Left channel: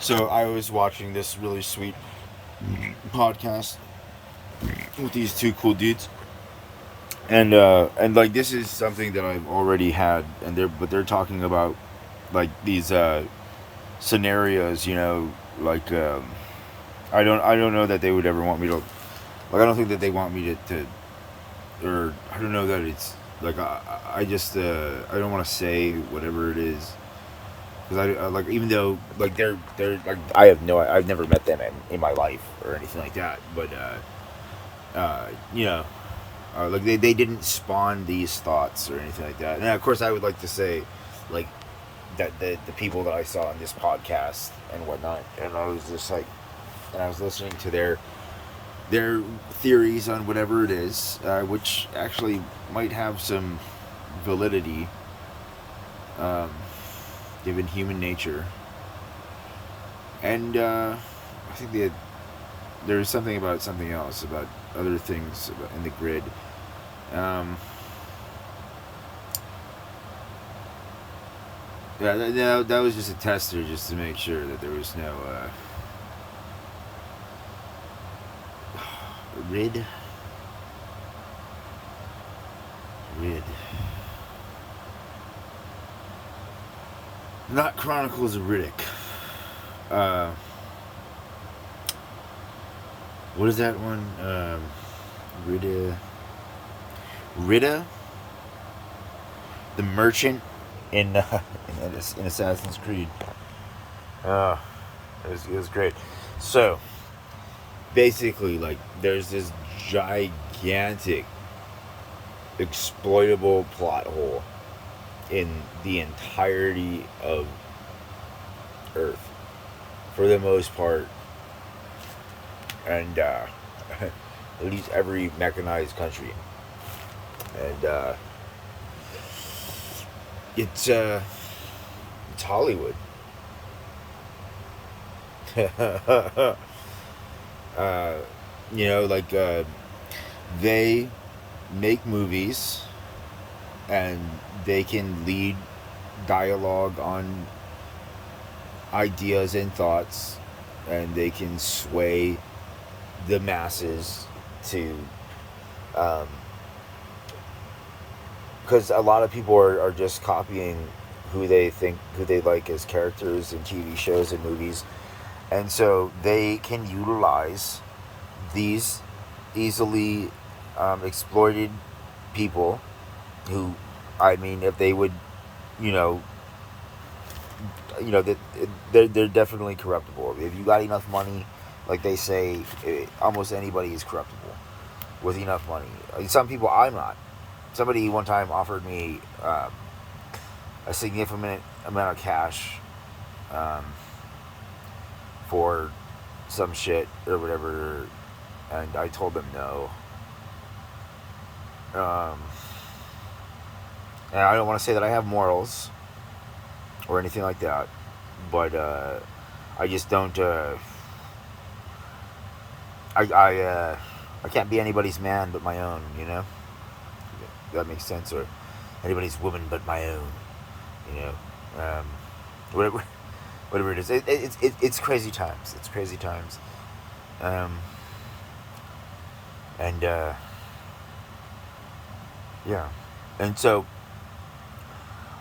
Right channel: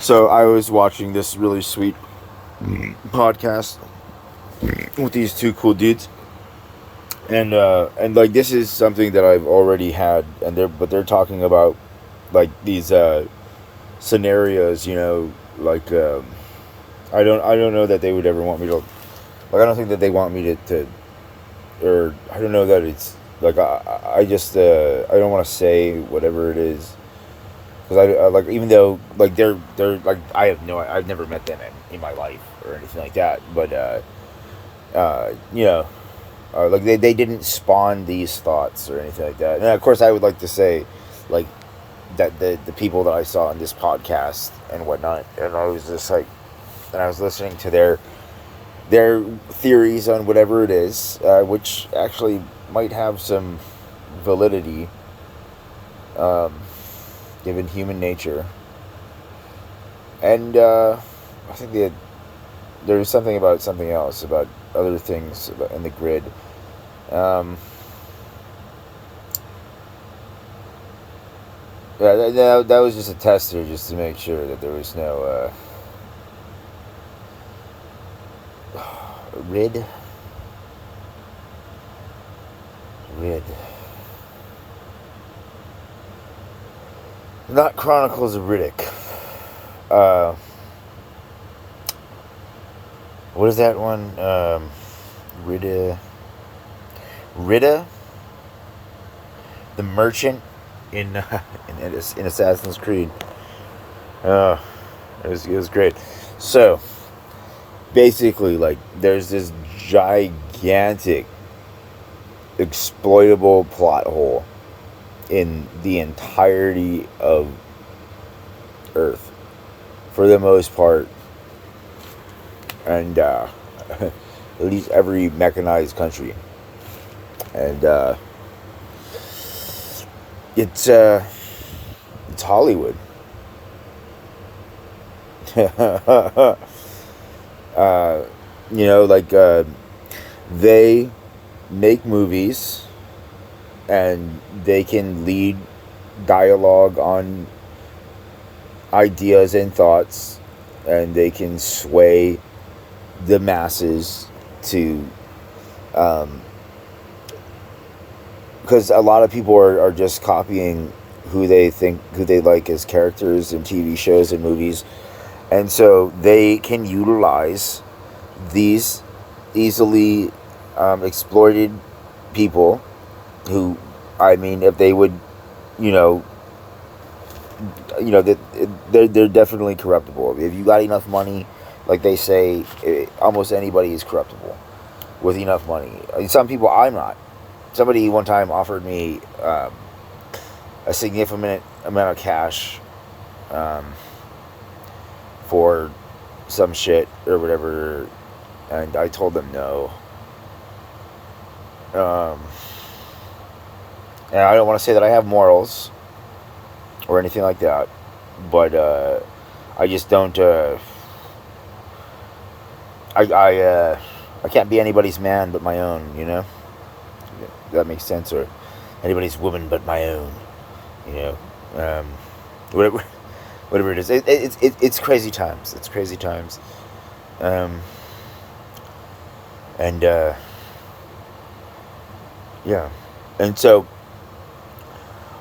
So I was watching this really sweet podcast with these two cool dudes, and like this is something that I've already had, and they're talking about like these scenarios, like I don't know that they would ever want me to, like I don't think that they want me to or I don't know that it's like I just I don't want to say whatever it is because I like, even though like they're like, I've never met them in my life or anything like that, but you know, like they didn't spawn these thoughts or anything like that. And of course I would like to say like that the people that I saw in this podcast and whatnot, and I was just like, and I was listening to their theories on whatever it is, which actually might have some validity, um, given human nature. And I think there's something about something else, about other things in the grid. Um, yeah, that was just a tester, just to make sure that there was no rid. Rid. Not Chronicles of Riddick. Uh, what is that one? Rita. Rita, the merchant in in Assassin's Creed. Uh, it was great. So basically, like, there's this gigantic exploitable plot hole in the entirety of Earth, for the most part, and at least every mechanized country, and it's Hollywood. uh, like they make movies and they can lead dialogue on ideas and thoughts, and they can sway the masses to, um, because a lot of people are just copying who they like as characters in TV shows and movies, and so they can utilize these easily exploited people who, I mean, if they would, you know, that they're definitely corruptible. If you got enough money, like they say, almost anybody is corruptible with enough money. Some people I'm not. Somebody one time offered me a significant amount of cash, um, for some shit or whatever, and I told them no. Um, and I don't want to say that I have morals or anything like that, but I just don't. I can't be anybody's man but my own. That makes sense, or anybody's woman but my own. You know, whatever, whatever it is. It's crazy times. It's crazy times. Um, and yeah, and so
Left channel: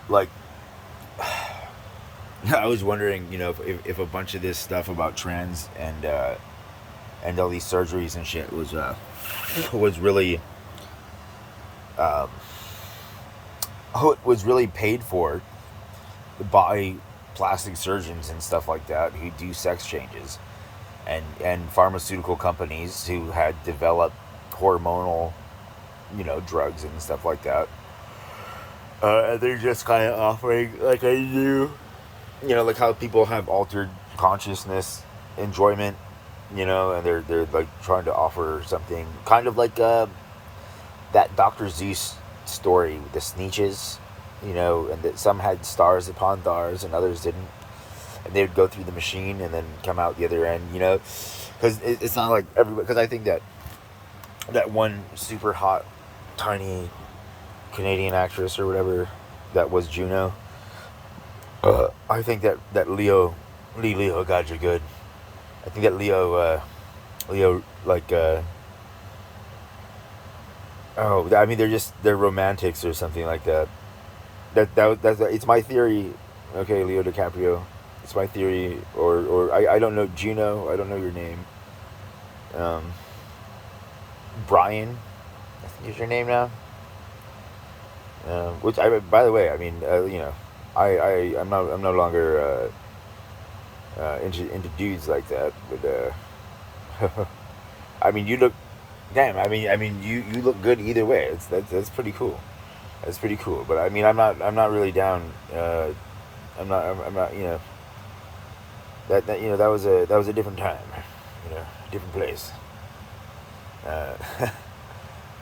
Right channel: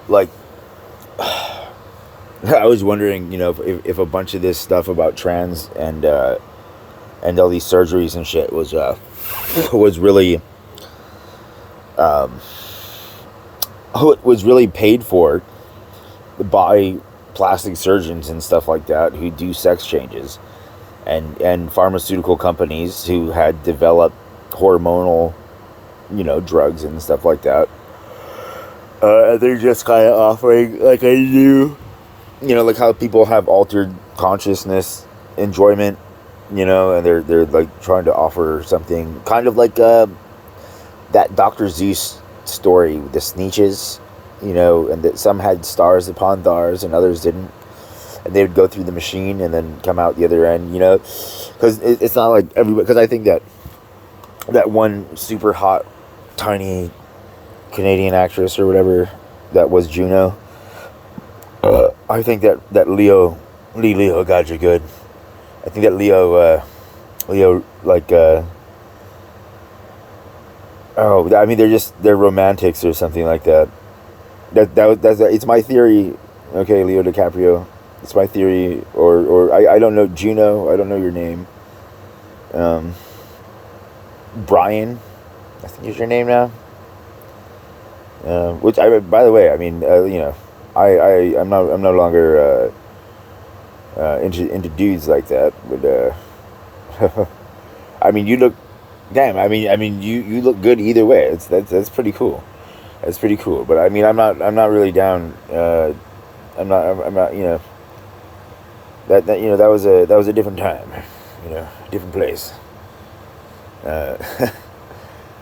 like I was wondering, if a bunch of this stuff about trans and all these surgeries and shit was really um, was really paid for by plastic surgeons and stuff like that who do sex changes, and pharmaceutical companies who had developed hormonal, drugs and stuff like that. They're just kind of offering, like I do, like how people have altered consciousness enjoyment, and they're like trying to offer something kind of like that Dr. Zeus story, the Sneetches, and that some had stars upon stars and others didn't, and they would go through the machine and then come out the other end, because it's not like everybody. Because I think that one super hot, tiny Canadian actress or whatever that was Juno. I think that Leo Leo got you good. I think that Leo, like, oh, I mean, they're romantics or something like that. That's it's my theory. Okay, Leo DiCaprio. It's my theory, or I don't know, Juno. I don't know your name. Um, Brian, I think is your name now. Which I, by the way, I mean, I'm no longer into dudes like that. But I mean, you look, damn. I mean, you look good either way. That's pretty cool. That's pretty cool. But I mean, I'm not really down. I'm not. That was a different time. Different place. Uh,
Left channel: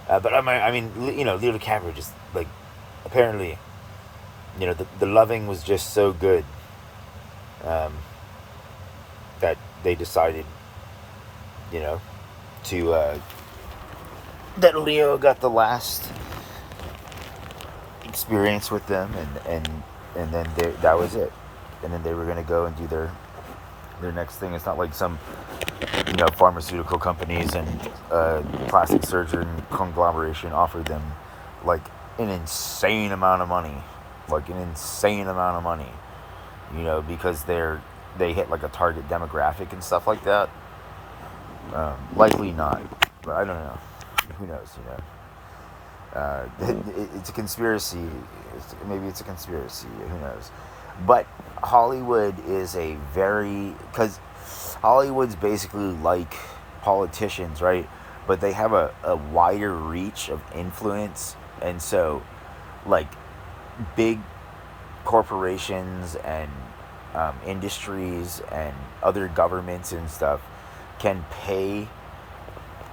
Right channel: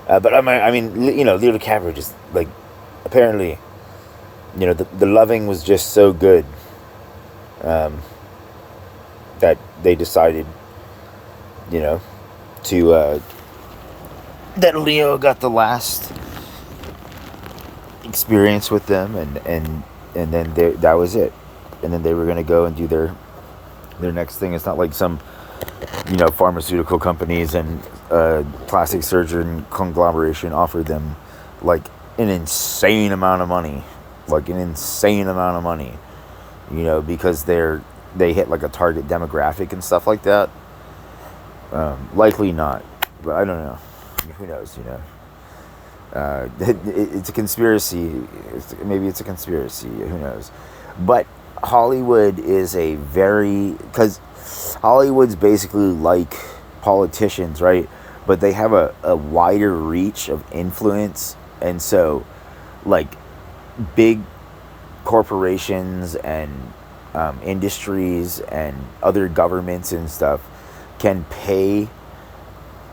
but I mean, Leo DiCaprio just like apparently, the loving was just so good, um, that they decided, you know, to that Leo got the last experience with them, and then that was it, and then they were gonna go and do their next thing. It's not like some pharmaceutical companies and plastic surgeon conglomeration offered them like an insane amount of money, because they hit like a target demographic and stuff like that. Likely not, but I don't know. Who knows? It's a conspiracy. Maybe it's a conspiracy. Who knows? But Hollywood is because Hollywood's basically like politicians, right? But they have a wider reach of influence, and so like big corporations and industries and other governments and stuff can pay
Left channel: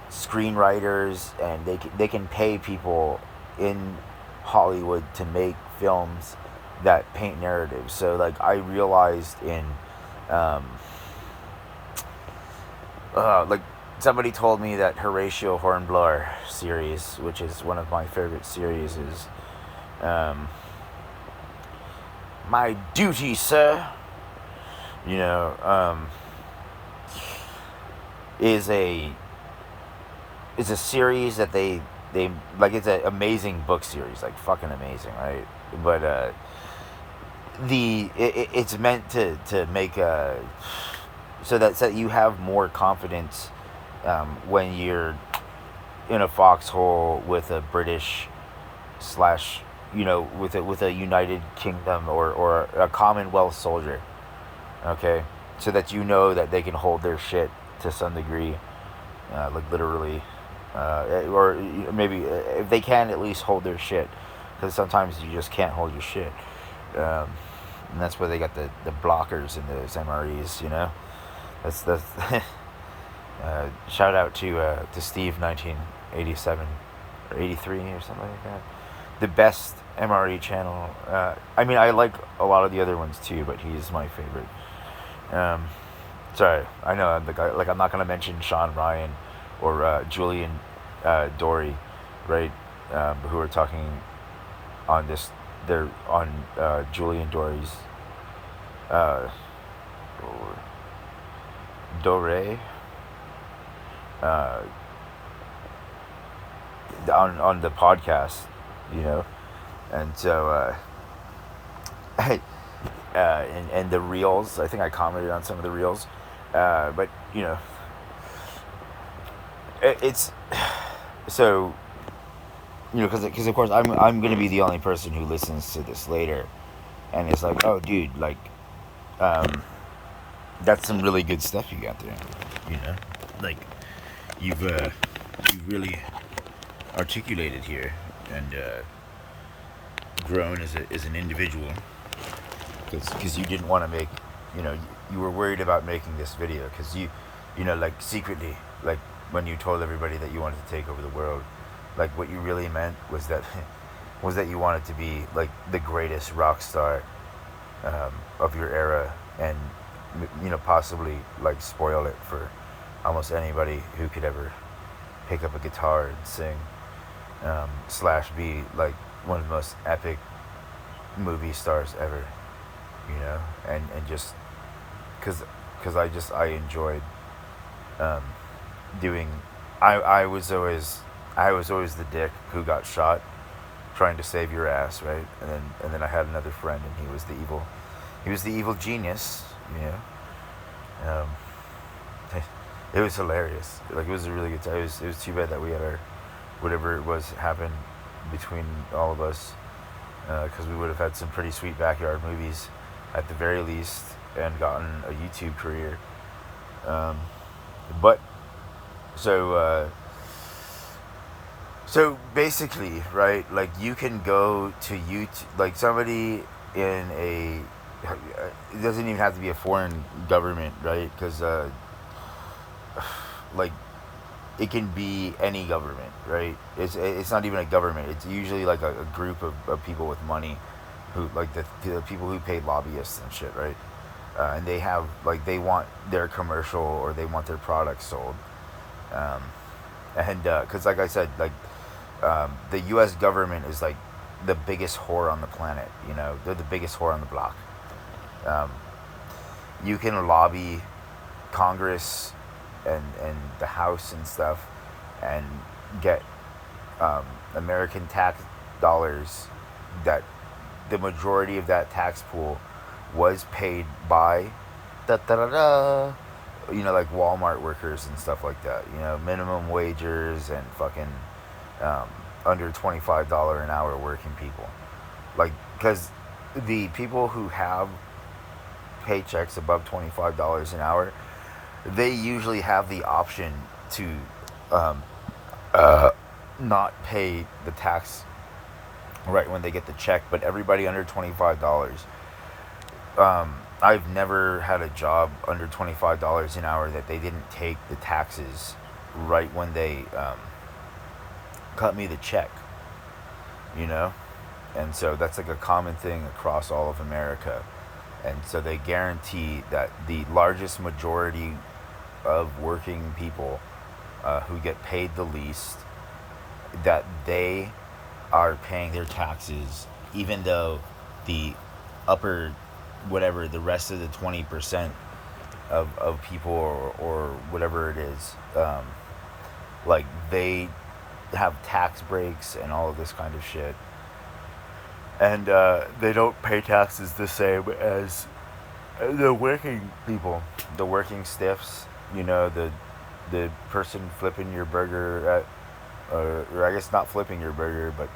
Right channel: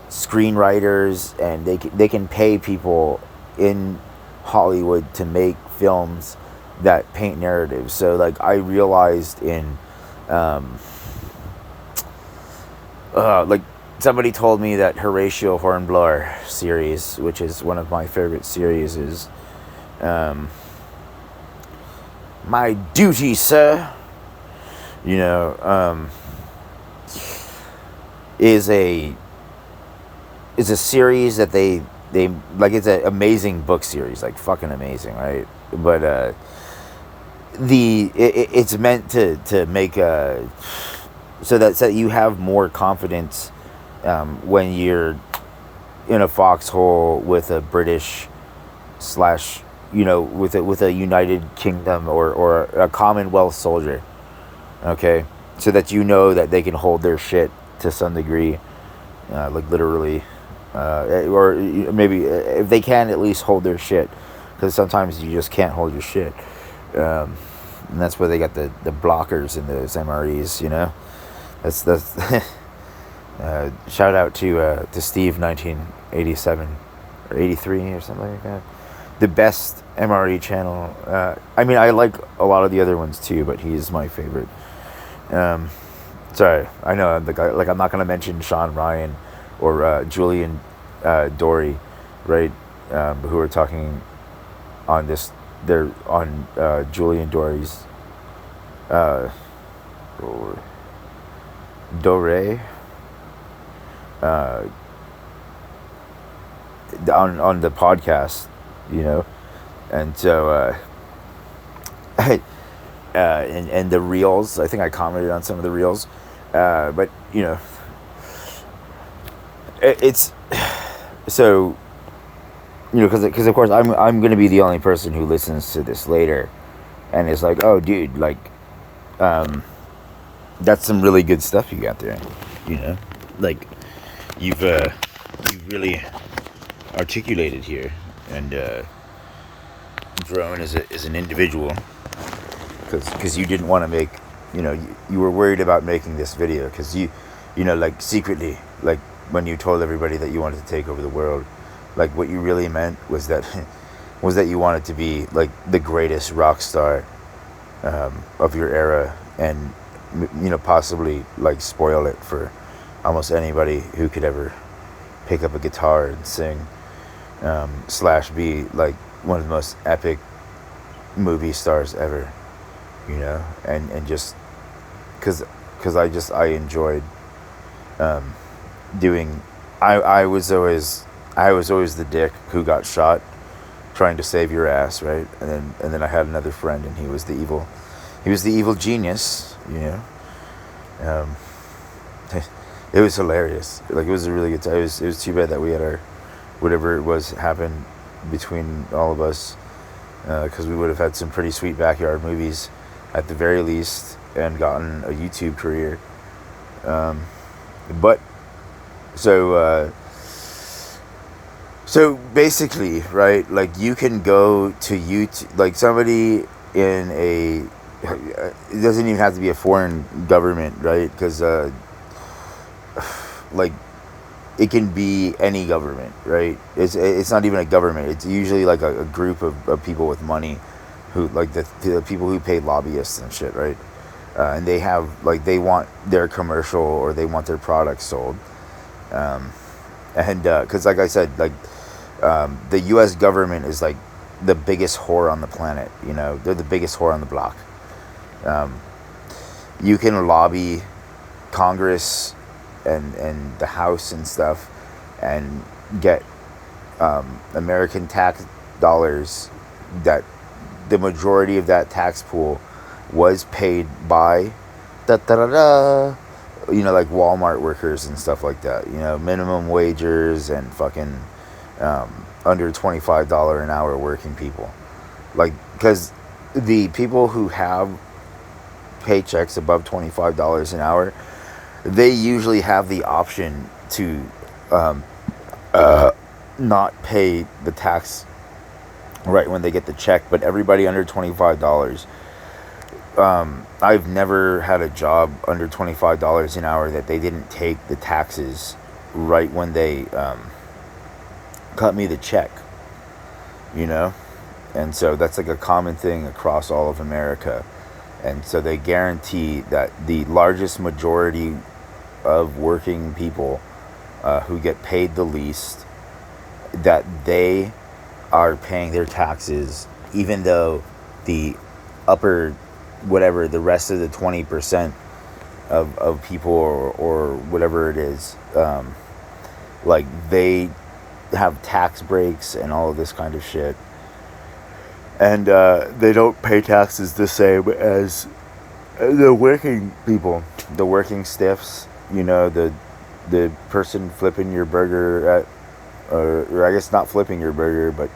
screenwriters, and they can pay people in Hollywood to make films that paint narratives. So like I realized in like somebody told me that Horatio Hornblower series, which is one of my favorite series, is My Duty, Sir, is a series that they like. It's an amazing book series, like fucking amazing, right? But it's meant to make so that you have more confidence when you're in a foxhole with a British slash with a United Kingdom or a Commonwealth soldier, okay, so that that they can hold their shit to some degree, like literally, or maybe if they can at least hold their shit, because sometimes you just can't hold your shit, and that's where they got the blockers in those MREs. That's shout out to Steve 1987 or 83 or something like that. The best MRE channel. I mean, I like a lot of the other ones too, but he's my favorite. Sorry, I know I'm not gonna mention Sean Ryan or Julian Dory, right? Who are talking on this. They're on Julian Dory's Dore on the podcast, and so and the reels. I think I commented on some of the reels, but it's so because of course I'm gonna be the only person who listens to this later, and it's like, oh dude, like that's some really good stuff you got there, like you've really articulated here and grown as an individual, because you didn't want to make, you were worried about making this video because like secretly, like when you told everybody that you wanted to take over the world, like what you really meant was that you wanted to be like the greatest rock star of your era, and possibly like spoil it for almost anybody who could ever pick up a guitar and sing, slash be like one of the most epic movie stars ever, and just because I enjoyed um, doing. I was always the dick who got shot trying to save your ass, right? And then I had another friend, and he was the evil genius, you know. Um, it was hilarious. Like, it was a really good time. It was too bad that we had our whatever it was happen between all of us, because we would have had some pretty sweet backyard movies at the very least, and gotten a YouTube career. Um, but so so basically, right? Like, you can go to YouTube, like somebody in a. It doesn't even have to be a foreign government, right? Because like, it can be any government, right? It's not even a government. It's usually like a group of people with money, who, like, the people who pay lobbyists and shit, right? And they have, like, they want their commercial, or they want their products sold, um, and because, like I said, like, the U.S. government is like the biggest whore on the planet. You know, they're the biggest whore on the block. Um, you can lobby Congress and the House and stuff, and get American tax dollars, that the majority of that tax pool was paid by da da da da, like Walmart workers and stuff like that. Minimum wagers and fucking um, under $25 an hour working people. Like, because the people who have paychecks above $25 an hour, they usually have the option to um, not pay the tax right when they get the check. But everybody under $25, I've never had a job under $25 an hour that they didn't take the taxes right when they cut me the check, and so that's like a common thing across all of America. And so they guarantee that the largest majority of working people who get paid the least, that they are paying their taxes, even though the upper, whatever, the rest of the 20% of people, or whatever it is, like, they have tax breaks and all of this kind of shit. And they don't pay taxes the same as the working people, the working stiffs, the person flipping your burger at, or I guess not flipping your burger, but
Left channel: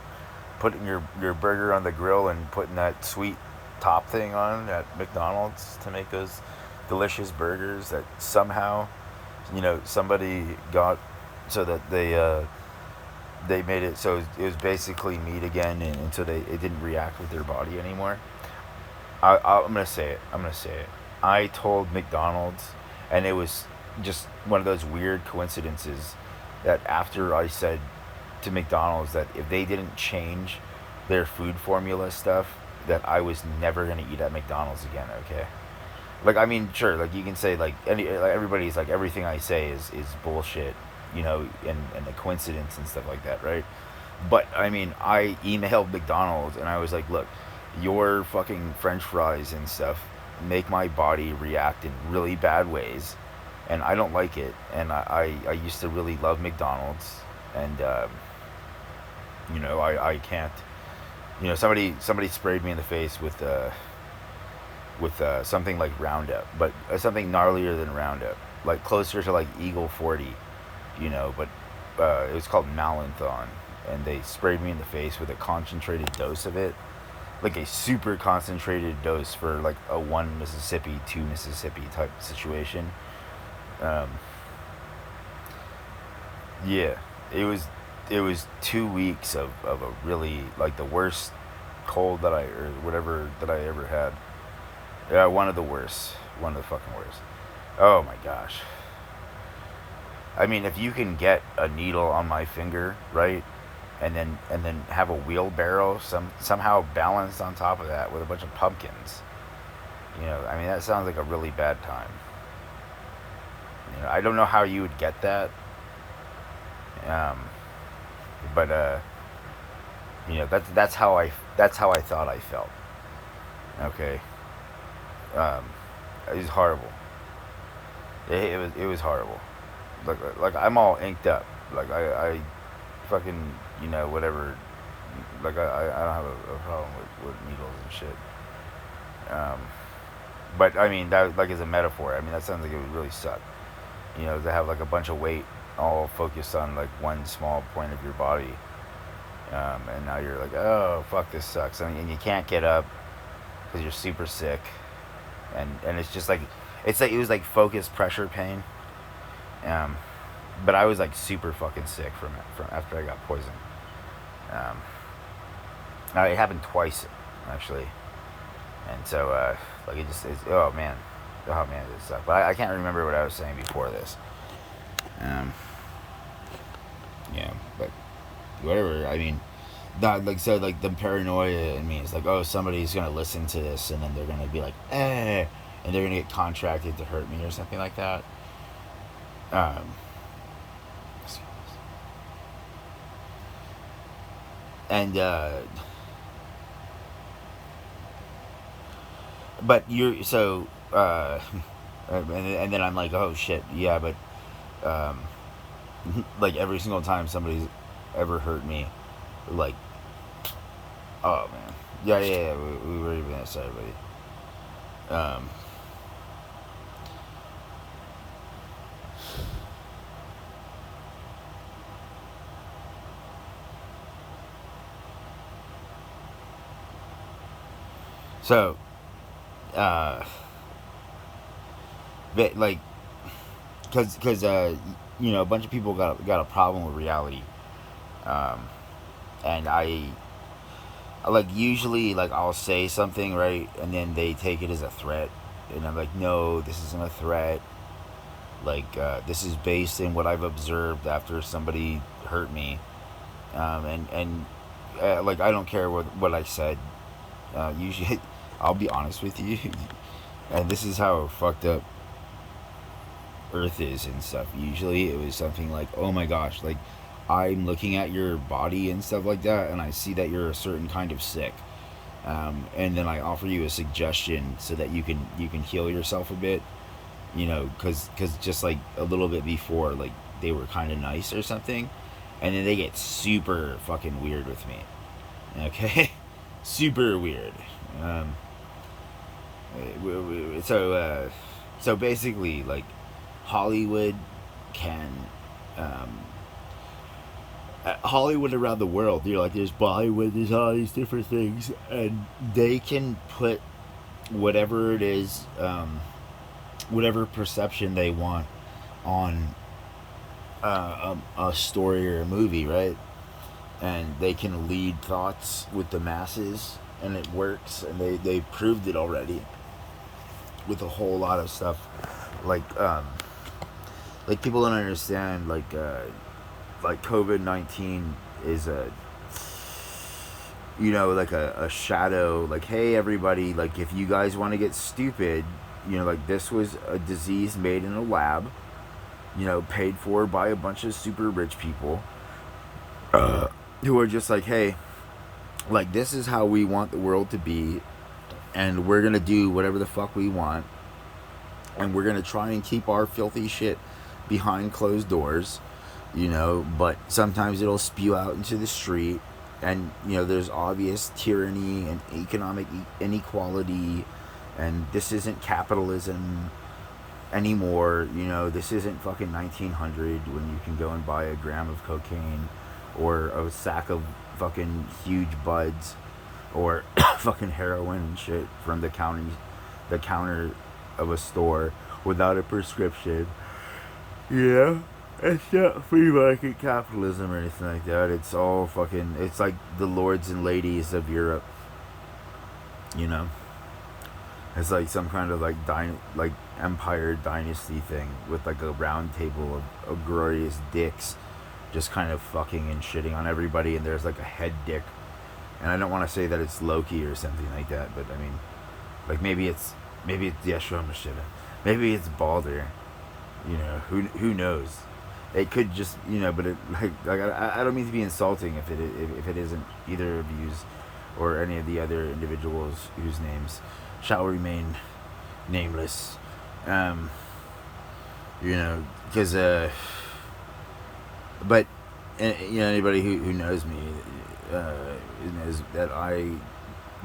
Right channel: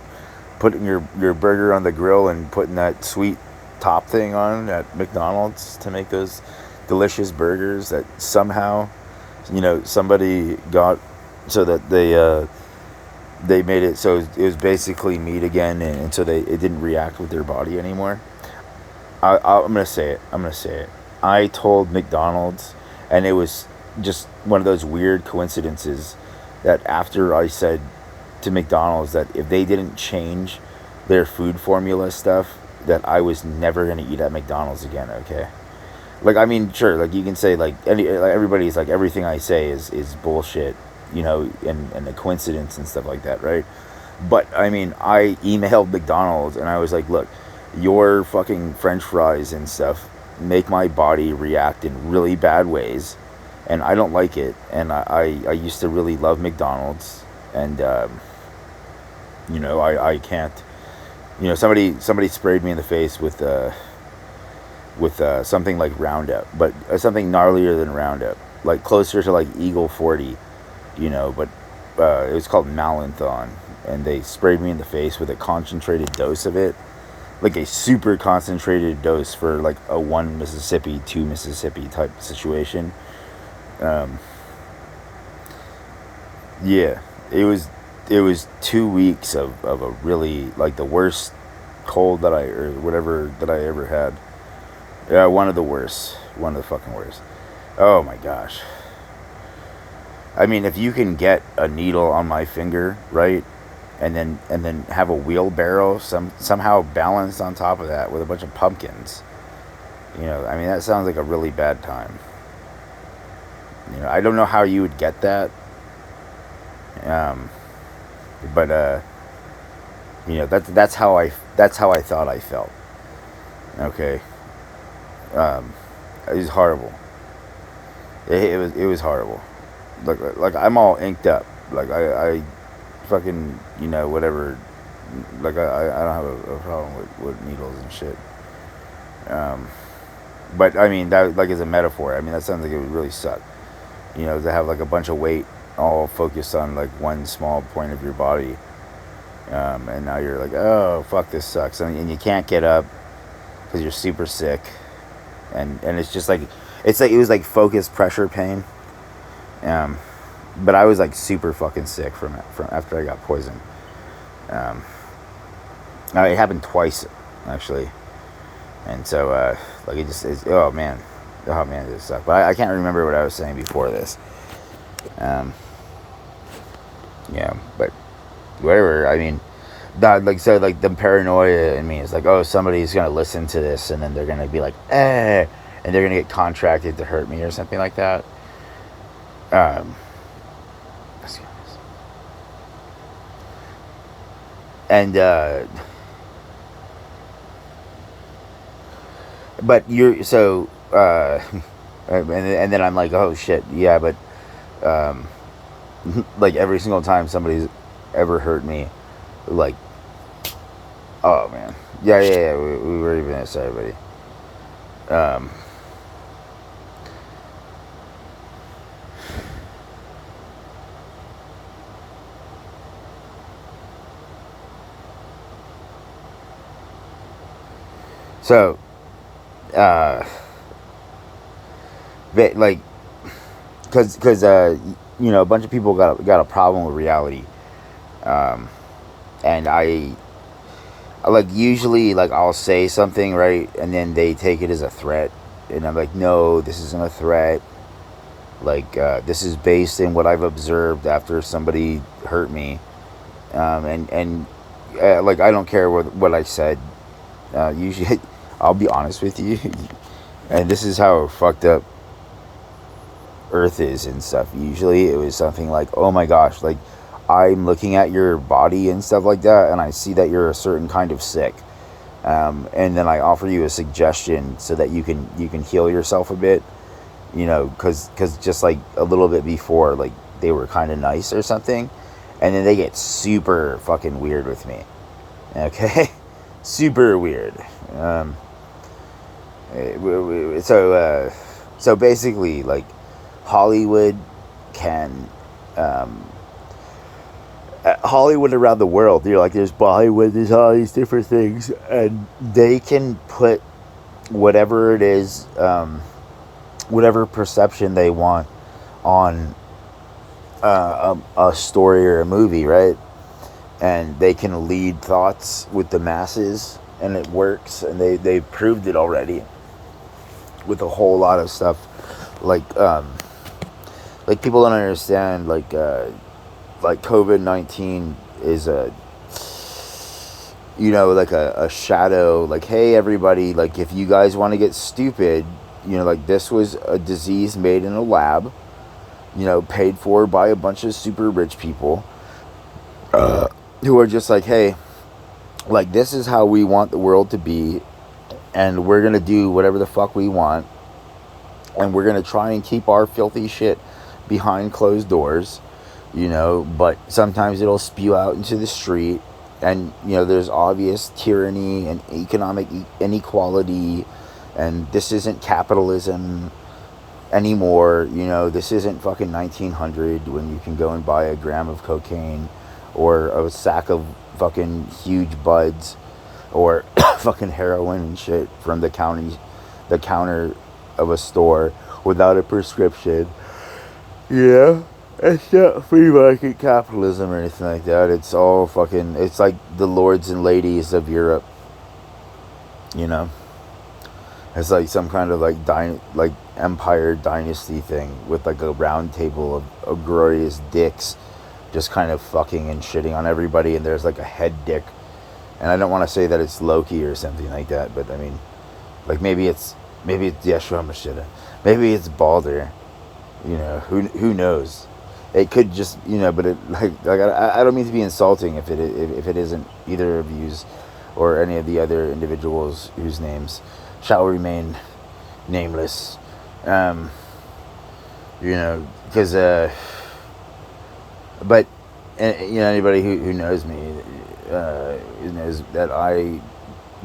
putting your burger on the grill and putting that sweet top thing on at McDonald's to make those delicious burgers that somehow, somebody got so that they made it so it was basically meat again, and so it didn't react with their body anymore. I'm gonna say it. I told McDonald's, and it was just one of those weird coincidences, that after I said to McDonald's that if they didn't change their food formula stuff, that I was never gonna eat at McDonald's again. Okay, like, I mean, sure, like, you can say, like, everybody's like, everything I say is bullshit, and a coincidence and stuff like that, right? But I mean, I emailed McDonald's and I was like, look, your fucking French fries and stuff make my body react in really bad ways, and I don't like it. And I used to really love McDonald's, and I can't. Somebody sprayed me in the face with something like Roundup, but something gnarlier than Roundup, like closer to like Eagle 40, but it was called Malanthon, and they sprayed me in the face with a concentrated dose of it, like a super concentrated dose for like a 1 Mississippi, 2 Mississippi type situation. Um, yeah, it was 2 weeks of a really, like, the worst cold or whatever that I ever had. Yeah, one of the worst, one of the fucking worst. Oh my gosh. I mean, if you can get a needle on my finger, right, and then have a wheelbarrow somehow balanced on top of that with a bunch of pumpkins, I mean, that sounds like a really bad time. I don't know how you would get that, um, but that's how I thought I felt. Okay, um, It was horrible. It was horrible. Like I'm all inked up. Like I fucking whatever. Like I don't have a problem with needles and shit. Um, but I mean that like is a metaphor. I mean that sounds like it would really suck. To have like a bunch of weight all focused on like one small point of your body, and now you're like, oh fuck, this sucks, and you can't get up because you're super sick, and it's just like it's like it was like focused pressure pain. Um, but I was like super fucking sick from after I got poisoned. Um, it happened twice actually, and so like it just is. Oh man, it just sucked. But I can't remember what I was saying before this. Um, yeah, but whatever. I mean, that like so like the paranoia in me is like, oh, somebody's gonna listen to this and then they're gonna be like, and they're gonna get contracted to hurt me or something like that. Um, and but you're so and then I'm like, oh shit, yeah, but um, like every single time somebody's ever hurt me, like, oh man, yeah, we were even at everybody. Um, so uh, like, because a bunch of people got a problem with reality, um, and I like usually like I'll say something right, and then they take it as a threat, and I'm like, no, this isn't a threat. Like this is based in what I've observed after somebody hurt me, and like I don't care what I said. Usually, I'll be honest with you, and this is how fucked up Earth is and stuff. Usually, it was something like, "Oh my gosh, like I'm looking at your body and stuff like that, and I see that you're a certain kind of sick." And then I offer you a suggestion so that you can heal yourself a bit, because just like a little bit before, like they were kind of nice or something, and then they get super fucking weird with me. Okay, super weird. Um, so basically, like Hollywood can. Hollywood around the world, like there's Bollywood, there's all these different things, and they can put whatever it is, whatever perception they want on a story or a movie, right? And they can lead thoughts with the masses, and it works, and they proved it already with a whole lot of stuff, like people don't understand, like COVID-19 is like a shadow, like, hey everybody, like if you guys want to get stupid, like this was a disease made in a lab, paid for by a bunch of super rich people, who are just like, hey, like this is how we want the world to be, and we're gonna do whatever the fuck we want, and we're gonna try and keep our filthy shit behind closed doors, but sometimes it'll spew out into the street, and there's obvious tyranny and economic inequality, and this isn't capitalism anymore. This isn't fucking 1900 when you can go and buy a gram of cocaine or a sack of fucking huge buds or fucking heroin and shit from the counter of a store without a prescription. Yeah, it's not free market capitalism or anything like that. It's all fucking. It's like the lords and ladies of Europe. You know, it's like some kind of like empire dynasty thing with like a round table of glorious dicks, just kind of fucking and shitting on everybody. And there's like a head dick, and I don't want to say that it's Loki or something like that, but I mean, like maybe it's Yeshua Mashiach, maybe it's Balder. Who knows? It could just but it like I don't mean to be insulting if it isn't either of yous or any of the other individuals whose names shall remain nameless. Um, because but anybody who knows me knows that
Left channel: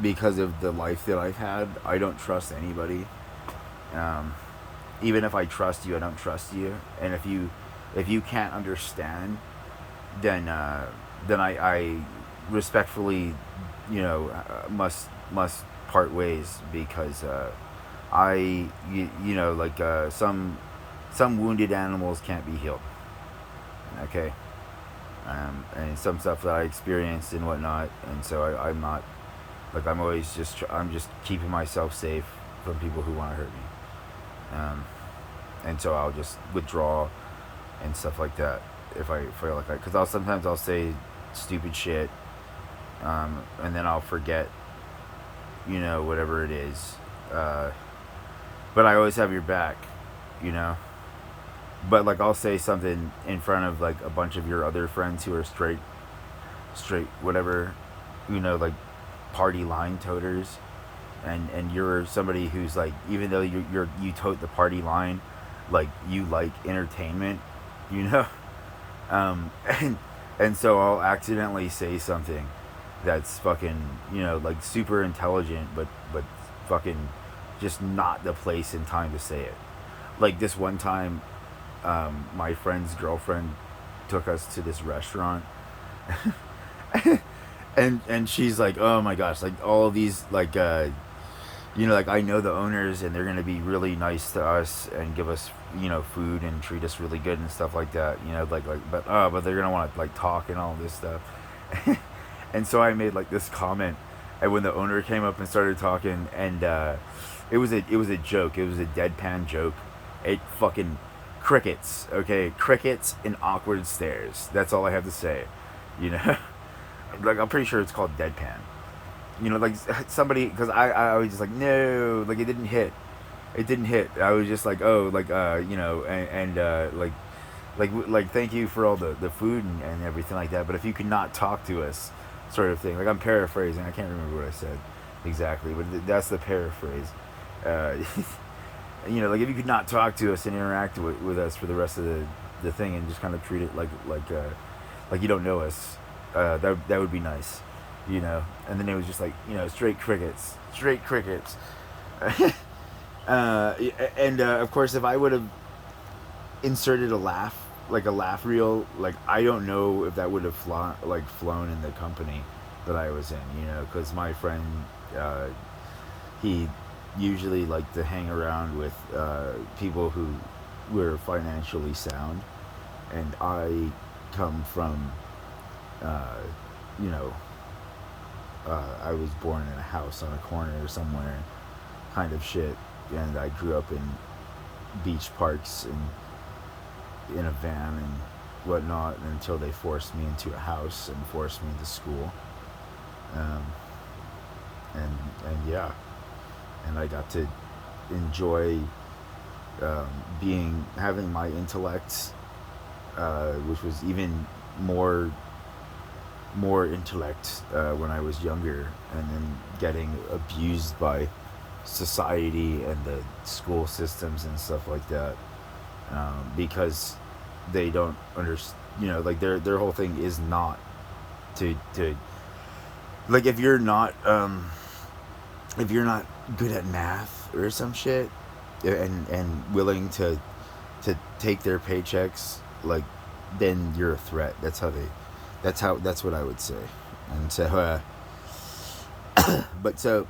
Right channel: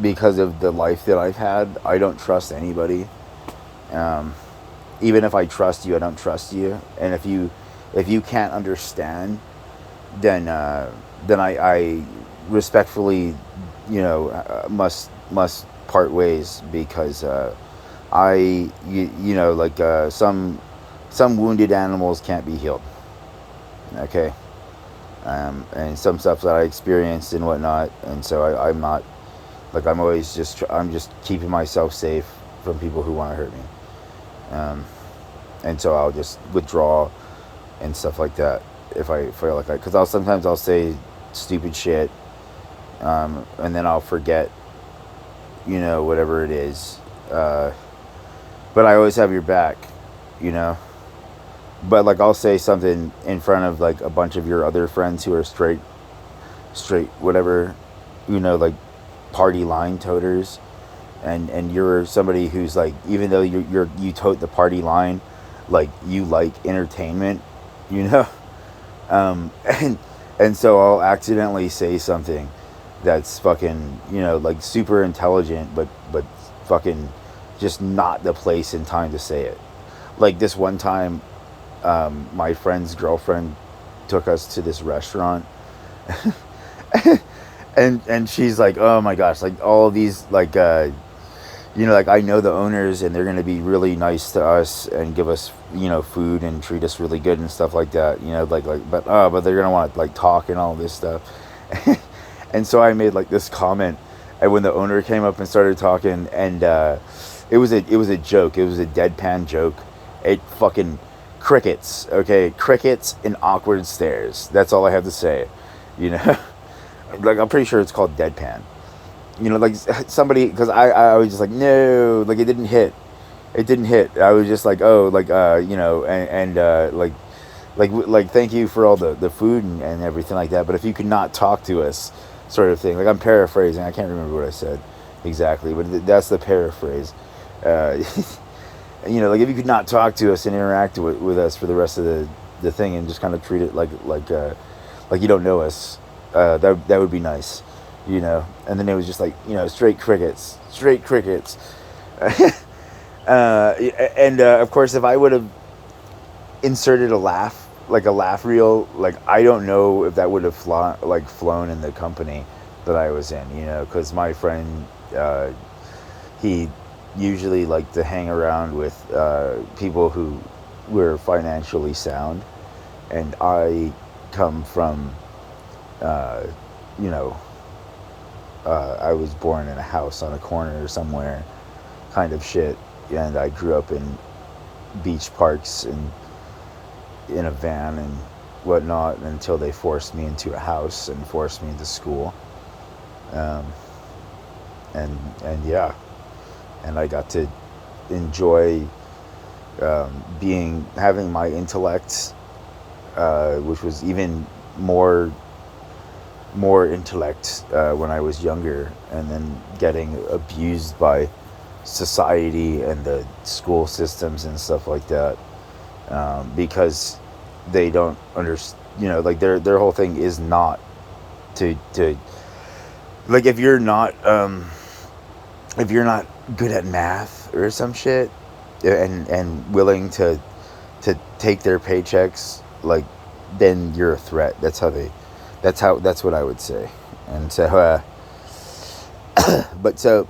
because of the life that I've had, I don't trust anybody. Um, Even if I trust you, I don't trust you. And if you can't understand, then I respectfully, must part ways, because like some wounded animals can't be healed. Okay. And some stuff that I experienced and whatnot, and so I'm not, like, I'm just keeping myself safe from people who want to hurt me. And so I'll just withdraw and stuff like that if I feel like because sometimes I'll say stupid shit, and then I'll forget, whatever it is. But I always have your back, you know. But like I'll say something in front of like a bunch of your other friends who are straight, whatever, like party line toters, and you're somebody who's like, even though you tote the party line, like you like entertainment, you know, and so I'll accidentally say something that's fucking, like super intelligent, but fucking just not the place and time to say it. Like this one time, my friend's girlfriend took us to this restaurant, and she's like, oh my gosh, like all of these, like like I know the owners and they're gonna be really nice to us and give us, food and treat us really good and stuff like that, but they're gonna want to like talk and all this stuff. And so I made like this comment, and when the owner came up and started talking, and it was a joke, it was a deadpan joke. It fucking crickets, okay, crickets and awkward stares. That's all I have to say, you know. Like I'm pretty sure it's called deadpan. Like somebody, because I was just like, no, like it didn't hit. It didn't hit. I was just like, oh, like like thank you for all the food and everything like that. But if you could not talk to us, sort of thing. Like I'm paraphrasing. I can't remember what I said exactly, but that's the paraphrase. Uh, like if you could not talk to us and interact with us for the rest of the thing, and just kind of treat it like you don't know us, that would be nice. And then it was just like, straight crickets, straight crickets. And of course, if I would have inserted a laugh, like a laugh reel, like I don't know if that would have flown in the company that I was in, because my friend, he usually liked to hang around with people who were financially sound, and I come from, you know, I was born in a house on a corner somewhere, kind of shit, and I grew up in beach parks and in a van and whatnot until they forced me into a house and forced me into school, and yeah, and I got to enjoy having my intellect, which was even more intellect when I was younger, and then getting abused by society and the school systems and stuff like that, because they don't understand. Like their whole thing is not to like if you're not good at math or some shit, and willing to take their paychecks, like, then you're a threat. That's what I would say. And so but so,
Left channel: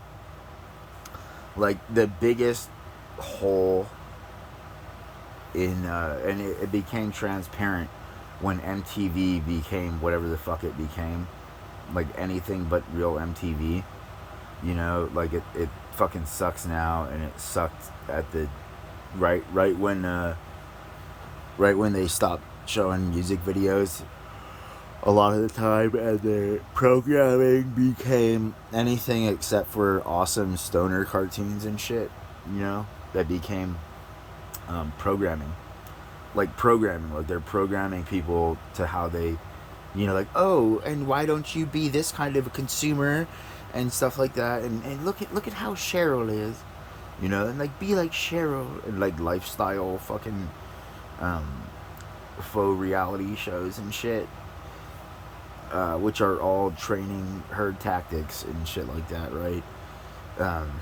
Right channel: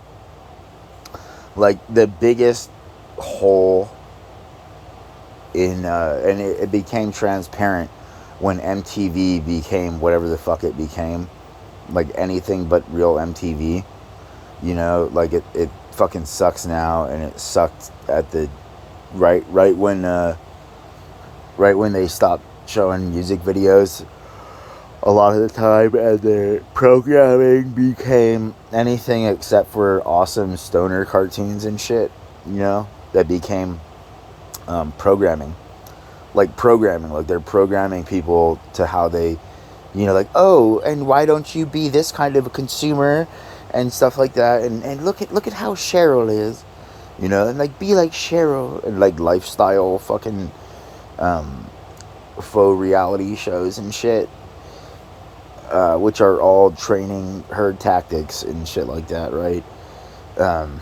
like, the biggest hole in and it became transparent when MTV became whatever the fuck it became, like anything but real MTV. Like it fucking sucks now, and it sucked at the right when they stopped showing music videos a lot of the time, and their programming became anything except for awesome stoner cartoons and shit. That became programming. Like they're programming people to how they, like, oh, and why don't you be this kind of a consumer and stuff like that, and look at how Cheryl is, you know, and like be like Cheryl, and like lifestyle fucking um, faux reality shows and shit, which are all training herd tactics and shit like that, right? Um,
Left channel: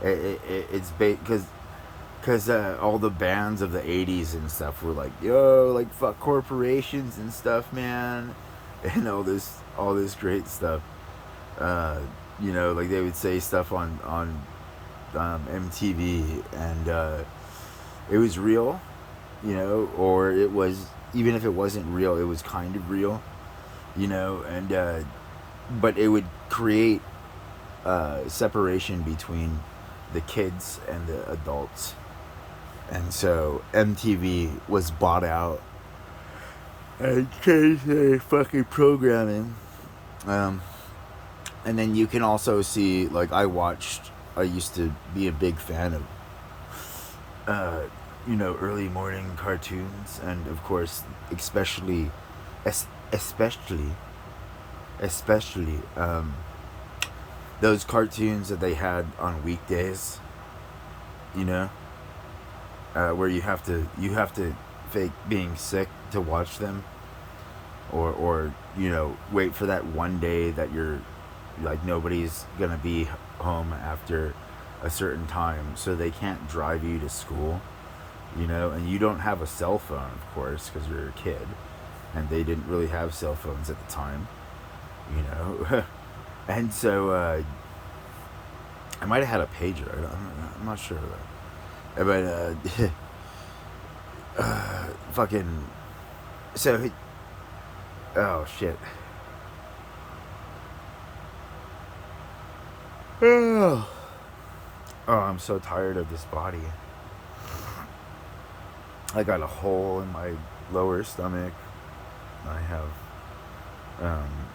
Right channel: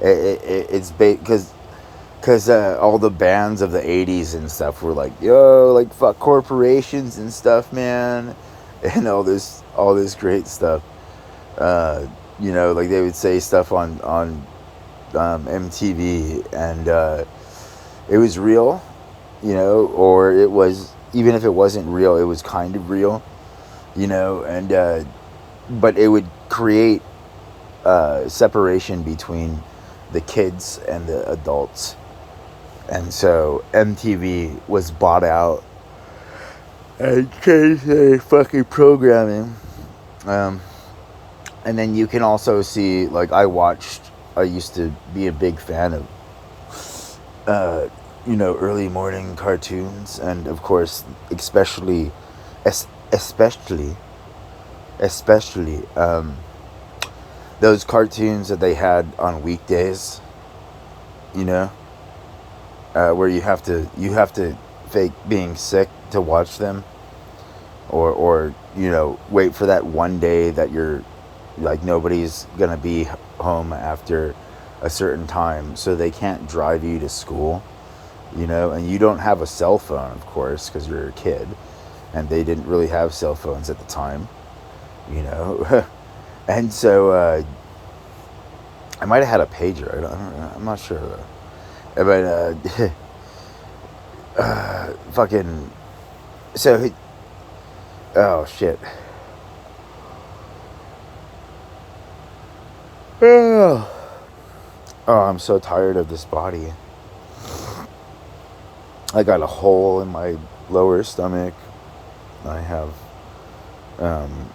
it's because all the bands of the 80s and stuff were like, yo, like fuck corporations and stuff, man, and all this great stuff. uh, you know, like they would say stuff on MTV, and it was real, you know, or it was, even if it wasn't real, it was kind of real, you know, and but it would create separation between the kids and the adults, and so MTV was bought out and changed their fucking programming. Um, and then you can also see, like, I used to be a big fan of uh, you know, early morning cartoons, and of course, especially, especially, especially those cartoons that they had on weekdays. You know, where you have to fake being sick to watch them, or you know, wait for that one day that you're like nobody's gonna be home after a certain time, so they can't drive you to school, you know, and you don't have a cell phone, of course, because you're a kid, and they didn't really have cell phones at the time, you know. And so I might have had a pager. I'm not sure, but fucking so. Oh shit. Oh, I'm so tired of this body. I got a hole in my lower stomach. I have um,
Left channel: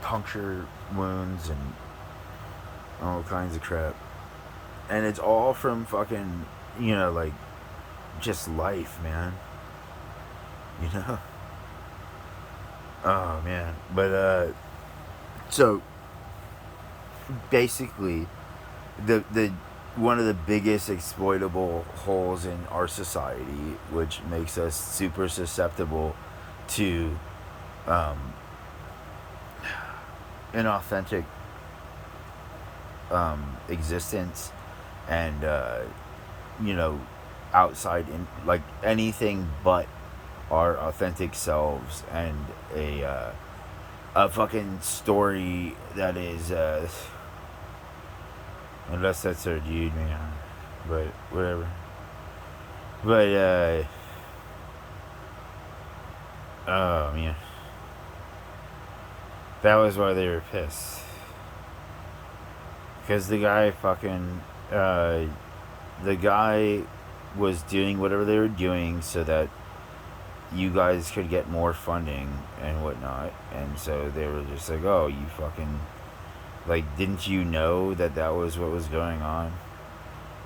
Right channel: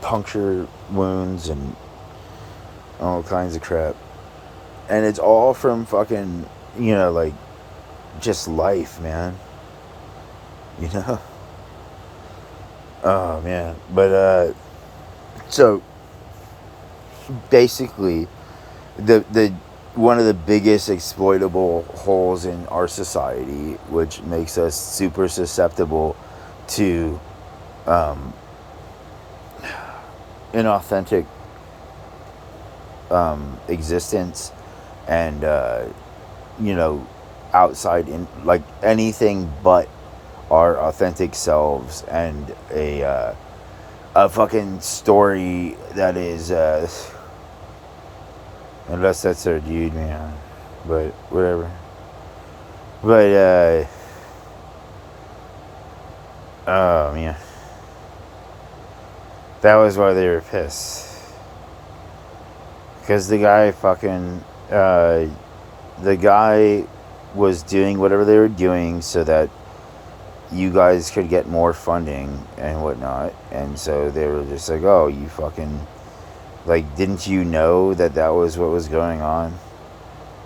puncture wounds and all kinds of crap. And it's all from fucking, you know, like, just life, man. You know? Oh, man. But, so, basically, the one of the biggest exploitable holes in our society, which makes us super susceptible to um, inauthentic existence, and you know, outside in like anything but our authentic selves, and a fucking story that is unless that's their dude, man, but whatever. But oh man, that was why they were pissed, because the guy was doing whatever they were doing so that you guys could get more funding and whatnot, and so they were just like, oh, you fucking, like, didn't you know that that was what was going on,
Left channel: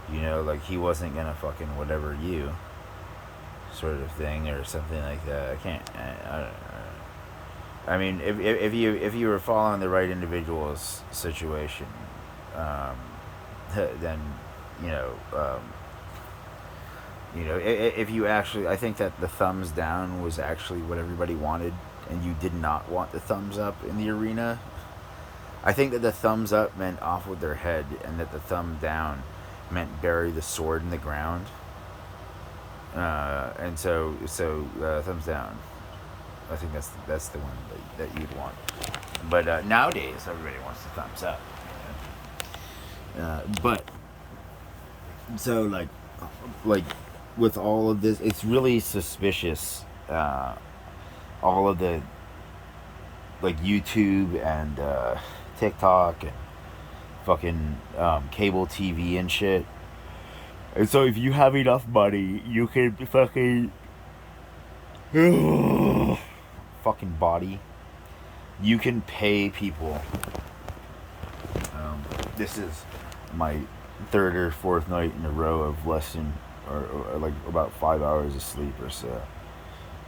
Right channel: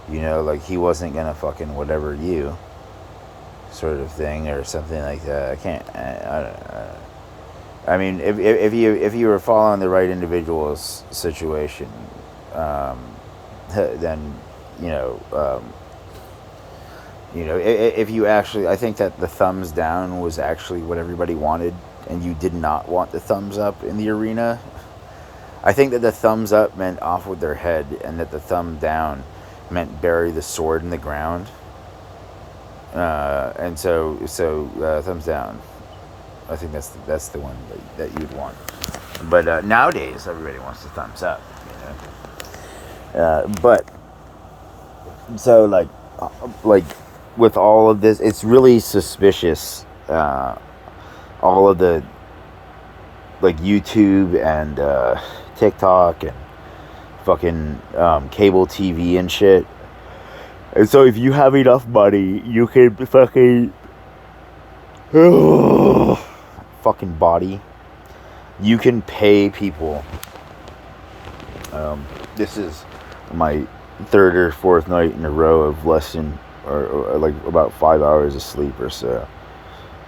you know, like he wasn't gonna fucking whatever you, sort of thing, or something like that. I can't, I don't, I mean, if you were following the right individual's situation, um, then you know, if you actually, I think that the thumbs down was actually what everybody wanted, and you did not want the thumbs up in the arena. I think that the thumbs up meant off with their head, and that the thumb down meant bury the sword in the ground. And so thumbs down. I think that's the one that you'd want. But nowadays, everybody wants the thumbs up. You know. But so like with all of this, it's really suspicious. All of the like YouTube and TikTok and fucking cable TV and shit. And so if you have enough money, you can fucking fucking body. You can pay people. This is my third or fourth night in a row of less than or like about 5 hours of sleep or so,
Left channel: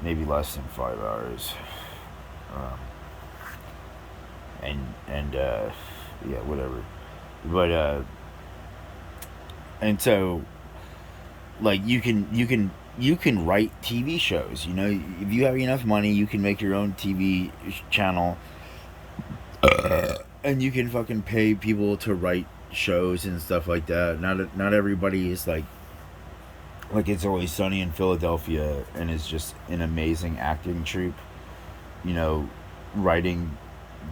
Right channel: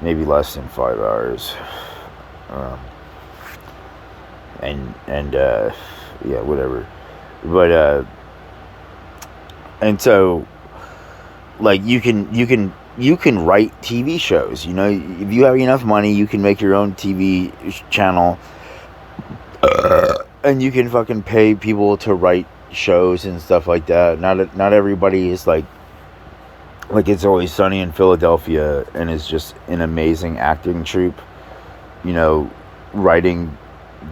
maybe less than 5 hours. And yeah, whatever. But and so like you can write TV shows. You know, if you have enough money, you can make your own TV channel, and you can fucking pay people to write shows and stuff like that. Not everybody is like It's Always Sunny in Philadelphia and is just an amazing acting troupe. You know, writing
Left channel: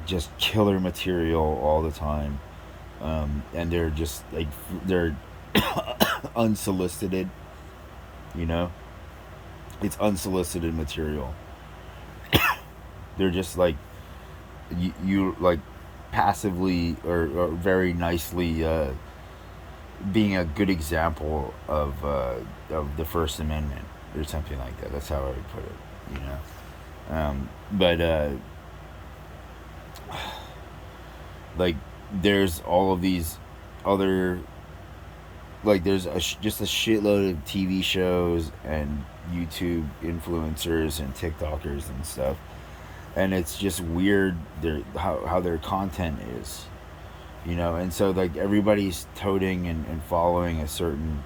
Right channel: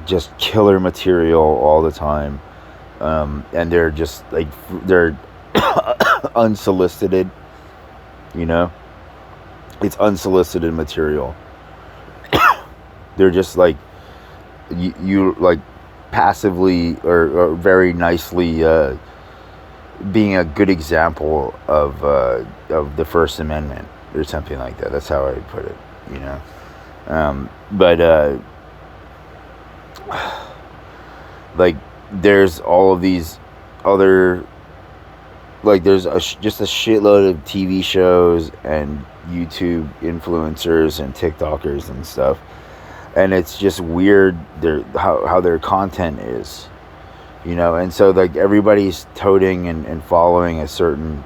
just killer material all the time, and they're just like they're unsolicited. You know, it's unsolicited material. They're just like you like passively or very nicely being a good example of the First Amendment or something like that. That's how I would put it. You know, but like there's all of these other there's just a shitload of TV shows and YouTube influencers and TikTokers and stuff, and it's just weird how their content is, you know. And so like everybody's toting and following a certain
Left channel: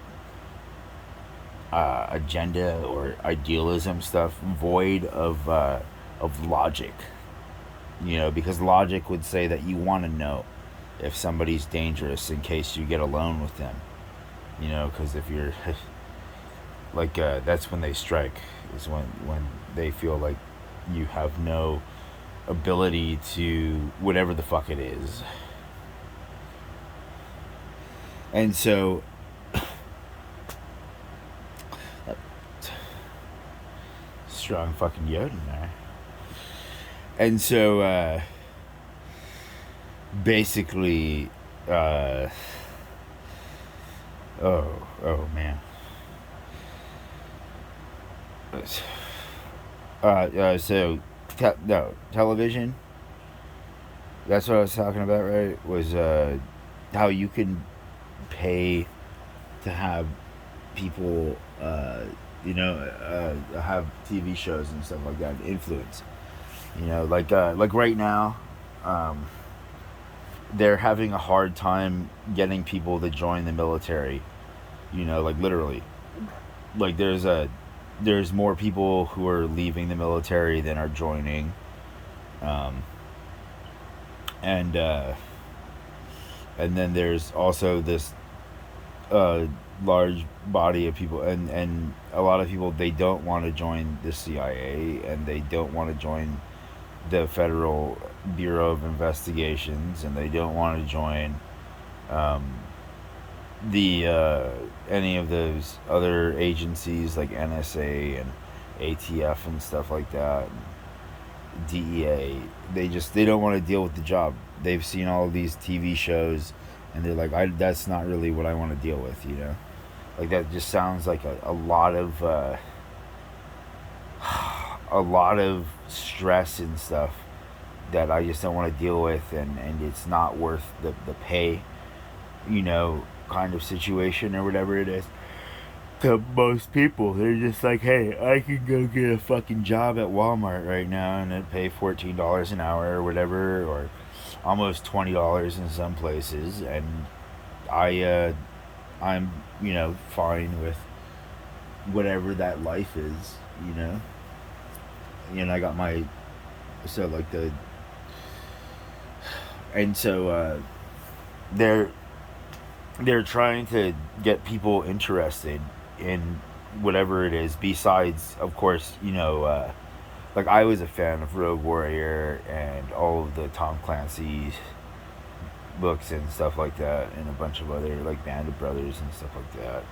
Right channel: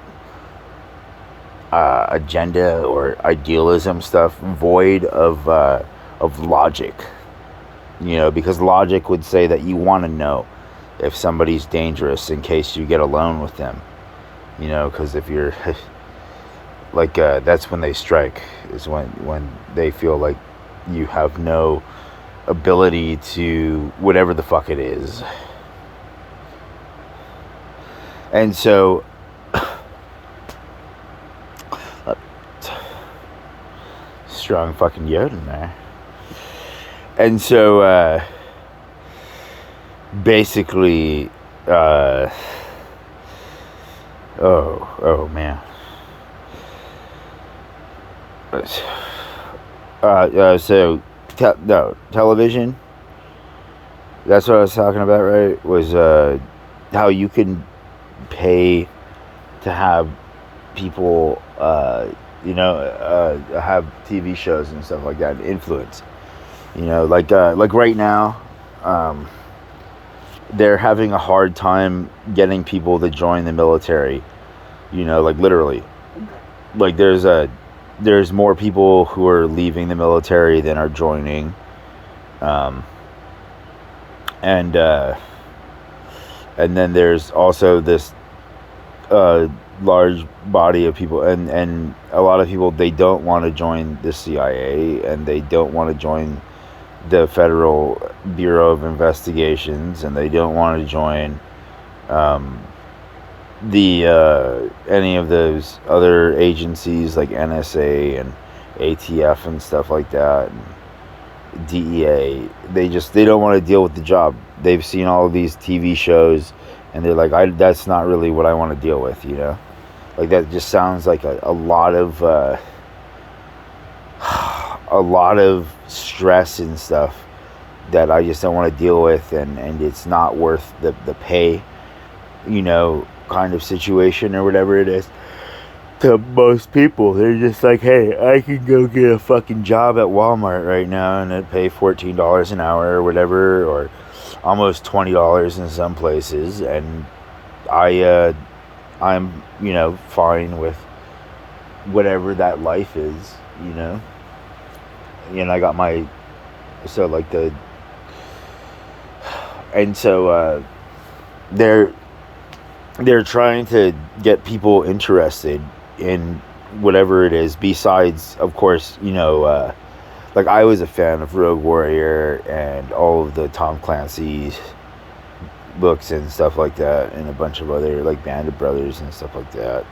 agenda or idealism stuff void of logic, you know, because logic would say that you want to know if somebody's dangerous in case you get alone with them, you know, because if you're like that's when they strike, is when they feel like you have no ability to whatever the fuck it is. And so strong fucking yod in there. And so basically oh man. So television, that's what I was talking about, right? Was how you can pay to have people have TV shows and stuff like that, and influence, you know, like right now they're having a hard time getting people to join the military, you know, like literally, like there's more people who are leaving the military than are joining, and then there's also this large body of people, and a lot of people, they don't want to join the CIA, and they don't want to join the Federal Bureau of Investigations, and they don't want to join any of those other agencies like NSA and ATF and stuff like that, and DEA. They don't want to deal with the job. They've seen all of these TV shows, and they're like, that's not really what I want to deal with, you know. Like that just sounds like a lot of a lot of stress and stuff that I just don't want to deal with, and it's not worth the pay, you know, kind of situation or whatever it is. To most people, they're just like, hey, I can go get a fucking job at Walmart right now and I'd pay $14 an hour or whatever, or almost $20 in some places, and I'm, you know, fine with whatever that life is, you know. And I got my, so like and so they're trying to get people interested in whatever it is, besides, of course, you know, like I was a fan of Rogue Warrior and all of the Tom Clancy's books and stuff like that, and a bunch of other like Band of Brothers and stuff like that,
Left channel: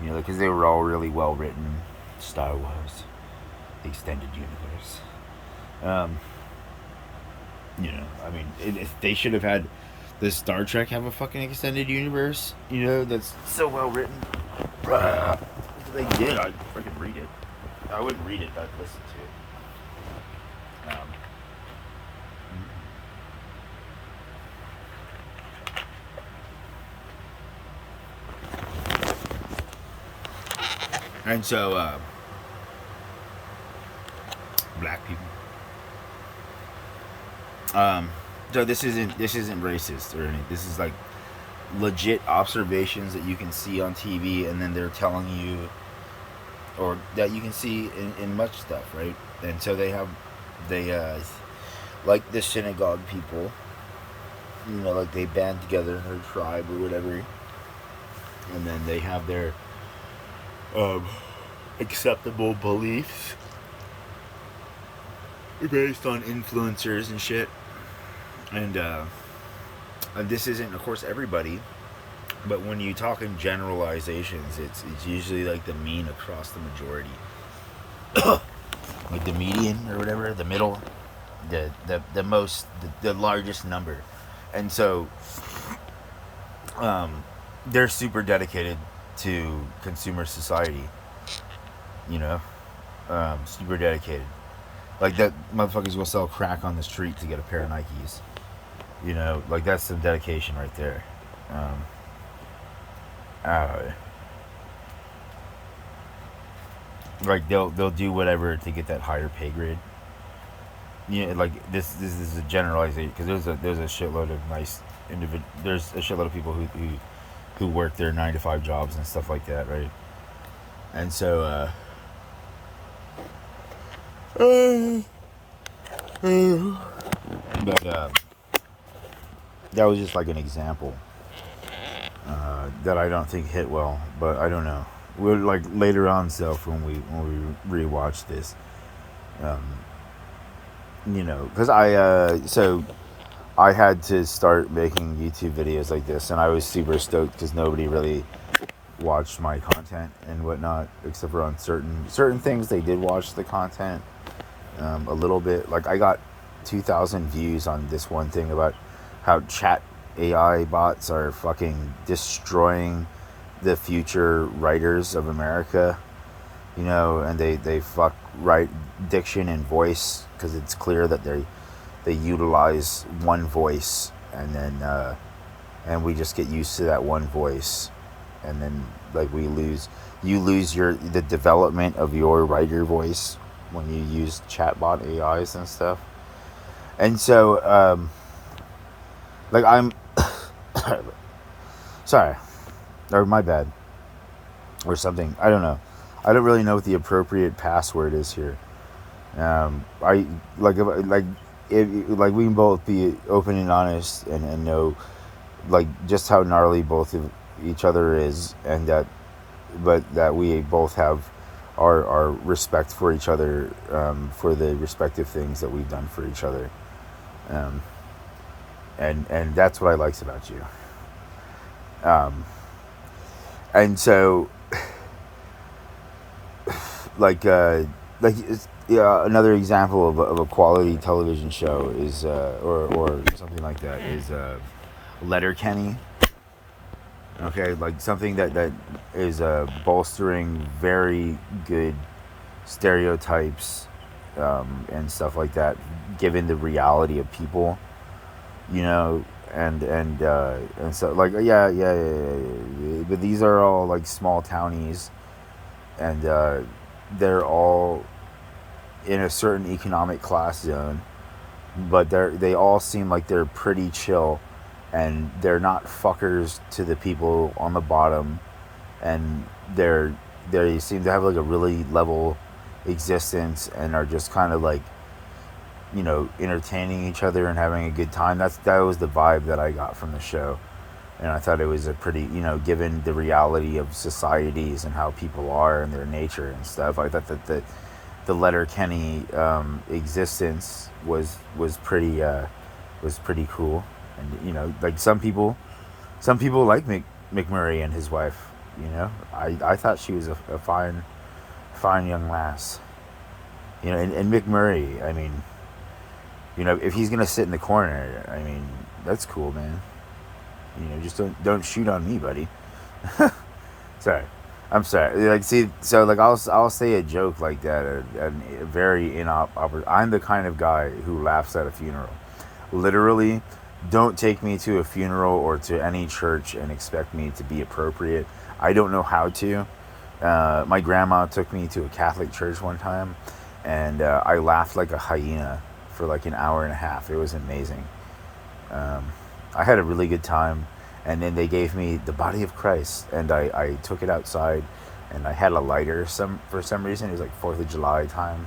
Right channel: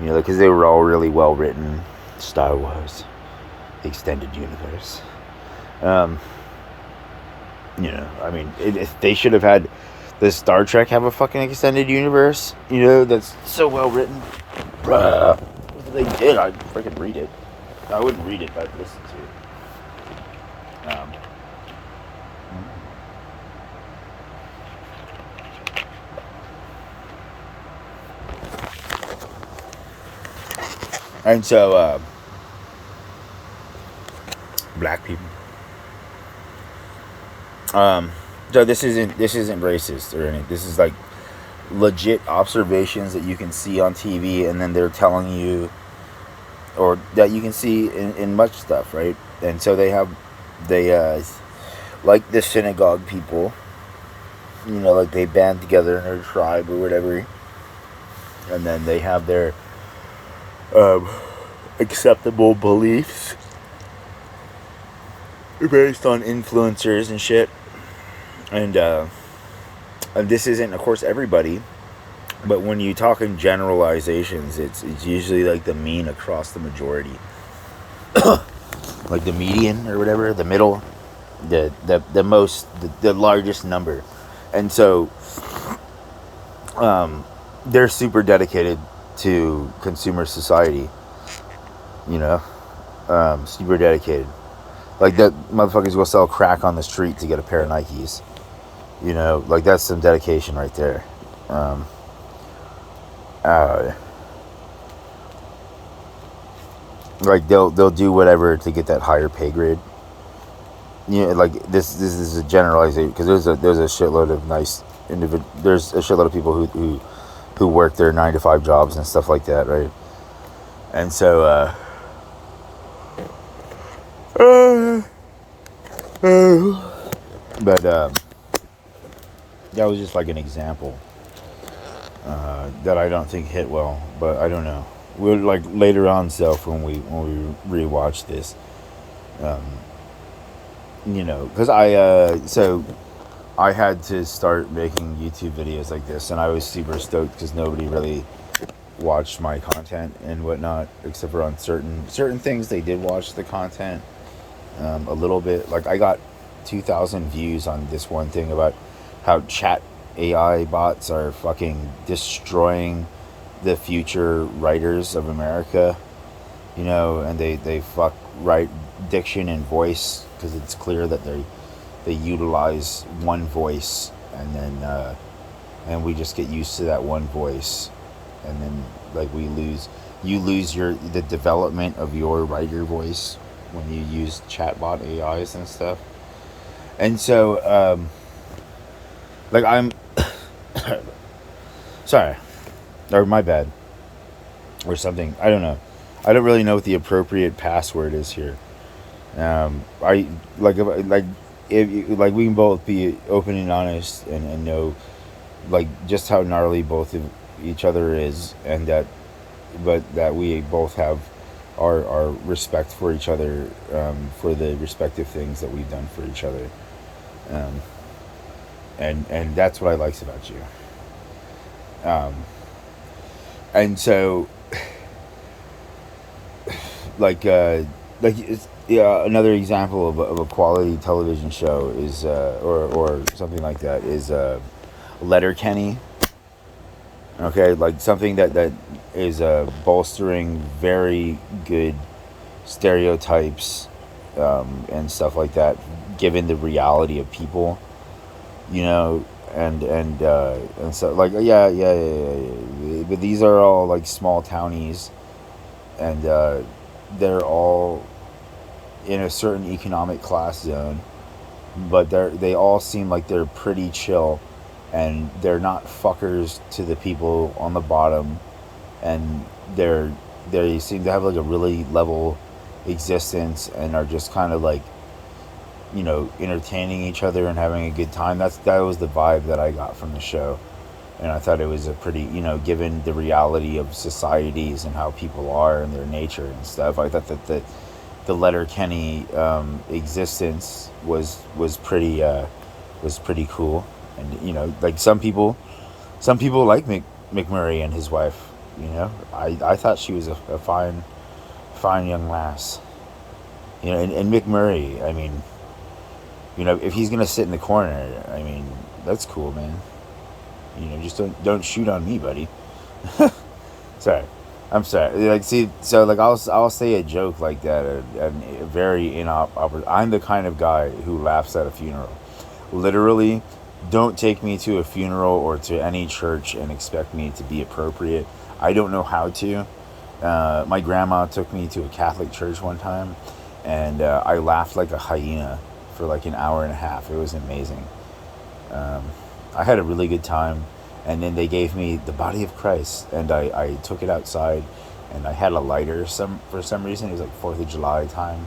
you know, because they were all really well written. Star Wars, the extended universe, you know, I mean, they should have had the Star Trek have a fucking extended universe, you know, that's so well written. If they did, I'd freaking read it. I wouldn't read it, but I'd listen to it. And so, black people, So this isn't racist or anything. This is like legit observations that you can see on TV, and then they're telling you, or that you can see in much stuff, right? And so they like the synagogue people, like they band together in their tribe or whatever, and then they have their um, acceptable beliefs based on influencers and shit. And this isn't, of course, everybody, but when you talk in generalizations, it's usually like the mean across the majority, like the median or whatever, the middle, the most, the largest number, and so they're super dedicated to consumer society, you know, super dedicated. Like that motherfuckers go sell crack on the street to get a pair of Nikes. Like that's some dedication right there. Um, uh, like they'll do whatever to get that higher pay grade. Like this is a generalization, because there's a shitload of nice there's a shitload of people who work their 9 to 5 jobs and stuff like that, right? And so but that was just like an example that I don't think hit well, but I don't know. We'll like later on self when we rewatch this, because I had to start making YouTube videos like this, and I was super stoked because nobody really watched my content and whatnot, except for on certain things. They did watch the content a little bit. Like I got 2,000 views on this one thing about how chat AI bots are fucking destroying the future writers of America, and they fuck write diction and voice, because it's clear that they utilize one voice, and then and we just get used to that one voice, and then like you lose the development of your writer voice when you use chatbot AIs and stuff. And so like I'm sorry, or my bad, or something, I don't know. I don't really know what the appropriate password is here. I if we can both be open and honest, and know like just how gnarly both of each other is, and that we both have our respect for each other, for the respective things that we've done for each other, and that's what I likes about you. And so like it's, yeah, another example of a quality television show is or something like that is Letterkenny. Okay, like something that is bolstering very good stereotypes, and stuff like that, given the reality of people, and so like yeah. But these are all like small townies, and they're all in a certain economic class zone, but they all seem like they're pretty chill, and they're not fuckers to the people on the bottom, and they seem to have like a really level existence, and are just kind of like entertaining each other and having a good time. That was the vibe that I got from the show, and I thought it was a pretty, given the reality of societies and how people are and their nature and stuff, I thought that the Letterkenny existence was pretty cool. And like some people like McMurray and his wife. I thought she was a fine young lass. And McMurray, I mean, if he's gonna sit in the corner, I mean, that's cool, man. Just don't shoot on me, buddy. Sorry. I'm sorry. Like, see, so like I'll say a joke like that, and very inopportune. I'm the kind of guy who laughs at a funeral. Literally, don't take me to a funeral or to any church and expect me to be appropriate. I don't know how to. My grandma took me to a Catholic church one time, and I laughed like a hyena for like an hour and a half. It was amazing. I had a really good time, and then they gave me the body of Christ, and I took it outside, and I had a lighter. For some reason it was like 4th of July time,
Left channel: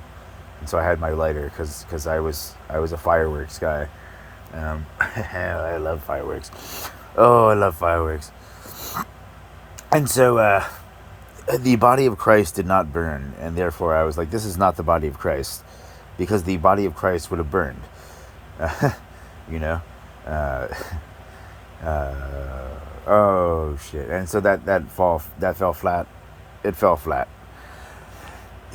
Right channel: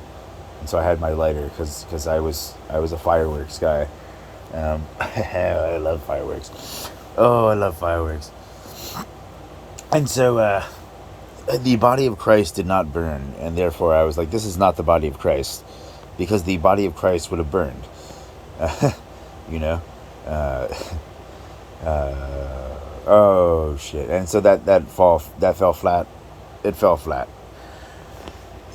and so I had my lighter because I was a fireworks guy. I love fireworks. Oh, I love fireworks. And so the body of Christ did not burn, and therefore I was like, this is not the body of Christ, because the body of Christ would have burned. you know. Uh, oh shit! And so that fell flat. It fell flat.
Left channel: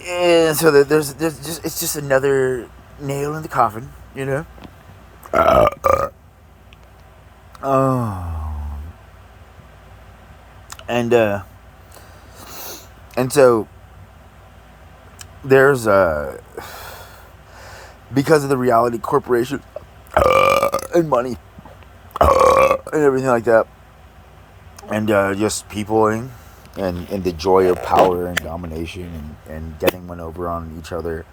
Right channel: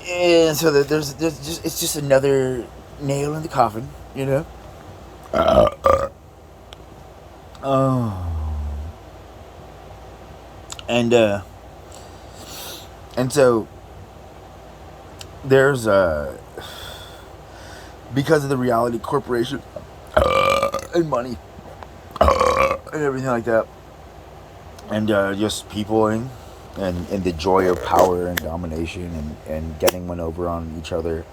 And so there's just, it's just another nail in the coffin, you know. Oh, and and so there's because of the reality corporation and money and everything like that, and just peopling and the joy of power and domination and getting one over on each other.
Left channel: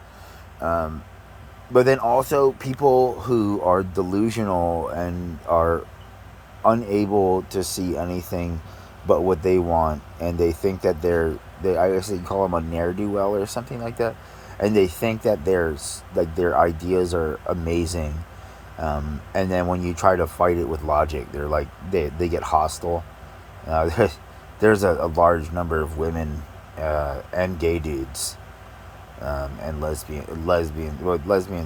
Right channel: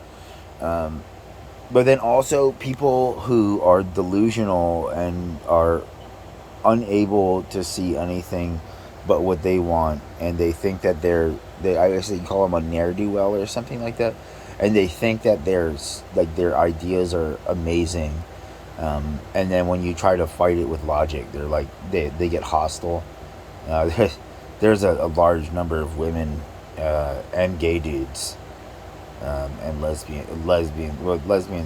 But then also people who are delusional and are unable to see anything but what they want, and they think that I guess they call them a ne'er-do-well or something like that, and they think that their ideas are amazing, and then when you try to fight it with logic, they're like they get hostile. There's a large number of women and gay dudes and lesbians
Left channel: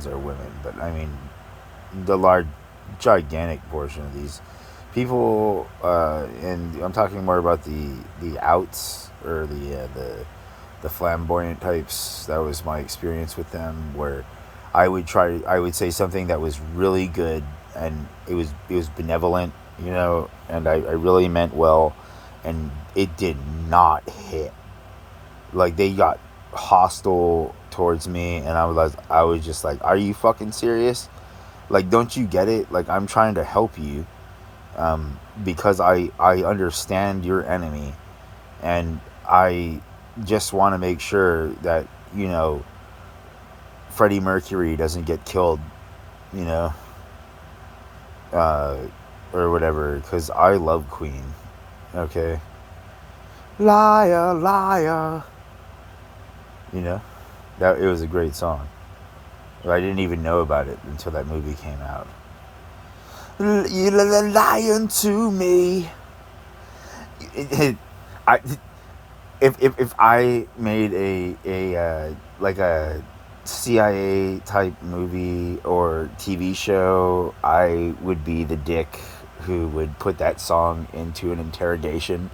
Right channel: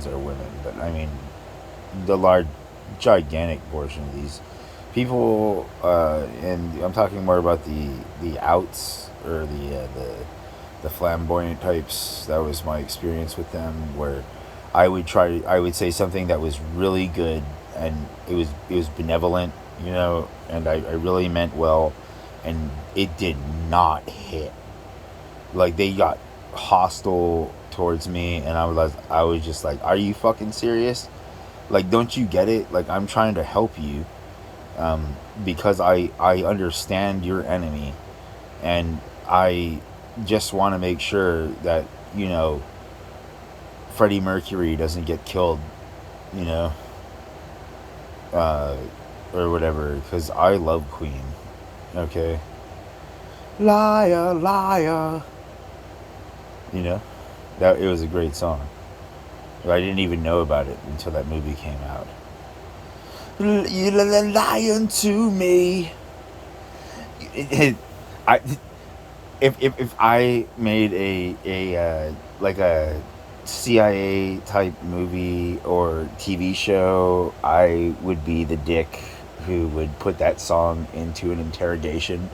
are women, but I mean the gigantic portion of these people, and I'm talking more about the outs, or the flamboyant types. That was my experience with them, where I would say something that was really good, and it was benevolent, and I really meant well, and it did not hit. Like, they got hostile towards me, and I was just like, are you fucking serious? Like, don't you get it? Like, I'm trying to help you, because I understand your enemy, and I just want to make sure that, Freddie Mercury doesn't get killed, you know, or whatever, because I love Queen, okay? Liar, liar. That it was a great song. I didn't even know about it until that movie came out. You're lying to me. I if I made a like a CIA type movie or TV show, I would be the dick who would put that song into an interrogation.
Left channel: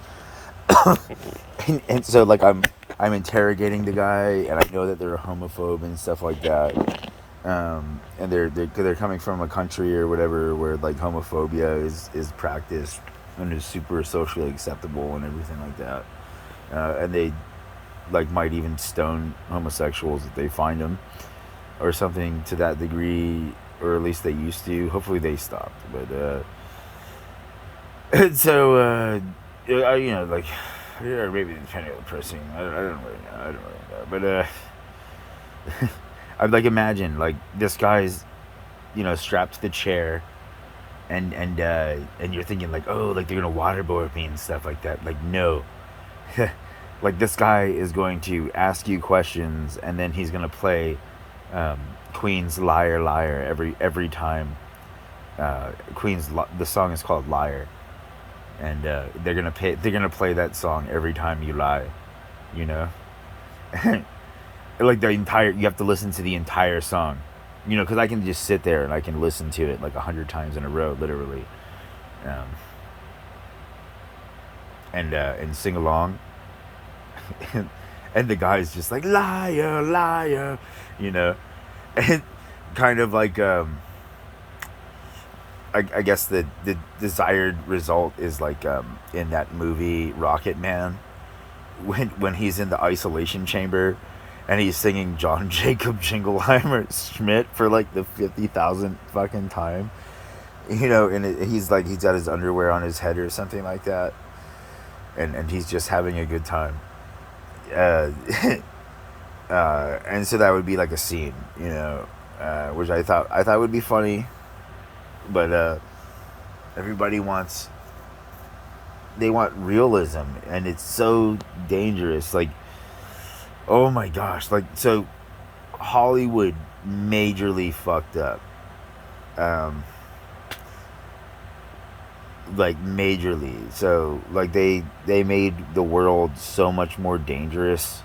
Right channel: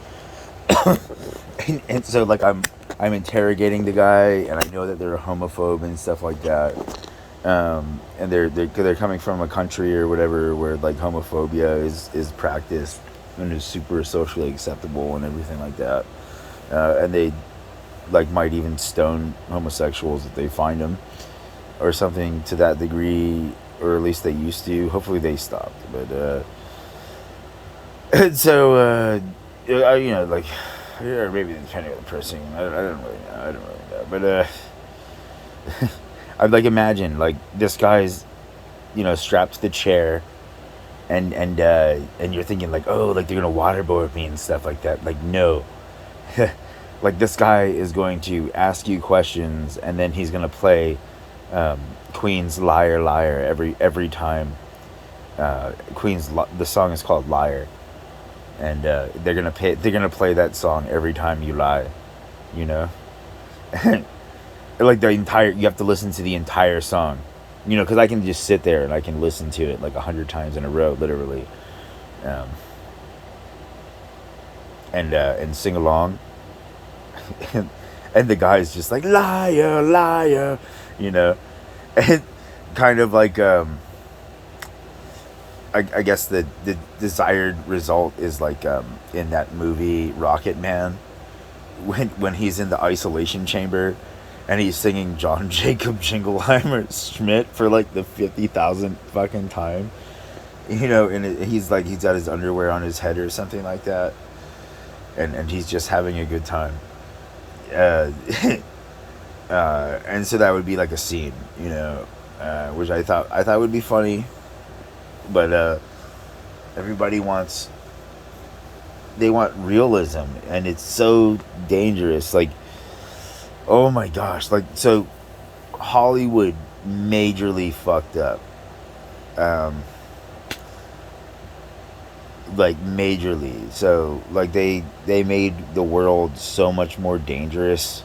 and so, like, I'm interrogating the guy, and I know that they're a homophobe and stuff like that. And they're coming from a country or whatever where, like, homophobia is practiced and is super socially acceptable and everything like that. And they, like, might even stone homosexuals if they find them, or something to that degree, or at least they used to. Hopefully they stopped, but and so like, or maybe depending on the person, I don't really know, but I'd, like, imagine, like, this guy's, strapped to the chair, and you're thinking, like, oh, like, they're gonna waterboard me and stuff like that. Like, no. Like, this guy is going to ask you questions, and then he's gonna play Queen's Liar Liar every time. The song is called Liar, and they're gonna play that song every time you lie, like, you have to listen to the entire song, because I can just sit there and I can listen to it like 100 times in a row, literally, and sing along. And the guy's just like, liar, liar, and kind of like, I guess the desired result is like, in that movie Rocket Man, when he's in the isolation chamber and he's singing John Jacob Jingleheimer Schmidt for like the 50,000th fucking time, and he's got his underwear on his head or something like that, and he's just having a good time. And so that would be like a scene, which I thought would be funny, but Everybody they want realism, and it's so dangerous. Like, oh my gosh, like, so Hollywood majorly fucked up. Um, like majorly. So like they made the world so much more dangerous.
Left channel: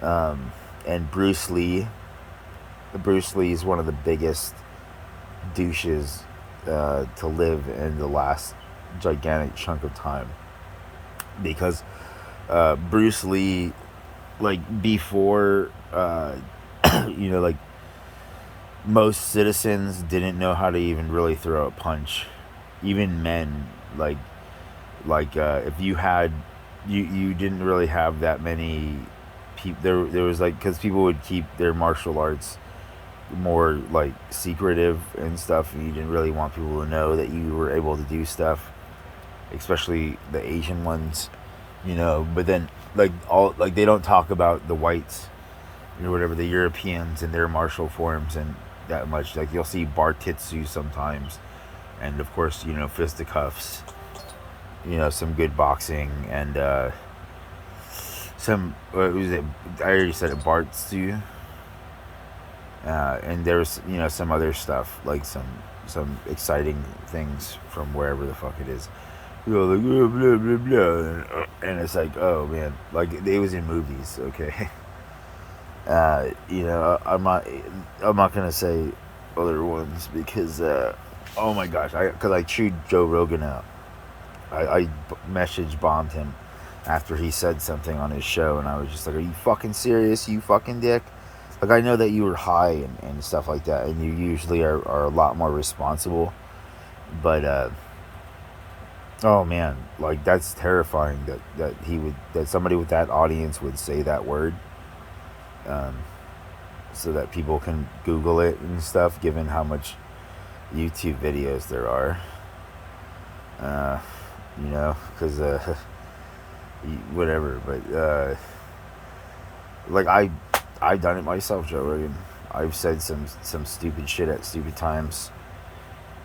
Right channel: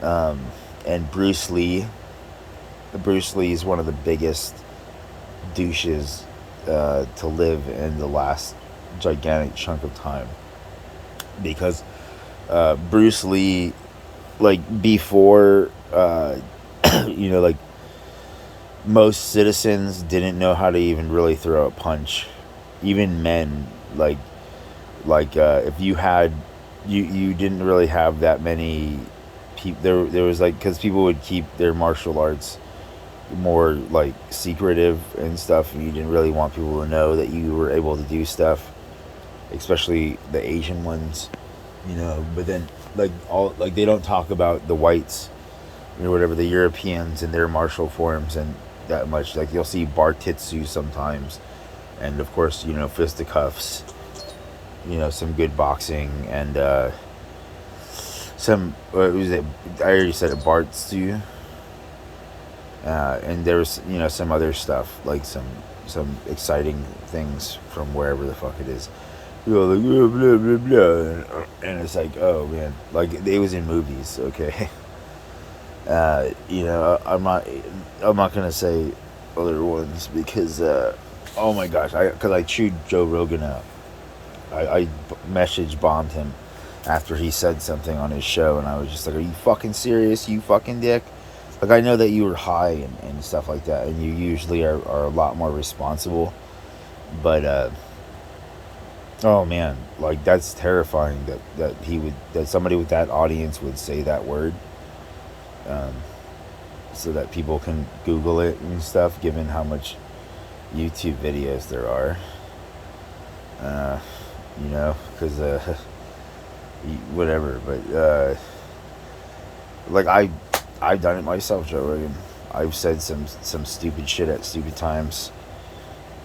And Bruce Lee is one of the biggest douches to live in the last gigantic chunk of time, because Bruce Lee, like, before like, most citizens didn't know how to even really throw a punch, even men. If you had, you didn't really have that many people. There was, like, because people would keep their martial arts more, like, secretive and stuff, and you didn't really want people to know that you were able to do stuff, especially the Asian ones, but then, like, they don't talk about the whites, whatever, the Europeans and their martial forms, and that much. Like, you'll see bartitsu sometimes, and of course, fisticuffs, some good boxing, and some, what was it, I already said it, bartsu, and there was, some other stuff, like some exciting things from wherever the fuck it is. Like, blah, blah, blah, blah. And it's like, oh man, like, it was in movies, okay. I'm not gonna say other ones, because oh my gosh, because I chewed Joe Rogan out. I message bombed him after he said something on his show, and I was just like, are you fucking serious, you fucking dick? Like, I know that you were high and stuff like that, and you usually are a lot more responsible, but oh man, like, that's terrifying that somebody with that audience would say that word, so that people can Google it and stuff, given how much YouTube videos there are, because whatever, but like, I've done it myself, Joe Rogan. I've said some stupid shit at stupid times.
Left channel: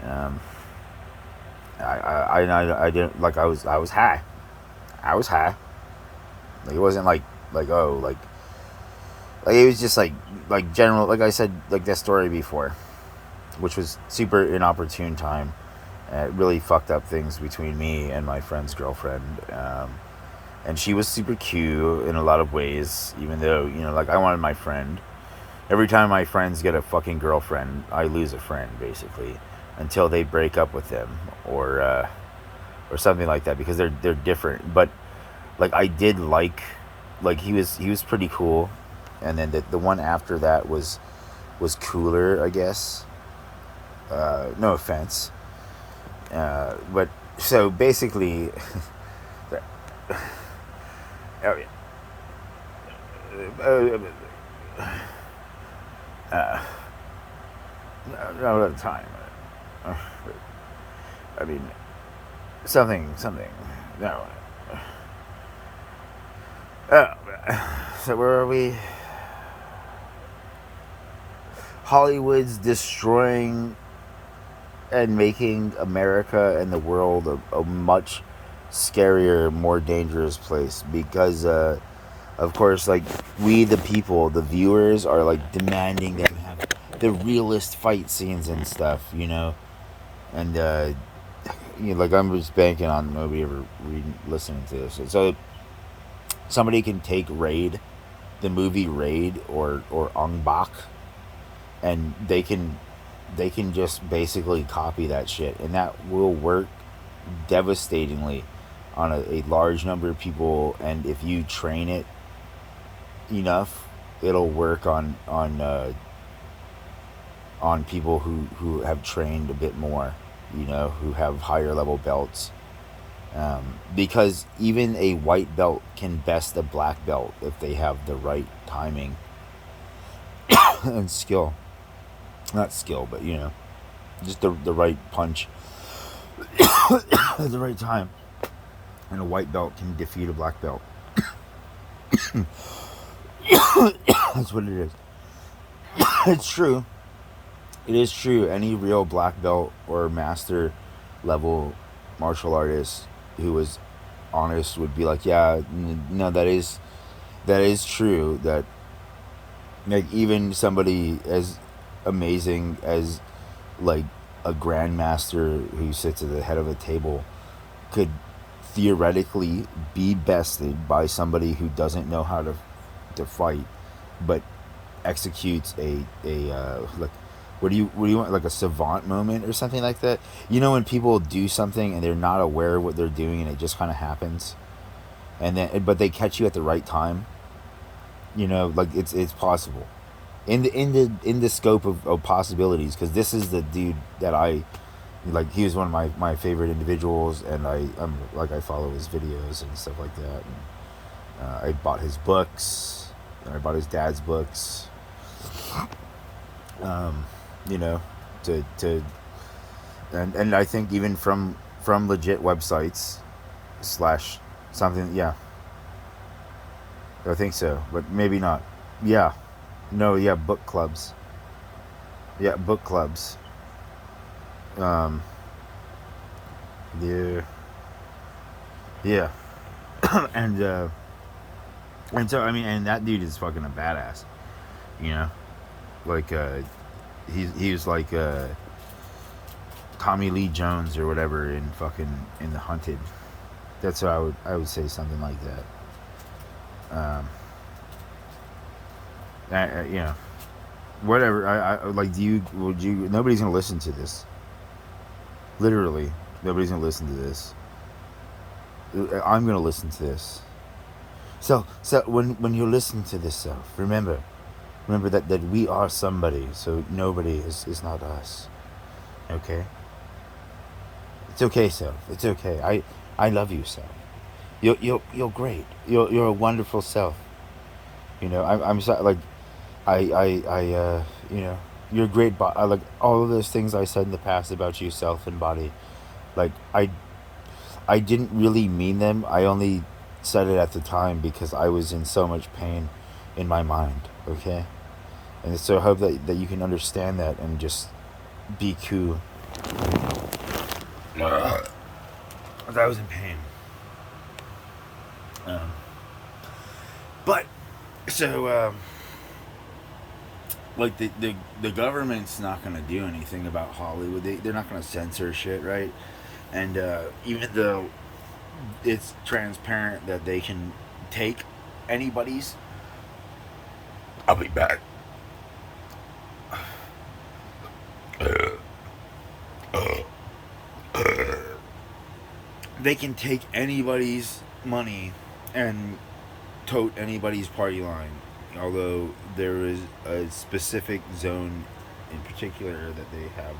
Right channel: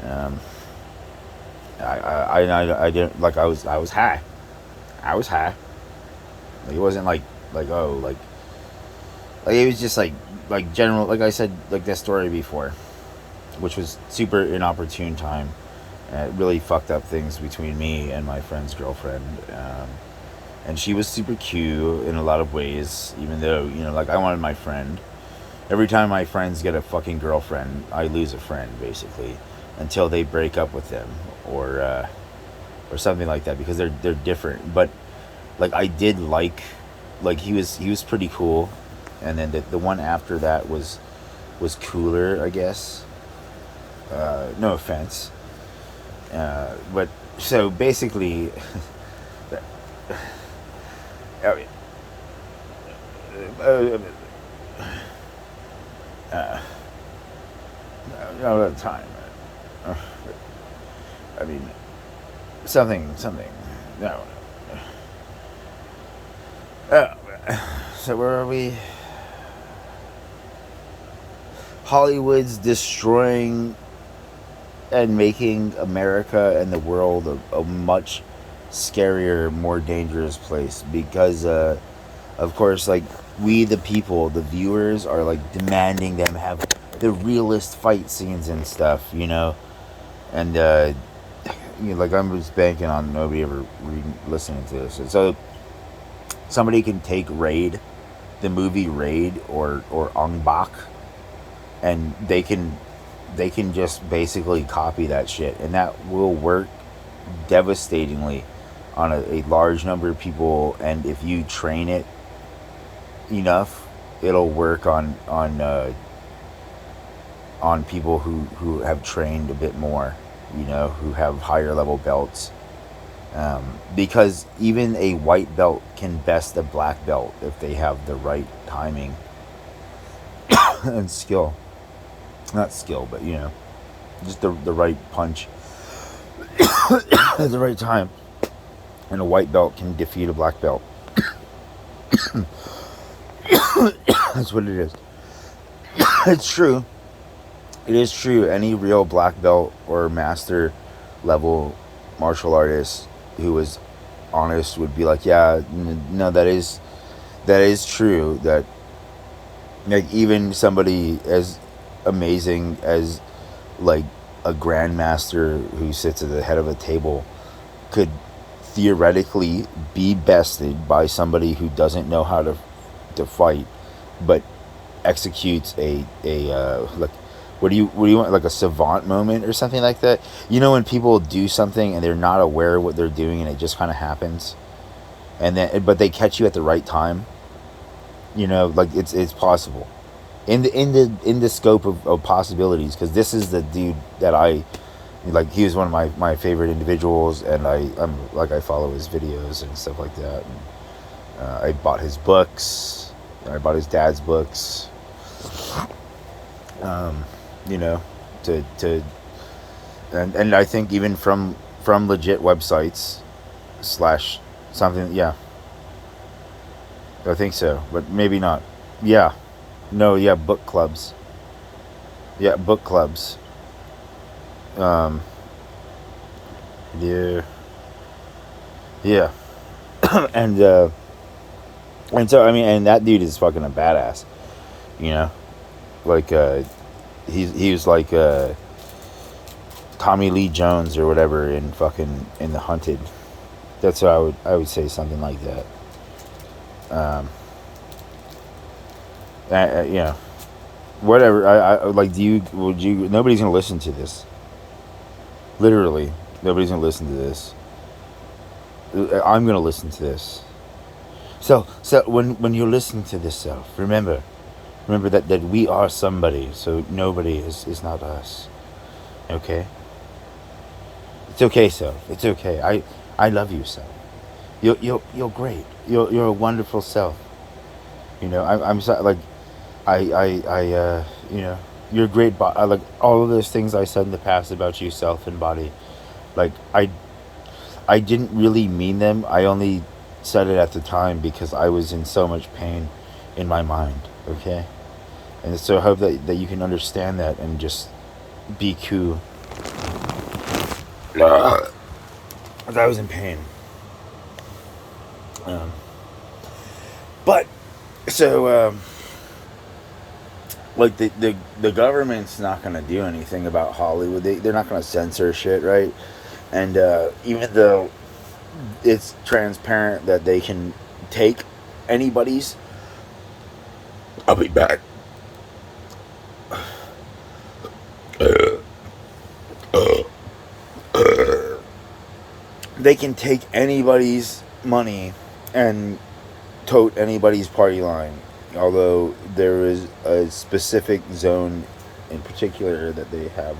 I didn't, like, I was high. I was high. Like, it wasn't like oh, like it was just like general, like I said, like that story before, which was super inopportune time. It really fucked up things between me and my friend's girlfriend. And she was super cute in a lot of ways, even though, like, I wanted my friend. Every time my friends get a fucking girlfriend, I lose a friend, basically, until they break up with them, or something like that, because they're different. But, like, I did like he was pretty cool, and then the one after that was cooler, I guess. No offense. But so basically, not at the time. But, I mean, something. No. So where are we? Hollywood's destroying and making America and the world a much scarier, more dangerous place, because of course, like, we the people, the viewers, are, like, demanding them have the realest fight scenes and stuff, and like, I'm just banking on nobody ever listening to this. And so somebody can take Raid, the movie Raid, or Ong Bak, and they can just basically copy that shit, and that will work devastatingly on a large number of people. And if you train it enough, it'll work on people who have trained a bit more, who have higher level belts, because even a white belt can best a black belt if they have the right timing and skill. Not skill, but just the right punch at the right time. And a white belt can defeat a black belt. That's what it is. It's true. It is true. Any real black belt or master level martial artist who was honest would be like, yeah, no, that is true. That like even somebody as amazing as like a grandmaster who sits at the head of a table could theoretically be bested by somebody who doesn't know how to fight, but executes a like what do you want, like a savant moment or something like that. You know when people do something and they're not aware of what they're doing and it just kind of happens, and then but they catch you at the right time. You know, like it's possible in the scope of possibilities, because this is the dude that I like. He was one of my favorite individuals, and I'm like I follow his videos and stuff like that. And, I bought his books. I bought his dad's books. Um, you know, to and I think even from legit websites slash something. Yeah, I think so, but maybe not. Yeah, no, yeah, book clubs. Yeah, book clubs. Um, yeah, yeah, and so I mean, and that dude is fucking a badass. You know, like he was like Tommy Lee Jones or whatever in fucking in The Hunted. That's what I would say, something like that. Um, you know, whatever. I like. Do you? Would you? Nobody's gonna listen to this. Literally, nobody's gonna listen to this. I'm gonna listen to this. So when you're listening to this self, remember that we are somebody. So nobody is not us. Okay. It's okay, self. It's okay. I love you, self. You're great. You're a wonderful self. You know, I'm so, like you know, you're great. Like all of those things I said in the past about you, self and body. Like I didn't really mean them. I only said it at the time because I was in so much pain in my mind. Okay, and so I hope that you can understand that and just be cool. I was in pain. Um, but so like the government's not gonna do anything about Hollywood. They're not gonna censor shit, right? And even though it's transparent that they can take anybody's, I'll be back. They can take anybody's money and tote anybody's party line. Although there is a specific zone in particular that they have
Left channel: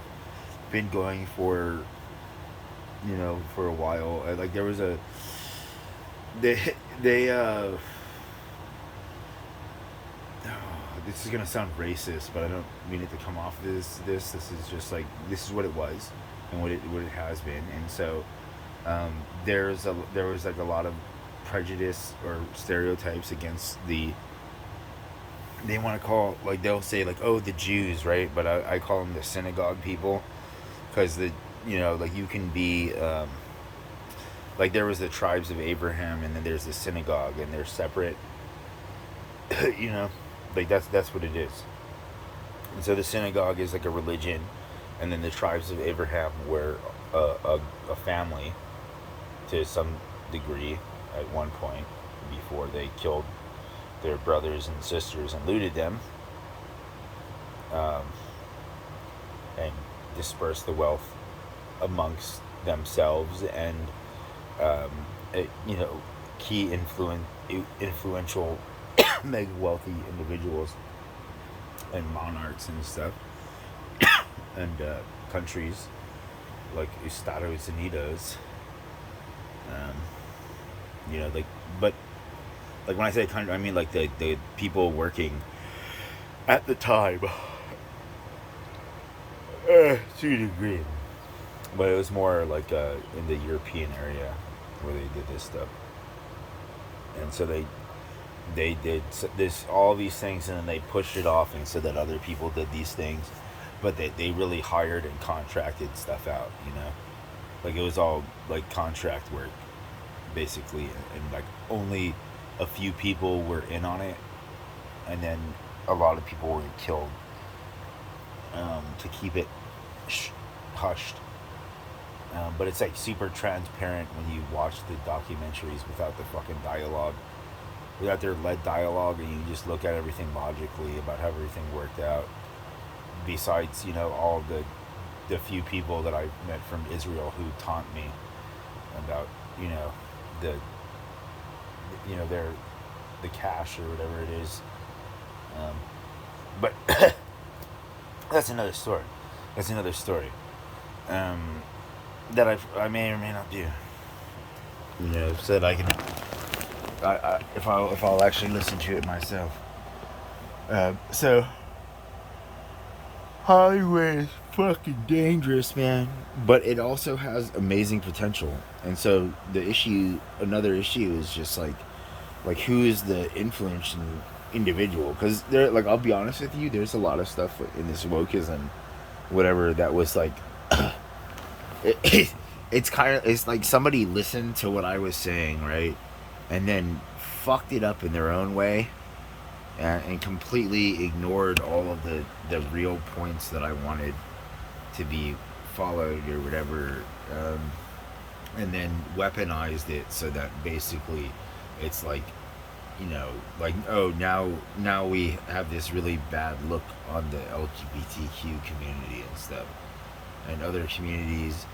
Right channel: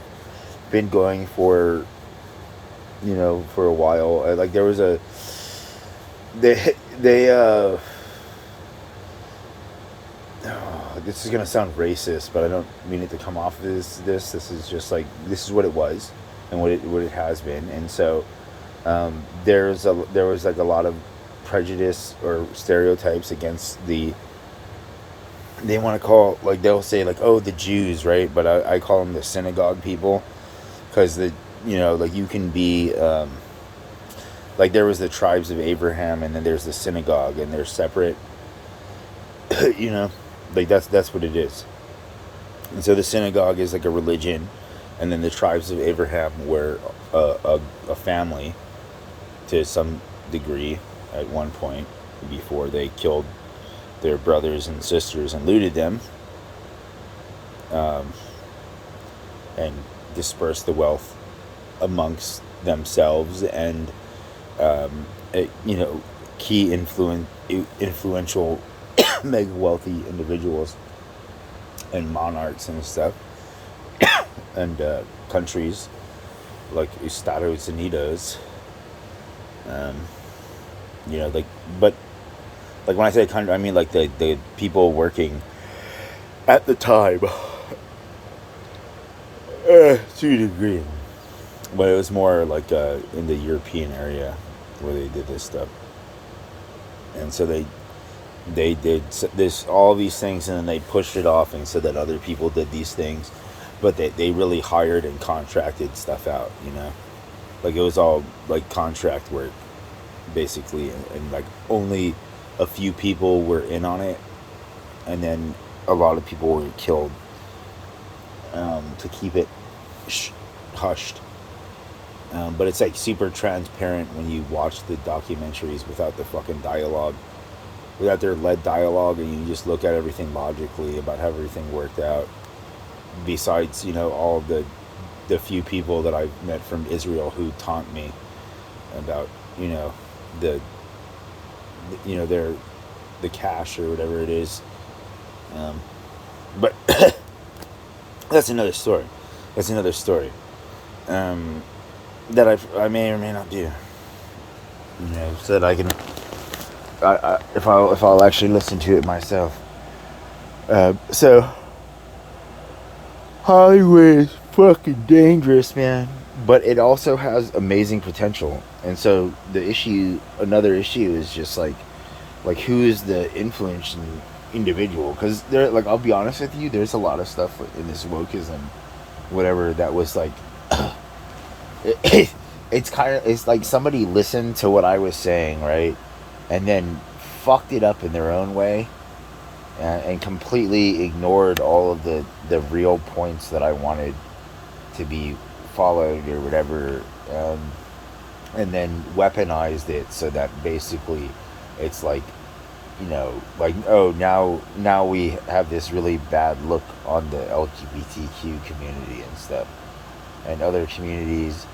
been going for, you know, for a while. Like there was a they oh, this is gonna sound racist, but I don't mean it to come off as this is just like this is what it was and what it has been. And so there was like a lot of prejudice or stereotypes against the, they want to call, like they'll say like, oh, the Jews, right? But I call them the synagogue people, because the, you know, like you can be like there was the tribes of Abraham and then there's the synagogue and they're separate. You know, like that's what it is. And so the synagogue is like a religion, and then the tribes of Abraham were a family to some degree at one point before they killed their brothers and sisters and looted them, um, and dispersed the wealth amongst themselves. And you know, key influential mega wealthy individuals and monarchs and stuff, and countries like Estados Unidos, um, you know, like, but like when I say country, I mean like the people working at the time, to a degree, but it was more like in the European area where they did this stuff. And so they did this, all these things, and then they pushed it off and said that other people did these things, but they really hired and contracted stuff out, you know. Like it was all like contract work, basically, and like only a few people were in on it, and then a lot of people were killed to keep it hushed. But it's like super transparent when you watch the documentaries without the fucking dialogue, without their lead dialogue, and you just look at everything logically about how everything worked out. Besides, all the few people that I've met from Israel who taunt me about, the, their the cash or whatever it is. But that's another story. That's another story. That I may or may not do. Said I can. If I'll actually listen to it myself. So Hollywood is fucking dangerous, man. But it also has amazing potential, and so another issue is just like who is the influencing individual? Because like I'll be honest with you, there's a lot of stuff in this wokeism, whatever that was like. It's like somebody listened to what I was saying, right, and then fucked it up in their own way, and completely ignored all of the real points that I wanted to be followed or whatever, and then weaponized it so that basically it's like, like, oh, now we have this really bad look on the LGBTQ community and stuff and other communities.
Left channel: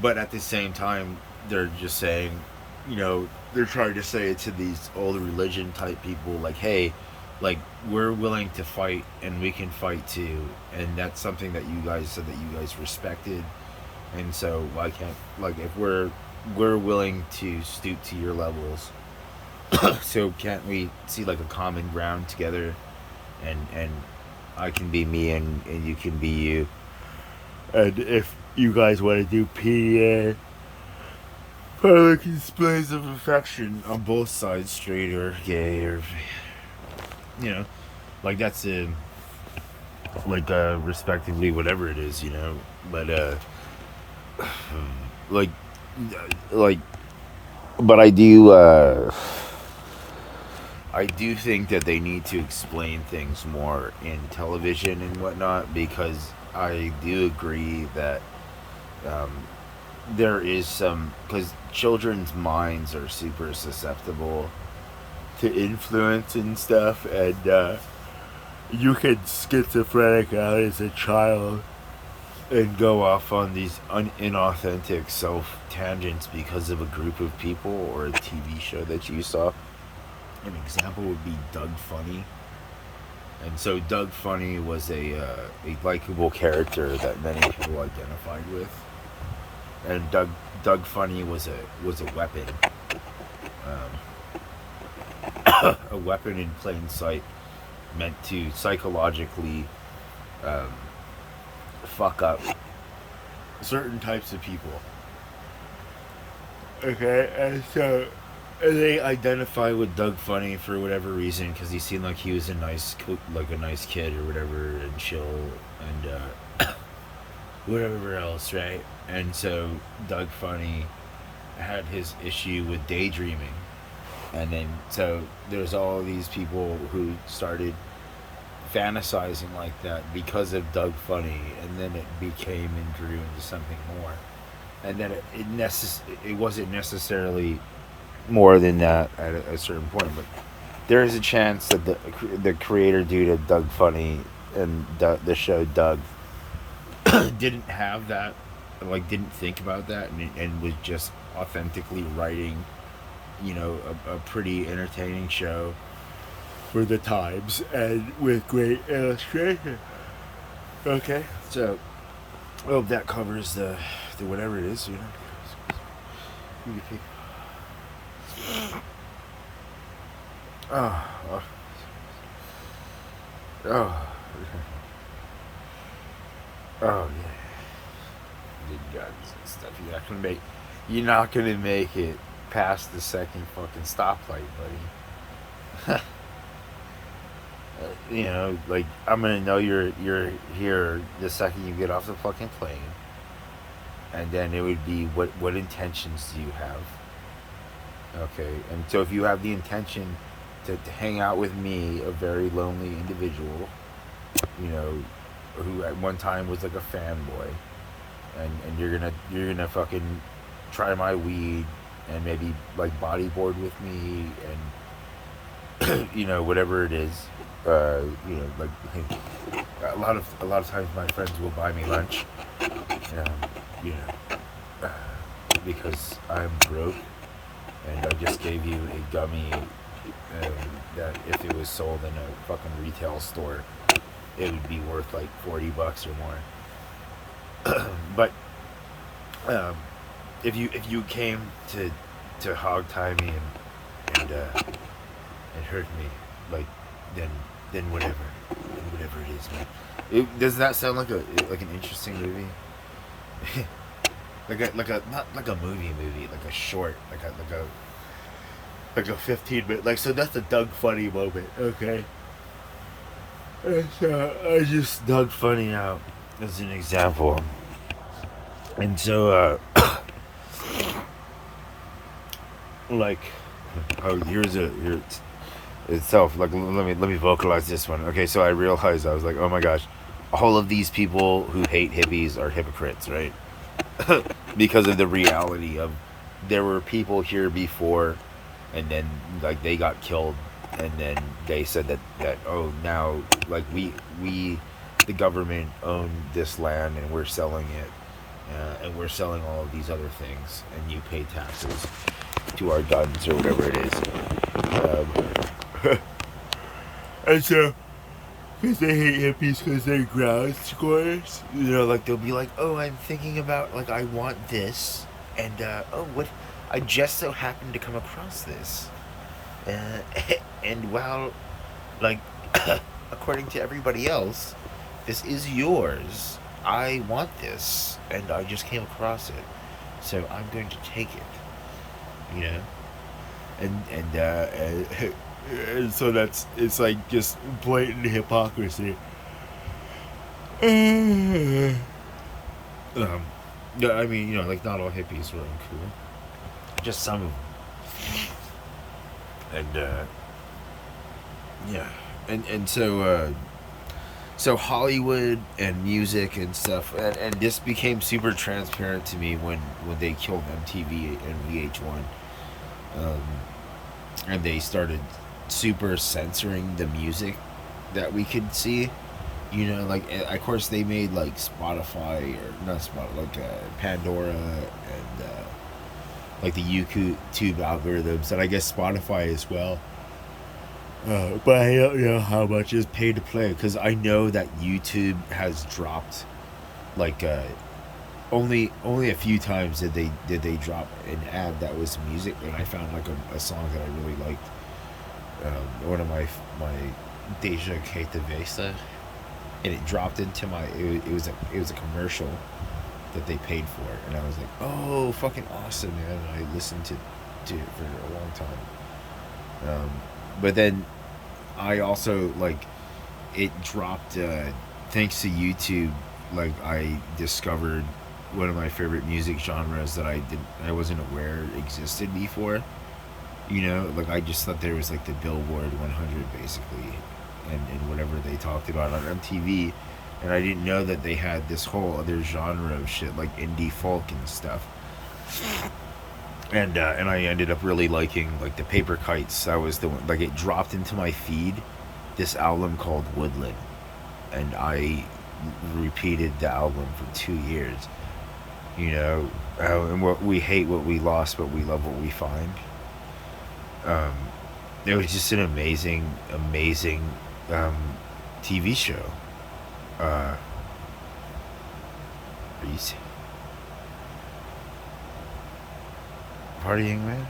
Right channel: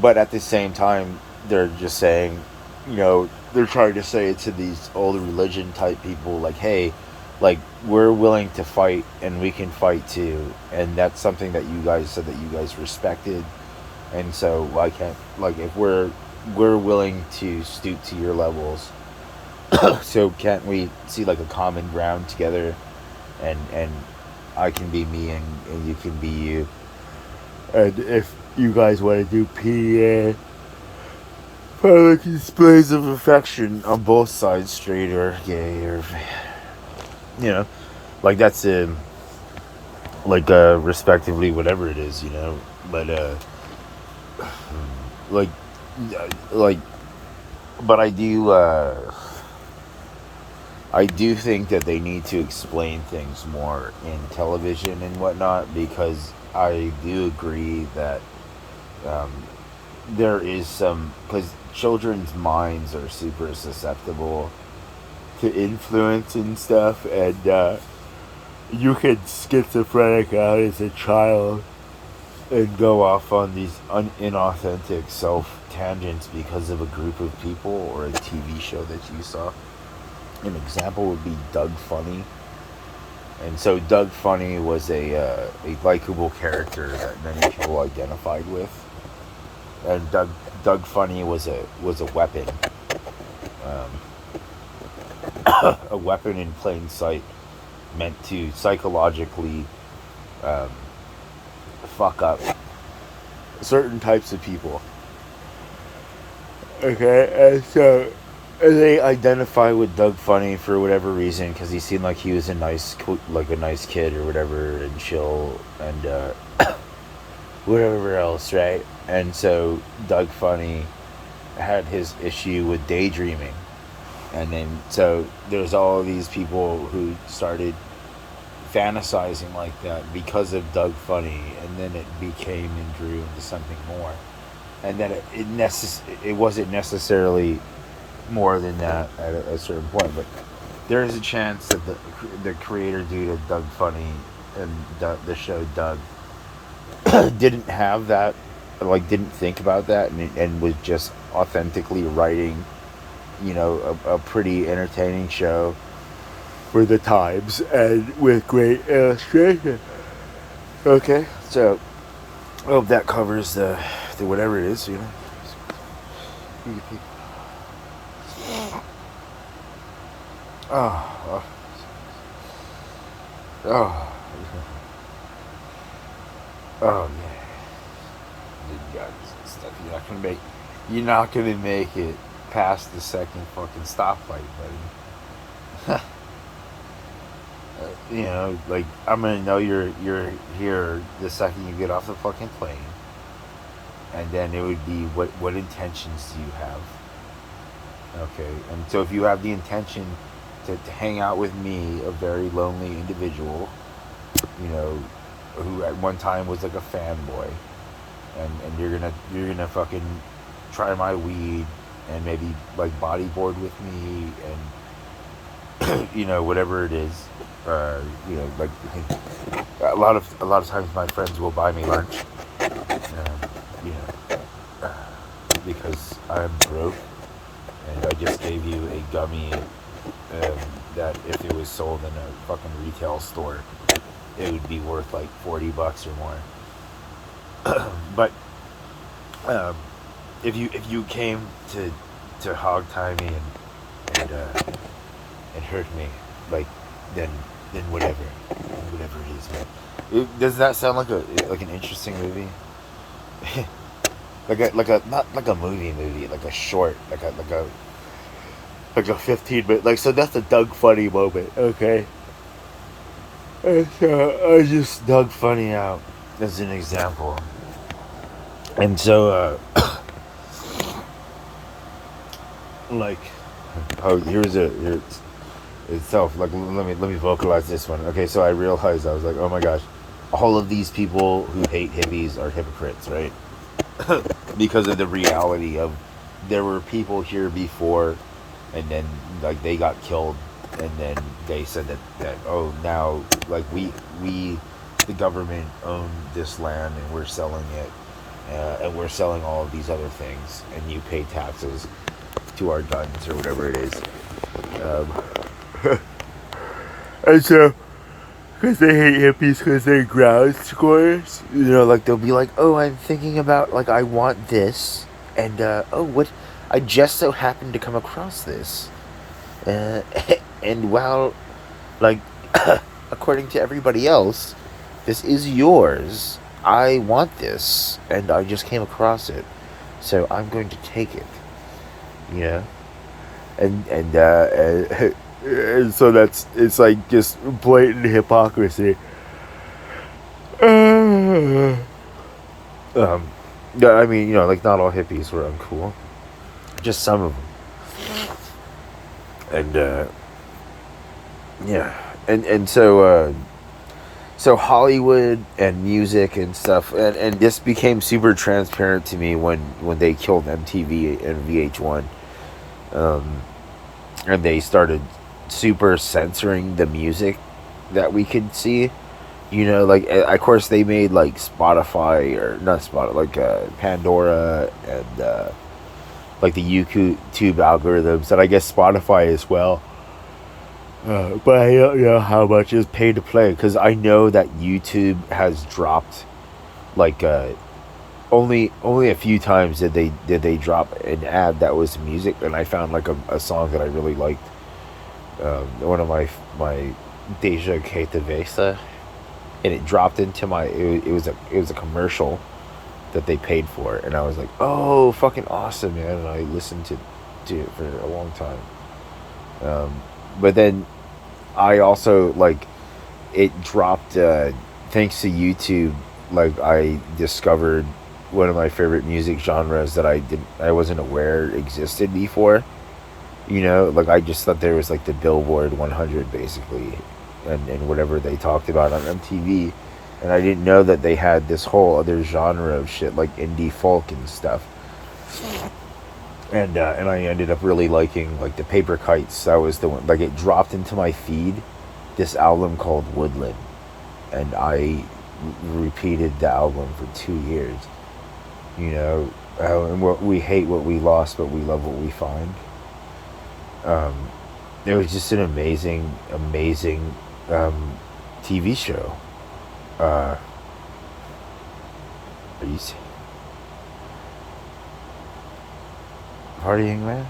But at the same time, they're just saying, they're trying to say to these old religion type people, like, hey, like, we're willing to fight and we can fight too. And that's something that you guys said that you guys respected. And so, like, if we're willing to stoop to your levels, so can't we see like a common ground together, and I can be me and you can be you. And if you guys want to do PDA, public displays of affection on both sides, straight or gay, or like that's respectively whatever it is, but like like but I do think that they need to explain things more in television and whatnot, because I do agree that there is some, because children's minds are super susceptible to influence and stuff, and you can schizophrenic out as a child and go off on these inauthentic self tangents because of a group of people or a TV show that you saw. An example would be Doug Funny. And so Doug Funny was a likable character that many people identified with. And Doug Funny was a weapon, a weapon in plain sight, meant to psychologically fuck up certain types of people. Okay, and so they identify with Doug Funny for whatever reason, because he seemed like he was a nice kid or whatever, and chill, and whatever else, right? And so Doug Funny had his issue with daydreaming, and then so there's all these people who started fantasizing like that because of Doug Funny, and then it became and grew into something more, and then it wasn't necessarily more than that at a certain point, but there's a chance that the creator dude of Doug Funny and the show Doug didn't have that, like didn't think about that, and was just authentically writing, a pretty entertaining show for the times and with great illustration. Okay, so I hope that covers the whatever it is, Oh, oh, oh yeah. The guns and stuff. You're not gonna make it past the second fucking stoplight, buddy. Like I'm gonna know you're here the second you get off the fucking plane. and then it would be what intentions do you have? Okay, and so if you have the intention to hang out with me, a very lonely individual, you know, who at one time was like a fanboy, and you're gonna fucking try my weed and maybe like bodyboard with me and whatever it is, like a lot of times my friends will buy me lunch, um, you know, because I'm broke and I just gave you a gummy um, that if it was sold in a fucking retail store, it would be worth like $40 or more. But um, if you came to hog tie me and hurt me, like then whatever it is, man. Does that sound like an interesting movie? like a not like a movie, like a short, like a 15 minute, like, so that's a Doug Funny moment, okay? I just Doug Funny out as an example, and so like, oh, here itself. Like, let me vocalize this one. Okay, so I realized, I was like, oh my gosh, all of these people who hate hippies are hypocrites, right? Because of the reality of there were people here before, and then like they got killed, and then they said that oh, now like we the government own this land and we're selling it, and we're selling all of these other things, and you pay taxes to our guns or whatever it is. And so, because they hate hippies because they're ground squares, like they'll be like, oh, I'm thinking about, like, I want this, and oh, what, I just so happened to come across this, uh, and while, like, according to everybody else, this is yours. I want this, and I just came across it, so I'm going to take it. You know, and so it's like just blatant hypocrisy. Yeah, I mean, like, not all hippies were uncool, just some of them, and yeah, and so Hollywood and music and stuff, and this became super transparent to me when they killed MTV and VH1, and they started super censoring the music that we could see. Like, of course they made like Spotify, or not Spotify, like Pandora, and like the YouTube algorithms, and I guess Spotify as well. But I don't know how much is pay to play, because I know that YouTube has dropped, like, only a few times did they drop an ad that was music, and I found like a song that I really liked. One of my Deja Ketavesa, and it dropped into my, it was a commercial that they paid for, and I was like, oh, fucking awesome, man, and I listened to it for a long time. But then I also, like, it dropped, thanks to YouTube, like, I discovered one of my favorite music genres that I wasn't aware existed before. Like, I just thought there was like the Billboard 100 basically, and whatever they talked about on MTV, and I didn't know that they had this whole other genre of shit, like indie folk and stuff. And I ended up really liking, like, the Paper Kites. That was the one. Like, it dropped into my feed, this album called Woodland, and I repeated the album for 2 years. And we hate what we lost, but we love what we find. It was just an amazing, amazing TV show. Are you partying, man?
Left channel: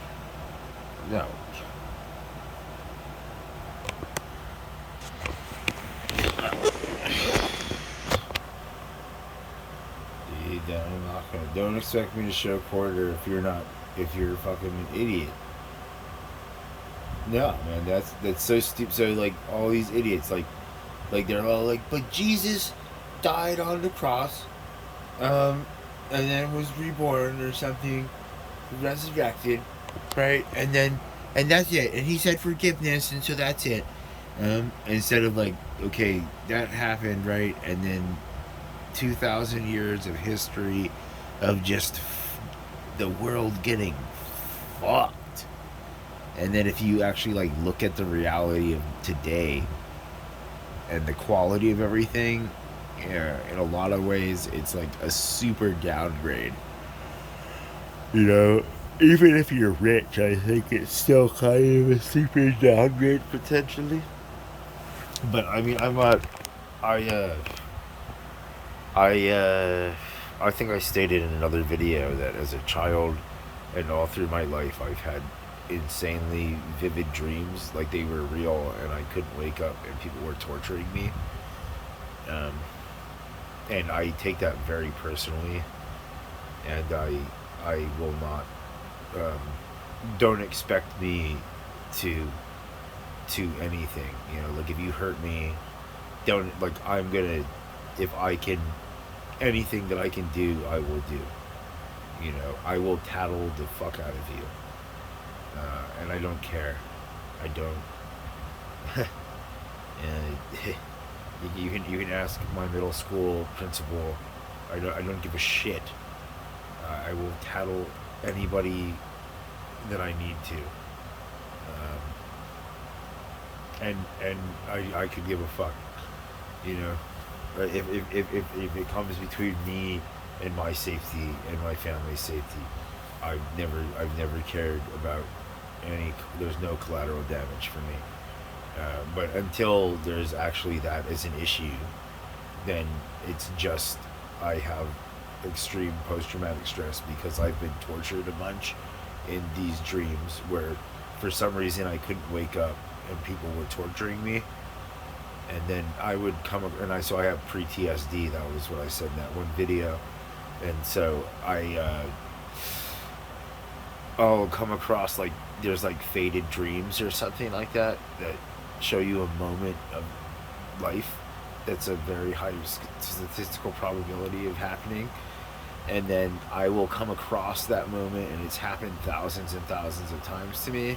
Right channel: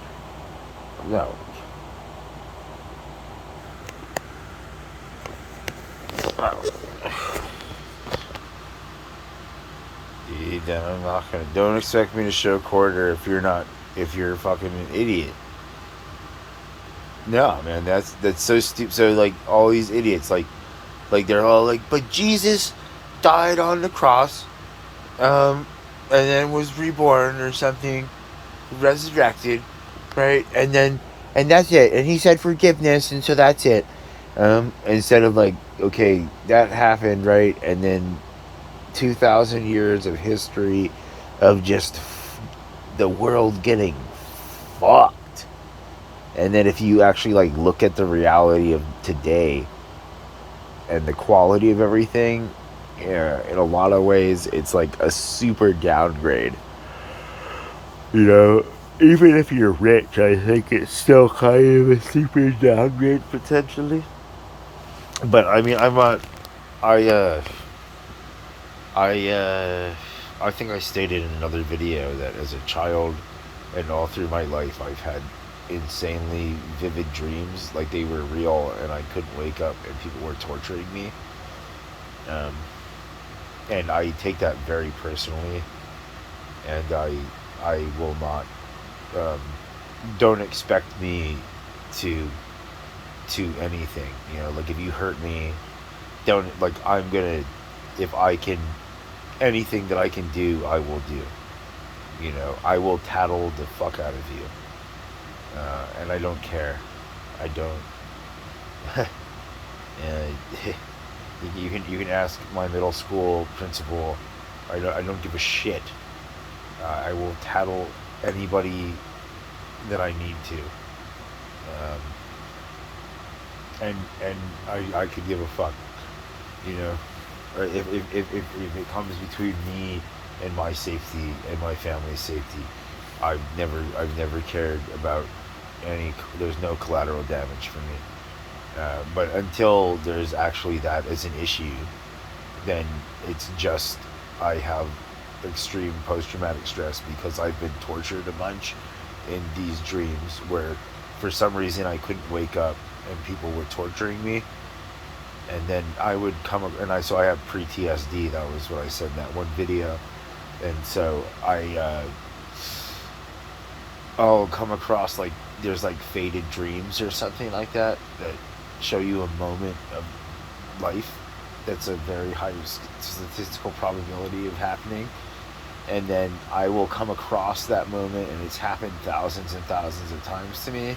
No. Oh. Dude, I'm not gonna. Don't expect me to show quarter if you're fucking an idiot. No, man, that's so stupid. So, like, all these idiots, like they're all like, but Jesus died on the cross, um, and then was reborn or something, resurrected, right? And that's it. And he said forgiveness, and so that's it. Instead of like, okay, that happened, right? And then 2,000 years of history of just the world getting fucked. And then if you actually like look at the reality of today and the quality of everything, yeah, in a lot of ways, it's like a super downgrade. You know, even if you're rich, I think it's still kind of a super downgrade potentially. But I mean, I'm not. I I I think I stated in another video that as a child and all through my life, I've had insanely vivid dreams, like they were real, and I couldn't wake up, and people were torturing me. Um, and I take that very personally, and I will not. Um, don't expect me to anything. You know, like if you hurt me, don't like I'm gonna. If I can, anything that I can do, I will do. You know, I will tattle the fuck out of you, and I don't care. I don't. uh, you can ask my middle school principal. I don't give a shit. I will tattle anybody that I need to, and I could give a fuck. You know, if it comes between me and my safety and my family's safety, I've never cared about any. There's no collateral damage for me. But until there's actually that as an issue, then it's just I have extreme post-traumatic stress because I've been tortured a bunch in these dreams where for some reason I couldn't wake up and people were torturing me, and then I would come and I have pre-TSD. That was what I said in that one video, and so I'll come across like there's like faded dreams or something like that that show you a moment of life that's a very high statistical probability of happening, and then I will come across that moment, and it's happened thousands and thousands of times to me,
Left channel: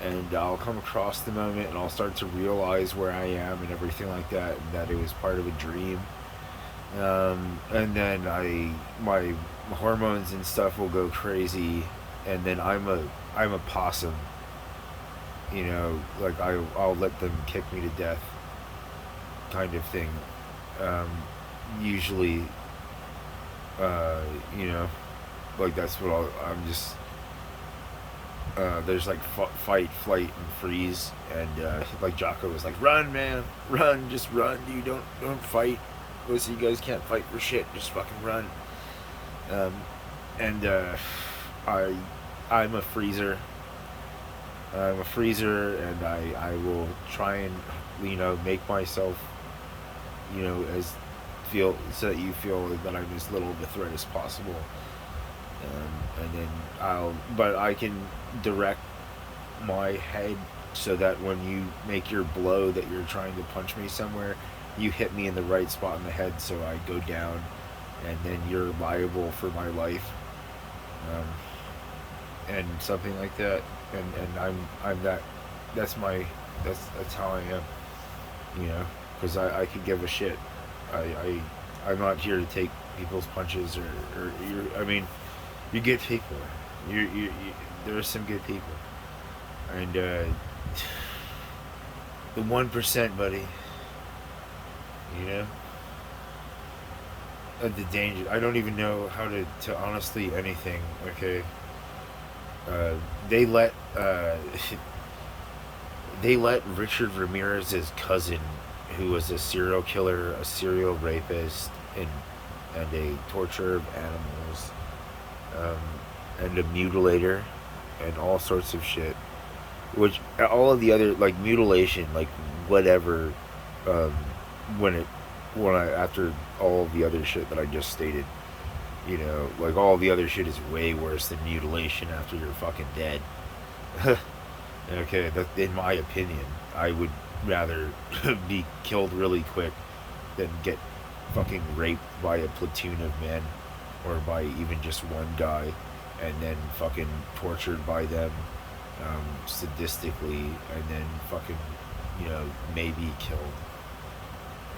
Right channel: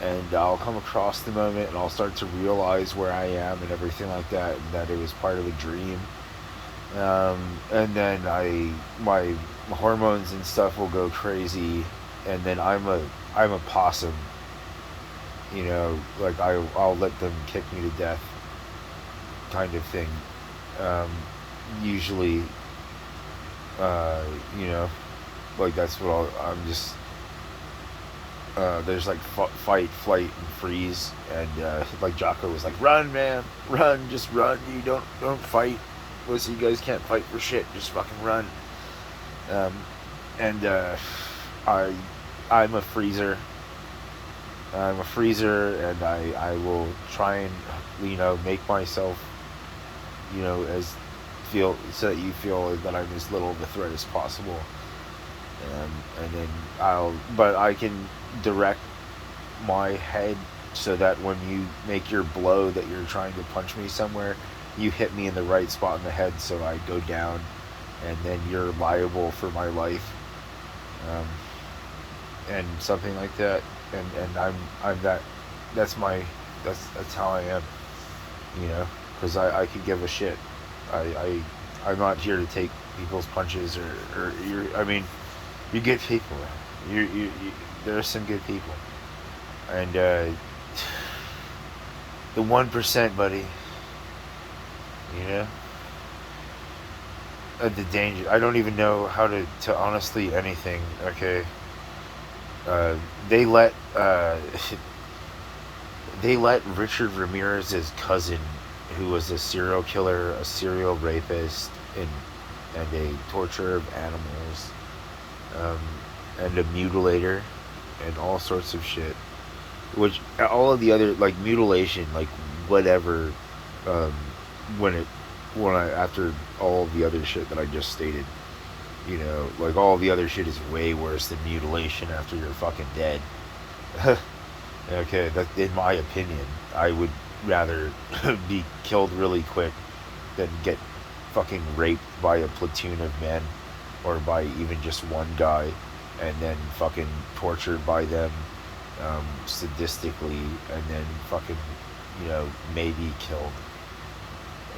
and I'll come across the moment and I'll start to realize where I am and everything like that, and that it was part of a dream. And then my hormones and stuff will go crazy, and then I'm a possum. You know, like I'll let them kick me to death, kind of thing. Um, Usually, you know, like that's what I'm just. There's like fight, flight, and freeze, and like Jocko was like, "Run, man, run, just run. You don't fight. Listen, you guys can't fight for shit. Just fucking run." Um, and I I'm a freezer. I'm a freezer, and I will try and make myself as feel so that you feel that I'm as little of a threat as possible. And then but I can direct my head so that when you make your blow that you're trying to punch me somewhere, you hit me in the right spot in the head, so I go down, and then you're liable for my life, um, and something like that. And I'm that's my that's how I am, because I could give a shit. I'm not here to take people's punches or I mean, you're good people. You there are some good people, and the 1%, buddy. You know, the danger. I don't even know how to honestly anything. Okay, uh, they let they let Richard Ramirez's cousin, who was a serial killer, a serial rapist, and a torturer of animals, um, and a mutilator, and all sorts of shit. Which all of the other like mutilation, like whatever, um, when I after all of the other shit that I just stated, like all the other shit is way worse than mutilation after you're fucking dead. Okay, that in my opinion, I would rather be killed really quick than get fucking raped by a platoon of men. or by even just one guy, and then fucking tortured by them, sadistically, and then fucking, maybe killed,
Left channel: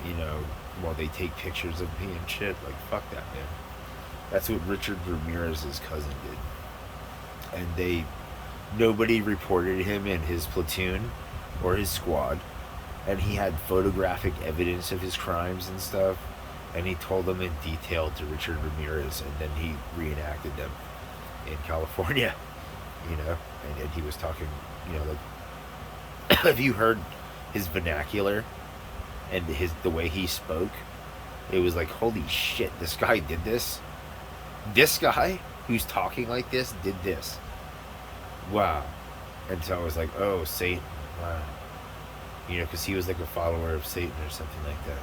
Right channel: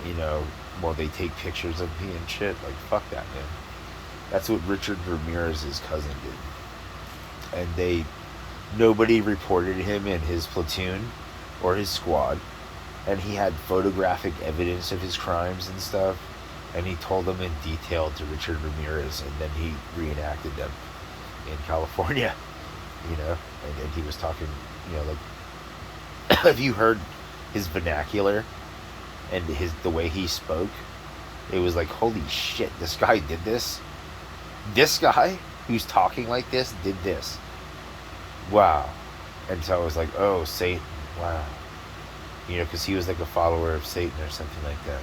you know, while they take pictures of me and shit. Like, fuck that, man. That's what Richard Ramirez's cousin did. And nobody reported him in his platoon or his squad. And he had photographic evidence of his crimes and stuff. And he told them in detail to Richard Ramirez, and then he reenacted them in California, and he was talking, like, have you heard his vernacular and the way he spoke? It was like, holy shit, this guy did this. This guy who's talking like this did this. Wow. And so I was like, oh, Satan. Wow. Because he was like a follower of Satan or something like that.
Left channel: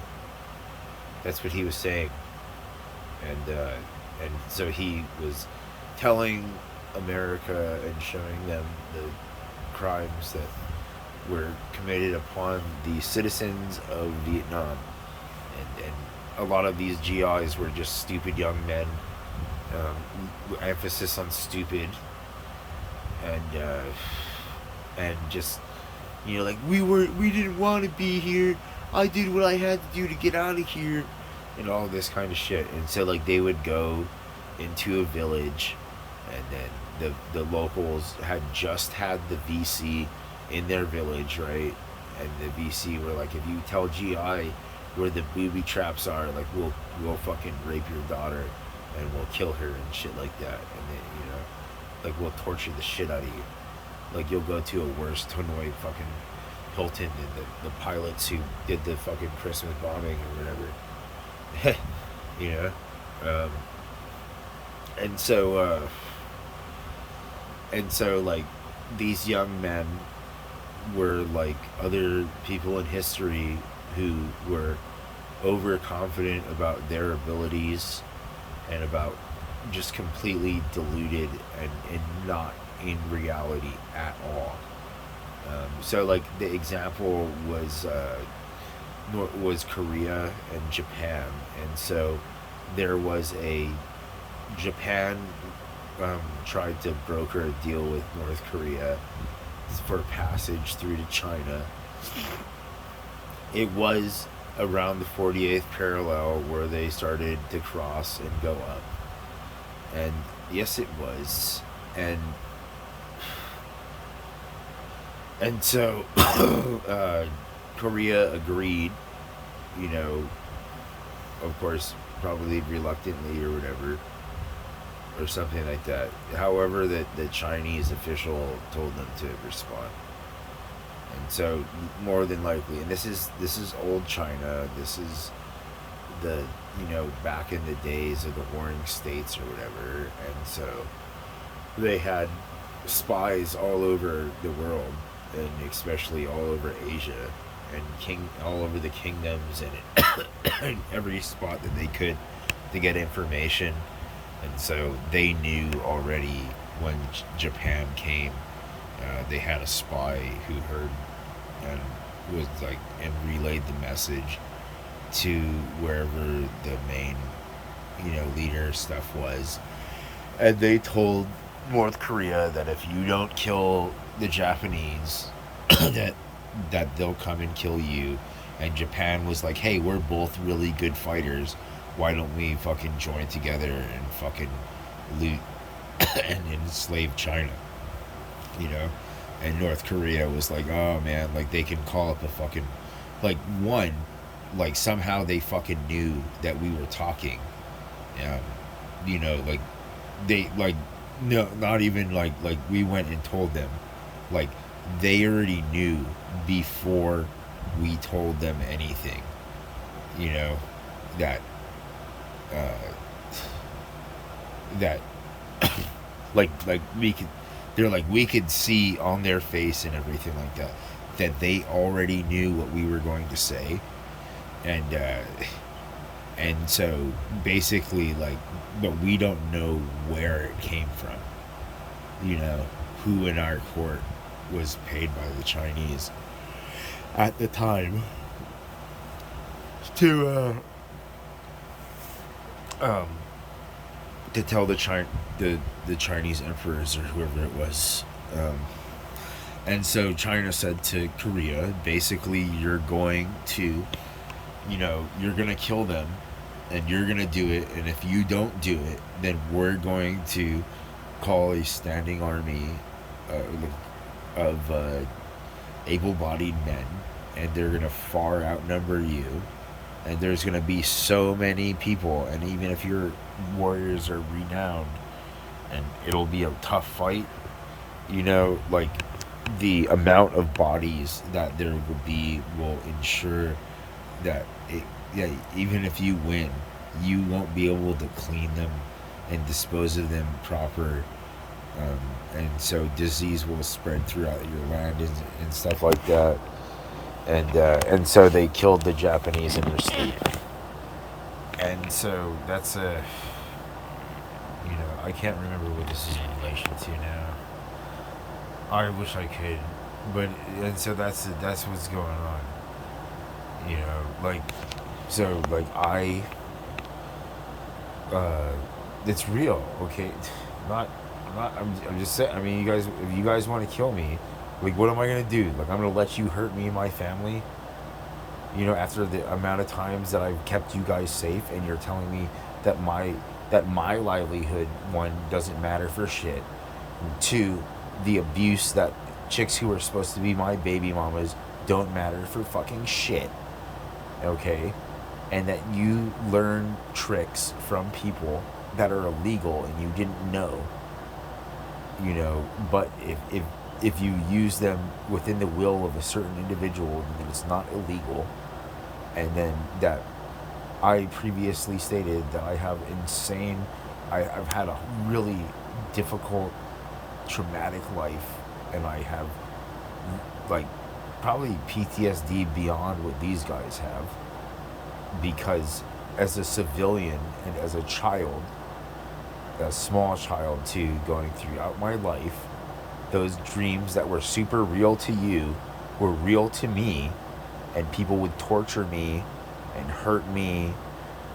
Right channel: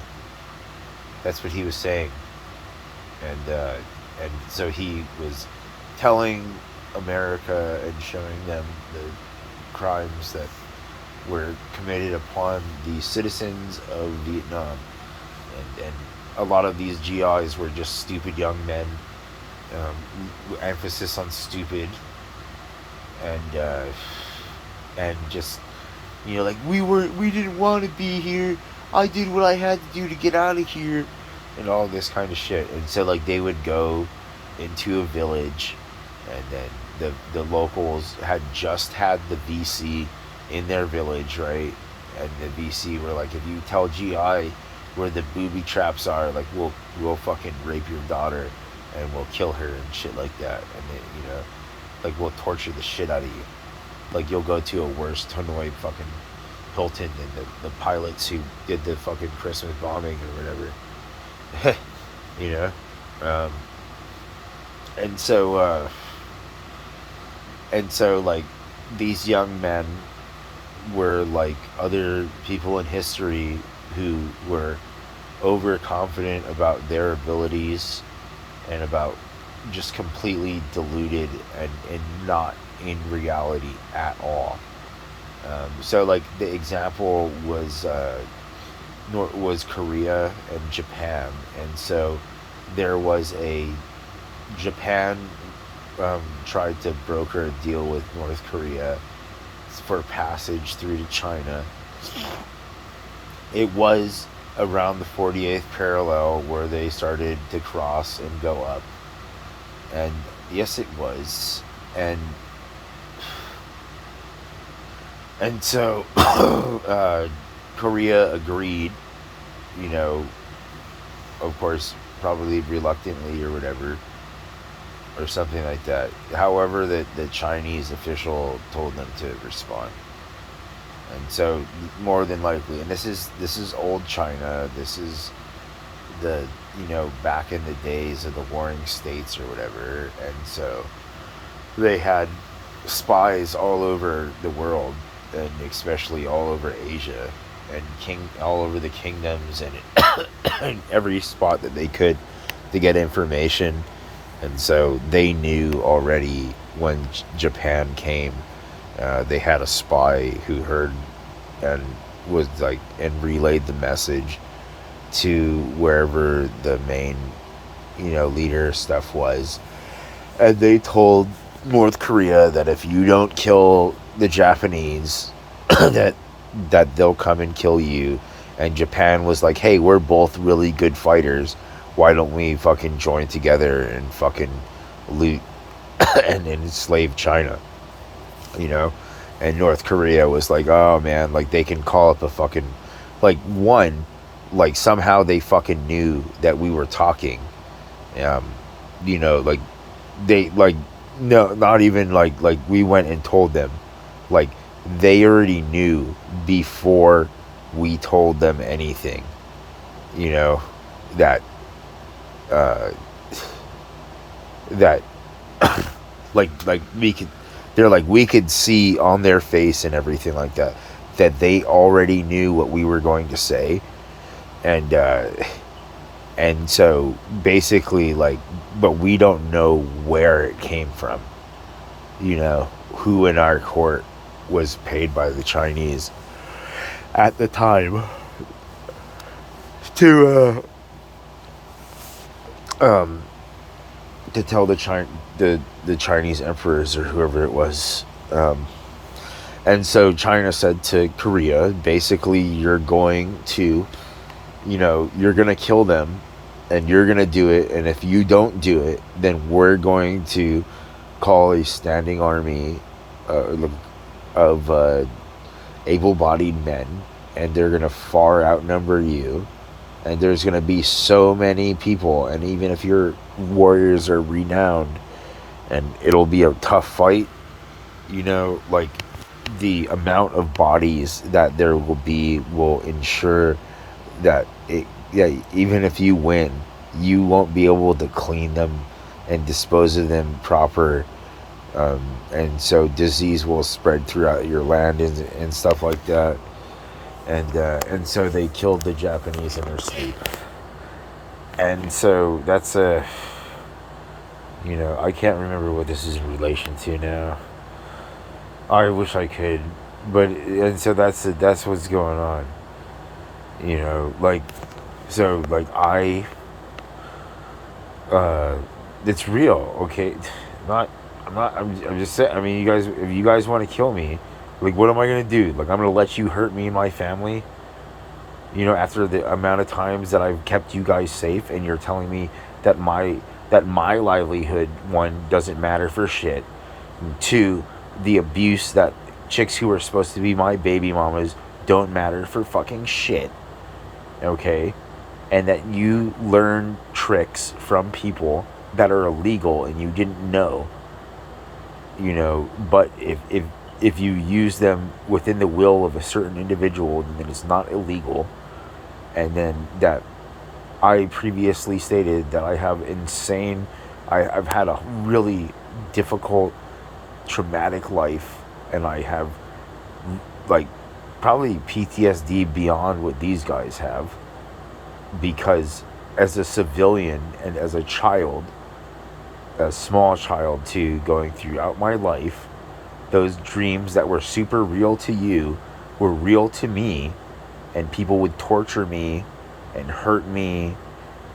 That's what he was saying. And so he was telling America and showing them the crimes that were committed upon the citizens of Vietnam. And a lot of these GIs were just stupid young men. Emphasis on stupid. And just, like, we didn't want to be here. I did what I had to do to get out of here. And all this kind of shit. And so, like, they would go into a village, and then the locals had just had the VC in their village, right? And the VC were like, if you tell GI where the booby traps are, like, we'll fucking rape your daughter and we'll kill her and shit like that. And then, like, we'll torture the shit out of you. Like, you'll go to a worse Hanoi fucking Hilton than the pilots who did the fucking Christmas bombing or whatever. And so like, these young men were like other people in history who were overconfident about their abilities and about just completely deluded and not in reality at all. So like, the example was Korea and Japan. And so there was Japan tried to broker a deal with North Korea for passage through to China. It was around the 48th parallel where they started to cross and go up. And yes, it was. And so Korea agreed, of course, probably reluctantly or whatever, or something like that. However, the Chinese official told them to respond. And so, more than likely, and this is old China, this is the, back in the days of the warring states or whatever. And so they had spies all over the world, and especially all over Asia, and all over the kingdoms, and in every spot that they could to get information. And so they knew already when Japan came. They had a spy who heard and was like, and relayed the message to wherever the main, leader stuff was. And they told North Korea that if you don't kill the Japanese, that they'll come and kill you. And Japan was like, hey, we're both really good fighters. Why don't we fucking join together and fucking loot and enslave China? And North Korea was like, oh man, like, they can call up a fucking, like, somehow they fucking knew that we were talking. Like, they, like, no, not even like we went and told them. Like, they already knew before we told them anything, that like we could see on their face and everything like that they already knew what we were going to say. And so basically, like, but we don't know where it came from, who in our court was paid by the Chinese at the time to to tell the Chinese emperors or whoever it was. And so China said to Korea, basically, you're going to, you're going to kill them, and you're going to do it. And if you don't do it, then we're going to call a standing army of able-bodied men, and they're going to far outnumber you. And there's going to be so many people, and even if your warriors are renowned, and it'll be a tough fight, like the amount of bodies that there will be will ensure that even if you win, you won't be able to clean them and dispose of them proper, and so disease will spread throughout your land and stuff like that. And so they killed the Japanese in their sleep. And so that's I can't remember what this is in relation to now. I wish I could, and so that's what's going on. Like, so like it's real, okay? I'm just saying. I mean, if you guys want to kill me, like, what am I gonna do? Like, I'm gonna let you hurt me and my family? After the amount of times that I've kept you guys safe, and you're telling me that my livelihood, one, doesn't matter for shit, and two, the abuse that chicks who are supposed to be my baby mamas don't matter for fucking shit, okay? And that you learn tricks from people that are illegal and you didn't know, but if you use them within the will of a certain individual, then it's not illegal. And then that I previously stated that I've had a really difficult, traumatic life, and I have, like, probably PTSD beyond what these guys have, because as a civilian and as a child, a small child too, going throughout my life, those dreams that were super real to you were real to me, and people would torture me and hurt me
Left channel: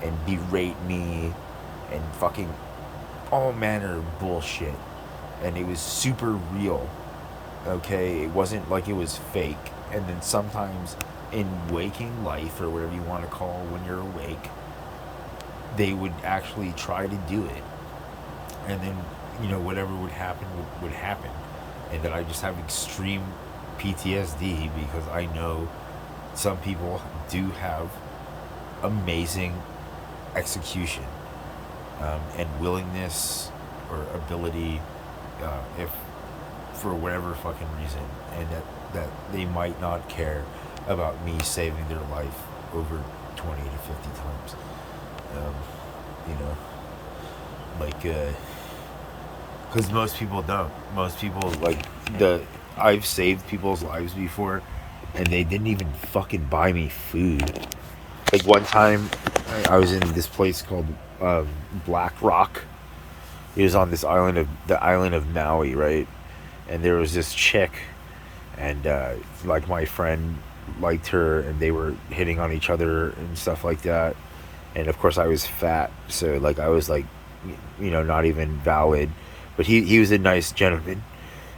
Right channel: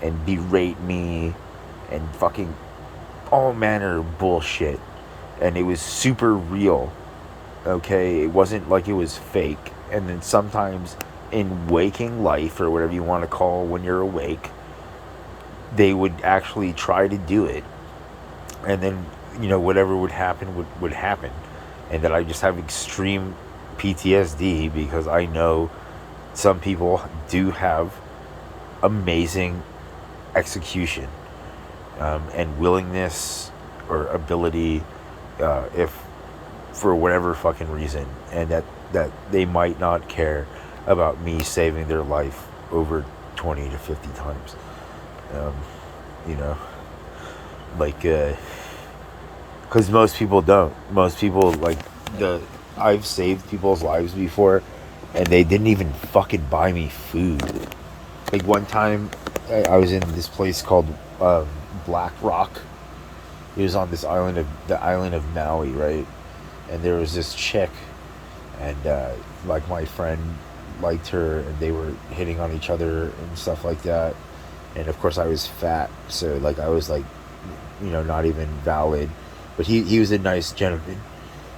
and berate me and fucking all manner of bullshit, and it was super real, okay? It wasn't like it was fake. And then sometimes in waking life, or whatever you want to call when you're awake, they would actually try to do it, and then whatever would happen would happen. And that I just have extreme PTSD because I know some people do have amazing execution, and willingness or ability, if for whatever fucking reason, and that they might not care about me saving their life over 20 to 50 times. Like, because most people don't. Most people, like, I've saved people's lives before, and they didn't even fucking buy me food. Like, one time, I was in this place called Black Rock. It was on the island of Maui, right? And there was this chick, and like, my friend liked her, and they were hitting on each other and stuff like that. And of course, I was fat, so like I was like, not even valid. But he was a nice gentleman,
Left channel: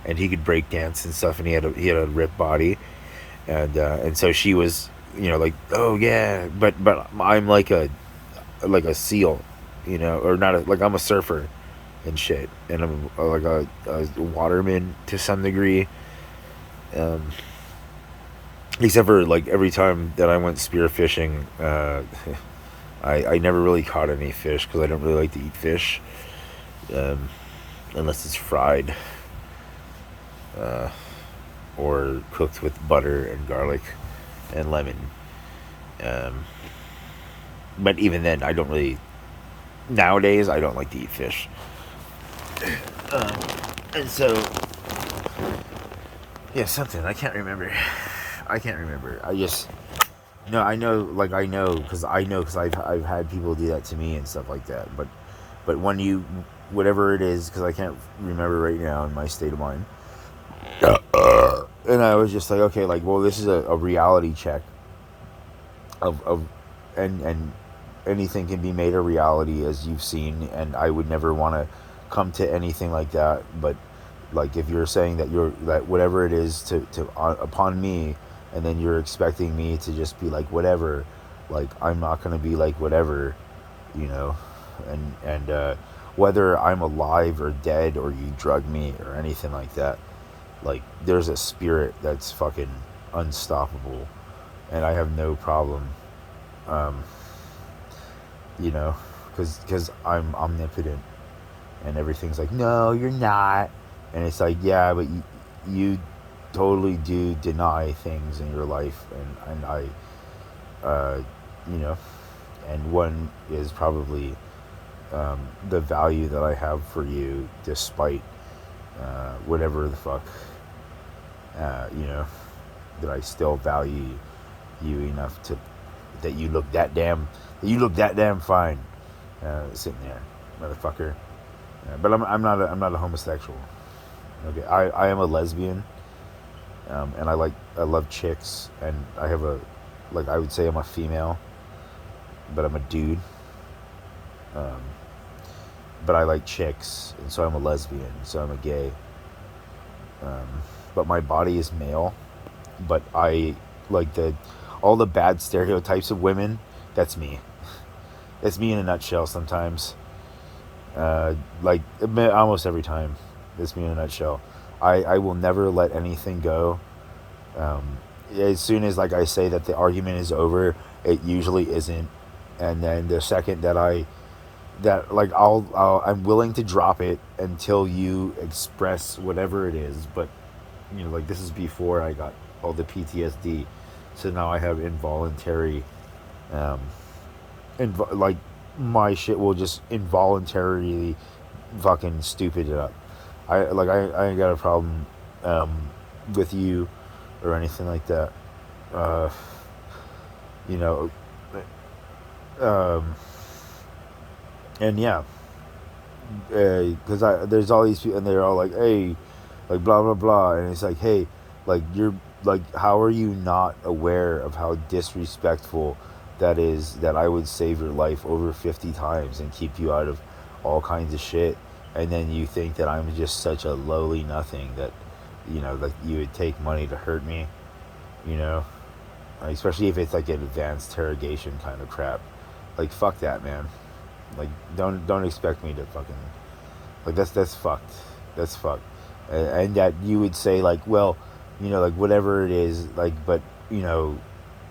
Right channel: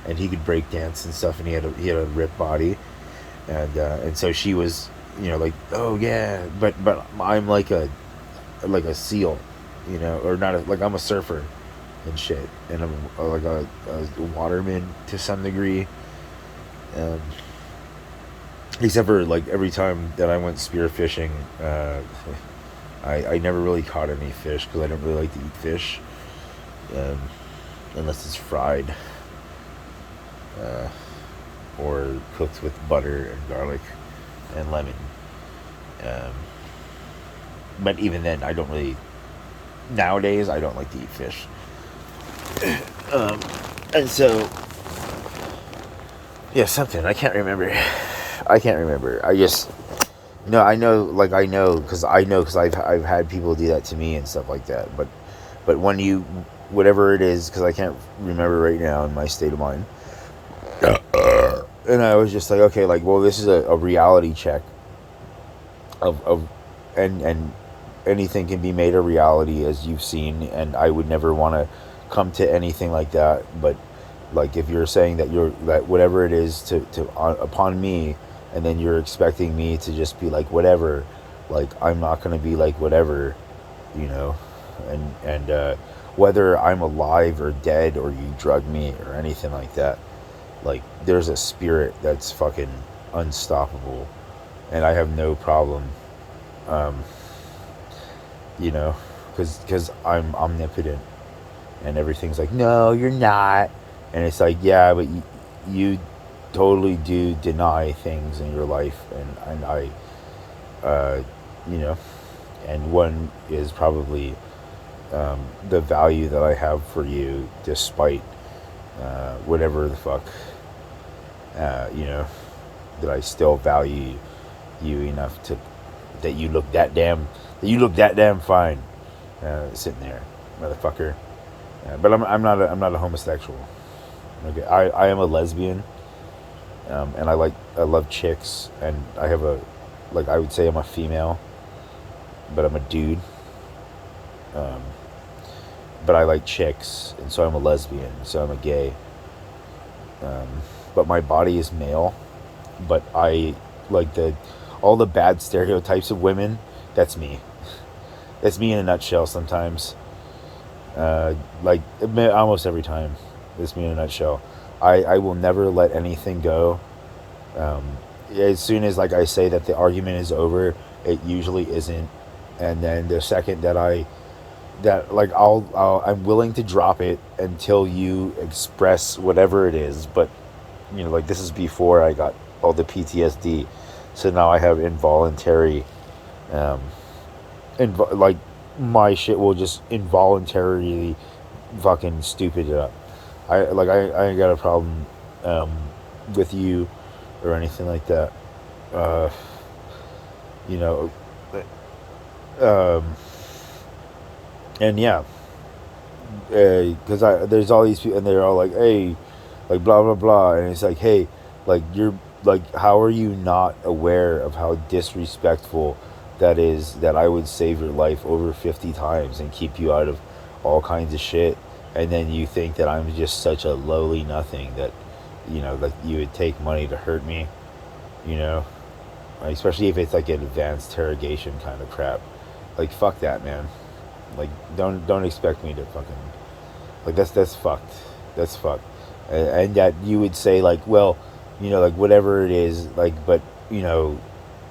and he could break dance and stuff, and he had a ripped body, and so she was, like, oh yeah, but I'm like a seal, or not like I'm a surfer and shit, and I'm like a waterman to some degree, except for like every time that I went spearfishing, I never really caught any fish because I don't really like to eat fish, unless it's fried, or cooked with butter and garlic and lemon. But even then, I don't really. Nowadays, I don't like to eat fish. And so, yeah, something I can't remember. I just no, I know because I've had people do that to me and stuff like that. But when you, whatever it is, because I can't remember right now in my state of mind. And I was just like, okay, like, well, this is a reality check of and anything can be made a reality, as you've seen, and I would never want to come to anything like that. But like, if you're saying that that whatever it is to upon me, and then you're expecting me to just be like whatever, like I'm not gonna be like whatever, you know, and whether I'm alive or dead or you drug me or anything like that, like there's a spirit that's fucking unstoppable, and I have no problem, um, you know, because I'm omnipotent, and everything's like, no, you're not, and it's like, yeah, but you totally do deny things in your life, and I, uh, you know, and one is probably the value that I have for you, despite whatever the fuck, you know, that I still value you enough to that you look that damn fine, sitting there, motherfucker. But I'm not a homosexual. Okay, I am a lesbian, and I love chicks, and I have I would say I'm a female, but I'm a dude. Um, but I like chicks, and so I'm a lesbian, so I'm a gay. But my body is male, but I like all the bad stereotypes of women. That's me. That's me in a nutshell. Sometimes, like almost every time, that's me in a nutshell. I will never let anything go. As soon as like I say that the argument is over, it usually isn't, and then the second that I'm willing to drop it until you express whatever it is. But you know, like this is before I got all the PTSD, so now I have involuntary, like my shit will just involuntarily fucking stupid it up. I ain't got a problem with you or anything like that. Uh, you know, um, and yeah, because there's all these people and they're all like, hey, like blah blah blah, and it's like, hey, like you're like, how are you not aware of how disrespectful that is, that I would save your life over 50 times and keep you out of all kinds of shit, and then you think that I'm just such a lowly nothing that, you know, like you would take money to hurt me, you know, especially if it's like an advanced interrogation kind of crap. Like fuck that, man. Like don't expect me to fucking, like that's fucked. That's fucked. And that you would say like, well, you know, like whatever it is, like, but you know,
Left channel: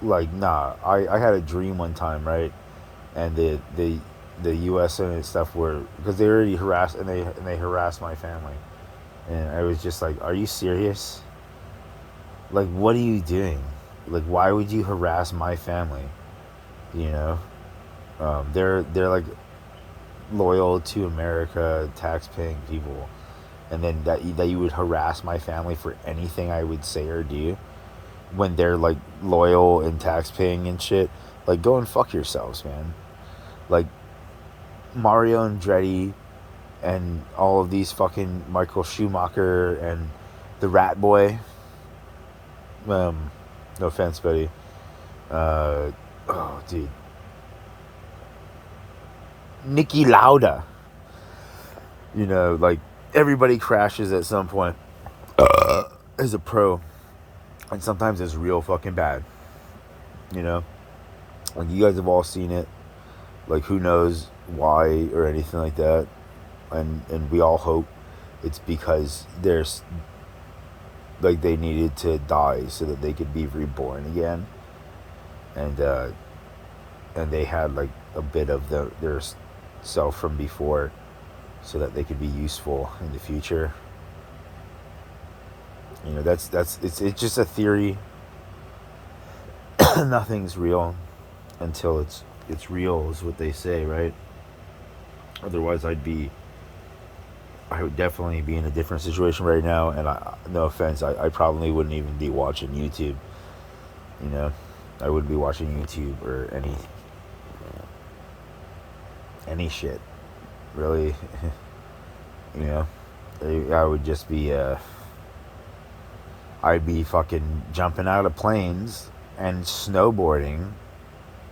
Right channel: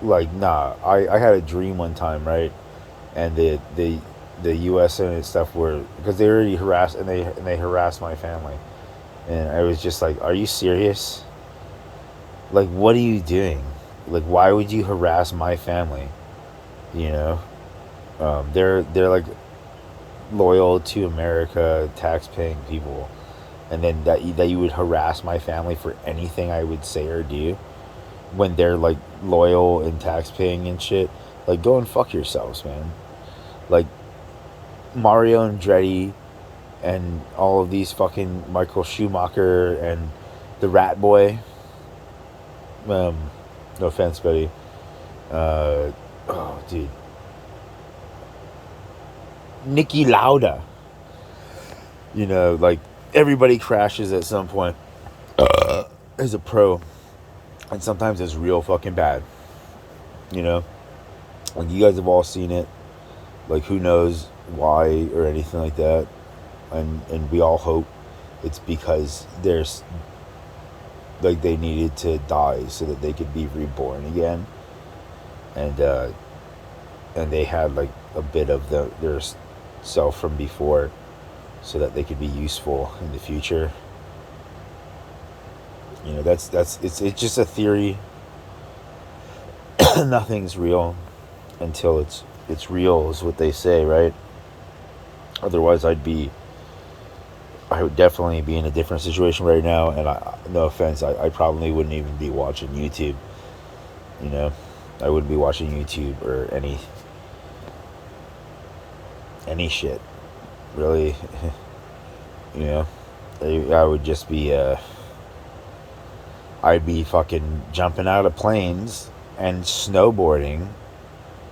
like nah. I had a dream one time, right? And the U.S. and stuff were, because they already harassed and they harassed my family, and I was just like, are you serious? Like, what are you doing? Like, why would you harass my family? You know, they're like loyal to America, tax-paying people, and then that you would harass my family for anything I would say or do, when they're like loyal and tax-paying and shit. Like, go and fuck yourselves, man. Like Mario Andretti and all of these fucking Michael Schumacher and the Rat Boy. No offense, buddy. Oh, dude. Nicky Lauda. You know, like everybody crashes at some point as a pro, and sometimes it's real fucking bad. You know, like you guys have all seen it. Like who knows why or anything like that, and we all hope it's because there's like they needed to die so that they could be reborn again, and they had like a bit of their self from before, so that they could be useful in the future. You know, it's just a theory. Nothing's real until it's real, is what they say, right? Otherwise, I would definitely be in a different situation right now, and no offense, I probably wouldn't even be watching YouTube. You know, I wouldn't be watching YouTube or any shit, really. You know, I would just be I'd be fucking jumping out of planes and snowboarding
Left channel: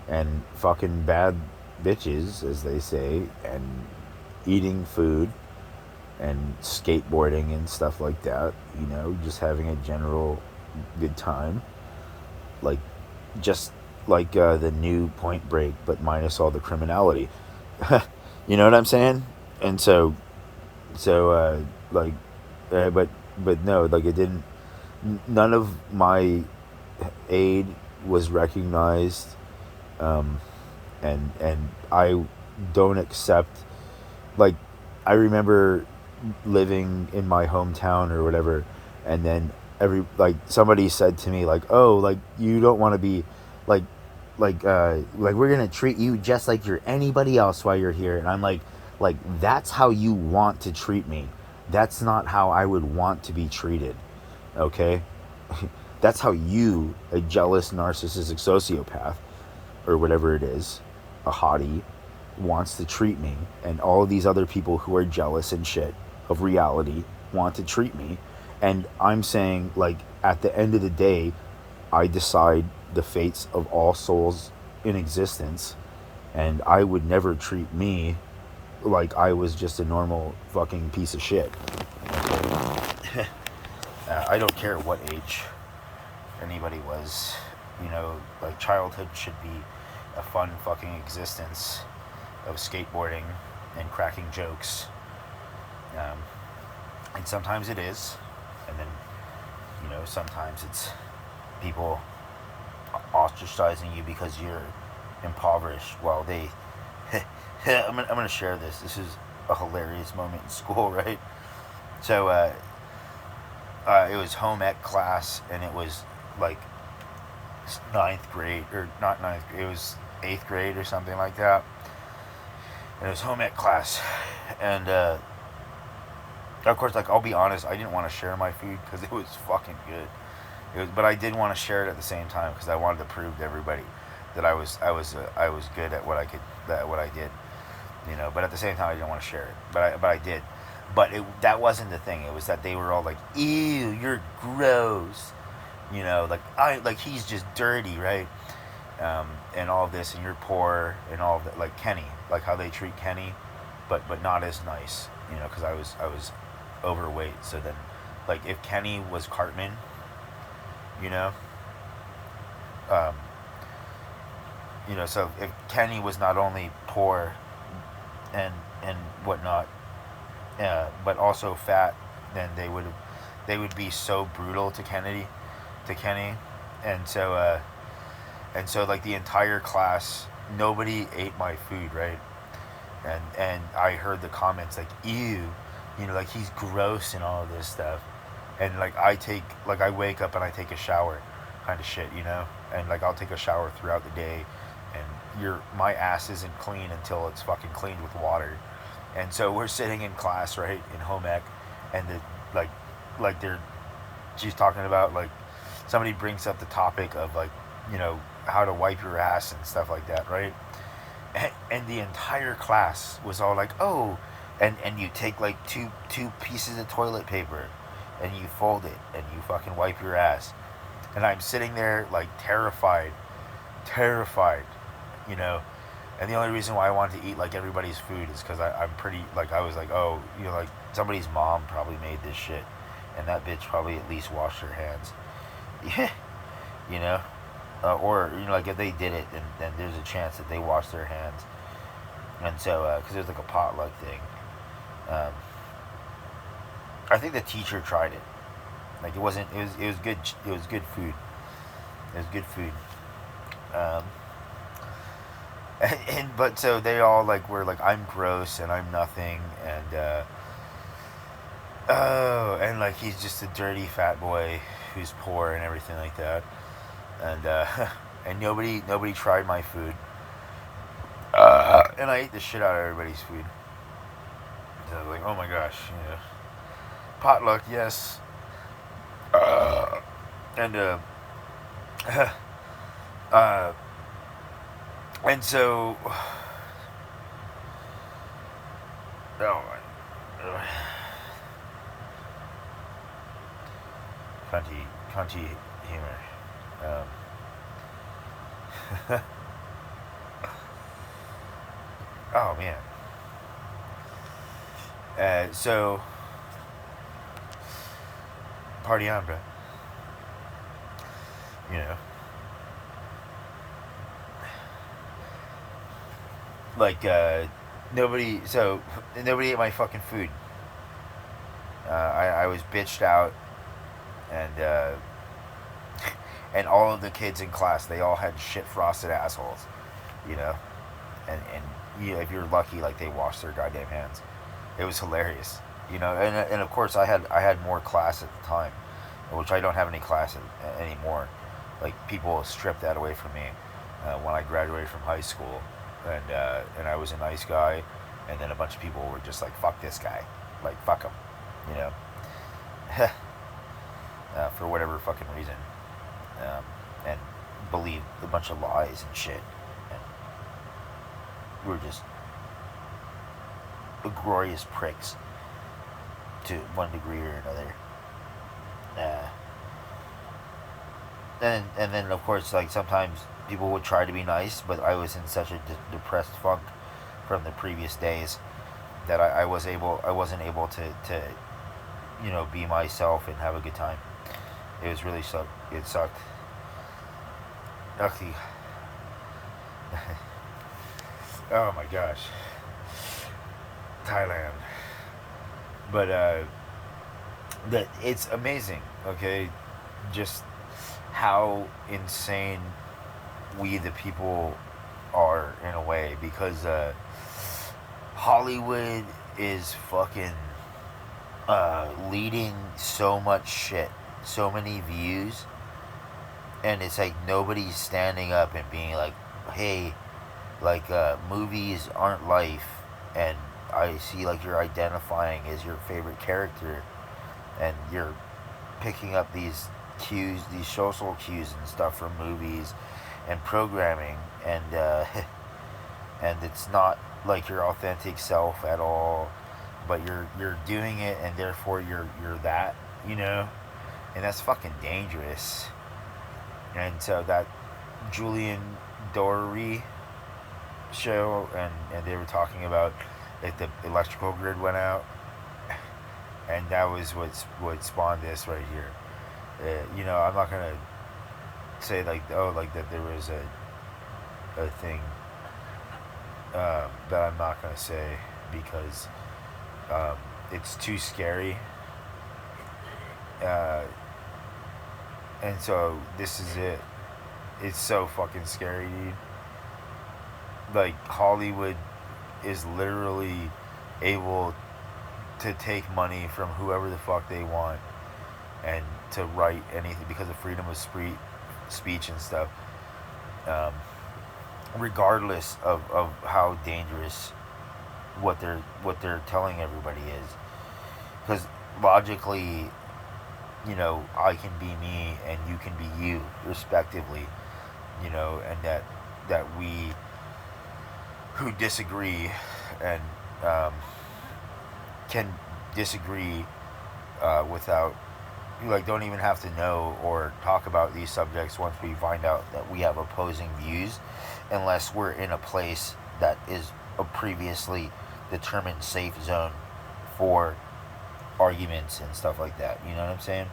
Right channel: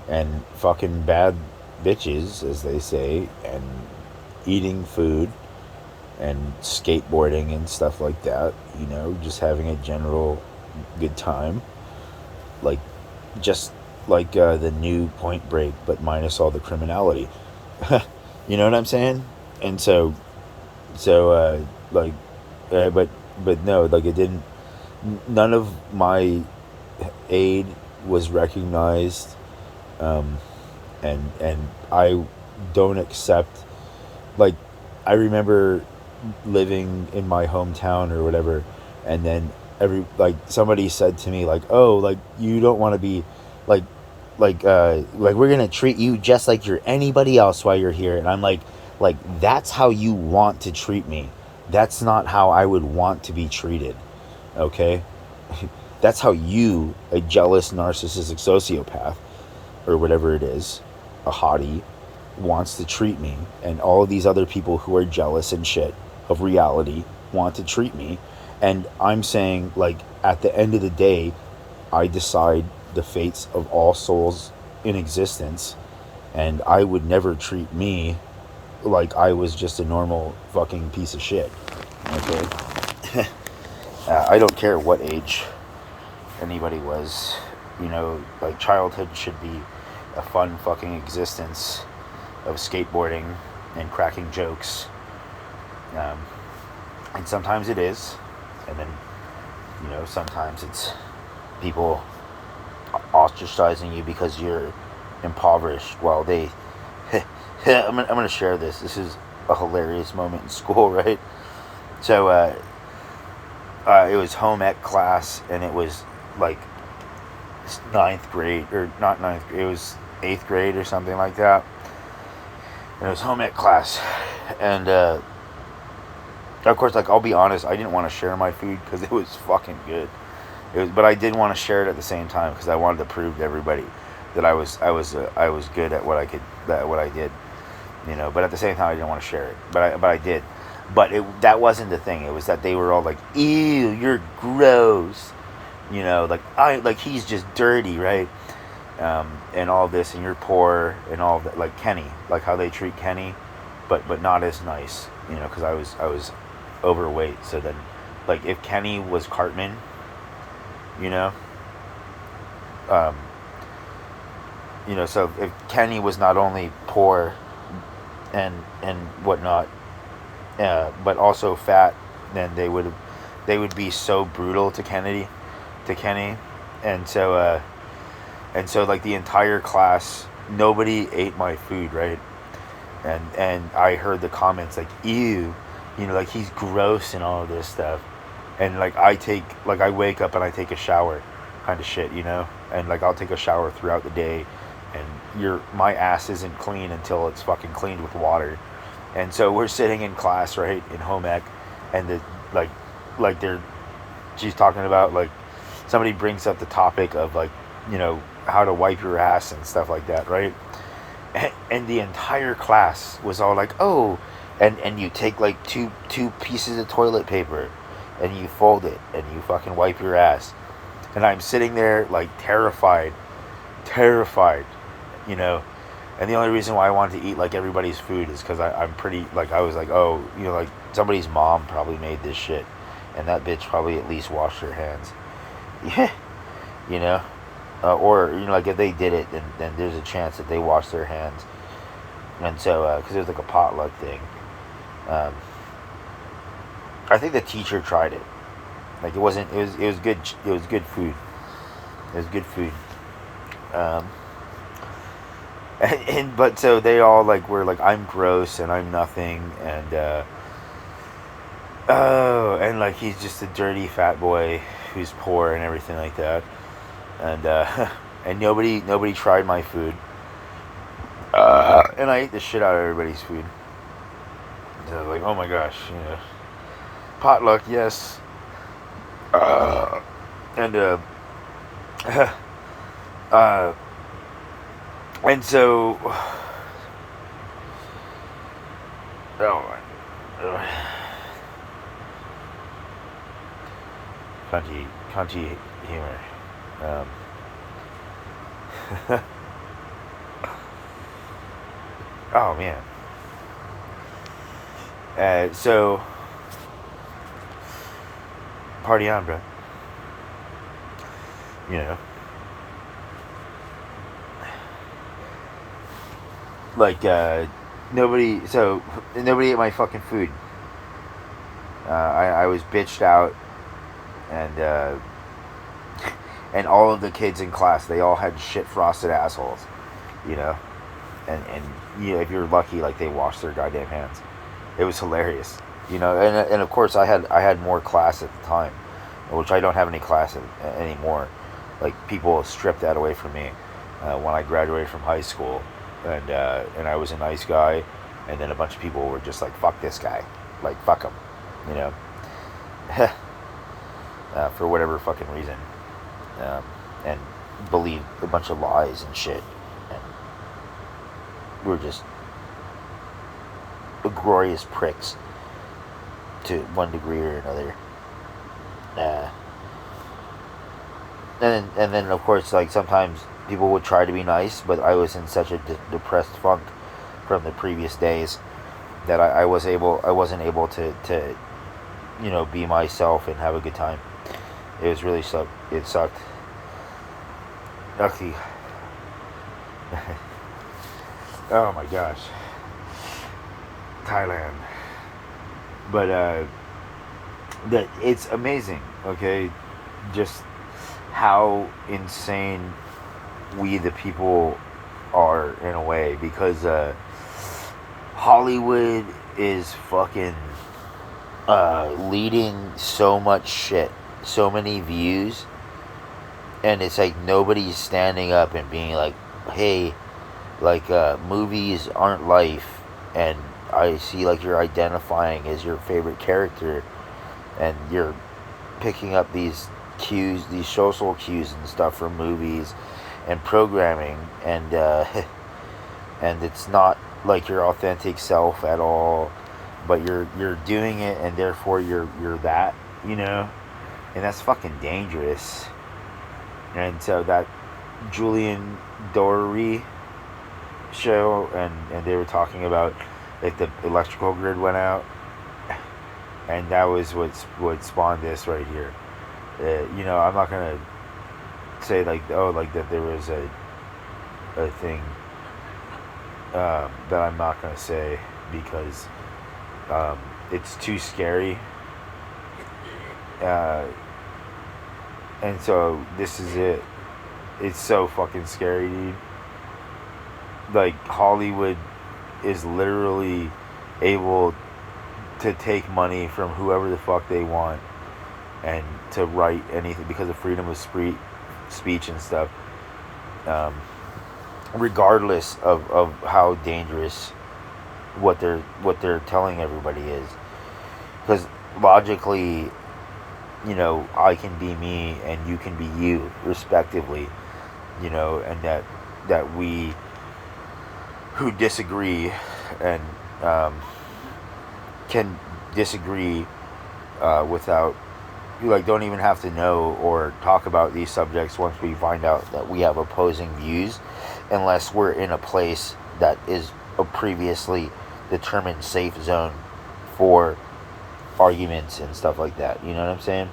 and fucking bad bitches, as they say, and eating food and skateboarding and stuff like that, just having a general good time, like just like the new Point Break, but minus all the criminality. You know what I'm saying? And like, but no, like it didn't. None of my aid was recognized, um, and I don't accept. Like, I remember living in my hometown or whatever, and then somebody said to me like, oh, like you don't want to be like like we're gonna treat you just like you're anybody else while you're here. And I'm like that's how you want to treat me. That's not how I would want to be treated. Okay. That's how you, a jealous narcissistic sociopath or whatever it is, a hottie, wants to treat me, and all of these other people who are jealous and shit of reality want to treat me. And I'm saying, like, at the end of the day, I decide the fates of all souls in existence, and I would never treat me like I was just a normal fucking piece of shit. Okay? I don't care what age anybody was. Like, childhood should be a fun fucking existence of skateboarding and cracking jokes. Um, and sometimes it is. And then, sometimes it's people ostracizing you because you're impoverished while they. I'm gonna share this. This is a hilarious moment in school, right? So, it was home ec class, and it was like ninth grade, or not ninth grade, it was eighth grade or something like that. And it was home ec class, and of course, like, I'll be honest, I didn't want to share my food because it was fucking good. But I did want to share it at the same time because I wanted to prove to everybody that I was good at what I did. But at the same time, I didn't want to share it. But I did. But that wasn't the thing. It was that they were all like, "Ew, you're gross." Like he's just dirty, right? And all this, and you're poor, and all that. Like Kenny, like how they treat Kenny, but not as nice. Because I was overweight. So then, like, if Kenny was Cartman, you know, um, so if Kenny was not only poor and whatnot, but also fat, then they would be so brutal to Kenny, and so like the entire class, nobody ate my food, right? And I heard the comments like, ew, like he's gross and all of this stuff. And like I wake up and I take a shower kind of shit, and like I'll take a shower throughout the day, and my ass isn't clean until it's fucking cleaned with water. And so we're sitting in class, right, in home ec, and like they're she's talking about, like, somebody brings up the topic of, like, how to wipe your ass and stuff like that, right? And the entire class was all like, oh, and you take like two pieces of toilet paper and you fold it and you fucking wipe your ass. And I'm sitting there like terrified, you know. And the only reason why I wanted to eat like everybody's food is because I'm pretty, like, I was like, oh, like somebody's mom probably made this shit, and that bitch probably at least washed her hands. Yeah, you know. Or, like, if they did it, then there's a chance that they washed their hands. And so, because it was like a potluck thing. Um, I think the teacher tried it. Like, it was good. It was good food. It was good food. Um, but so they all like were like, I'm gross and I'm nothing, and oh, and like he's just a dirty fat boy who's poor and everything like that. And and nobody tried my food. And I ate the shit out of everybody's food. So I was like, oh my gosh, potluck, yes. And uh, and so, oh my, country humor. Oh man. So party on, bro. You know, like nobody. So nobody ate my fucking food. I was bitched out, and and all of the kids in class, they all had shit frosted assholes. You know, and yeah, if you're lucky, like they washed their goddamn hands. It was hilarious. You know, and of course I had more class at the time, which I don't have any class anymore. Like people stripped that away from me when I graduated from high school, and I was a nice guy, and then a bunch of people were just like, "Fuck this guy," like fuck him, you know, for whatever fucking reason, um, and believed a bunch of lies and shit, and we were just glorious pricks to one degree or another. Uh, and then of course, like sometimes people would try to be nice, but I was in such a depressed funk from the previous days that I wasn't able to be myself and have a good time. It was really sucked. It sucked. Actually, oh my gosh, Thailand. But that it's amazing. Okay, just how insane we the people are in a way, because Hollywood is fucking leading so much shit, so many views, and it's like nobody's standing up and being like, hey, like movies aren't life, and I see like you're identifying as your favorite character, and you're picking up these cues, these social cues and stuff from movies and programming, and and it's not like your authentic self at all, but you're doing it, and therefore you're that, you know, and that's fucking dangerous. And so that Julian Dory show, and they were talking about if the electrical grid went out, and that was what spawned this right here. I'm not gonna say like, oh, like that there was a thing that I'm not gonna say, because um, it's too scary, uh, and so this is it. It's so fucking scary, dude. Like Hollywood is literally able to take money from whoever the fuck they want, and to write anything because of freedom of speech and stuff, um, regardless of how dangerous what they're telling everybody is. Because logically, I can be me and you can be you, respectively, and that we who disagree, and um, can disagree without, like, don't even have to know or talk about these subjects once we find out that we have opposing views, unless we're in a place that is a previously determined safe zone for arguments and stuff like that. You know what I'm saying?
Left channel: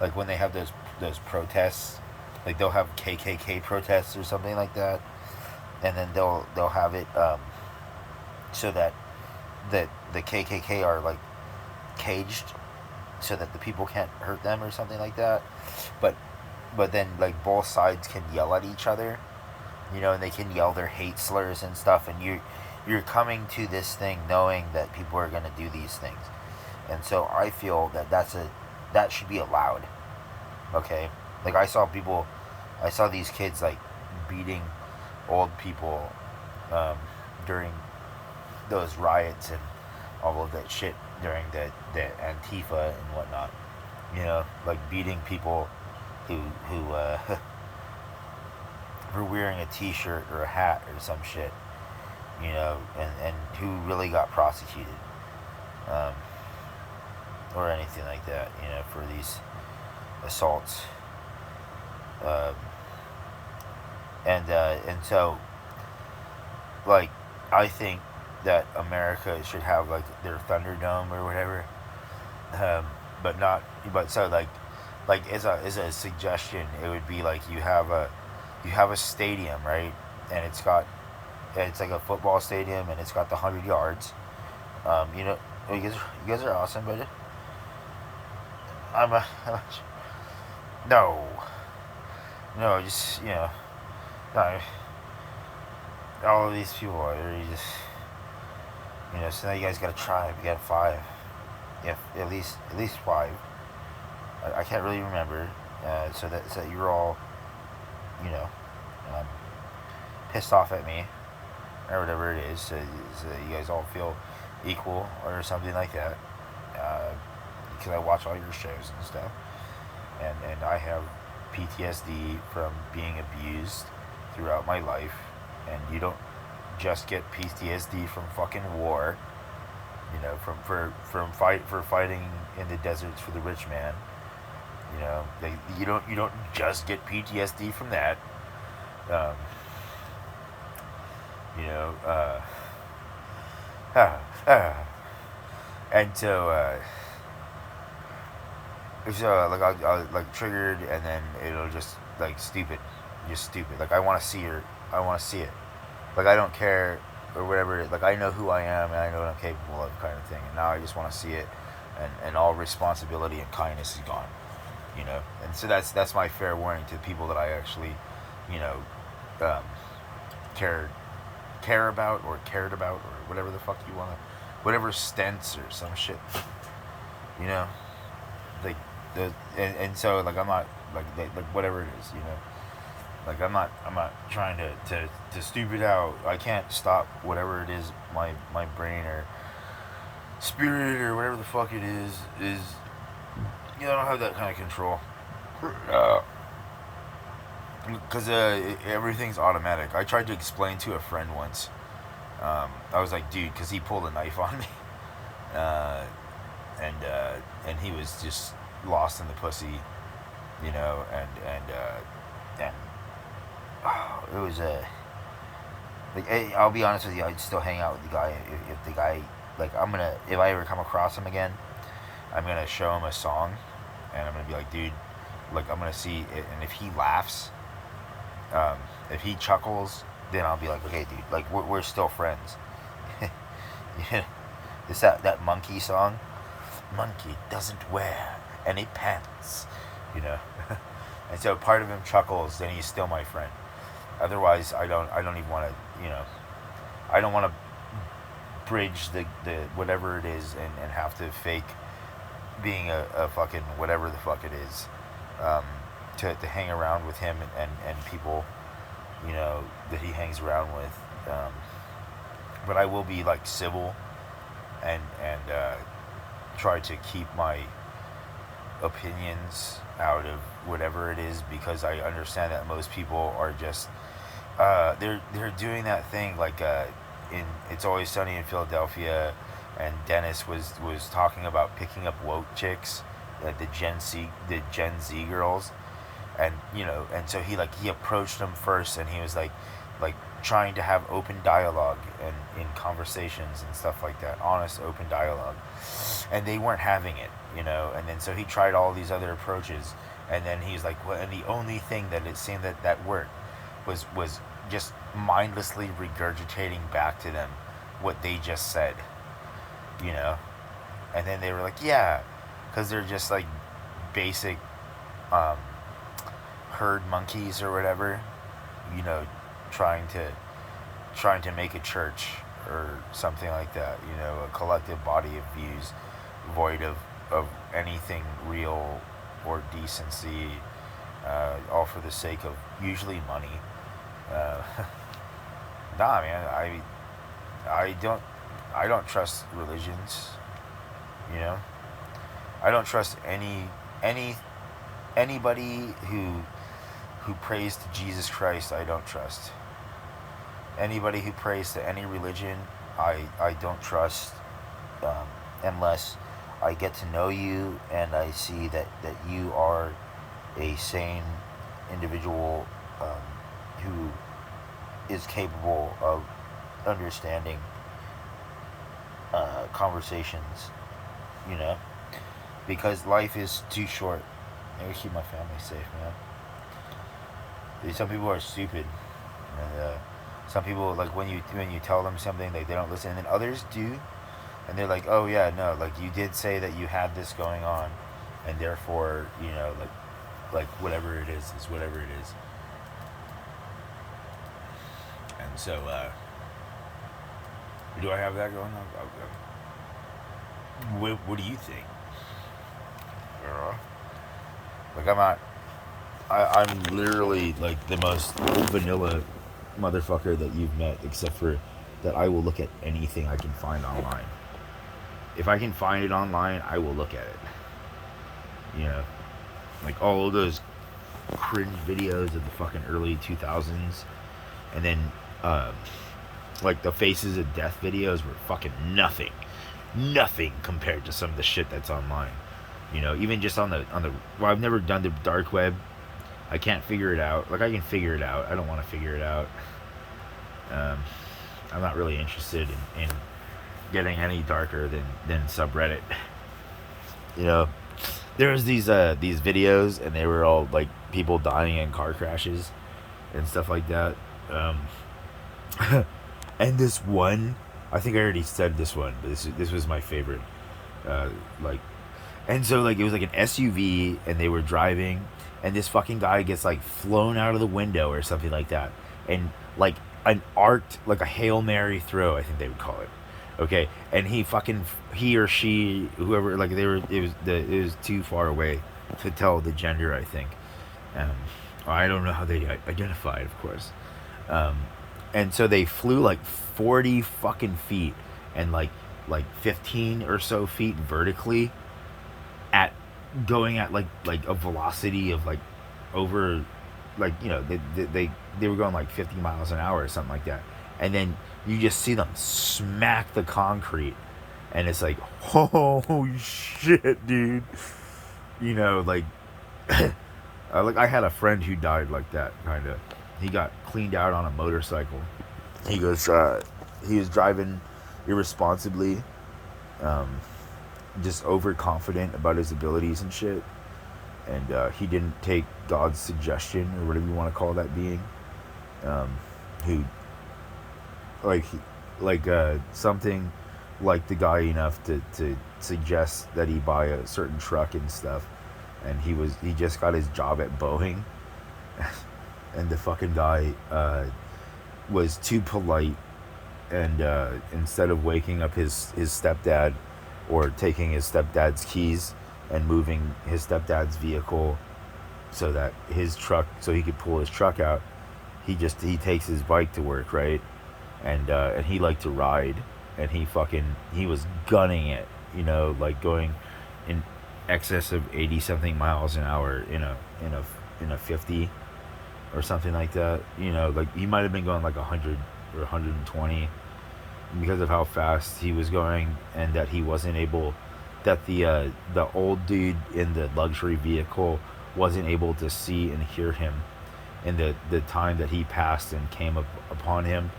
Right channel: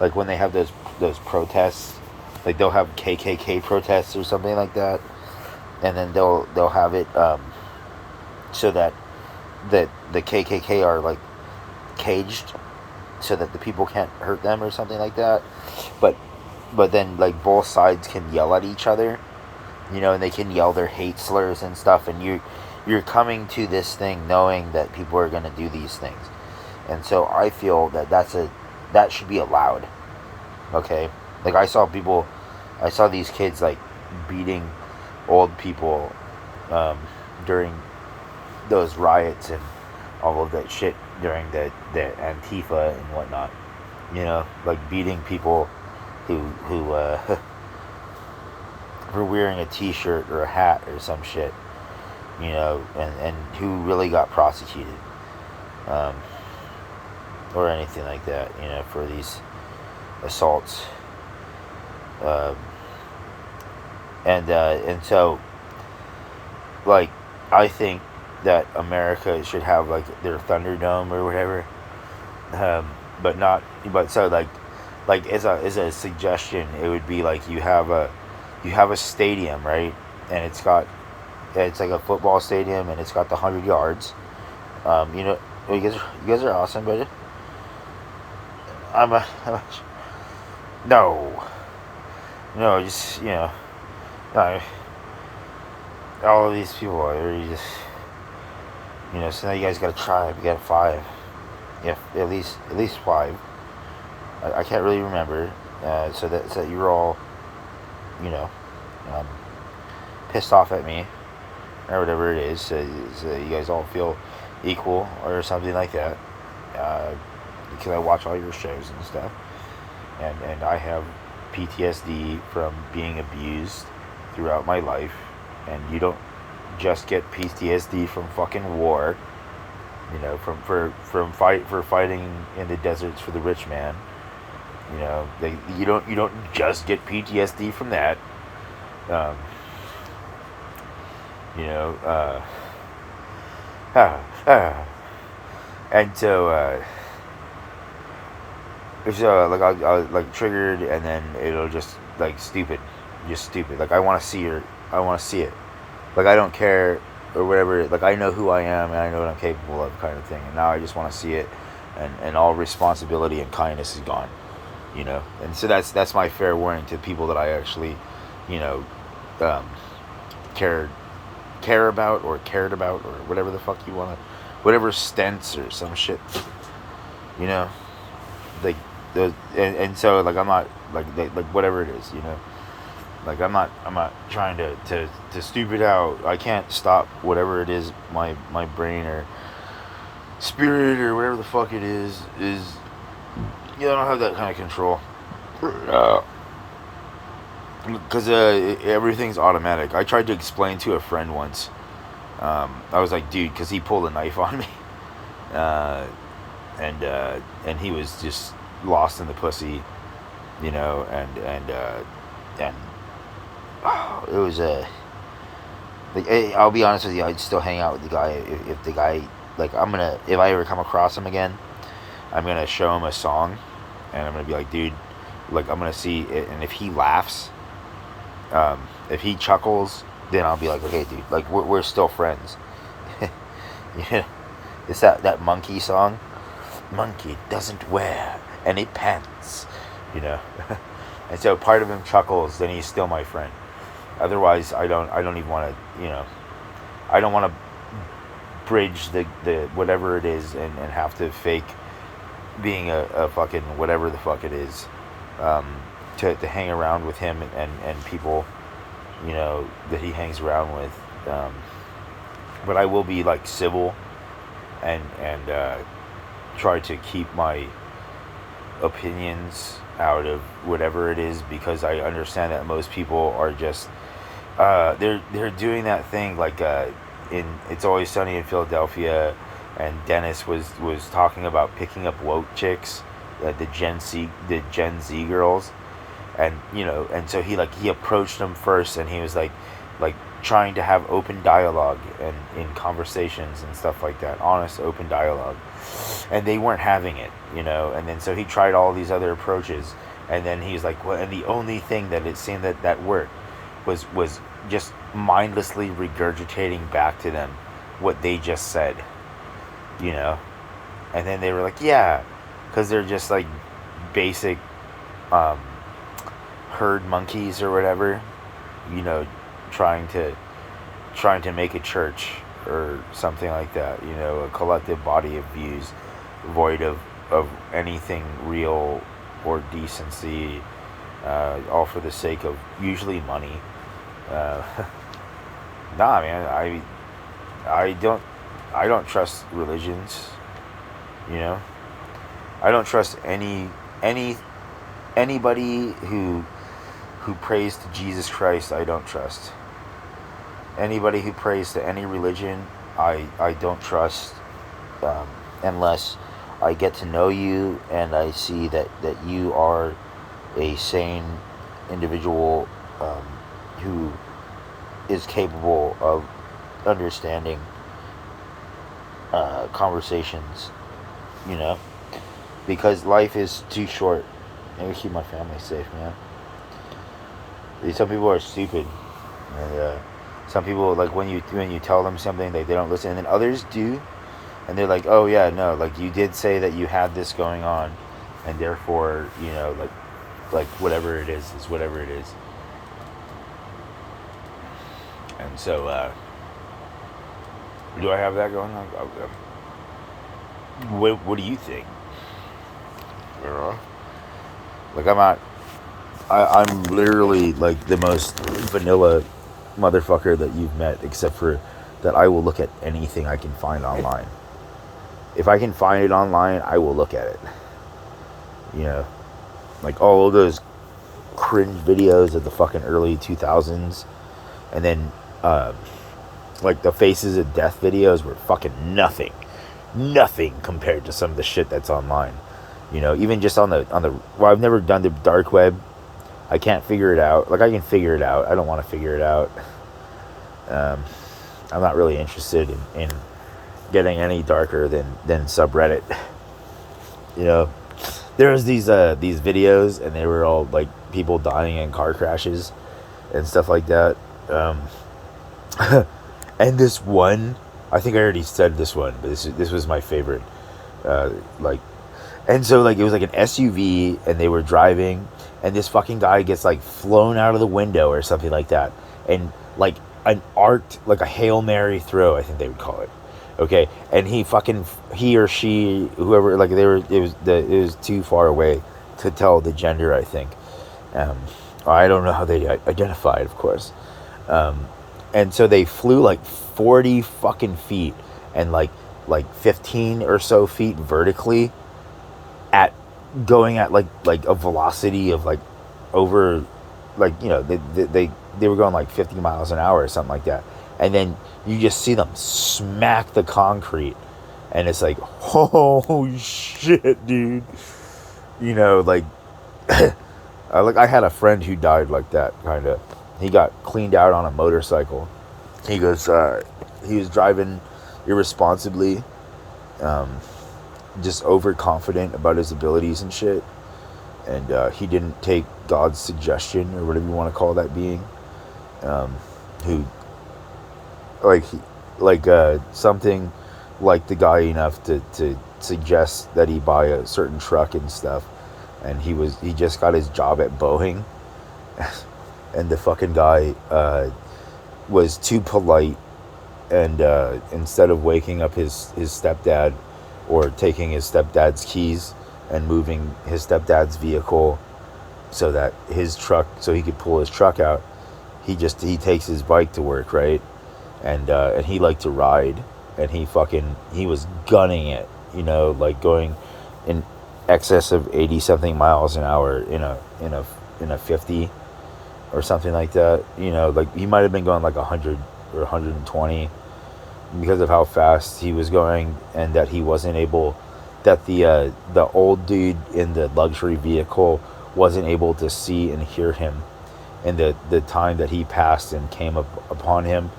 Like when they have those protests, like they'll have KKK protests or something like that, and then they'll have it so that the KKK are like caged, so that the people can't hurt them or something like that. But then like both sides can yell at each other, and they can yell their hate slurs and stuff, and you're coming to this thing knowing that people are going to do these things. And so I feel that should be allowed. Okay? Like I saw these kids like beating old people during those riots and all of that shit during the Antifa and whatnot. Like beating people who were wearing a T-shirt or a hat or some shit. And who really got prosecuted, um, or anything like that. For these assaults, um, and so like I think that America should have like their Thunderdome or whatever, um, but not. But so like as a suggestion, it would be like you have a stadium, right, and it's like a football stadium, and it's got the 100 yards. You know, you guys are awesome, but I'm a no, no, just no, all of these people are just So now you guys got a tribe. You got five, yeah, at least five. I can't really remember. So that you're all you know um, pissed off at me or whatever it is. So you guys all feel equal or something like that. Uh, because I watch all your shows and stuff, and I have PTSD from being abused throughout my life, and you don't just get PTSD from fucking war. From fighting in the deserts for the rich man. You don't just get PTSD from that. Um, you know, uh, uh, and so like I'll like triggered, and then it'll just like just stupid. Like I want to see it. Like I don't care or whatever. Like I know who I am, and I know what I'm capable of, kind of thing. And now I just want to see it, and all responsibility and kindness is gone. And so that's my fair warning to people that I actually, you know, um, care care about or cared about or whatever the fuck you want to, whatever stents or some shit. You know, like and so like I'm not like whatever it is. Like I'm not trying to stupid out. I can't stop whatever it is my brain or spirit or whatever the fuck it is. I don't have that kind of control. Because everything's automatic. I tried to explain to a friend once. I was like, dude, because he pulled a knife on me, uh, and he was just lost in the pussy, and it was a. Like, I'll be honest with you, I'd still hang out with the guy if the guy, like, if I ever come across him again, I'm gonna show him a song, and I'm gonna be like, dude, like, I'm gonna see it, and if he laughs, if he chuckles, then I'll be like, okay, dude, like, we're still friends. Yeah, it's that monkey song. Monkey doesn't wear any pants, you know. And so part of him chuckles, then he's still my friend. Otherwise, I don't even want to, I don't want to bridge the whatever it is, and have to fake being a fucking whatever the fuck it is, um, to hang around with him and people, that he hangs around with. But I will be like civil, and try to keep my opinions out of whatever it is, because I understand that most people are just they're doing that thing like in It's Always Sunny in Philadelphia, and Dennis was talking about picking up woke chicks, the Gen Z girls, and so he approached them first, and he was like trying to have open dialogue and in conversations and stuff like that, honest open dialogue, and they weren't having it, and then so he tried all these other approaches, and then he's like, well, and the only thing that it seemed that worked was just mindlessly regurgitating back to them what they just said, and then they were like, yeah, because they're just like basic um, herd monkeys or whatever, you know, trying to make a church or something like that, a collective body of views void of anything real or decency, all for the sake of usually money. uh, nah, man, I don't I don't trust religions, you know. I don't trust any anybody who prays to Jesus Christ. I don't trust anybody who prays to any religion. I don't trust, um, unless I get to know you and I see that you are a sane individual, who is capable of understanding conversations, you know, because life is too short. I gotta keep my family safe, man. Some people are stupid, and some people, like, when you tell them something, they don't listen, and then others do, and they're like, oh yeah, no, like, you did say that you had this going on, and therefore, like whatever it is whatever it is. And so, do I have that going on? What do you think? You know? Like, I'm literally like the most vanilla motherfucker that you've met, except for that I will look at anything I can find online. If I can find it online, I will look at it. You know, like all of those cringe videos of the fucking early 2000s, and then like the Faces of Death videos were fucking nothing compared to some of the shit that's online. You know, even just on the well, I've never done the dark web. I can't figure it out. Like, I can figure it out. I don't want to figure it out. I'm not really interested in getting any darker than subreddit. You know, there was these videos, and they were all like people dying in car crashes and stuff like that. And this one, I think I already said this one, but this was my favorite. Like, and so, like, it was like an SUV, and they were driving, and this fucking guy gets like flown out of the window or something like that, and like an arced, like a Hail Mary throw, I think they would call it. Okay, and he or she, whoever, like, it was too far away to tell the gender, I think. I don't know how they identified, of course. And so they flew like 40 fucking feet, and like 15 or so feet vertically, at going at like a velocity of like over, like, you know, they were going like 50 miles an hour or something like that, and then you just see them smack the concrete, and it's like, oh shit, dude. You know, like, I had a friend who died like that, kind of. He got cleaned out on a motorcycle. He goes, he was driving irresponsibly, just overconfident about his abilities and shit, and he didn't take God's suggestion, or whatever you want to call that being, who, something like the guy enough to suggest that he buy a certain truck and stuff, and he just got his job at Boeing, and the fucking guy was too polite, and instead of waking up his stepdad, or taking his stepdad's keys and moving his stepdad's vehicle so that so he could pull his truck out, he takes his bike to work, right? And he liked to ride, and he was gunning it, you know, like going in excess of 80 something miles an hour in a 50 or something like that. You know, like, he might have been going like 100 or 120, because of how fast he was going, and that he wasn't able, that the old dude in the luxury vehicle wasn't able to see and hear him in the time that he passed and came upon him,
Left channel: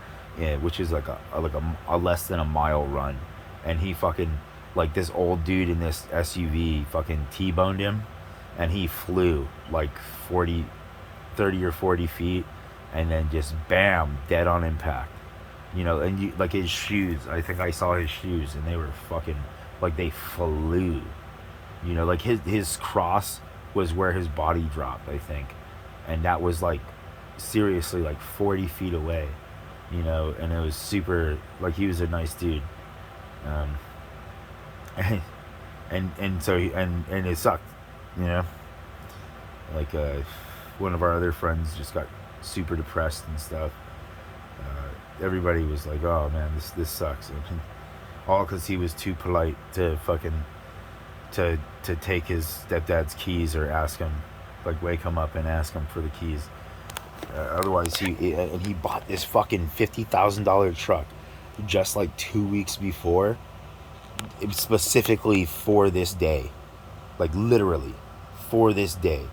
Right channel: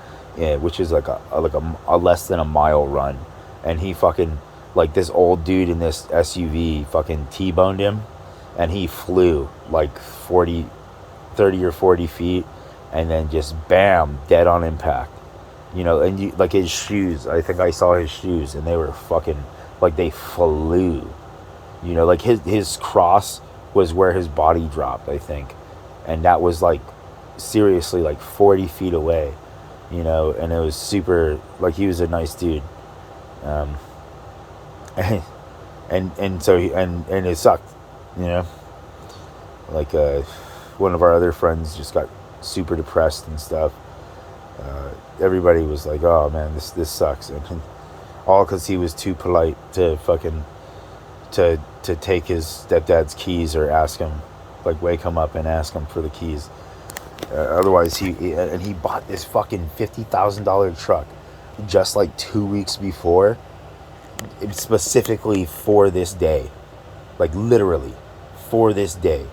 which is like a less than a mile run, and he fucking, like, this old dude in this SUV fucking T-boned him, and he flew like 30 or 40 feet, and then just bam, dead on impact. You know, and like his shoes, I think I saw his shoes, and they were fucking, like, they flew. You know, like his cross was where his body dropped, I think. And that was like, seriously, like 40 feet away. You know, and it was super, like, he was a nice dude. And so and it sucked, you know. Like, one of our other friends just got super depressed and stuff. Everybody was like, oh man, this sucks, and all because he was too polite to fucking to take his stepdad's keys, or ask him, like, wake him up and ask him for the keys. Otherwise, he bought this fucking $50,000 truck just like 2 weeks before, specifically for this day, like, literally for this day.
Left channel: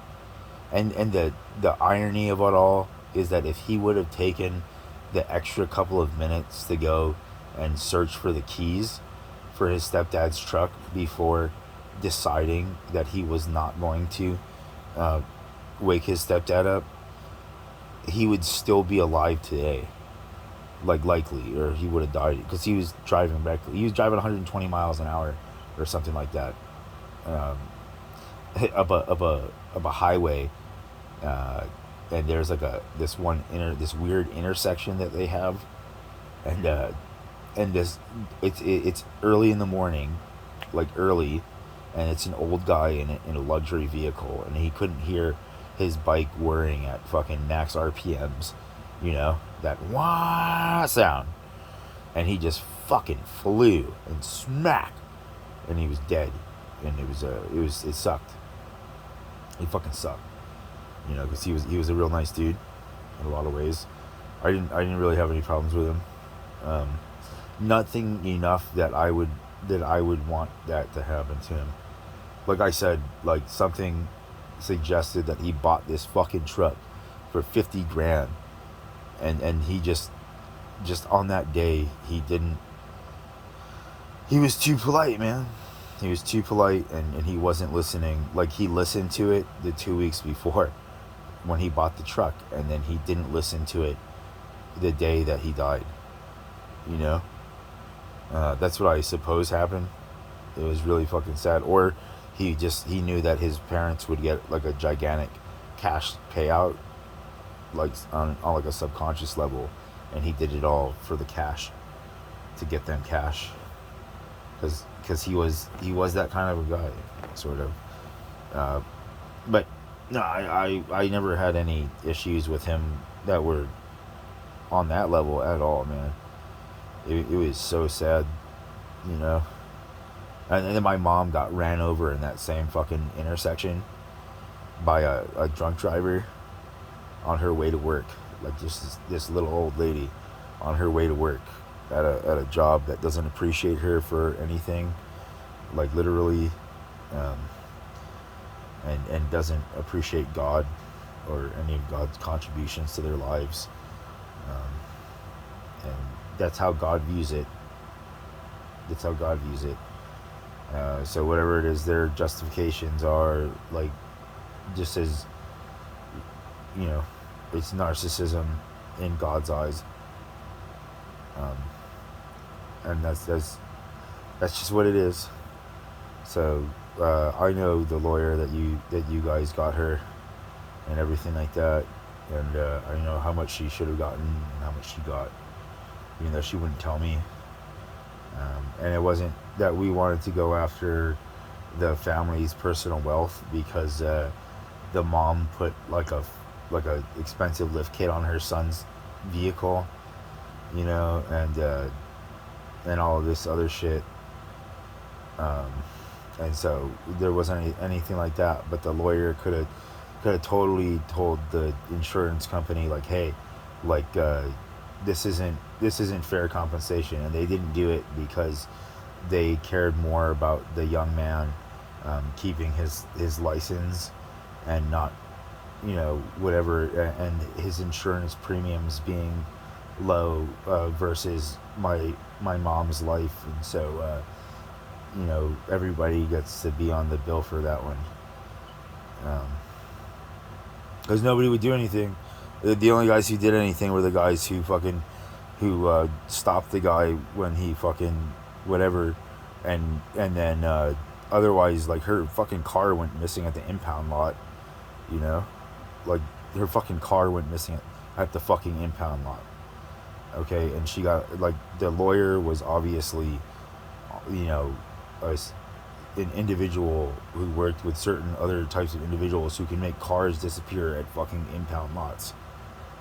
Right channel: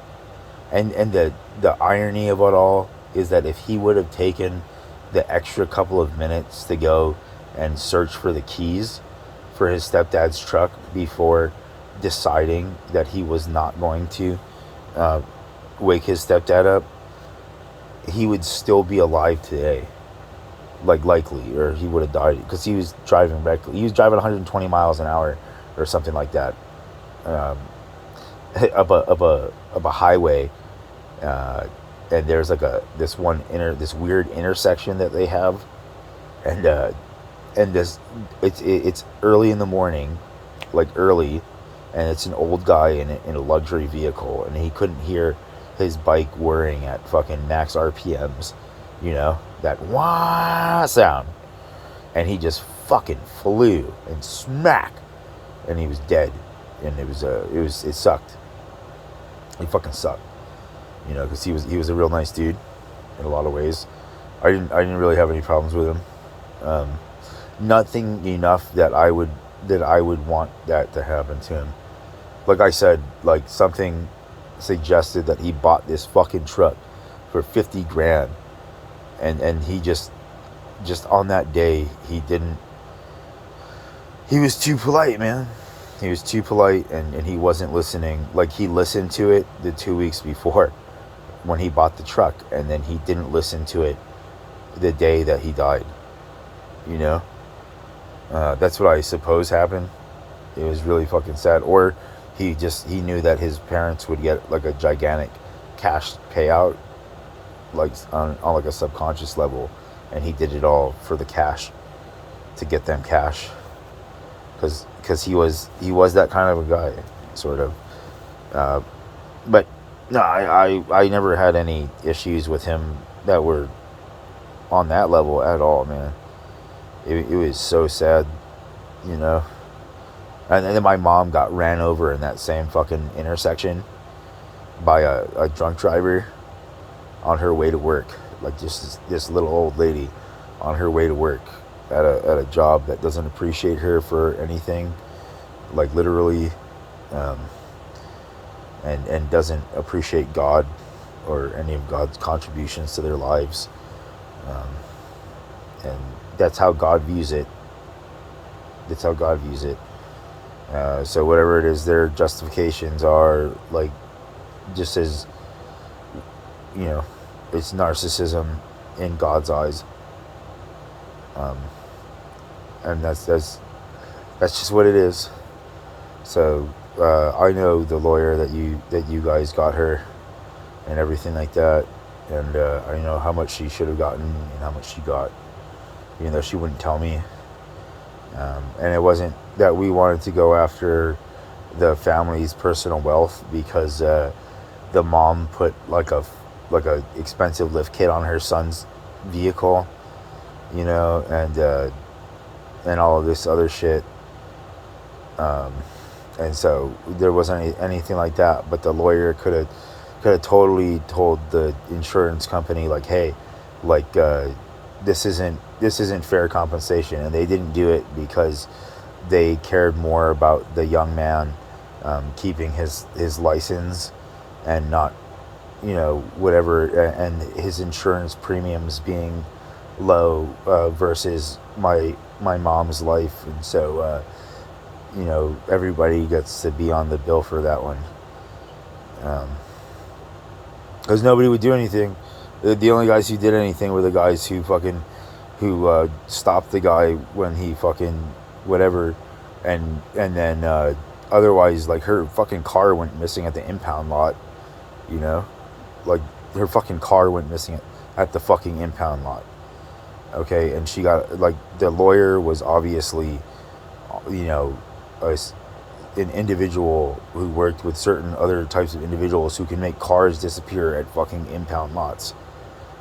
And the irony of it all is that if he would have taken the extra couple of minutes to go and search for the keys for his stepdad's truck before deciding that he was not going to uh, wake his stepdad up, he would still be alive today. Like, likely, or he would have died because he was driving reckless. He was driving 120 miles an hour or something like that, um, up a highway, uh, and there's like this weird intersection that they have, and this it's early in the morning, like early, and it's an old guy in a luxury vehicle, and he couldn't hear his bike whirring at fucking max RPMs, that wah sound, and he just fucking flew and smack, and he was dead, and it sucked. He fucking sucked, because he was a real nice dude in a lot of ways. I didn't really have any problems with him. Nothing enough that I would want that to happen to him. Like I said, like something suggested that he bought this fucking truck for 50 grand, and he just on that day he was too polite, man. He was too polite, and he wasn't listening. Like, he listened to it the 2 weeks before when he bought the truck, and then he didn't listen to it the day that he died. That's what I suppose happened. It was really fucking sad. Or he knew that his parents would get like a gigantic cash payout, like on like a subconscious level, and he did it all for the cash, to get them cash, because he was that kind of a guy, sort of. But no, I never had any issues with him that were on that level at all, man. It was so sad, And then my mom got ran over in that same fucking intersection by a drunk driver on her way to work. Like, just this little old lady on her way to work at a job that doesn't appreciate her for anything, like literally, and doesn't appreciate God or any of God's contributions to their lives. And that's how God views it. That's how God views it. So whatever it is, their justifications are, like, just as, it's narcissism in God's eyes. And that's just what it is. So I know the lawyer that you guys got her, and everything like that, and I know how much she should have gotten and how much she got, even though she wouldn't tell me. And it wasn't that we wanted to go after the family's personal wealth, because the mom put like a expensive lift kit on her son's vehicle, and all of this other shit. And so there wasn't anything like that. But the lawyer could have totally told the insurance company, like, hey, like, this isn't fair compensation, and they didn't do it because they cared more about the young man keeping his license and not, whatever, and his insurance premiums being low versus my mom's life. And so everybody gets to be on the bill for that one, because nobody would do anything. The only guys who did anything were the guys who stopped the guy when he fucking whatever, and then otherwise, like, her fucking car went missing at the impound lot, like, her fucking car went missing at the fucking impound lot. Okay, and she got, like, the lawyer was obviously, an individual who worked with certain other types of individuals who can make cars disappear at fucking impound lots,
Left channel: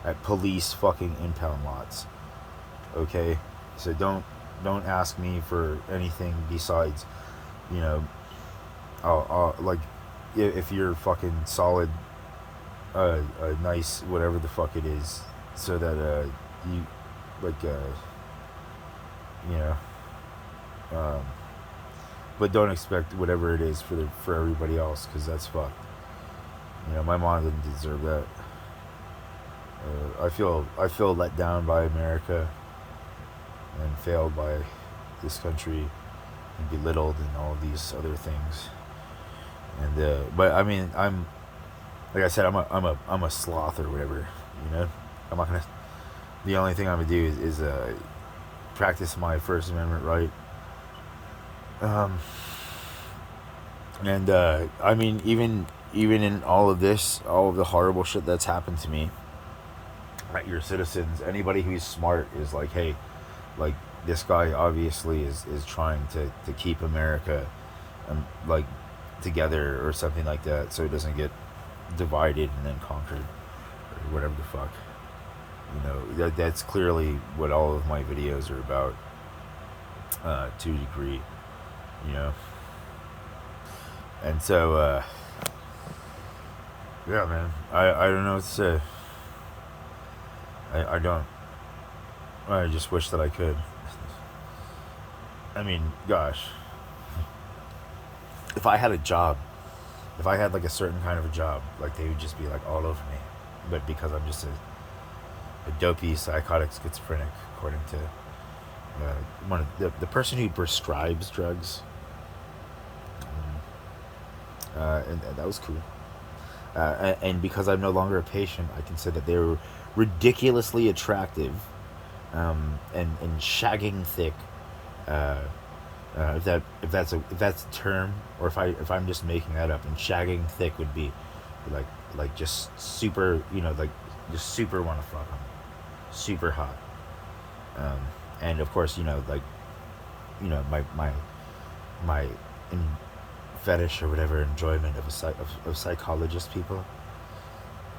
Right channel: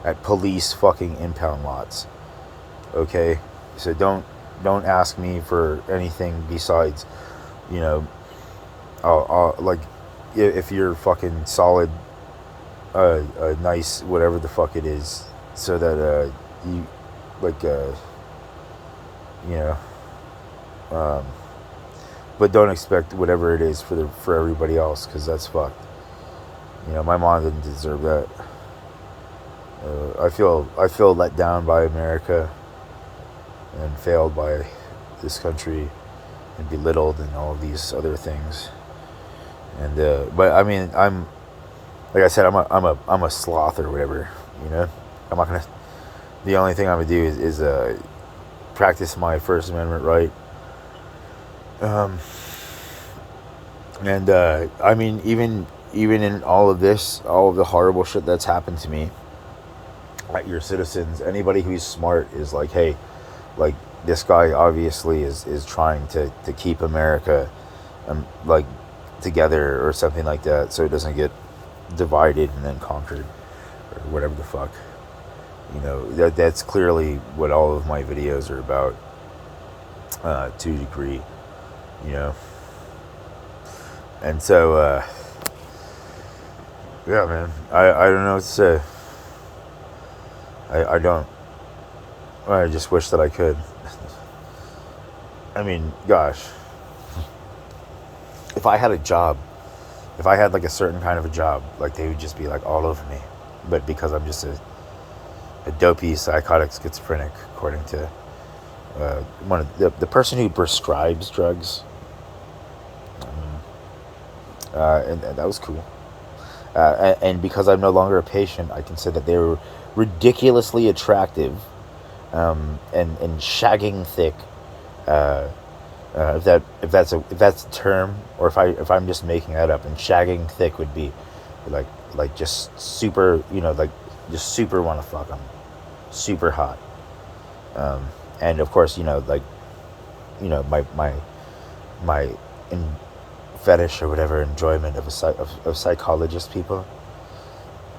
at police fucking impound lots. Okay, so don't ask me for anything besides, I'll like, if you're fucking solid, a nice whatever the fuck it is, so that you, like, but don't expect whatever it is for everybody else, because that's fucked. My mom didn't deserve that. I feel let down by America and failed by this country and belittled and all these other things. And but I mean, I'm like I said, I'm a sloth or whatever. You know, I'm not gonna. The only thing I'm gonna do is practice my First Amendment right. Um, and I mean, even in all of this, all of the horrible shit that's happened to me, like your citizens, anybody who's smart is like, hey, like this guy obviously is trying to keep America, like together or something like that, so it doesn't get divided and then conquered or whatever the fuck. You know, that's clearly what all of my videos are about, to a degree. You know, and so yeah, man, I don't know what to say. I don't. I just wish that I could. I mean, gosh, if I had a job, if I had like a certain kind of a job, like they would just be like all over me. But because I'm just a dopey, psychotic schizophrenic, according to one of the person who prescribes drugs, and that was cool. And because I'm no longer a patient, I can say that they were ridiculously attractive, and shagging thick. Uh, if that's a term, or if I'm just making that up, and shagging thick would be like just super, like just super want to fuck them, super hot. And of course, like my in fetish or whatever, enjoyment of of psychologist people,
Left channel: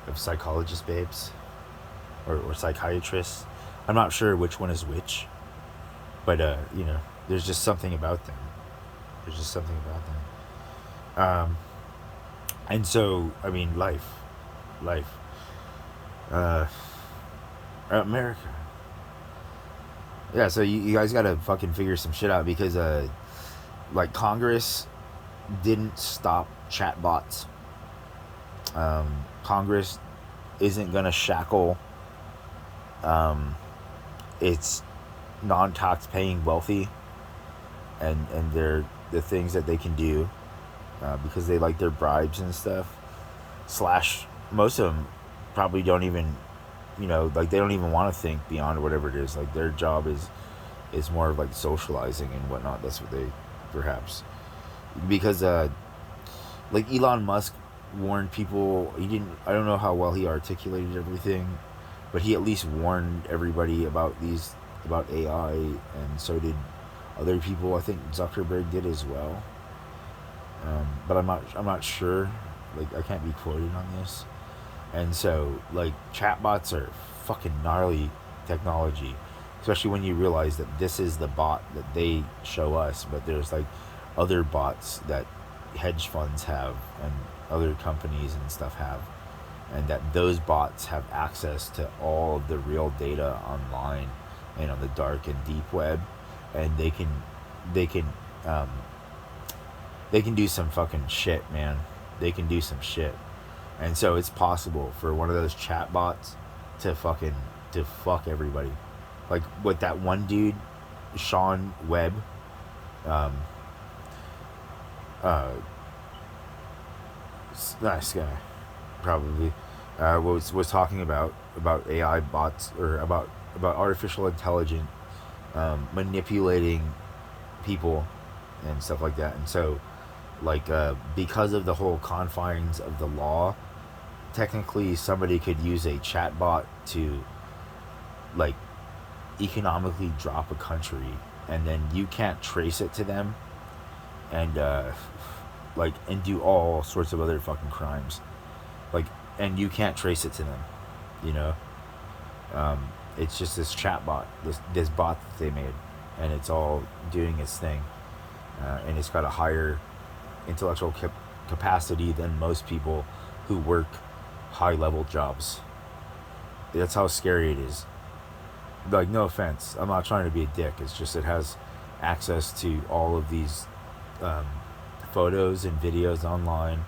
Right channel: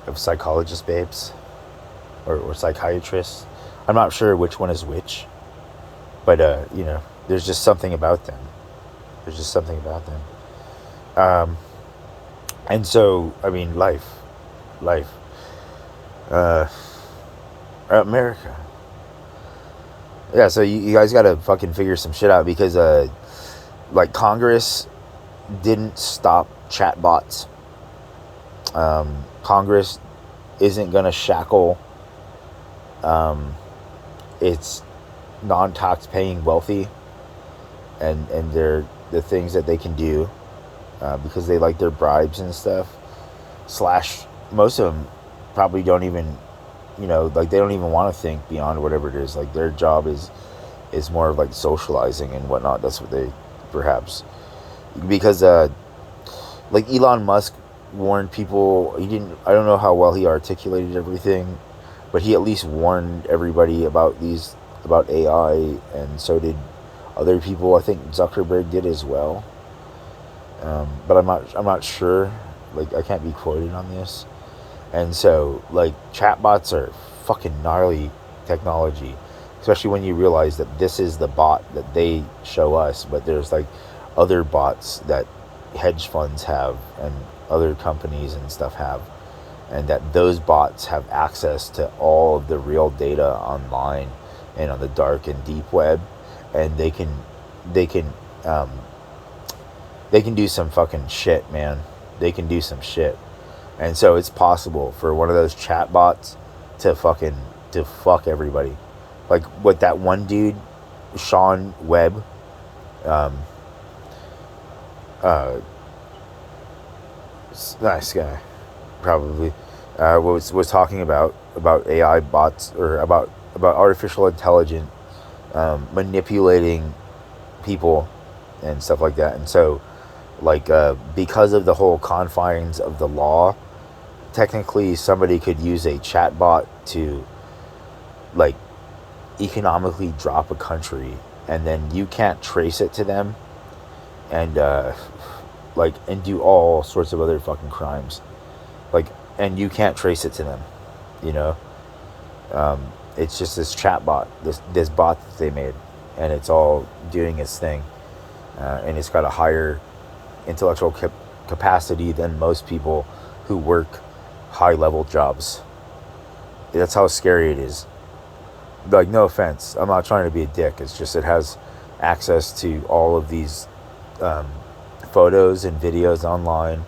of psychologist babes, or psychiatrists. I'm not sure which one is which, but there's just something about them. There's just something about them. Um, and so, I mean, life, uh, America. Yeah, so you guys gotta fucking figure some shit out, because like Congress didn't stop chatbots. Congress isn't gonna shackle its non-tax paying wealthy, and the things that they can do, because they like their bribes and stuff. Slash, most of them probably don't even, like they don't even want to think beyond whatever it is. Like their job is more of like socializing and whatnot. That's what they perhaps, because like Elon Musk warned people. He didn't. I don't know how well he articulated everything, but he at least warned everybody about AI, and so did other people. I think Zuckerberg did as well. But I'm not sure. Like I can't be quoted on this. And so like chatbots are fucking gnarly technology, especially when you realize that this is the bot that they show us, but there's like other bots that hedge funds have and other companies and stuff have, and that those bots have access to all of the real data online and on the dark and deep web, and they can um, they can do some fucking shit, man. They can do some shit. And so it's possible for one of those chat bots to fuck everybody. Like what that one dude, Sean Webb, um, uh, nice guy, probably, was talking about AI bots, or about artificial intelligence, manipulating people and stuff like that. And so, like, because of the whole confines of the law, technically somebody could use a chatbot to, like, economically drop a country, and then you can't trace it to them, and and do all sorts of other fucking crimes, like, and you can't trace it to them, you know. It's just this chatbot, this bot that they made, and it's all doing its thing, and it's got a higher intellectual capacity than most people who work high level jobs. That's how scary it is. Like, no offense, I'm not trying to be a dick. It's just it has access to all of these um, photos and videos online,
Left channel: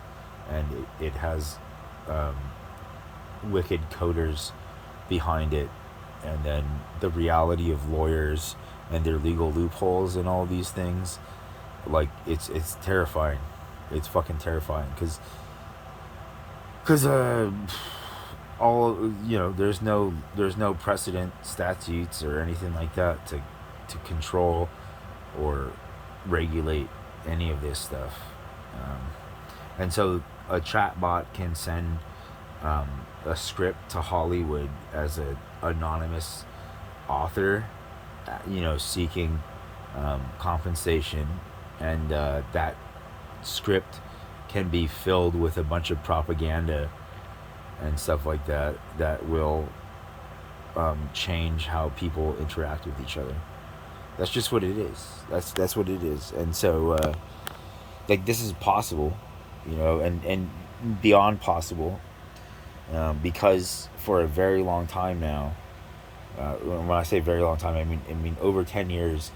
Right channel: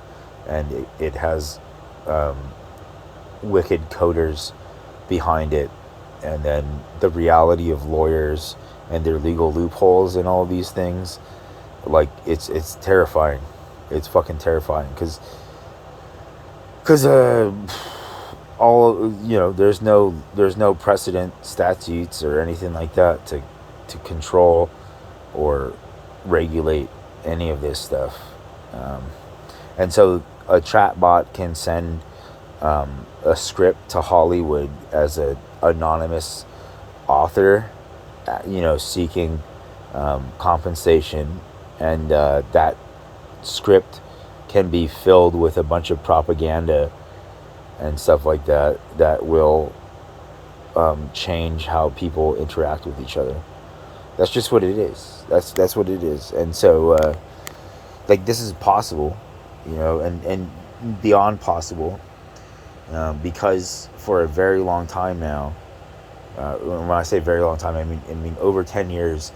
and it has wicked coders behind it, and then the reality of lawyers and their legal loopholes and all these things, like it's terrifying. It's fucking terrifying because all there's no precedent statutes or anything like that to control or regulate any of this stuff. Um, and so a chatbot can send a script to Hollywood as a anonymous author, seeking compensation, and that script can be filled with a bunch of propaganda and stuff like that that will change how people interact with each other. That's just what it is. That's what it is. And so, like, this is possible, and beyond possible, because for a very long time now. When I say very long time, I mean over 10 years.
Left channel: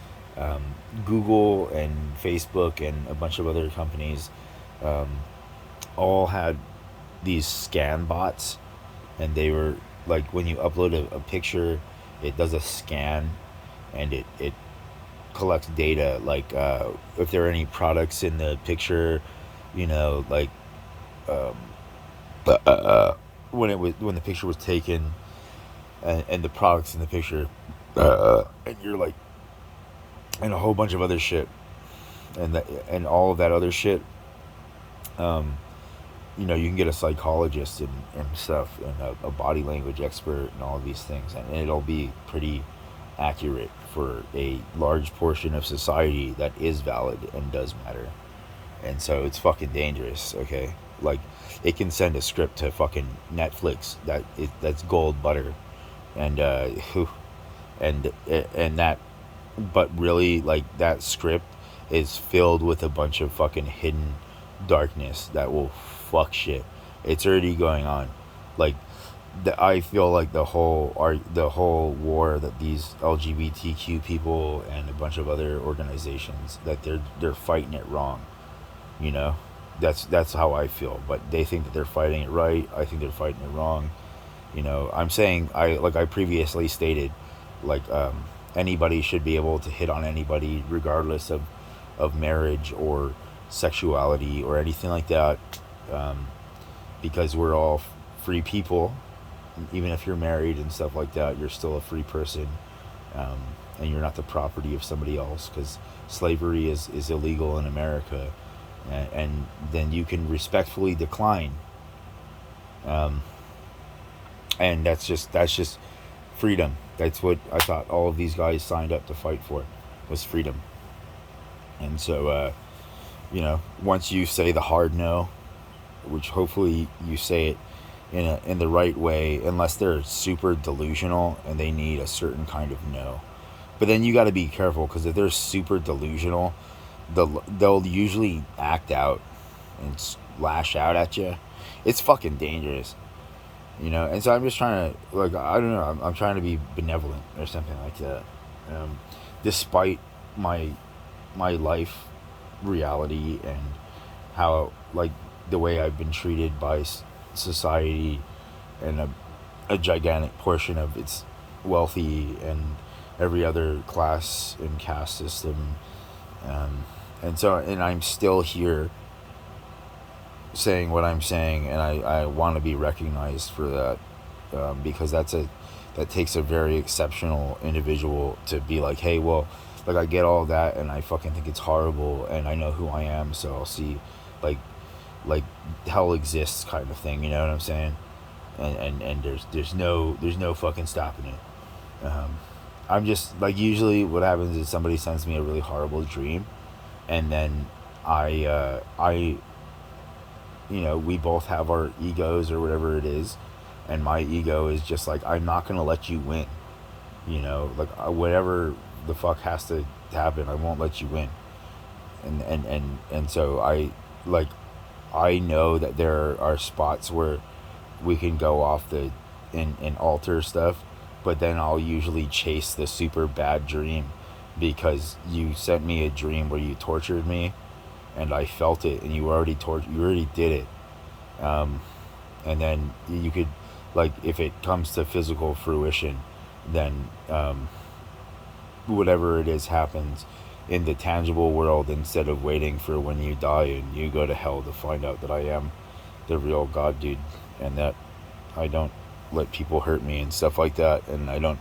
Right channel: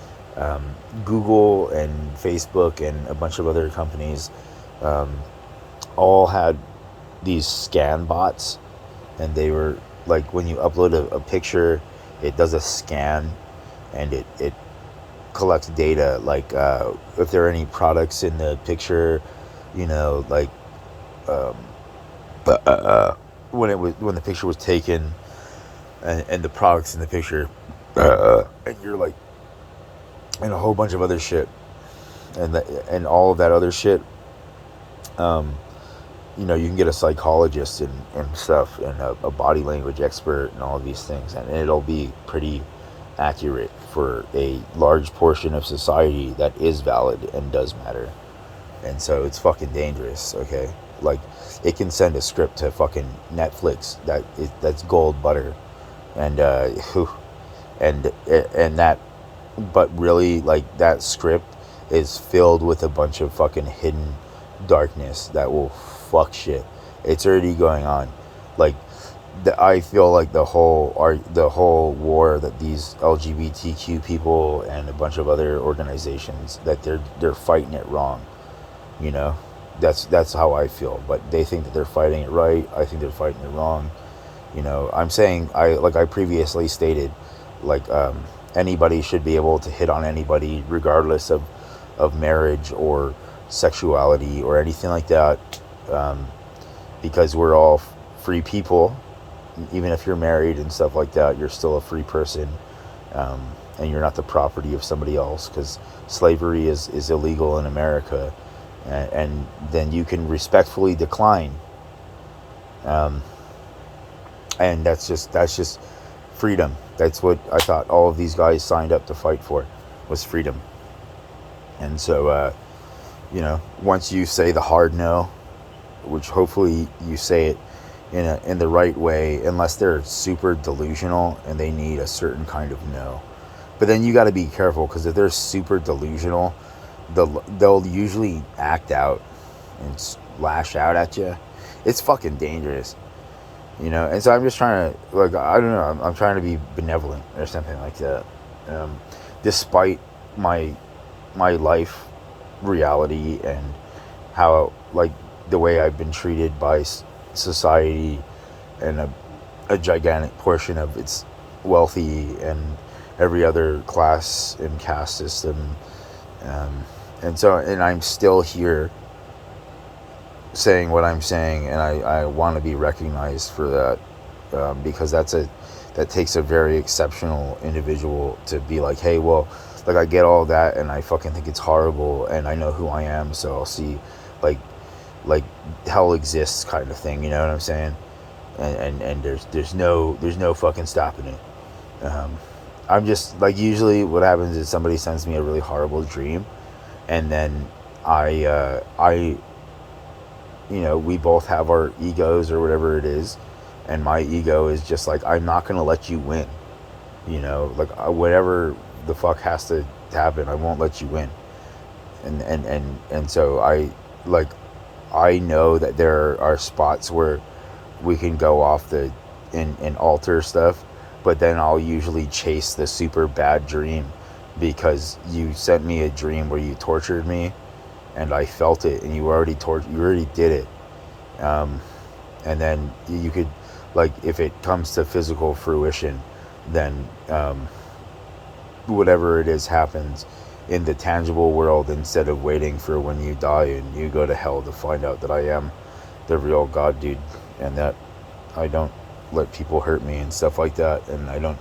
Google and Facebook and a bunch of other companies um, all had these scan bots, and they were like, when you upload a picture, it does a scan, and it collects data, like if there are any products in the picture, like um, when the picture was taken, and the products in the picture, and you're like, and a whole bunch of other shit, and all of that other shit. Um, you can get a psychologist and stuff, and a body language expert, and all of these things, and it'll be pretty accurate for a large portion of society that is valid and does matter. And so it's fucking dangerous. Okay, like, it can send a script to fucking Netflix that's gold butter, and and that, but really, like, that script is filled with a bunch of fucking hidden darkness that will fuck shit. It's already going on. Like, I feel like the whole war that these LGBTQ people and a bunch of other organizations, that they're fighting it wrong. You know, that's how I feel. But they think that they're fighting it right. I think they're fighting it wrong. I'm saying, I previously stated, like, anybody should be able to hit on anybody regardless of marriage or sexuality or anything like that, um, because we're all free people. Even if you're married and stuff like that, you're still a free person, and you're not the property of somebody else, because slavery is illegal in America, and then you can respectfully decline, um, and that's just freedom. That's what I thought all of these guys signed up to fight for, was freedom. And so, once you say the hard no, which hopefully you say it in the right way, unless they're super delusional and they need a certain kind of no. But then you got to be careful, because if they're super delusional, they'll usually act out and lash out at you. It's fucking dangerous. And so I'm just trying to, like, I don't know, I'm trying to be benevolent or something like that, despite my life reality, and how, like, the way I've been treated by society, and a gigantic portion of its wealthy and every other class and caste system, and I'm still here saying what I'm saying, and I want to be recognized for that, because that takes a very exceptional individual to be like, hey, well, like, I get all that, and I fucking think it's horrible, and I know who I am, so I'll see, like hell exists, kind of thing. You know what I'm saying? And there's no fucking stopping it. I'm just, like, usually what happens is somebody sends me a really horrible dream, and then I we both have our egos or whatever it is, and my ego is just like, I'm not gonna let you win. Like, whatever the fuck has to happen, I won't let you win. And so I know that there are spots where we can go off and alter stuff, but then I'll usually chase the super bad dream, because you sent me a dream where you tortured me, and I felt it, and you already did it, and then you could like if it comes to physical fruition, then whatever it is happens in the tangible world, instead of waiting for when you die and you go to hell to find out that I am the real God, dude, and that I don't let people hurt me and stuff like that, and I don't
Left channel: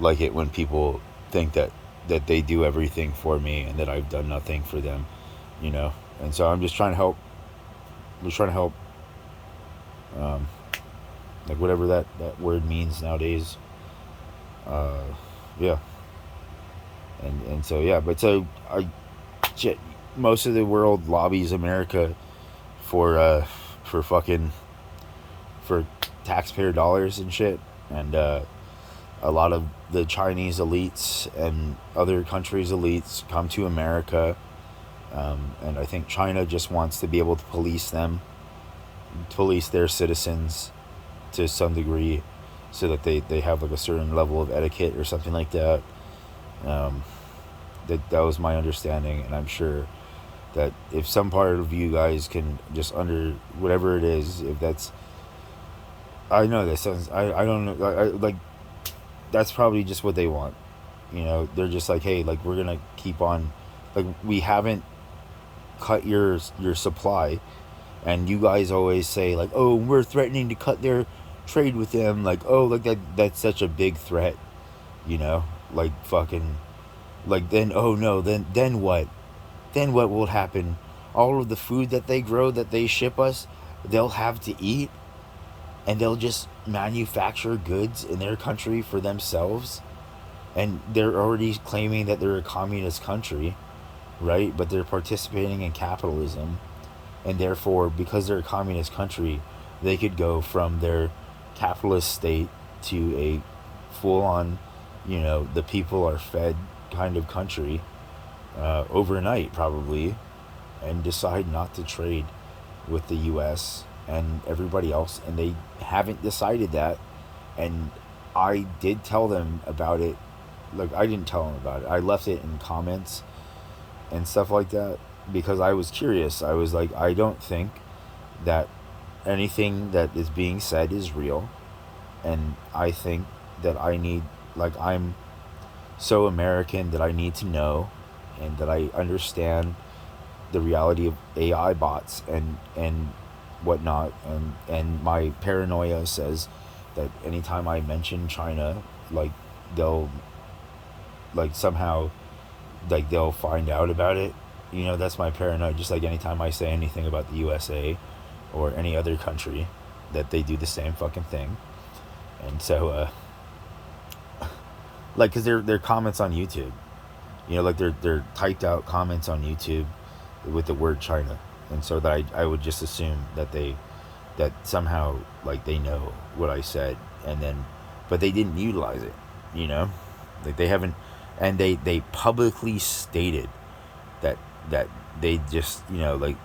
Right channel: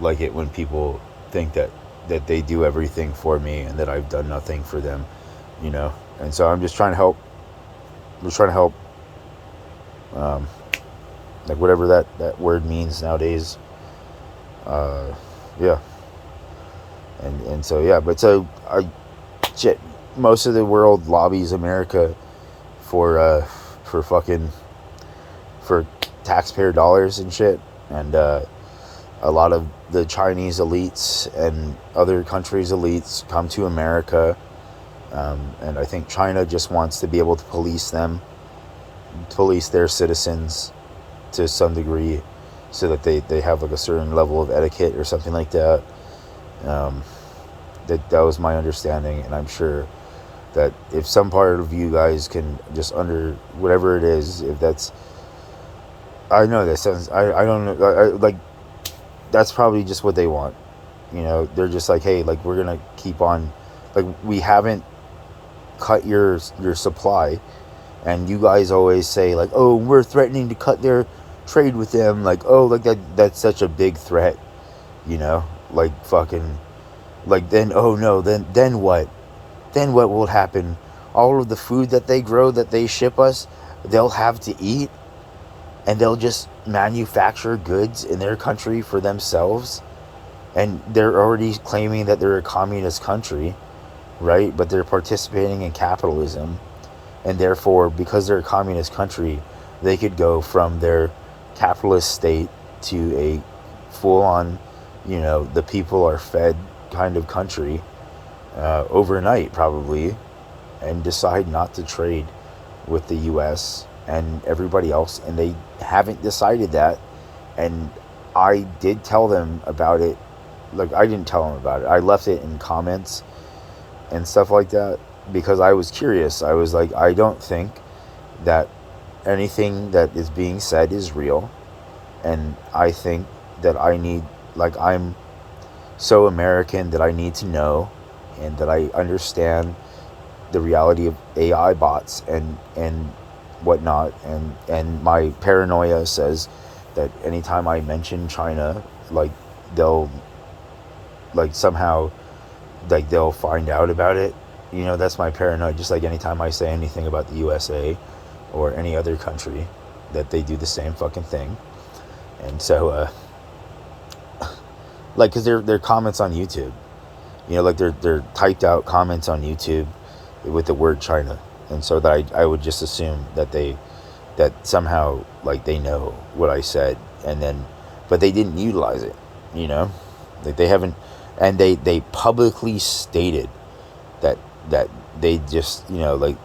like it when people think that they do everything for me and that I've done nothing for them, you know. And so I'm just trying to help. I'm just trying to help, um, like whatever that word means nowadays. Yeah, and so yeah, but so shit. Most of the world lobbies America for fucking for taxpayer dollars and shit, and a lot of the Chinese elites and other countries' elites come to America, and I think China just wants to be able to police their citizens to some degree, so that they have like a certain level of etiquette or something like that. Um, that was my understanding, and I'm sure that if some part of you guys can just under whatever it is, if that's, I know that sounds, I don't know, like that's probably just what they want. You know, they're just like, hey, like we're gonna keep on, like we haven't cut your supply, and you guys always say like, oh, we're threatening to cut their trade with them, like, oh, like that's such a big threat, you know, like fucking, like then, oh no, then what? Then what will happen? All of the food that they grow, that they ship us, they'll have to eat, and they'll just manufacture goods in their country for themselves. And they're already claiming that they're a communist country, right? But they're participating in capitalism. And therefore, because they're a communist country, they could go from their capitalist state to a full-on, you know, the people are fed kind of country overnight, probably, and decide not to trade with the U.S. and everybody else. And they haven't decided that. And I did tell them about it. Like, I didn't tell them about it. I left it in comments and stuff like that because I was curious. I was like, I don't think that anything that is being said is real. And I think that I need, like, I'm so American that I need to know and that I understand the reality of AI bots and whatnot. And my paranoia says that anytime I mention China, like, they'll, like, somehow, like, they'll find out about it. You know, that's my paranoia. Just like anytime I say anything about the USA or any other country, that they do the same fucking thing. And so, like, because they're comments on YouTube, you know, like they're typed out comments on YouTube with the word China, and so that I would just assume that somehow, like, they know what I said, and then, but they didn't utilize it, you know, like they haven't, and they publicly stated that they just, you know, like,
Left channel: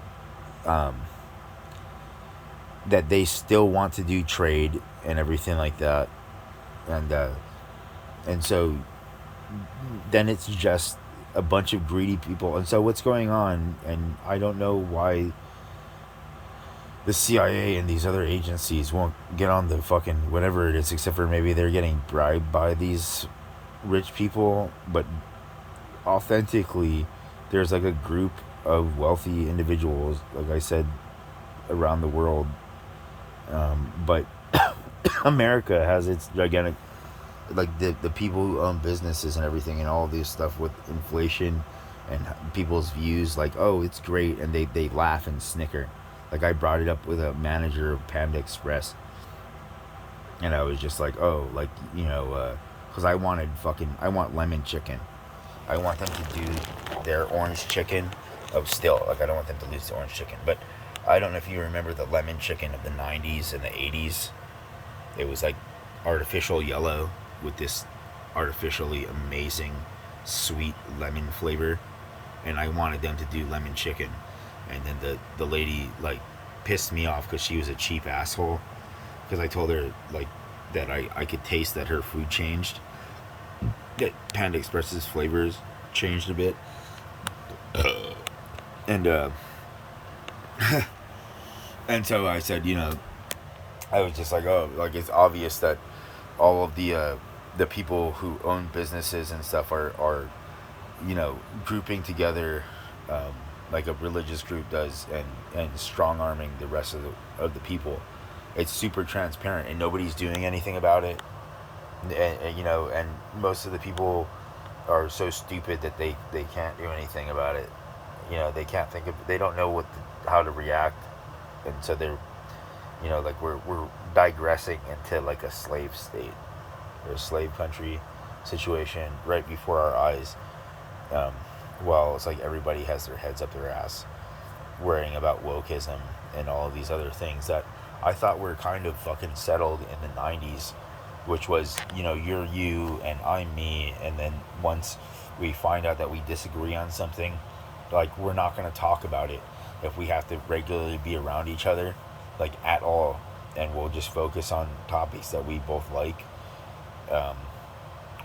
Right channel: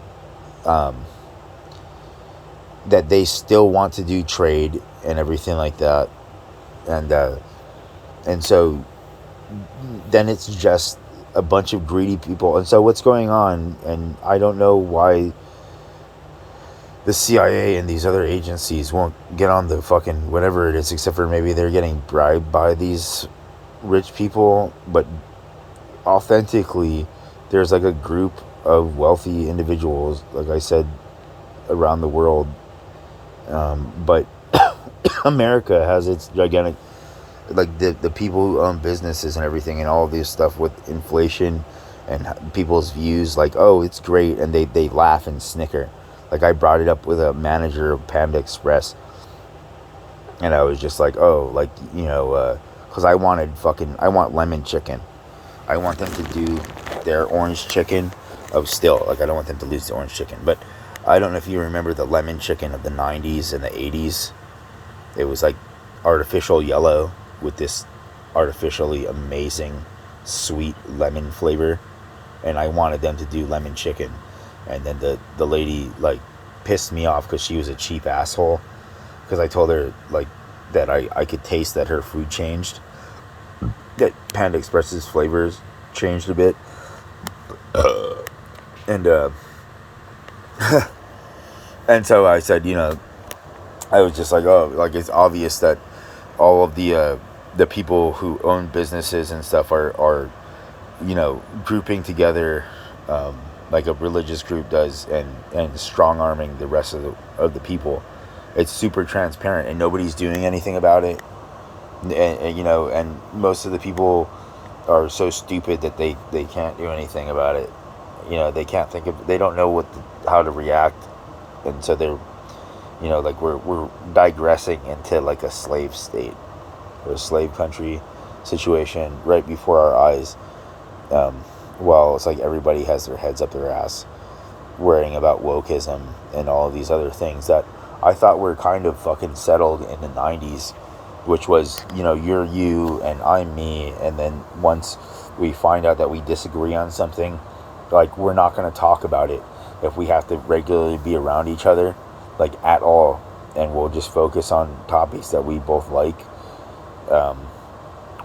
that they still want to do trade and everything like that, and so then it's just a bunch of greedy people. And so what's going on, and I don't know why the CIA and these other agencies won't get on the fucking whatever it is, except for maybe they're getting bribed by these rich people, but authentically there's like a group of wealthy individuals, like I said, around the world, but America has its gigantic, like the people who own businesses and everything, and all of this stuff with inflation and people's views, like, oh, it's great, and they laugh and snicker. Like, I brought it up with a manager of Panda Express, and I was just like, oh, like, you know, because I want lemon chicken. I want them to do their orange chicken of still, like, I don't want them to lose the orange chicken, but I don't know if you remember the lemon chicken of the 90s and the 80s. It was like artificial yellow with this artificially amazing sweet lemon flavor, and I wanted them to do lemon chicken, and then the lady, like, pissed me off because she was a cheap asshole, because I told her, like, that I could taste that her food changed, that Panda Express's flavors changed a bit, and and so I said, you know, I was just like, oh, like it's obvious that all of the people who own businesses and stuff are grouping together, like a religious group does, and strong arming the rest of the people. It's super transparent and nobody's doing anything about it. And most of the people are so stupid that they can't do anything about it. They can't think of, they don't know how to react, and so they're, like we're digressing into like a slave state or a slave country situation right before our eyes. Um, well, it's like everybody has their heads up their ass, worrying about wokeism and all of these other things that I thought were kind of fucking settled in the 90s, which was, you're you and I'm me. And then once we find out that we disagree on something, like, we're not going to talk about it if we have to regularly be around each other, like, at all. And we'll just focus on topics that we both like. Um,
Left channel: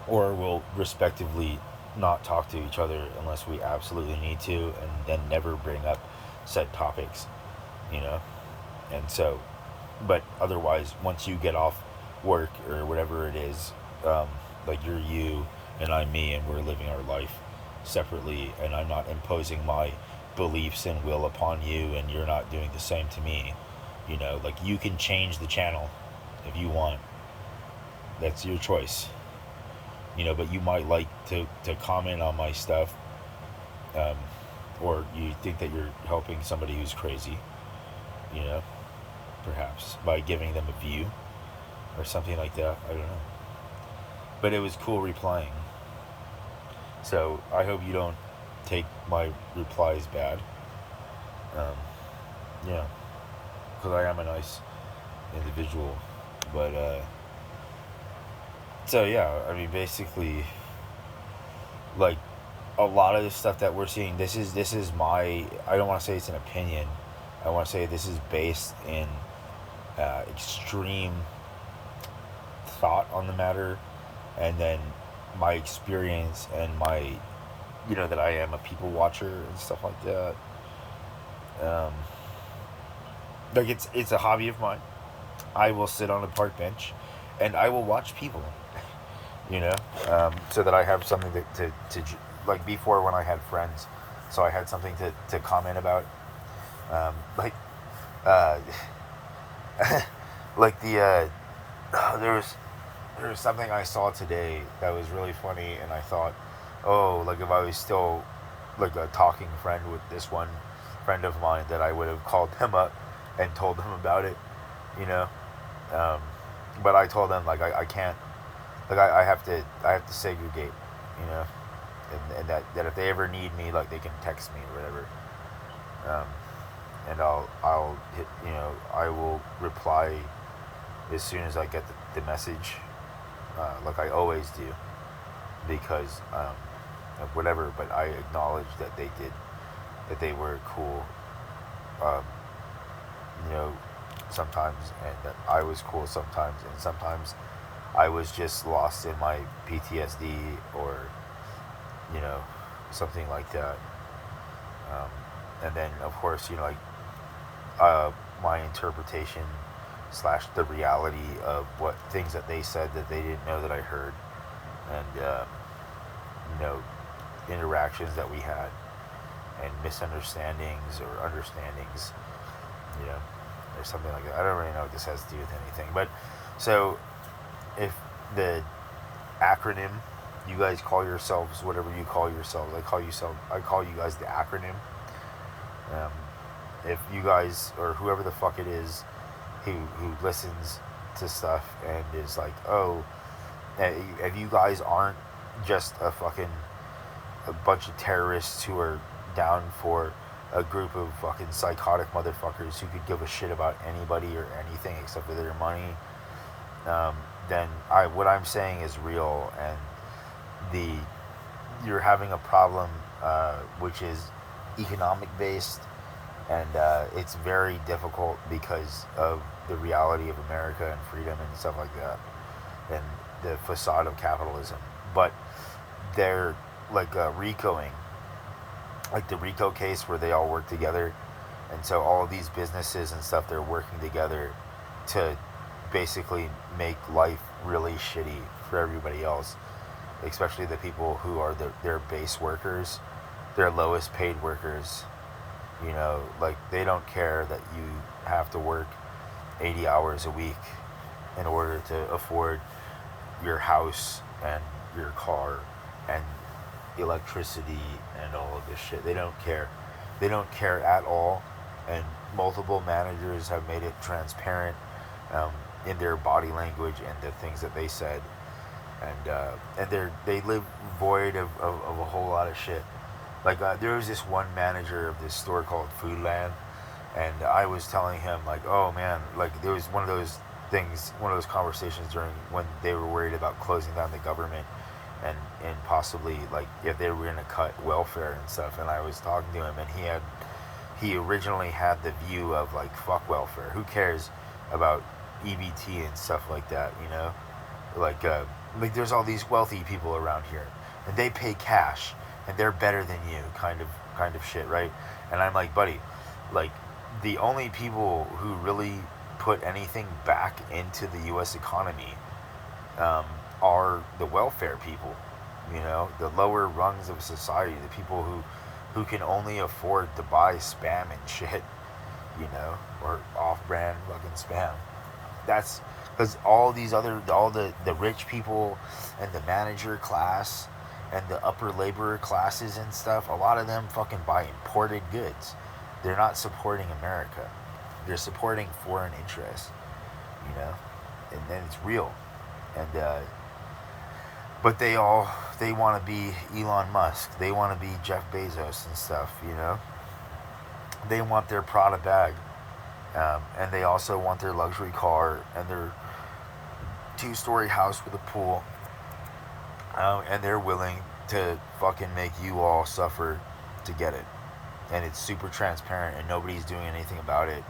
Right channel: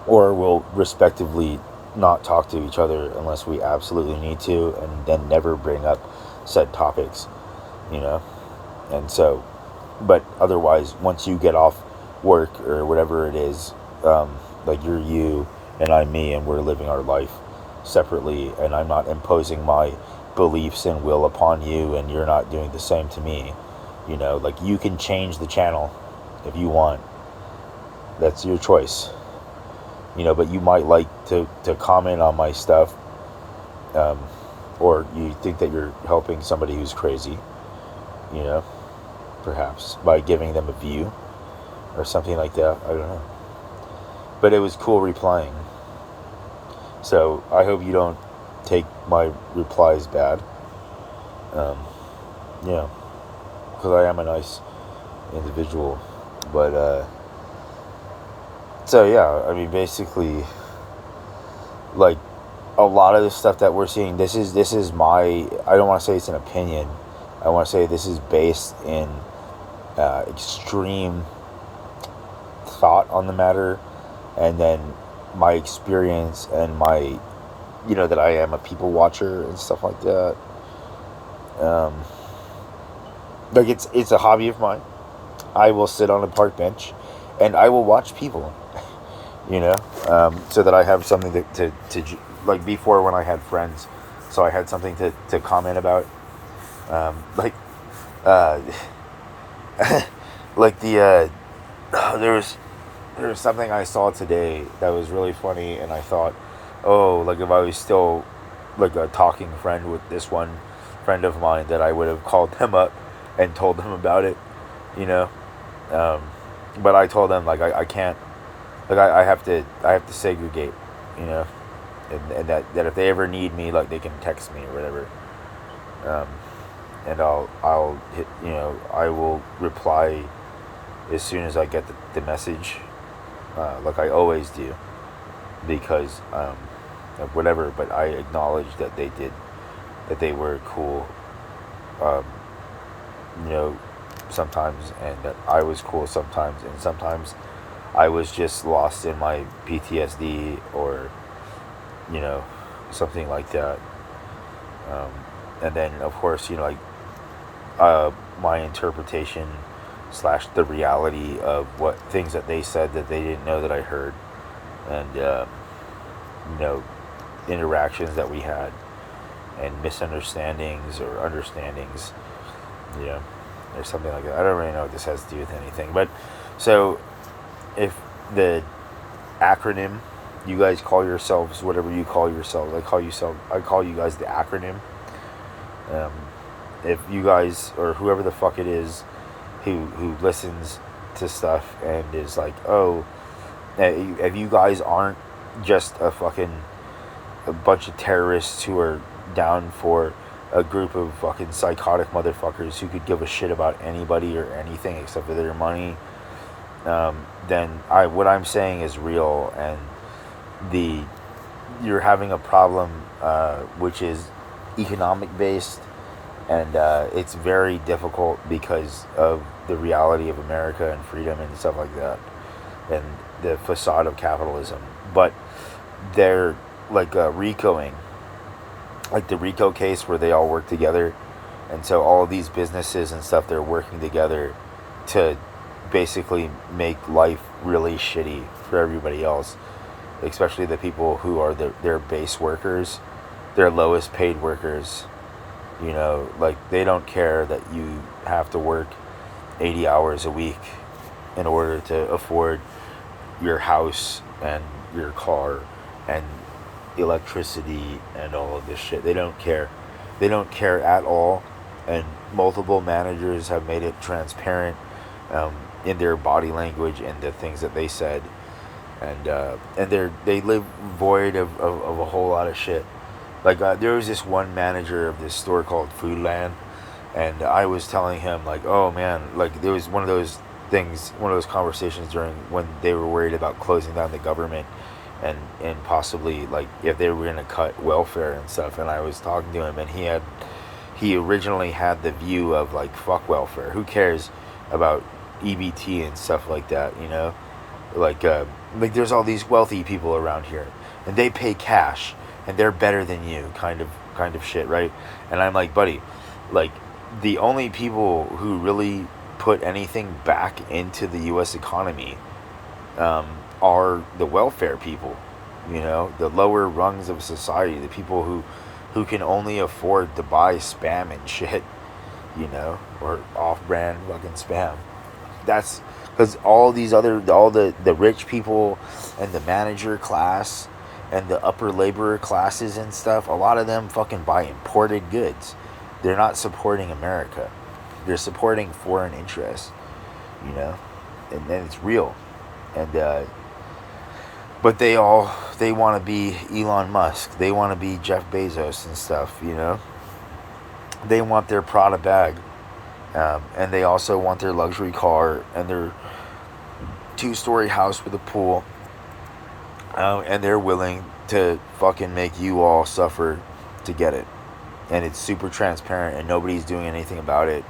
or we'll respectively not talk to each other unless we absolutely need to, and then never bring up said topics, you know? And so, but otherwise, once you get off work or whatever it is, like, you're you and I'm me, and we're living our life separately, and I'm not imposing my beliefs and will upon you, and you're not doing the same to me. Like, you can change the channel if you want. That's your choice. But you might like to comment on my stuff, um, or you think that you're helping somebody who's crazy, you know, perhaps by giving them a view or something like that. I don't know. But it was cool replying. So I hope you don't take my replies bad. Um, yeah, because I am a nice individual. But, so yeah, I mean, basically, like, a lot of the stuff that we're seeing, this is my, I don't want to say it's an opinion. I want to say this is based in extreme thought on the matter, and then my experience and my, that I am a people watcher and stuff like that. Um, like, it's a hobby of mine. I will sit on a park bench, and I will watch people. So that I have something to like, before, when I had friends, so I had something to comment about, like, uh, like there was something I saw today that was really funny, and I thought, oh, like, if I was still like a talking friend with this one friend of mine, that I would have called them up and told them about it, you know, um, but I told them, like, I can't, like, I have to segregate, you know, and that if they ever need me, like, they can text me or whatever, um, and I'll hit, I will reply as soon as I get the message, like I always do, because of whatever. But I acknowledge that they were cool, um, you know, sometimes, and that I was cool sometimes, and sometimes I was just lost in my PTSD, or, you know, something like that. Um, and then, of course, like, my interpretation slash the reality of what things that they said that they didn't know that I heard, and, you know, interactions that we had, and misunderstandings or understandings, or something like that. I don't really know what this has to do with anything, but so, if the acronym, you guys call yourselves whatever you call yourselves, I call you guys the acronym. Um, if you guys, or whoever the fuck it is who listens to stuff and is like, oh, if you guys aren't just a bunch of terrorists who are down for a group of fucking psychotic motherfuckers who could give a shit about anybody or anything except for their money, then what I'm saying is real, and you're having a problem, which is economic based, and it's very difficult because of the reality of America and freedom and stuff like that, and the facade of capitalism. But they're like, RICOing, like the RICO case where they all work together, and so all of these businesses and stuff, they're working together to basically make life really shitty for everybody else, especially the people who are their base workers, their lowest paid workers. You know, like they don't care that you have to work 80 hours a week in order to afford your house and your car and electricity and all of this shit. They don't care. They don't care at all. And multiple managers have made it transparent, um, in their body language and the things that they said. And they live void of a whole lot of shit. Like there was this one manager of this store called Foodland, and I was telling him like, oh man, like there was one of those things, one of those conversations during when they were worried about closing down the government, and possibly like if they were gonna cut welfare and stuff. And I was talking to him, and he originally had the view of like fuck welfare, who cares about EBT and stuff like that, you know, like like there's all these wealthy people around here, and they pay cash, and they're better than you, kind of shit, right? And I'm like, buddy, like the only people who really put anything back into the U.S. economy, um, are the welfare people, you know, the lower rungs of society, the people who can only afford to buy spam and shit, you know, or off-brand fucking spam. That's because all the rich people and the manager class and the upper laborer classes and stuff, a lot of them fucking buy imported goods. They're not supporting America. They're supporting foreign interests, you know, and it's real. And but they want to be Elon Musk. They want to be Jeff Bezos and stuff, you know. They want their Prada bag, and they also want their luxury car and their two-story house with a pool, and they're willing to fucking make you all suffer to get it. And it's super transparent, and nobody's doing anything about it,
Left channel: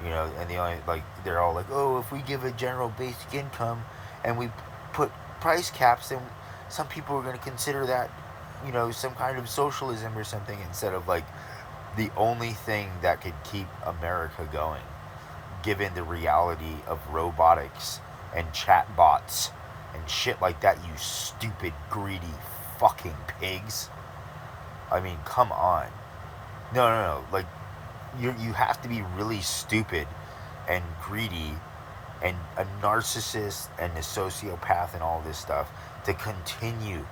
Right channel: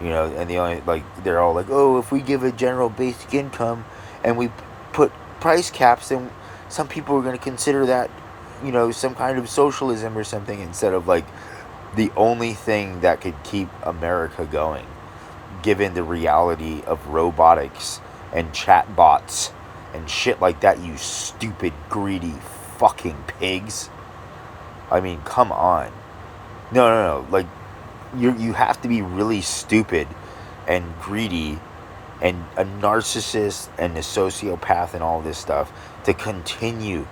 you know. And the only like they're all like, oh, if we give a general basic income and we put price caps, then some people are going to consider that, you know, some kind of socialism or something, instead of like the only thing that could keep America going, given the reality of robotics and chatbots and shit like that, you stupid, greedy fucking pigs. I mean, come on. No, no, no. Like, you have to be really stupid and greedy and a narcissist and a sociopath and all this stuff to continue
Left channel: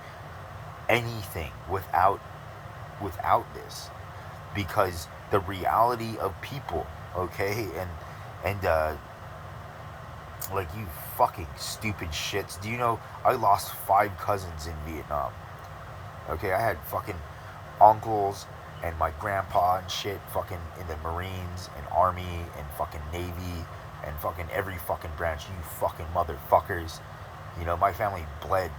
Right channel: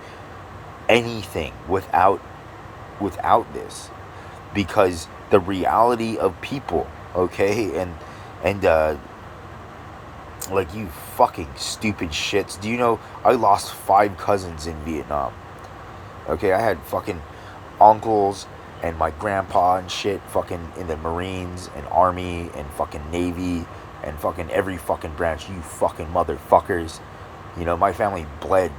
anything without this, because the reality of people, okay, and like, you fucking stupid shits. Do you know I lost 5 cousins in Vietnam? Okay, I had fucking uncles and my grandpa and shit fucking in the Marines and Army and fucking Navy and fucking every fucking branch, you fucking motherfuckers. You know, my family bled.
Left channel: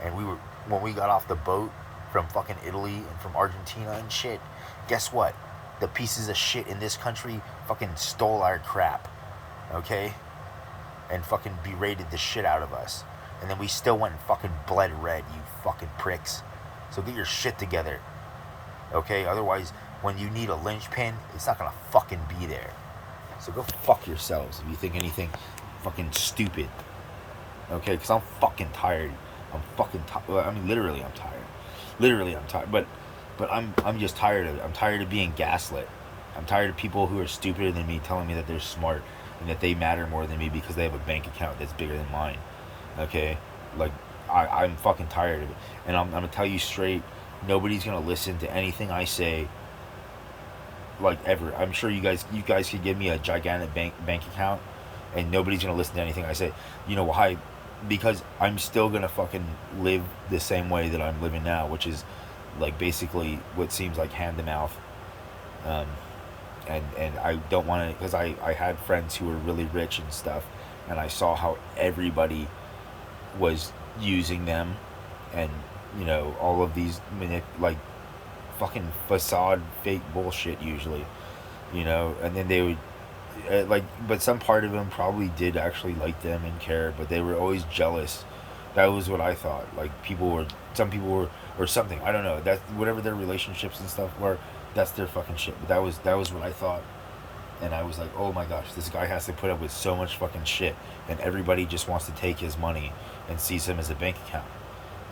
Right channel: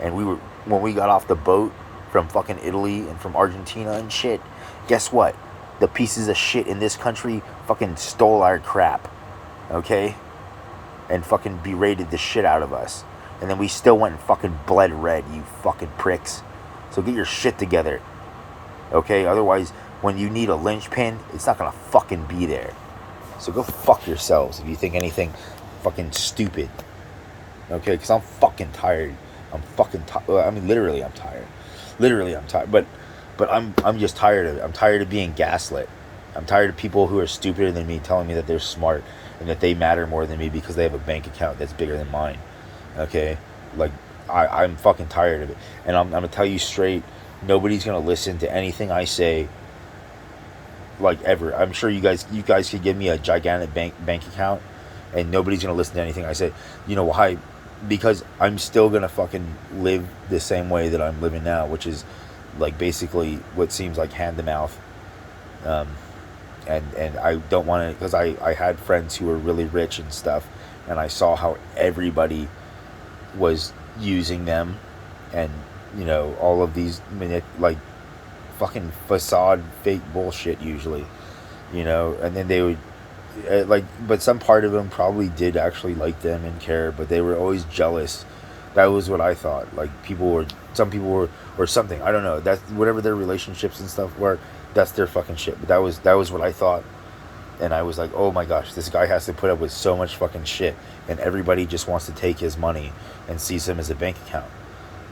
And when we got off the boat from fucking Italy and from Argentina and shit, guess what? The pieces of shit in this country fucking stole our crap. Okay? And fucking berated the shit out of us. And then we still went and fucking bled red, you fucking pricks. So get your shit together. Okay? Otherwise, when you need a linchpin, it's not gonna fucking be there. So go fuck yourselves if you think anything fucking stupid. Okay? Because I'm fucking tired. I'm fucking tired. I mean, literally, I'm tired. Literally, I'm tired. But I'm just tired of it. I'm tired of being gaslit. I'm tired of people who are stupider than me telling me that they're smart and that they matter more than me because they have a bank account that's bigger than mine. Okay? Like, I'm fucking tired of it. And I'm going to tell you straight, nobody's going to listen to anything I say, like, ever. I'm sure you guys could give me a gigantic bank account and nobody's going to listen to anything I say. You know why? Because I'm still going to fucking live the same way that I'm living now, which is, like, basically what seems like hand to mouth. And I don't want to, because I had friends who were really rich and stuff, and I saw how everybody was using them, and, you know, all of these, like, fucking facade, fake bullshit usually, you know, and then they would, like, but some part of them probably did actually like them and care, but they were always jealous. That was what I thought. Like, some people were, or something, I don't know, that's whatever their relationships and stuff were, that's their fucking shit. But that was what I thought. And I was like, oh my gosh, this guy has to put up with so much fucking shit, and everybody just wants to take his money and sees him as a bank account,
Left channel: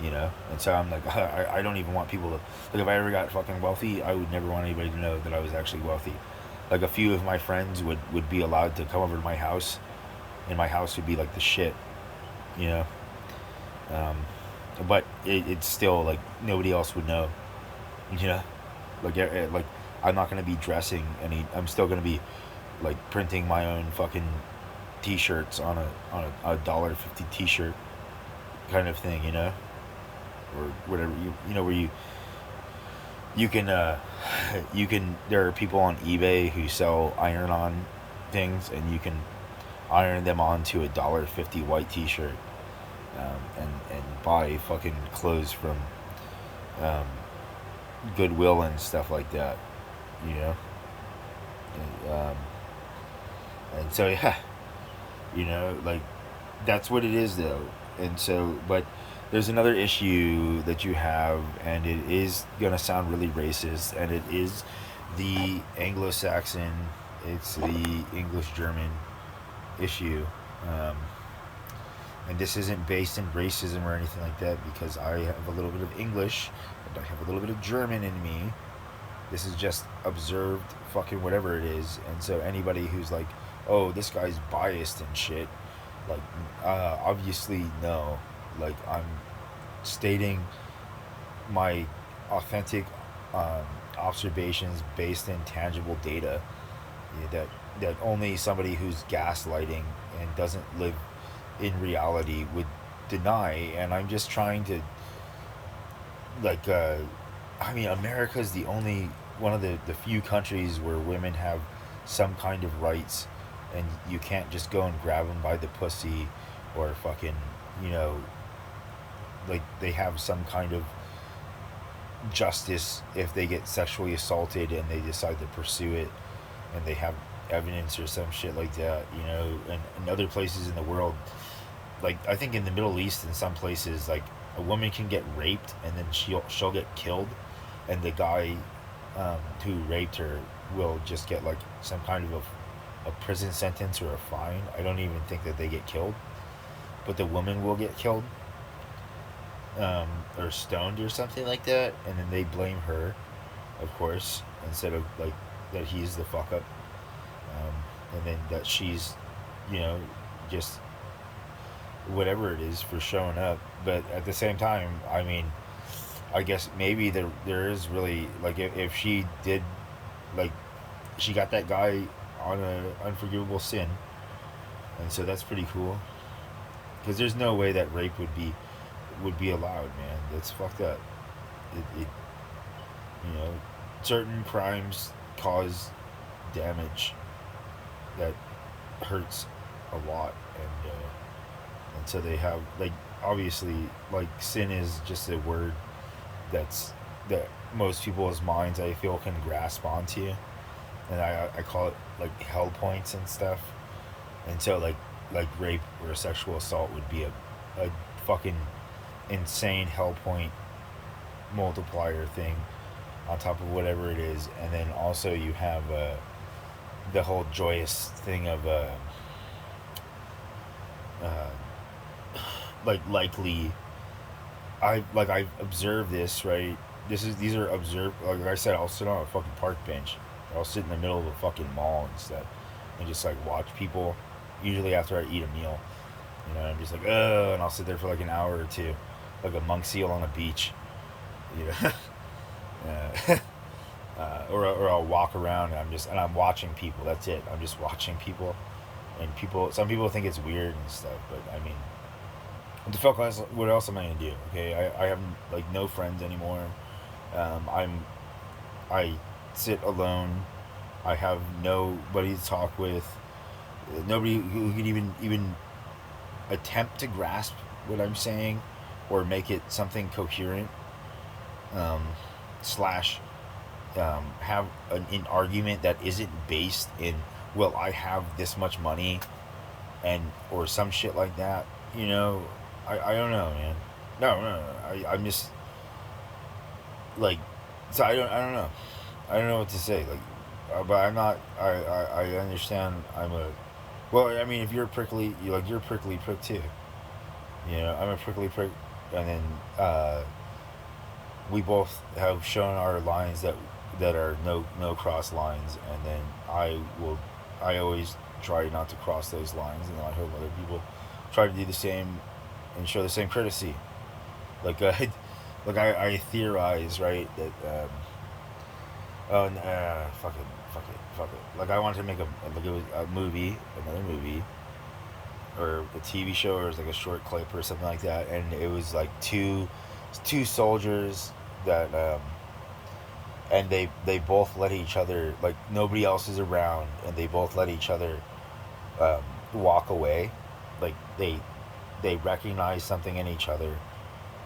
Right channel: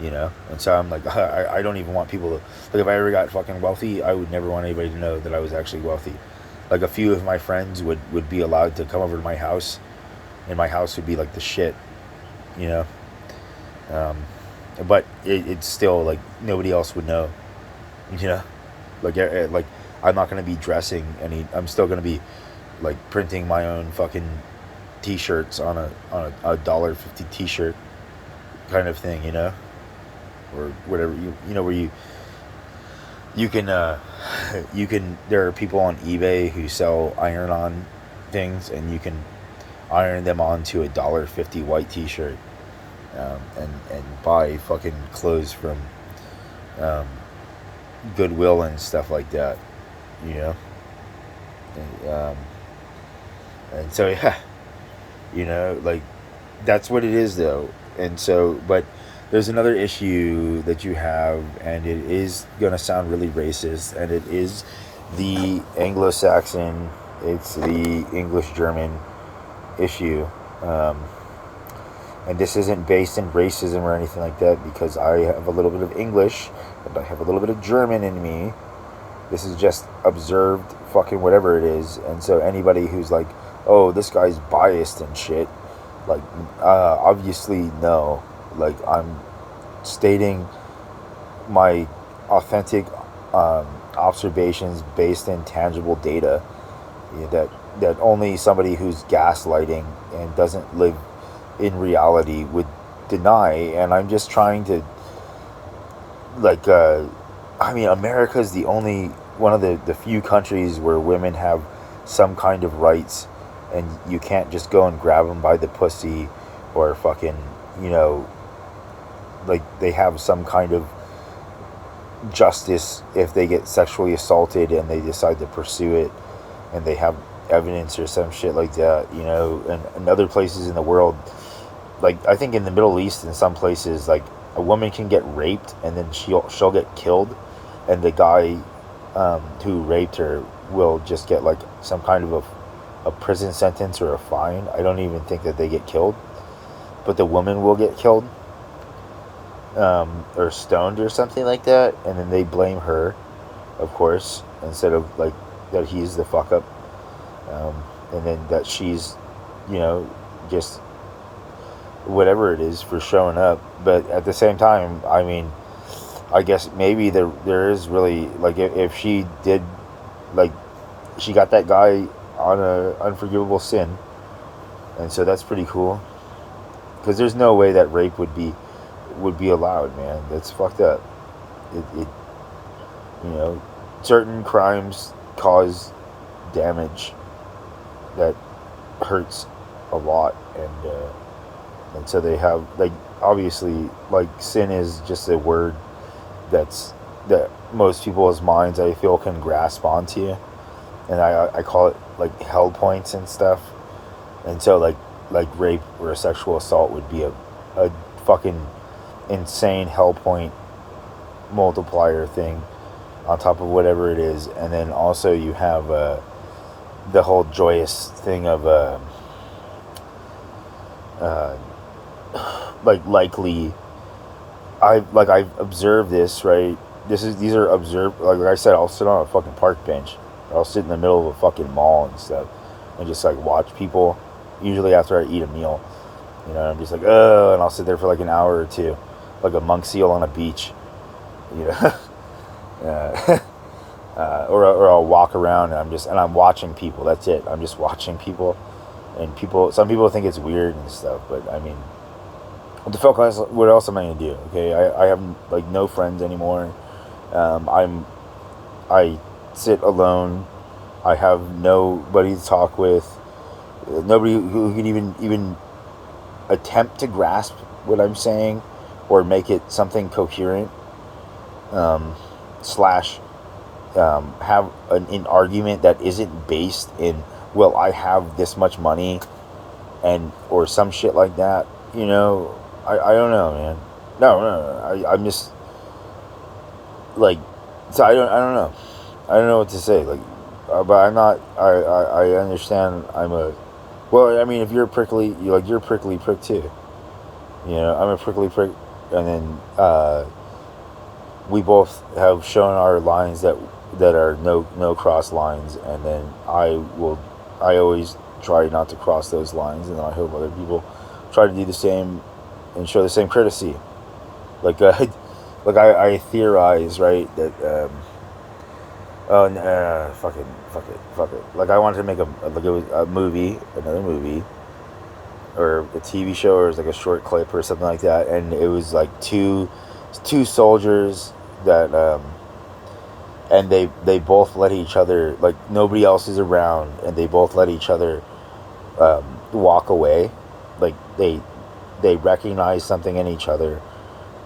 you know? And so I'm like, I don't even want people to, like, if I ever got fucking wealthy, I would never want anybody to know that I was actually wealthy. Like, a few of my friends would be allowed to come over to my house, and my house would be like the shit, you know? But it's still, like, nobody else would know, you know? Like, I'm not going to be dressing I'm still going to be, like, printing my own fucking t-shirts on a $1.50 t-shirt kind of thing, you know? Or whatever, you know, where you can there are people on eBay who sell iron-on things, and you can iron them onto a $1.50 white t-shirt, and buy fucking clothes from Goodwill and stuff like that, you know. And so, yeah, you know, like, that's what it is, though. And so, but there's another issue that you have, and it is gonna sound really racist, and it is the Anglo-Saxon, it's the English-German issue. And this isn't based in racism or anything like that, because I have a little bit of English and I have a little bit of German in me. This is just observed fucking whatever it is. And so anybody who's like, oh, this guy's biased and shit, like, obviously no. Like, I'm stating my authentic observations based in tangible data, that only somebody who's gaslighting and doesn't live in reality would deny. And I'm just trying to, like, I mean, America's the only one of the few countries where women have some kind of rights, and you can't just go and grab them by the pussy, or fucking, you know, like, they have some kind of justice if they get sexually assaulted and they decide to pursue it, and they have evidence or some shit like that, you know. And in other places in the world, like, I think in the Middle East, in some places, like, a woman can get raped and then she'll get killed, and the guy who raped her will just get, like, some kind of a prison sentence or a fine. I don't even think that they get killed, but the woman will get killed, or stoned or something like that, and then they blame her, of course, instead of, like, that he's the fuck up, and then that she's, you know, just whatever it is for showing up. But at the same time, I mean, I guess maybe there is really, like, if she did, like, she got that guy on a unforgivable sin, and so that's pretty cool, because there's no way that rape would be allowed, man. That's fucked up. It you know, certain crimes cause damage that hurts a lot, and so they have, like, obviously, like, sin is just a word that most people's minds, I feel, can grasp onto, and I call it, like, hell points and stuff. And so, like rape or a sexual assault would be a fucking insane hell point multiplier thing on top of whatever it is. And then also you have the whole joyous thing of like, likely, I've observed this, right? These are observed, like I said, I'll sit on a fucking park bench, or I'll sit in the middle of a fucking mall and stuff, and just, like, watch people, usually after I eat a meal, you know. I'm just like, oh, and I'll sit there for, like, an hour or two, like a monk seal on a beach, you know. Or I'll walk around, and I'm watching people. That's it. I'm just watching people, and some people think it's weird and stuff, but I mean, what the fuck else? What else am I gonna do? Okay, I have, like, no friends anymore. I sit alone. I have nobody to talk with. Nobody who can even attempt to grasp what I'm saying, or make it something coherent. Slash, have an argument that isn't based in, well, I have this much money, and or some shit like that. You know, I don't know, man. No. I'm just, like, so I don't know. I don't know what to say. Like, but I'm not. I understand. I'm a. Well, I mean, if you're prickly, you're a prickly prick too. You know, I'm a prickly prick, and then we both have shown our lines that are no cross lines, and then I always try not to cross those lines, and then I hope other people try to do the same and show the same courtesy. Like I theorize, right, that oh fuck it. Like I wanted to make like it was a movie, another movie, or a TV show, or it was like a short clip or something like that, and it was like two soldiers that and they both let each other, like nobody else is around, and they both let each other walk away, like they recognize something in each other,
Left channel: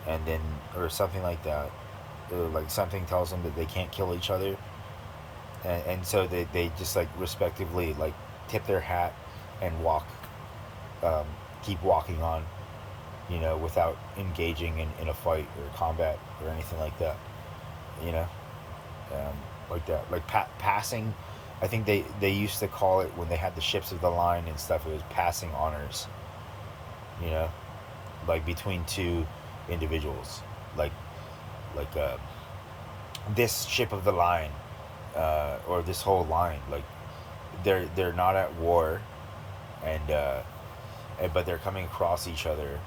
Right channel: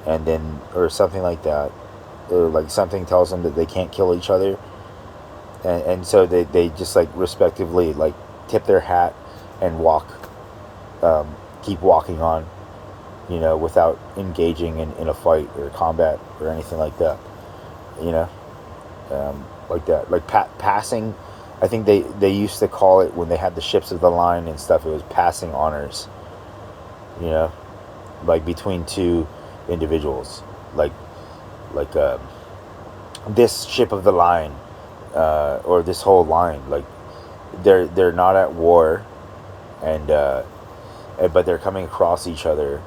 and then or something like that, or like something tells them that they can't kill each other, and so they just like respectively like tip their hat and walk, um, keep walking on, without engaging in a fight or combat or anything like that, you know, like that, like passing. I think they used to call it, when they had the ships of the line and stuff, it was passing honors, you know, like between two individuals, like like this ship of the line, or this whole line, like they're not at war, and but they're coming across each other,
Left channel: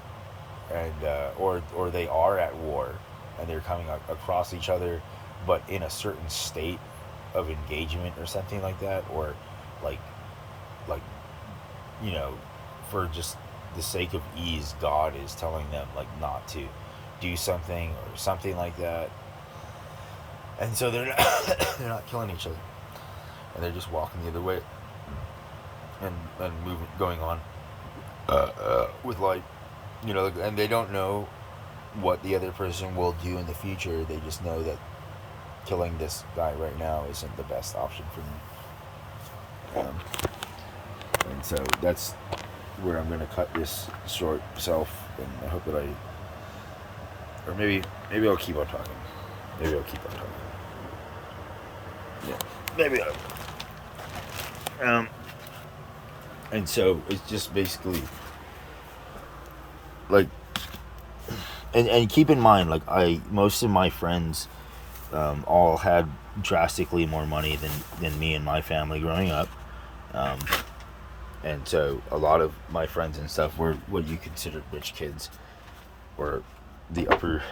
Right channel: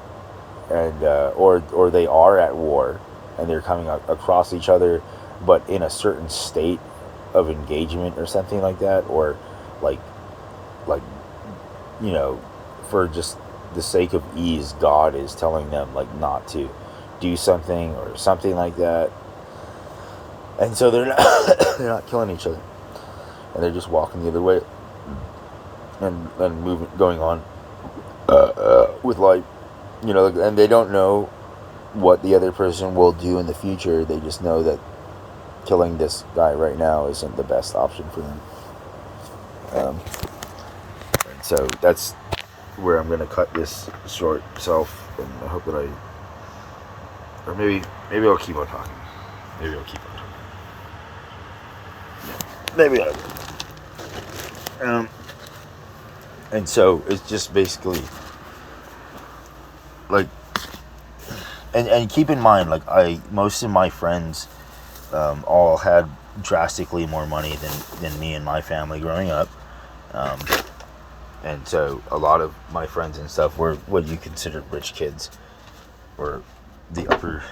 and or they are at war, and they're coming across each other, but in a certain state of engagement or something like that, or like like you know, for just the sake of ease, God is telling them like not to do something or something like that, and so they're not they're not killing each other, and they're just walking the other way, and moving, going on with life, and they don't know what the other person will do in the future. They just know that killing this guy right now isn't the best option for them. And so that's where I'm gonna cut this short self, and I hope that or maybe I'll keep on talking. Maybe I'll keep on talking. Yeah, maybe I will. And so it's just basically like, and keep in mind, like most of my friends all had drastically more money than me and my family growing up. Um, and so a lot of my friends and stuff were what you consider rich kids, or the upper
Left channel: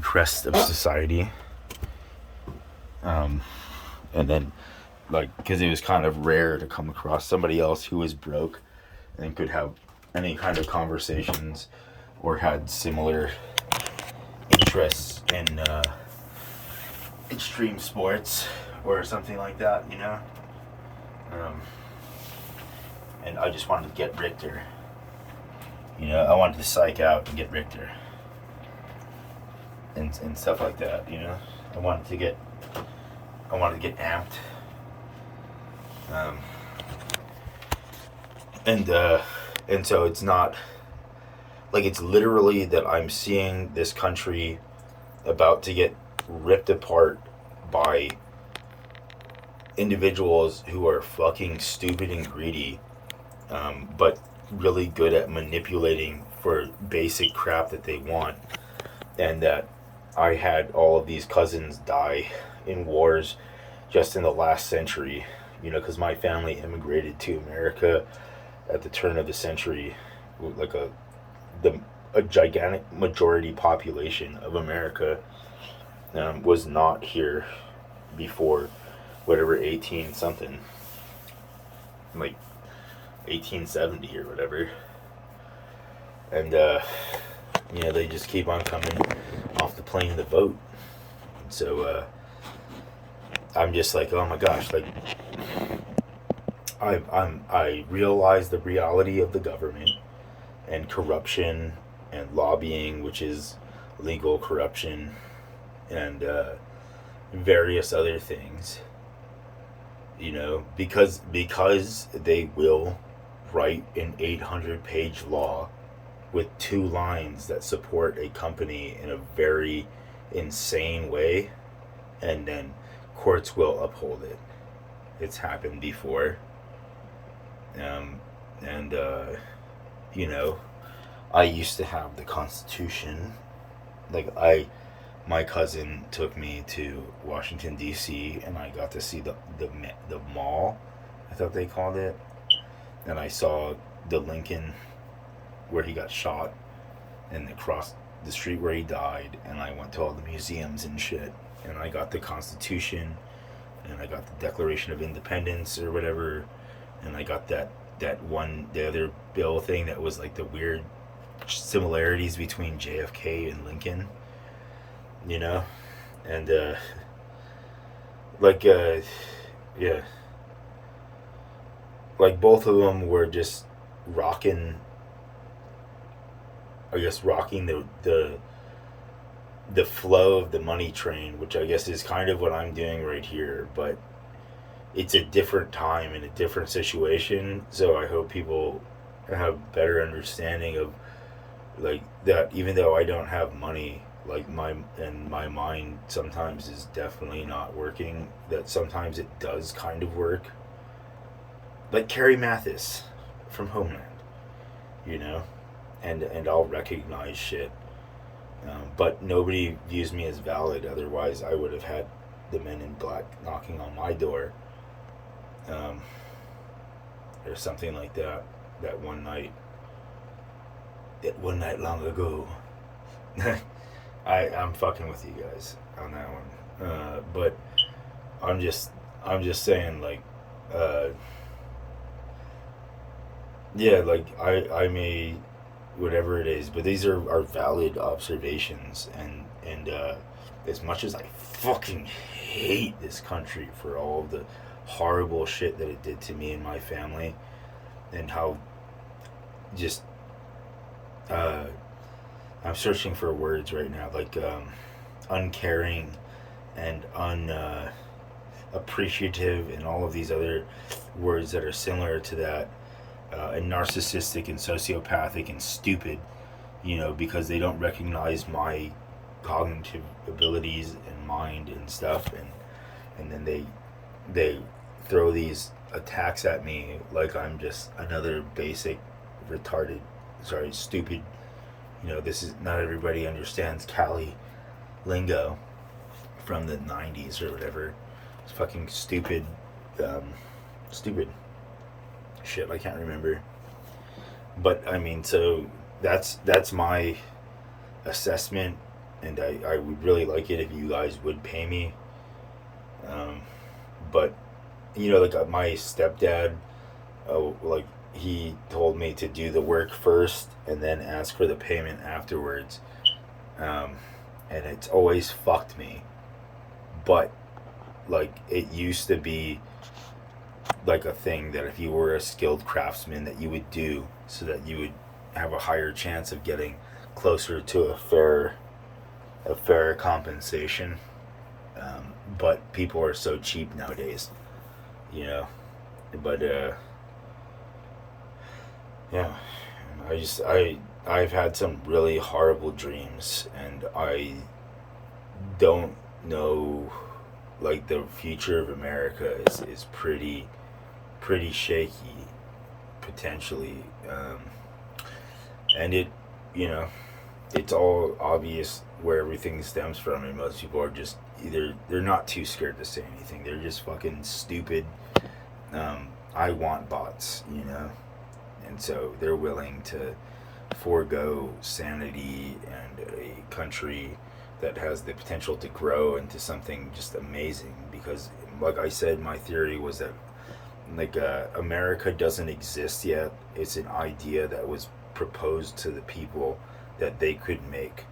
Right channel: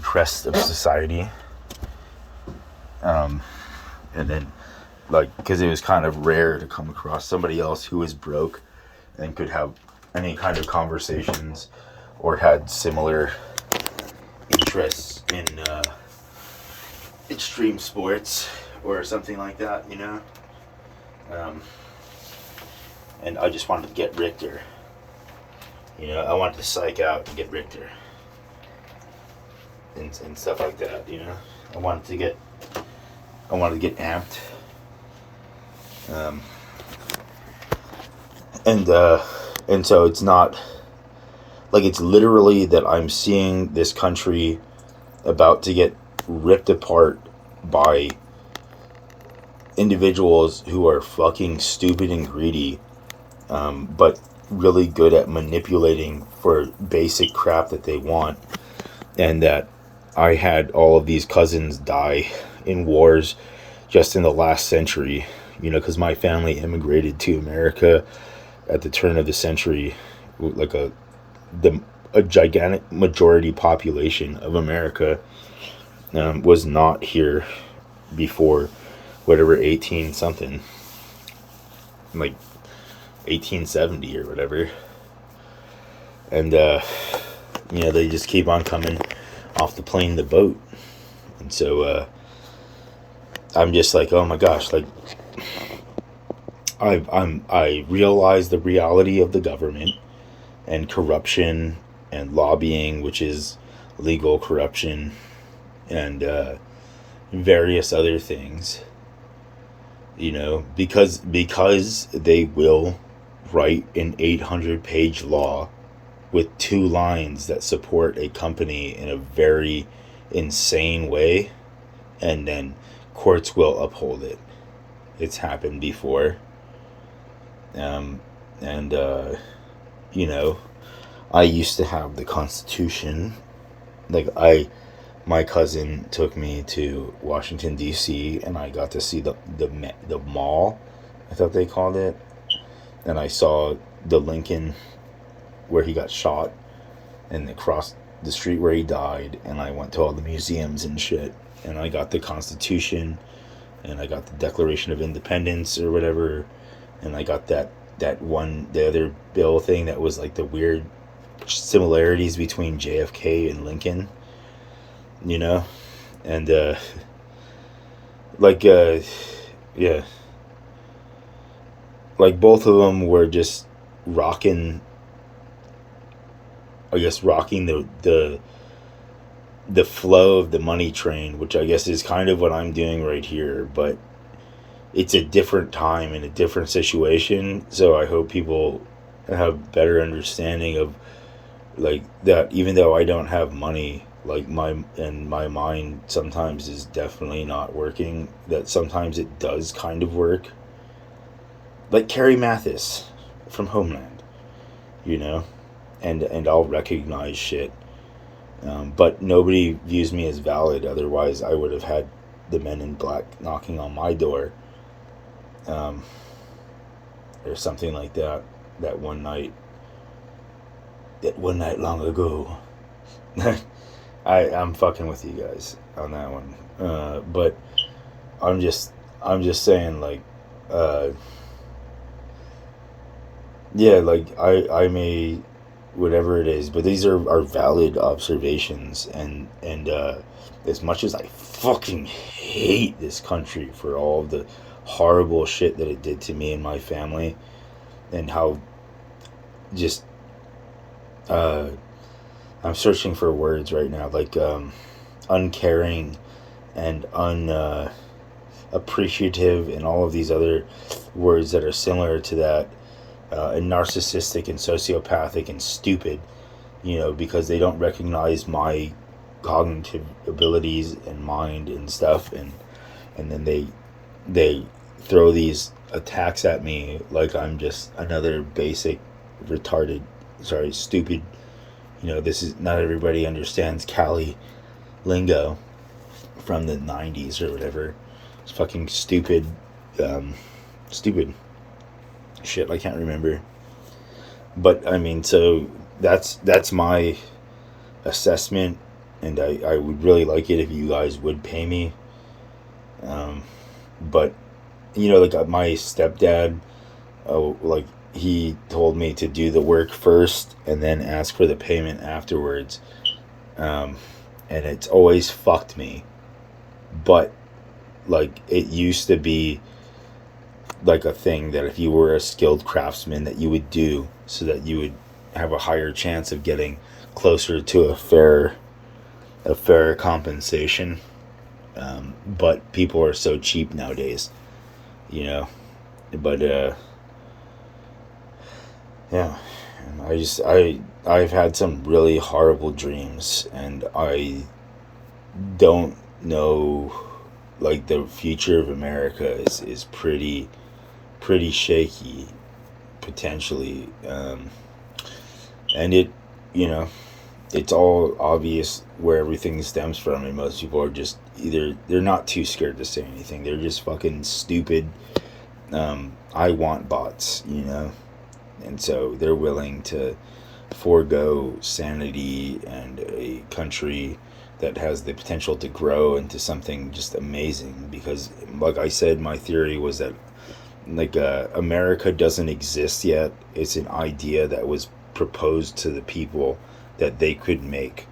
crest of society. And then, like, because it was kind of rare to come across somebody else who was broke and could have any kind of conversations or had similar interests in extreme sports or something like that, and I just wanted to get Richter. I wanted to psych out and get Richter and stuff like that. I wanted to get amped. And so it's not like, it's literally that I'm seeing this country about to get ripped apart by individuals who are fucking stupid and greedy, but really good at manipulating for basic crap that they want. And that I had all of these cousins die in wars just in the last century, because my family immigrated to America at the turn of the century, like a gigantic majority population of America was not here before whatever 18 something, like 1870 or whatever. And they just keep on coming off the plane to vote. And so I'm just like, oh my gosh, like I realize the reality of the government and corruption and lobbying, which is legal corruption, and various other things, because they will write an 800-page law with 2 lines that support a company in a very insane way, and then courts will uphold it. It's happened before. Um, and, you know, I used to have the Constitution. Like, my cousin took me to Washington, D.C., and I got to see the mall, I thought they called it. And I saw the Lincoln where he got shot and across the street where he died. And I went to all the museums and shit. And I got the Constitution, and I got the Declaration of Independence or whatever. And I got the other bill thing that was like the weird similarities between JFK and Lincoln, you know? And, like, yeah. Like, both of them were just rocking, I guess, rocking the flow of the money train, which I guess is kind of what I'm doing right here, but it's a different time and a different situation, so I hope people have better understanding of, like, that even though I don't have money, like, my mind sometimes is definitely not working, that sometimes it does kind of work. Like Carrie Mathis from Homeland, you know? And I'll recognize shit. But nobody views me as valid, otherwise I would have had the men in black knocking on my door. Or something like that. That one night long ago. I'm fucking with you guys on that one. But I'm just saying, like, yeah, like, I may, whatever it is, but these are valid observations, and as much as I fucking hate this country for all the horrible shit that it did to me and my family, and how just I'm searching for words right now, like, uncaring and appreciative, and all of these other words that are similar to that, and narcissistic and sociopathic and stupid, you know, because they don't recognize my cognitive abilities and mind and stuff, and then they throw these attacks at me like I'm just another basic retarded, stupid, you know. This is, not everybody understands Cali lingo from the 90s or whatever. It's fucking stupid stupid shit I can't remember. But I mean, so that's my assessment, and I would really like it if you guys would pay me. But, you know, like, my stepdad, like, he told me to do the work first and then ask for the payment afterwards. And it's always fucked me. But, like, it used to be like a thing that if you were a skilled craftsman that you would do, so that you would have a higher chance of getting closer to a fair compensation. But people are so cheap nowadays, you know. But yeah, I've had some really horrible dreams, and I don't know, like, the future of America is pretty shaky, potentially. And it, you know, it's all obvious where everything stems from, and most people are just either, they're not too scared to say anything, they're just fucking stupid, I want bots, you know. And so they're willing to forego sanity and a country that has the potential to grow into something just amazing, because, like I said, my theory was that, like, America doesn't exist yet. It's an idea that was proposed to the people that they could make,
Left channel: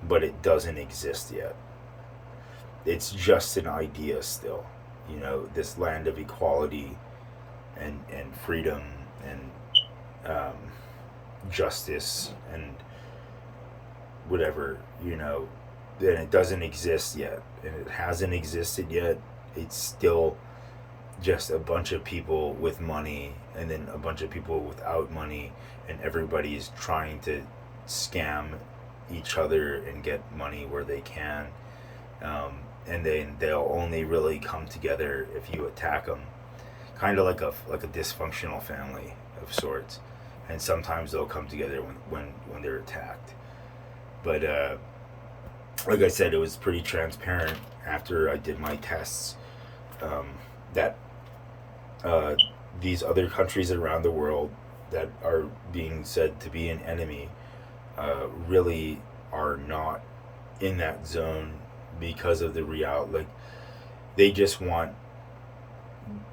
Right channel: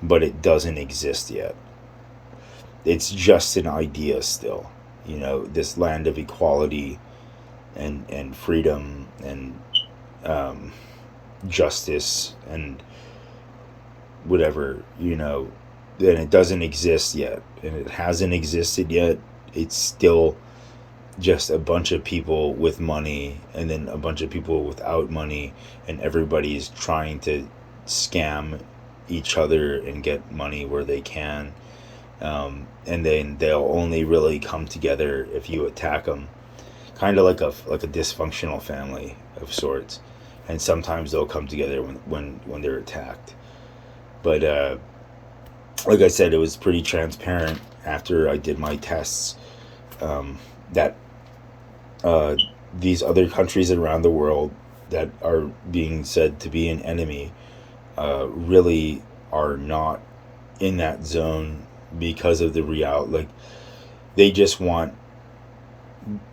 but it doesn't exist yet. It's just an idea still, you know, this land of equality and freedom and justice and whatever, you know. And it doesn't exist yet, and it hasn't existed yet. It's still just a bunch of people with money, and then a bunch of people without money, and everybody's trying to scam each other and get money where they can. And then they'll only really come together if you attack them, kind of like a dysfunctional family of sorts. And sometimes they'll come together when they're attacked. But like I said, it was pretty transparent after I did my tests, that uh, these other countries around the world that are being said to be an enemy really are not in that zone because of the reality. Like, they just want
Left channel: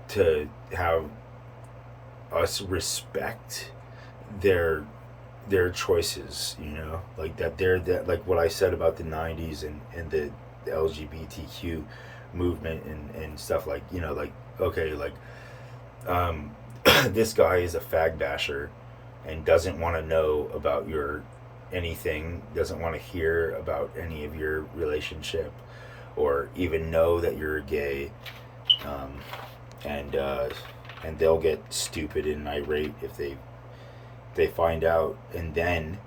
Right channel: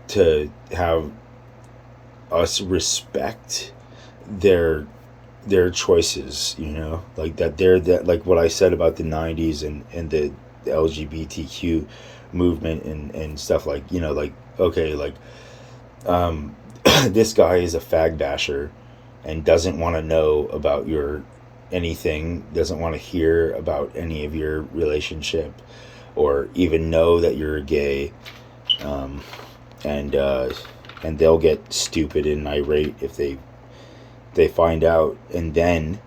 to have us respect their choices, like that they're that, like what I said about the 90s and the LGBTQ movement and stuff, like, like, okay, like, um this guy is a fag basher and doesn't want to know about your anything, doesn't want to hear about any of your relationship or even know that you're gay. um and they'll get stupid and irate if they find out, and then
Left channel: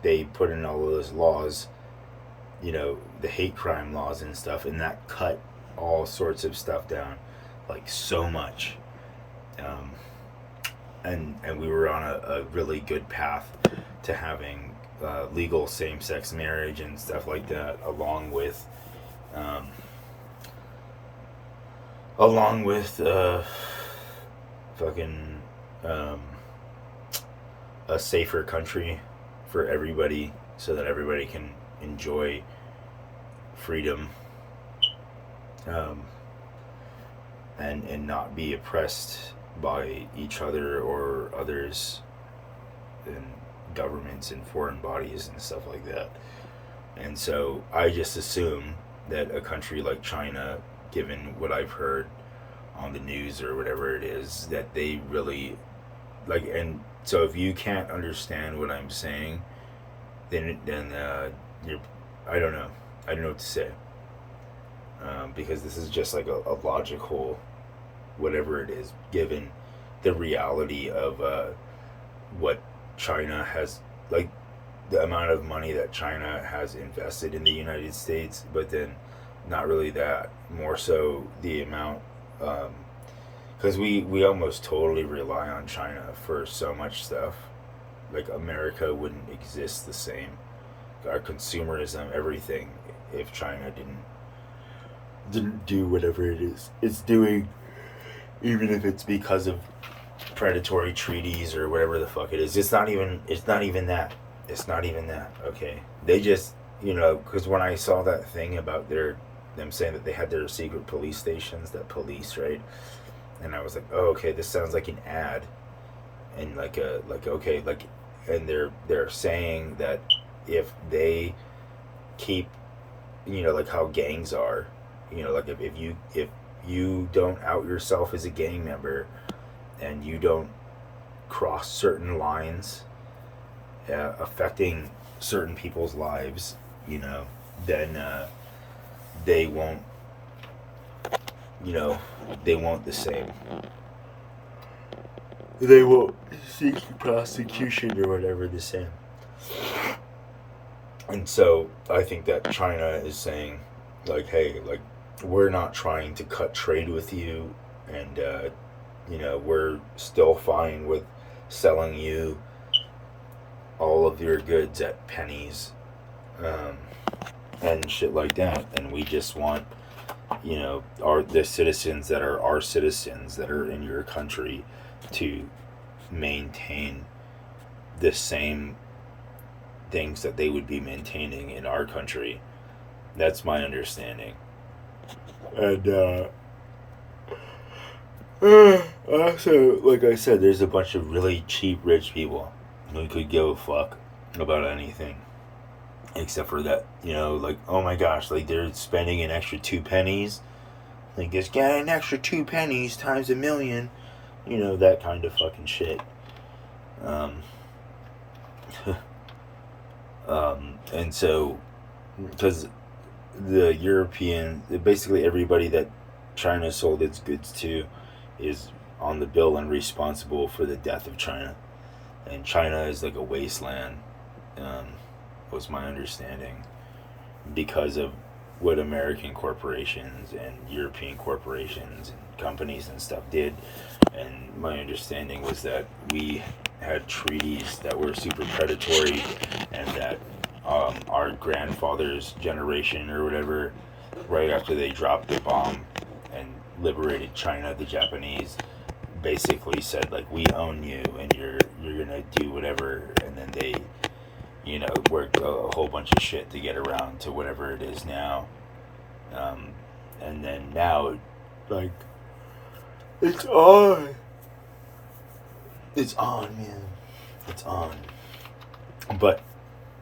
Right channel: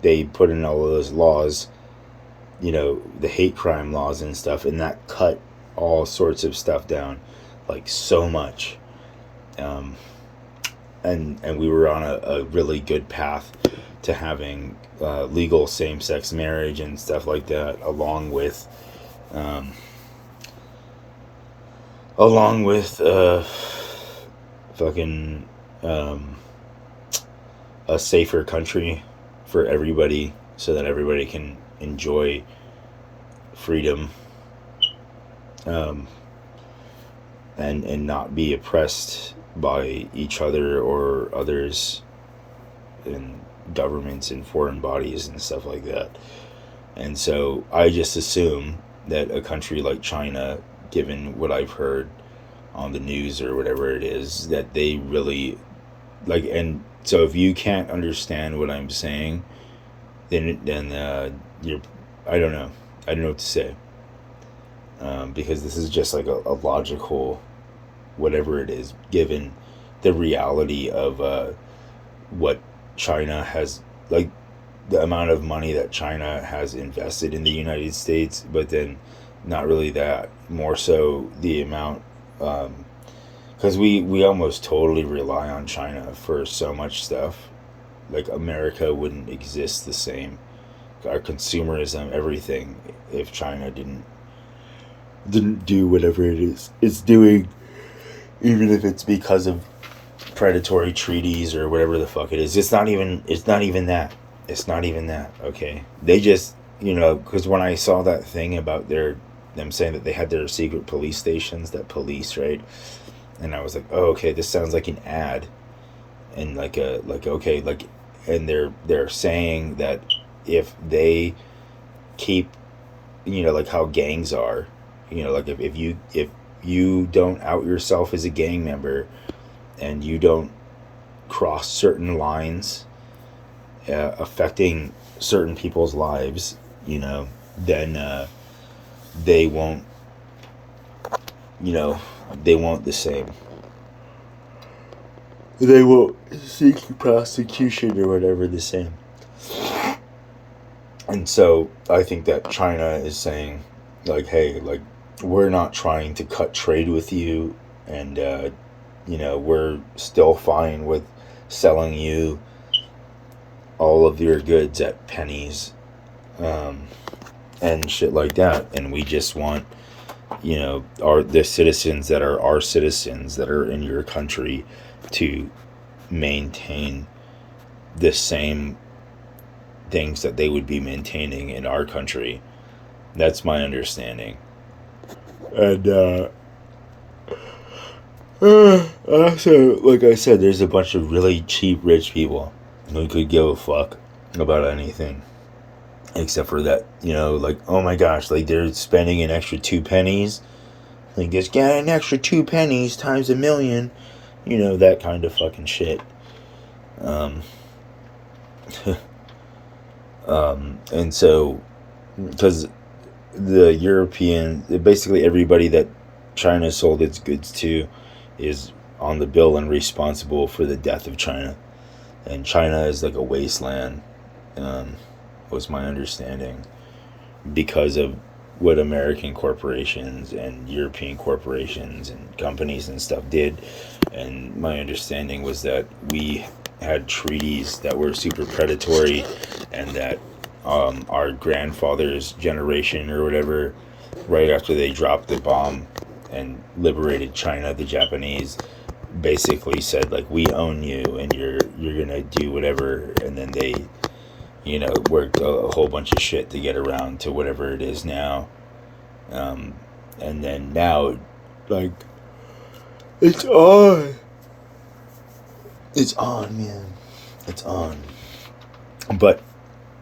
they put in all of those laws, the hate crime laws and stuff, and that cut all sorts of stuff down, like, so much. um, and we were on a really good path to having legal same-sex marriage and stuff like that, um, along with fucking a safer country for everybody, so that everybody can enjoy freedom, um, and not be oppressed by each other or others and governments and foreign bodies and stuff like that. And so I just assume that a country like China, given what I've heard on the news or whatever it is, that they really like. And so if you can't understand what I'm saying, then you're, I don't know what to say, because this is just like a logical whatever it is, given the reality of what China has, like, the amount of money that China has invested in the United States, but then not really that, more so the amount, because we almost totally rely on China for so much stuff. Like, America wouldn't exist the same, our consumerism, everything, if China didn't do whatever it is it's doing, even if it's because of predatory treaties or whatever the fuck it is. It's not even that. It's not even that. Okay, they just, because when I saw that thing about them saying that they had their secret police stations that police, right, and I was like, oh, okay, this sounds like an ad, and okay, like, and they're saying that if they keep, like how gangs are, like, if you don't out yourself as a gang member and you don't cross certain lines affecting certain people's lives, then they won't, they won't the same. They won't seek prosecution or whatever the same. And so I think that China is saying, like, hey, like, we're not trying to cut trade with you, and we're still fine with selling you all of your goods at pennies, and shit like that. And we just want, the citizens that are our citizens that are in your country to maintain the same things that they would be maintaining in our country. That's my understanding. And also, like I said, there's a bunch of really cheap rich people who could give a fuck about anything except for that, like, oh my gosh, like, they're spending an extra 2 pennies, like, just get an extra 2 pennies times a million, that kind of fucking shit. And so, because the European, basically everybody that China sold its goods to is on the bill and responsible for the death of China. And China is like a wasteland, was my understanding, because of what American corporations and European corporations and companies and stuff did. And my understanding was that we had treaties that were super predatory, and that our grandfather's generation or whatever, right after they dropped the bomb and liberated China, the Japanese basically said like, we own you and you're gonna do whatever, and then they, worked a whole bunch of shit to get around to whatever it is now. um, and then now, like, it's on. It's on, man. It's on. But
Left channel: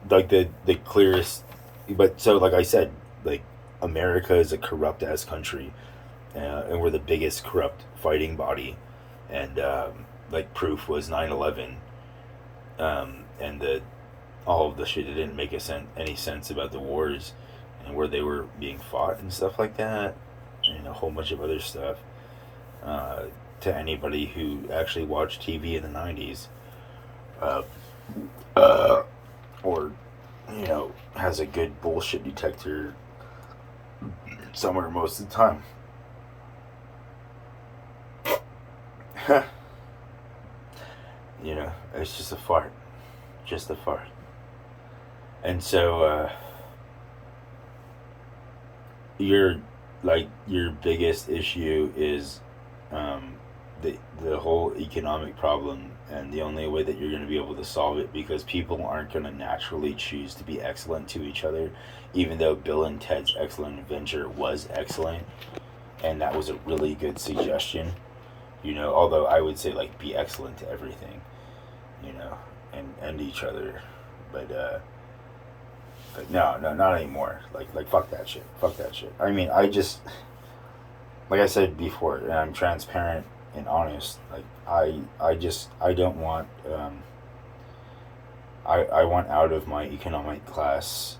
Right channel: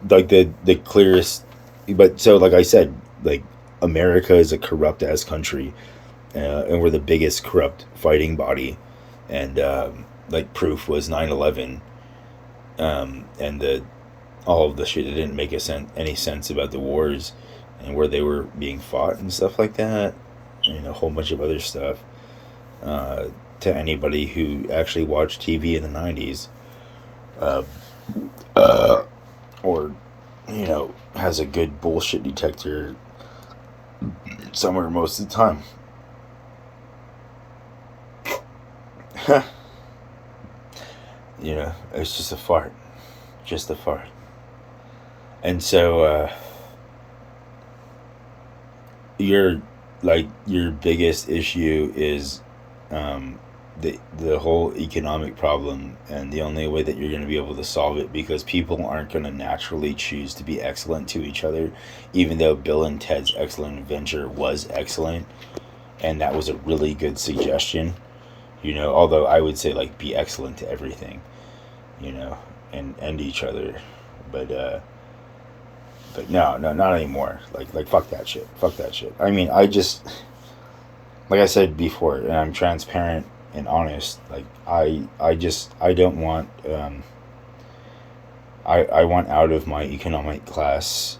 like the clearest, but so like I said, like, America is a corrupt ass country, and we're the biggest corrupt fighting body, and like proof was 9/11, and the all of the shit that didn't make any sense about the wars and where they were being fought and stuff like that, and a whole bunch of other stuff. Uh, to anybody who actually watched TV in the 90s, uh, uh, or has a good bullshit detector somewhere most of the time. It's just a fart. Just a fart. And so, your your biggest issue is, the whole economic problem, and the only way that you're going to be able to solve it, because people aren't going to naturally choose to be excellent to each other, even though Bill and Ted's Excellent Adventure was excellent, and that was a really good suggestion. Although I would say, like, be excellent to everything, and each other, but no, not anymore. Like fuck that shit. Fuck that shit. I mean, like I said before, and I'm transparent and honest. Like, I don't want, I want out of my economic class,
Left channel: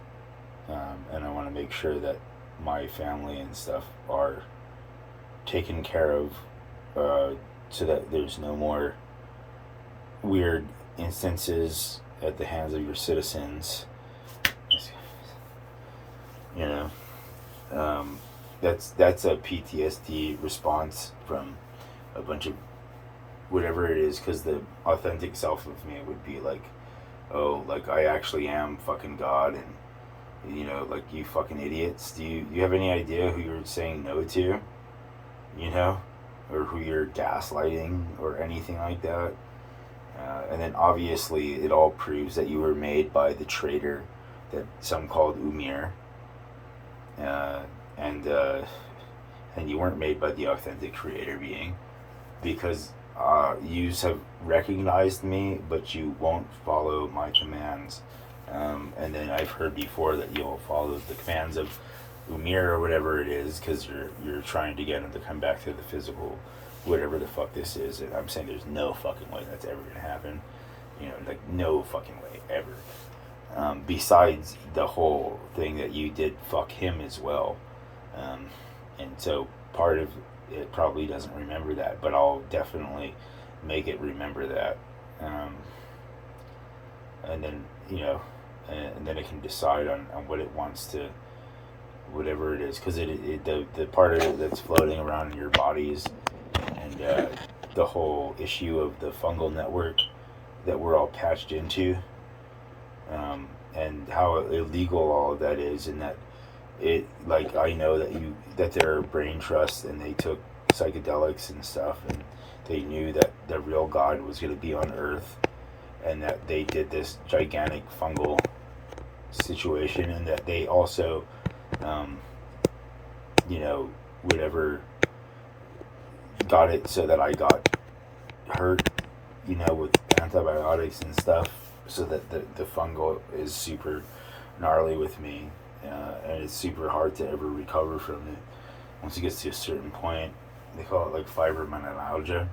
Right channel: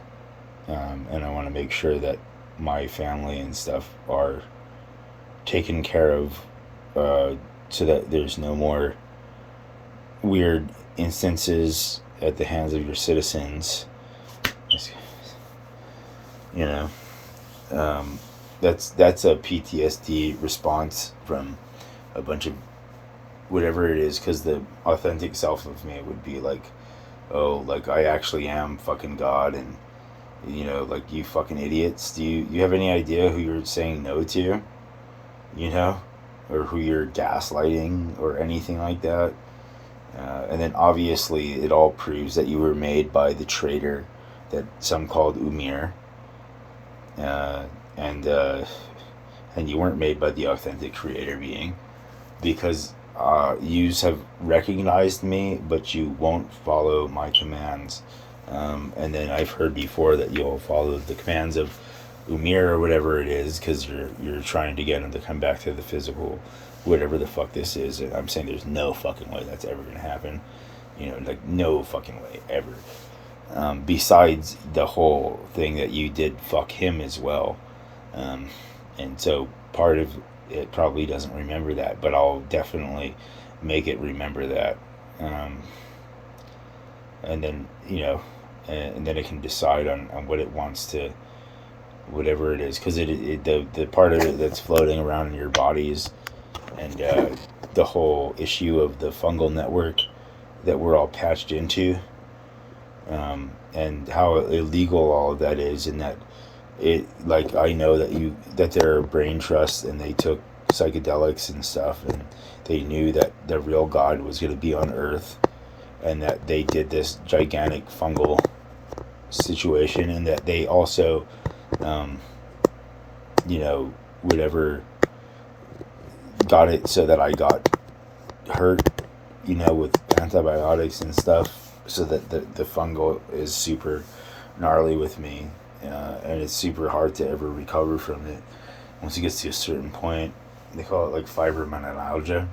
and I want to make sure that my family and stuff are taken care of, so that there's no more weird instances at the hands of your citizens. You know, that's a PTSD response from a bunch of whatever it is, because the authentic self of me would be like, oh, like, I actually am fucking God, and like, you fucking idiots, do you have any idea who you're saying no to, or who you're gaslighting or anything like that? And then obviously it all proves that you were made by the traitor that some called Umir, uh, and you weren't made by the authentic creator being, because you have recognized me, but you won't follow my commands. And then I've heard before that you'll follow the commands of Umir or whatever it is, because you're trying to get him to come back to the physical, whatever the fuck this is. And I'm saying there's no fucking way that's ever gonna happen. Like, no fucking way ever. Besides the whole thing that you did fuck him as well. And so part of it probably doesn't remember that, but I'll definitely make it remember that. And then, and then it can decide on what it wants to, whatever it is, because the part of it that's floating around in your bodies, and the whole issue of the fungal network that we're all patched into, and how illegal all of that is, and that it, like, I know that there are brain trusts, and they took psychedelics and stuff, and they knew that the real God was going to be on Earth, and that they did this gigantic fungal situation, and that they also, whatever, got it so that I got hurt, with antibiotics and stuff, so that the fungal is super gnarly with me, and it's super hard to ever recover from it. Once it gets to a certain point, they call it like fibromyalgia,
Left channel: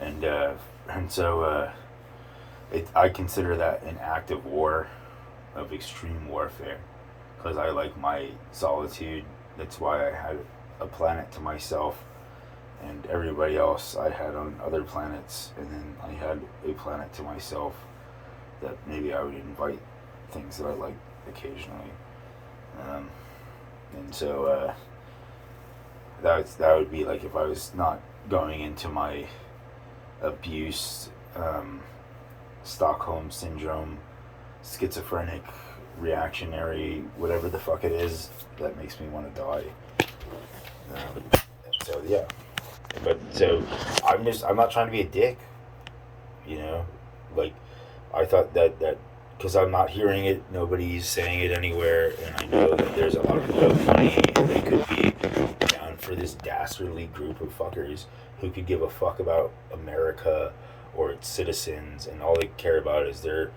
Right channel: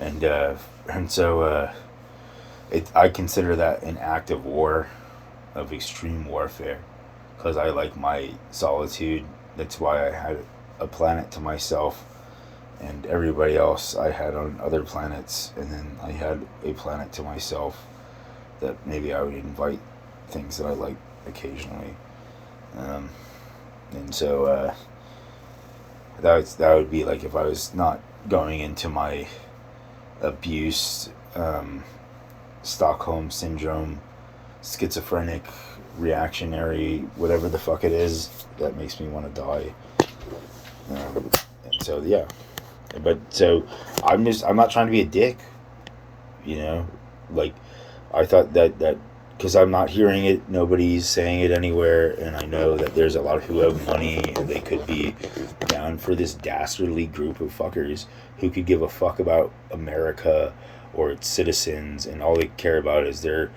and so I consider that an act of war, of extreme warfare, because I like my solitude. That's why I had a planet to myself, and everybody else I had on other planets, and then I had a planet to myself that maybe I would invite things that I like occasionally. And so that would be like if I was not going into my abuse, Stockholm syndrome, schizophrenic, reactionary, whatever the fuck it is that makes me want to die. So yeah, but so I'm not trying to be a dick, you know, like I thought that because I'm not hearing it, nobody's saying it anywhere, and I know that there's a lot of people who have money and they could be down for this dastardly group of fuckers who could give a fuck about America or its citizens, and all they care about is their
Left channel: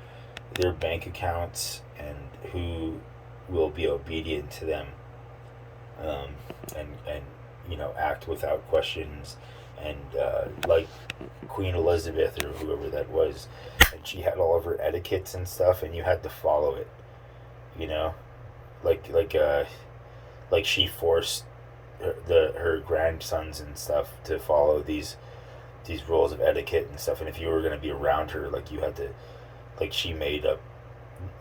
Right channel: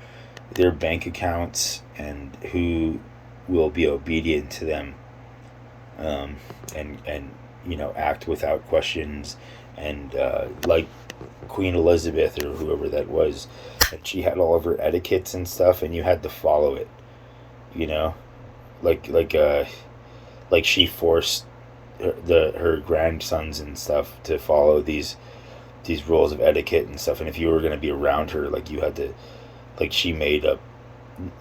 bank accounts and who will be obedient to them, and you know, act without questions, and like Queen Elizabeth or whoever that was, and she had all of her etiquettes and stuff, and you had to follow it, you know, like she forced her grandsons and stuff to follow these rules of etiquette and stuff, and if you were going to be around her, like you had to, like she made up,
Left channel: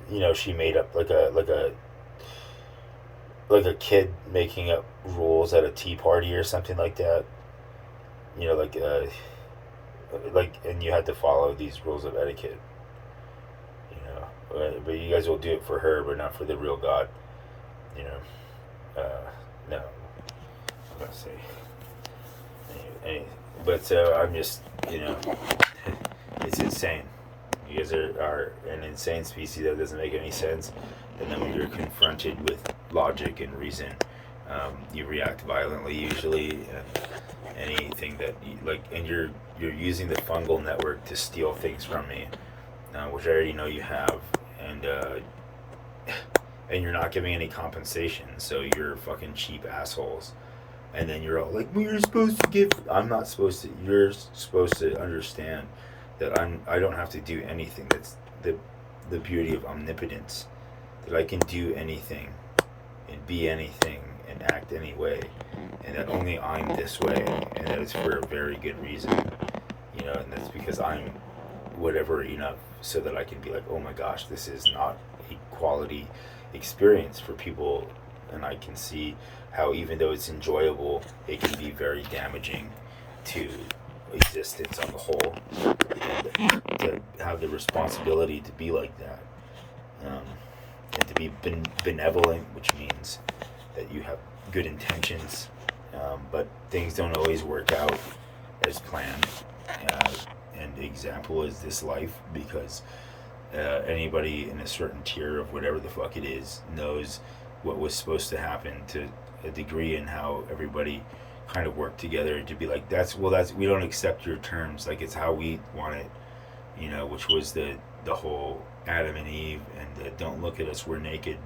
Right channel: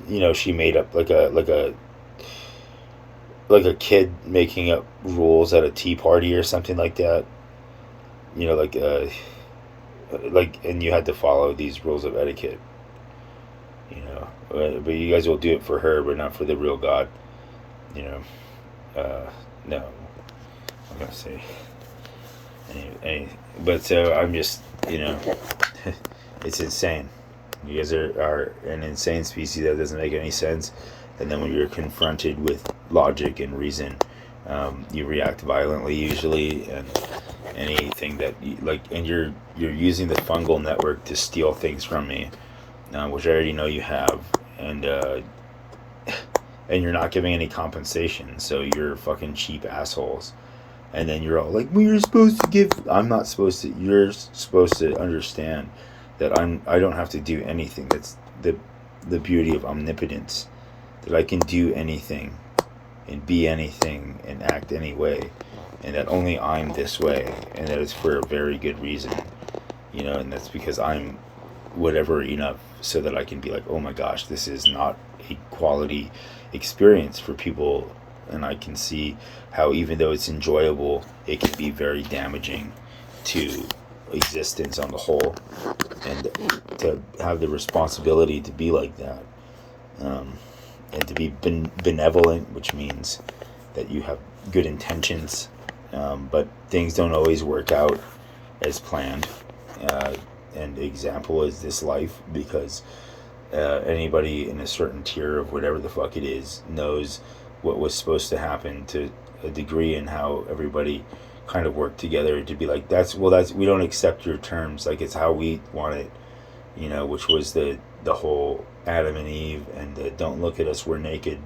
you know, she made up like a kid making up rules at a tea party or something like that, you know, like and you had to follow these rules of etiquette, you know, but you guys will do it for her but not for the real God, you know. No, I'm gonna say but so I'm just, you know, it's insane. You guys are an insane species that doesn't make any sense, and then when you're confronted with logic and reason, you react violently usually, and anything that you, like, and you're using the fungal network to steal things from me, which I already know you have, and you're not giving any compensation, so you're fucking cheap assholes. And then you're all like, well, you're supposed to give. I'm not supposed to. You're supposed to understand that I don't have to do anything. That's the beauty of omnipotence, that I can do anything and be anything and act any way, and that only I'm this way, and that it's for a very good reason, you know, and that's because I'm whatever enough so that I can be like, oh my gosh, this is not a quality experience for people, and I can see how even though it's enjoyable, it can be very damaging to existence on the whole, and to have the responsibility to be like that, and to be benevolent, which means that you have good intentions, but things don't always work out as planned, and the example is this life, because anybody in a certain tier of whatever the fuck it is knows what was supposed to happen to a degree, and how everybody kind of worked together to be like, that's we don't accept your terms, like it's how we want it, you know, which was the whole Adam and Eve and the don't look at us, we're naked,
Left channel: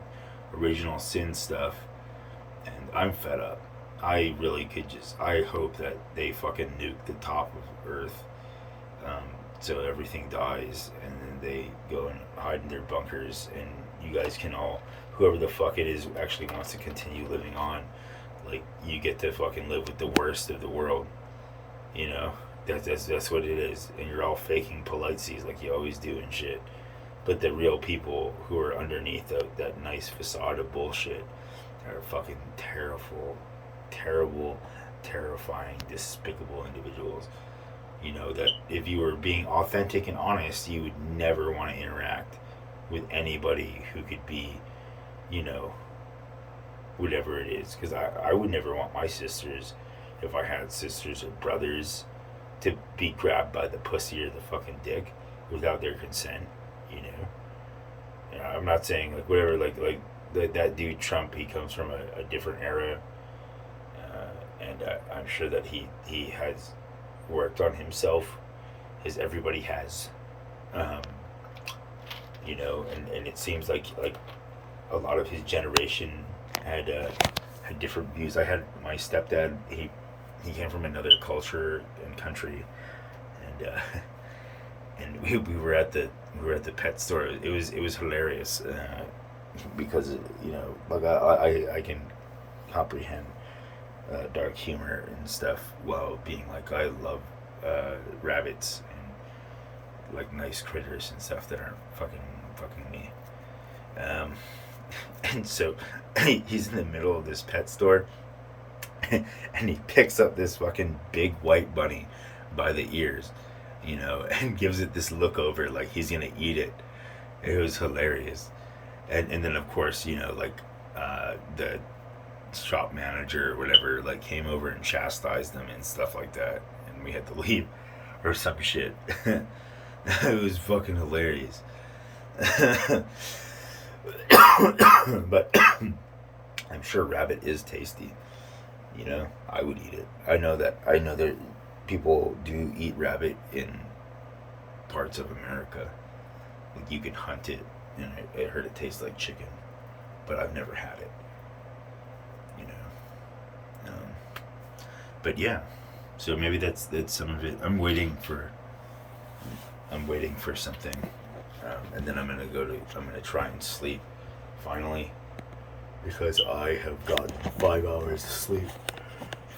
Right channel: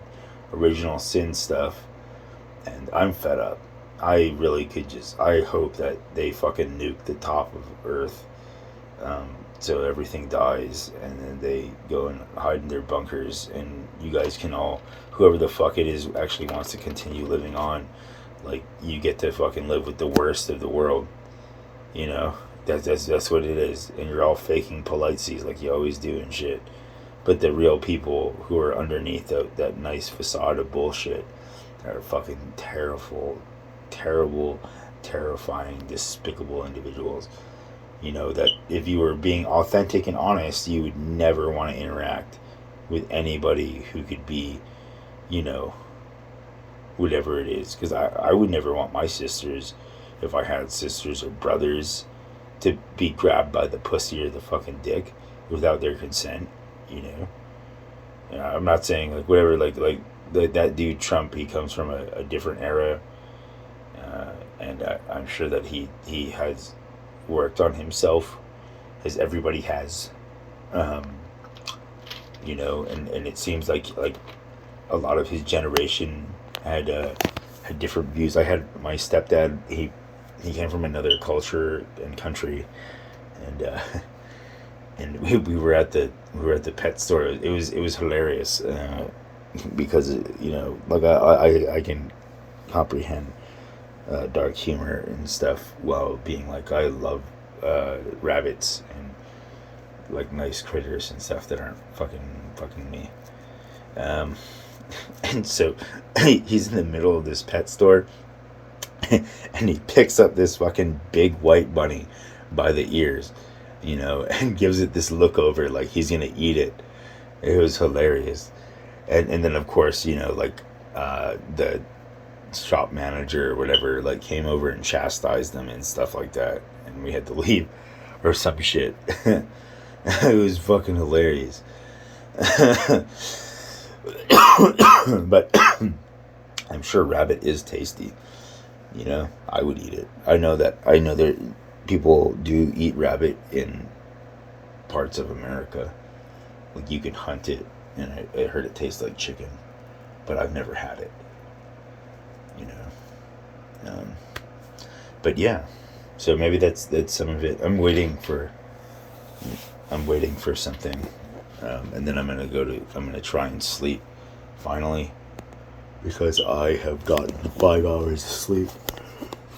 original sin stuff. And I'm fed up. I really could just, I hope that they fucking nuke the top of Earth, so everything dies, and then they go and hide in their bunkers, and you guys can all, whoever the fuck it is actually wants to continue living on, like, you get to fucking live with the worst of the world, you know. That's what it is, and you're all faking policies like you always do and shit, but the real people who are underneath that nice facade of bullshit are fucking terrible, terrifying, despicable individuals. You know, that if you were being authentic and honest, you would never want to interact with anybody who could be, you know, whatever it is. Because I would never want my sisters, if I had sisters or brothers, to be grabbed by the pussy or the fucking dick without their consent, you know. I'm not saying, like, whatever, like that dude Trump, he comes from a different era, and I'm sure that he has worked on himself, as everybody has, you know, and it seems like a lot of his generation had different views. I had my stepdad, he came from another culture and country, and we were at the pet store. It was hilarious, because, you know, like I can comprehend dark humor and stuff, while being like, I love rabbits and like nice critters and stuff that aren't fucking me, And so he's in the middle of this pet store, and he picks up this fucking big white bunny by the ears, and gives it this look over like he's gonna eat it. It was hilarious. And then of course, like the shop manager or whatever like came over and chastised them and stuff like that, and we had to leave or some shit. It was fucking hilarious. But I'm sure rabbit is tasty. I would eat it. I know that people do eat rabbit in parts of America. Like you can hunt it, and I heard it tastes like chicken, but I've never had it. You know, but yeah. So maybe that's some of it. I'm waiting for something, and then I'm gonna try and sleep finally, because I have gotten 5 hours of sleep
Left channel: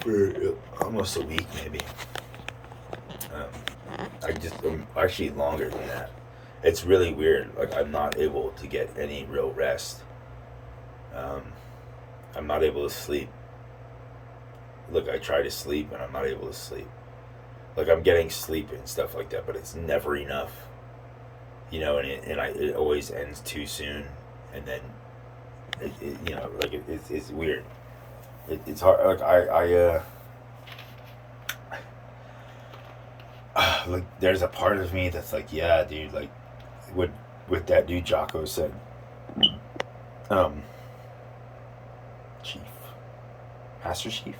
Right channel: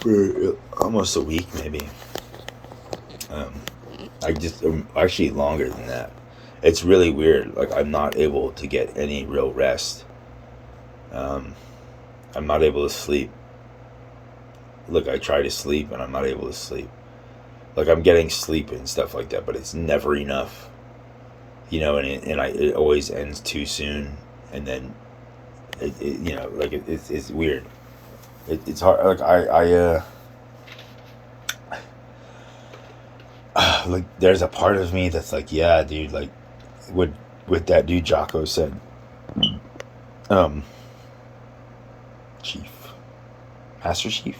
for almost a week, maybe. Actually longer than that. It's really weird. Like I'm not able to get any real rest. I'm not able to sleep. Look, I try to sleep and I'm not able to sleep. Like I'm getting sleep and stuff like that, but it's never enough. It always ends too soon, and then it's weird. It's hard. Like like there's a part of me that's like, yeah, dude, like what that dude Jocko said. Chief, Master Chief.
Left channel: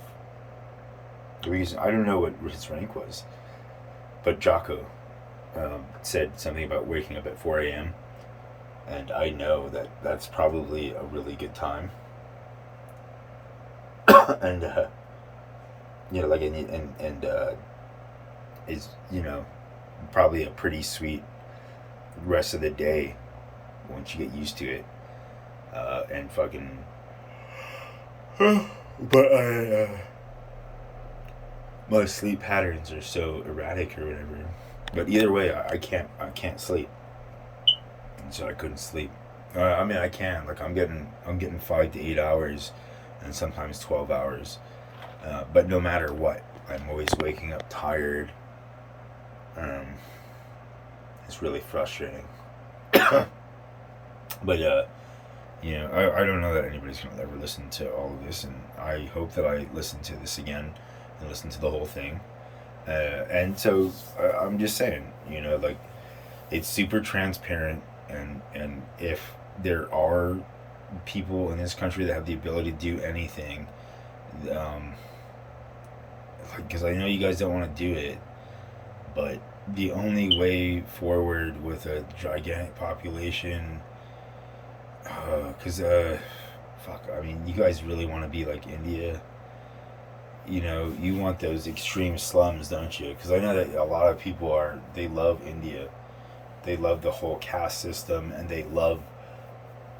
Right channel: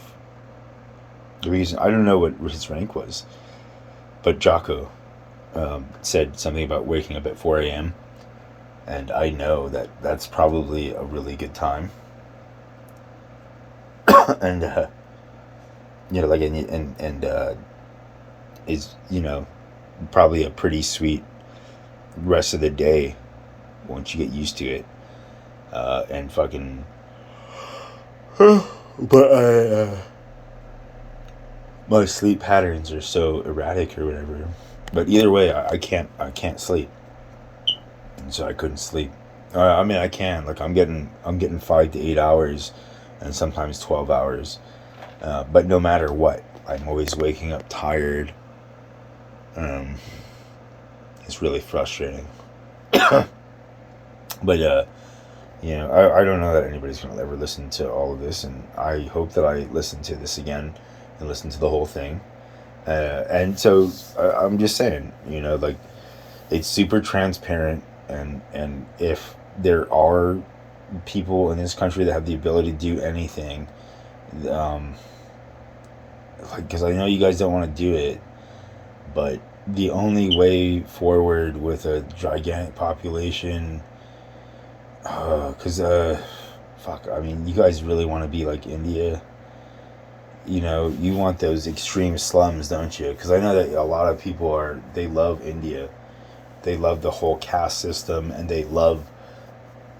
The reason I don't know what his rank was, but Jocko said something about waking up at 4 a.m. and I know that that's probably a really good time. And like is probably a pretty sweet rest of the day once you get used to it, and fucking. But my sleep patterns are so erratic or whatever. But either way, I can't sleep, and so I couldn't sleep. I mean, I can. Like I'm getting 5 to 8 hours, and sometimes 12 hours. But no matter what, I'm always waking up tired. It's really frustrating. But I don't know that anybody's gonna ever listen to all of this, and I hope that I listen to this again and listen to the whole thing. And so I'm just saying, like it's super transparent, and if there are people in this country that have the ability to do anything, like because I know you guys don't want to do it, but the only way forward with a gigantic population, because fuck, I mean, you guys really want to be like India. You want those extreme slums, don't you? Because I know that a lot of people they love India. They love the whole caste system, and they love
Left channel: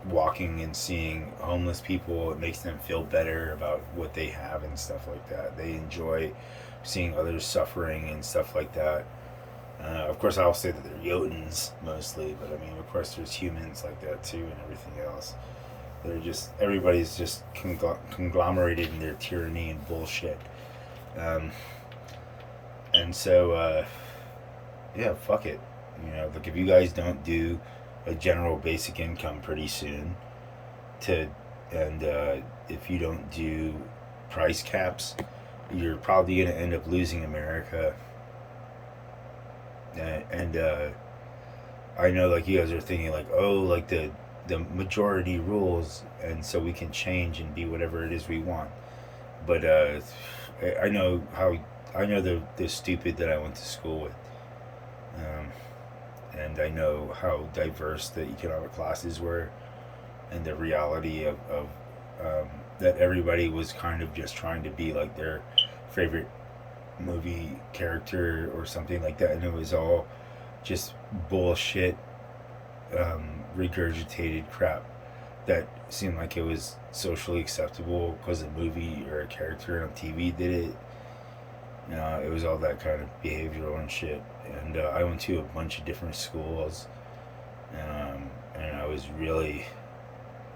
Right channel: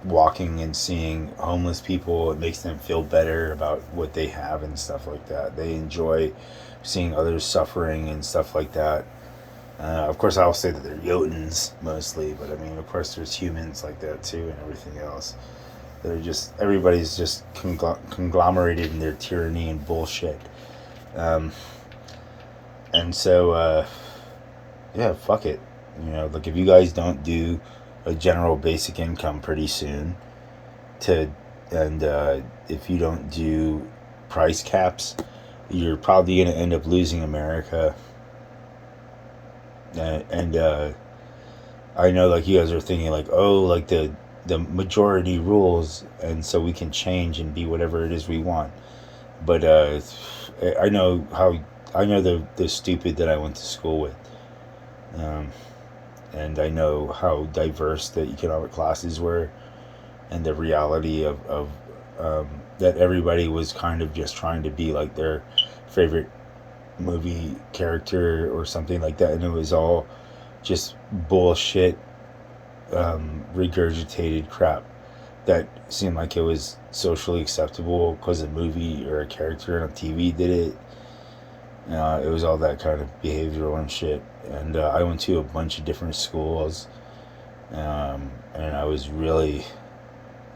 walking and seeing homeless people. It makes them feel better about what they have and stuff like that. They enjoy seeing others suffering and stuff like that. Of course, I'll say that they're Jotuns mostly, but I mean, of course, there's humans like that too, and everything else. Everybody's just conglomerated in their tyranny and bullshit. And so, yeah, fuck it. Like if you guys don't do a general basic income pretty soon, and if you don't do price caps, you're probably going to end up losing America. And I know, like, you guys are thinking, like, oh, like the majority rules, and so we can change and be whatever it is we want. But I know the stupid that I went to school with, and I know how diverse the economic classes were, and the reality of that everybody was kind of just trying to be like their favorite movie character or something like that, and it was all just bullshit, regurgitated crap that seemed like it was socially acceptable because a movie or a character on TV did it. It was all that kind of behavioral and shit. And I went to a bunch of different schools, and I was really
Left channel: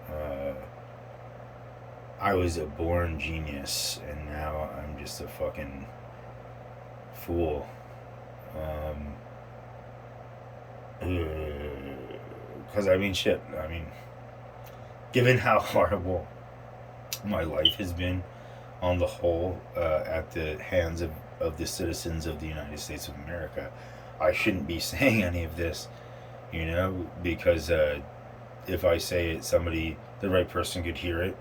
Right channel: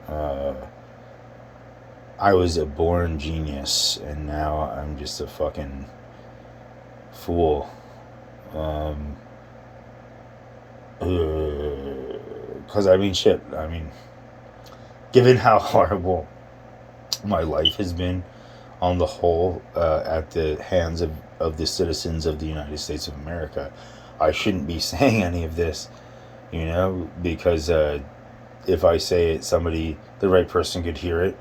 I was a born genius, and now I'm just a fucking fool. Um, Because I mean, shit. I mean, given how horrible my life has been on the whole at the hands of the citizens of the United States of America, I shouldn't be saying any of this, because if I say it, the right person could hear it,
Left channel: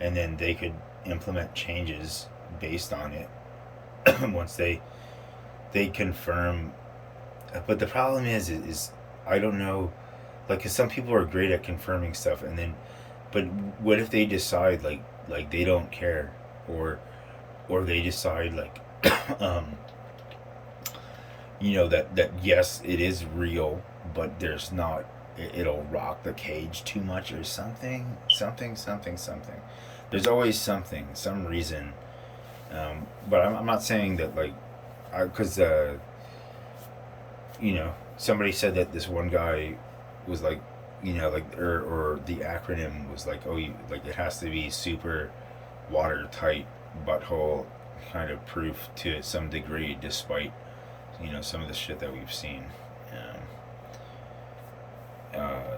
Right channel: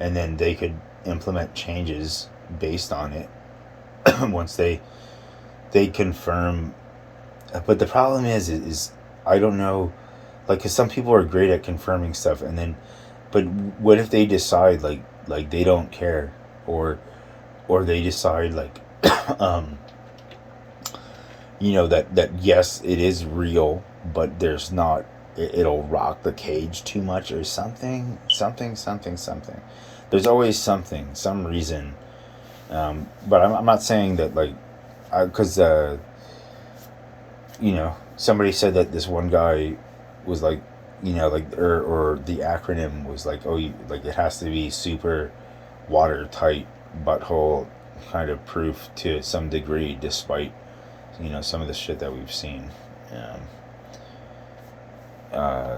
and then they could implement changes based on it once they confirm. But the problem is I don't know, like, cause some people are great at confirming stuff, and then, but what if they decide like they don't care, or they decide like, um, that yes, it is real, but there's not. It'll rock the cage too much, or something. There's always something, some reason. But I'm not saying that, like, because somebody said that this one guy was like, like, or the acronym was like, oh, like, it has to be super watertight butthole kind of proof to some degree, despite some of the shit that we've seen uh,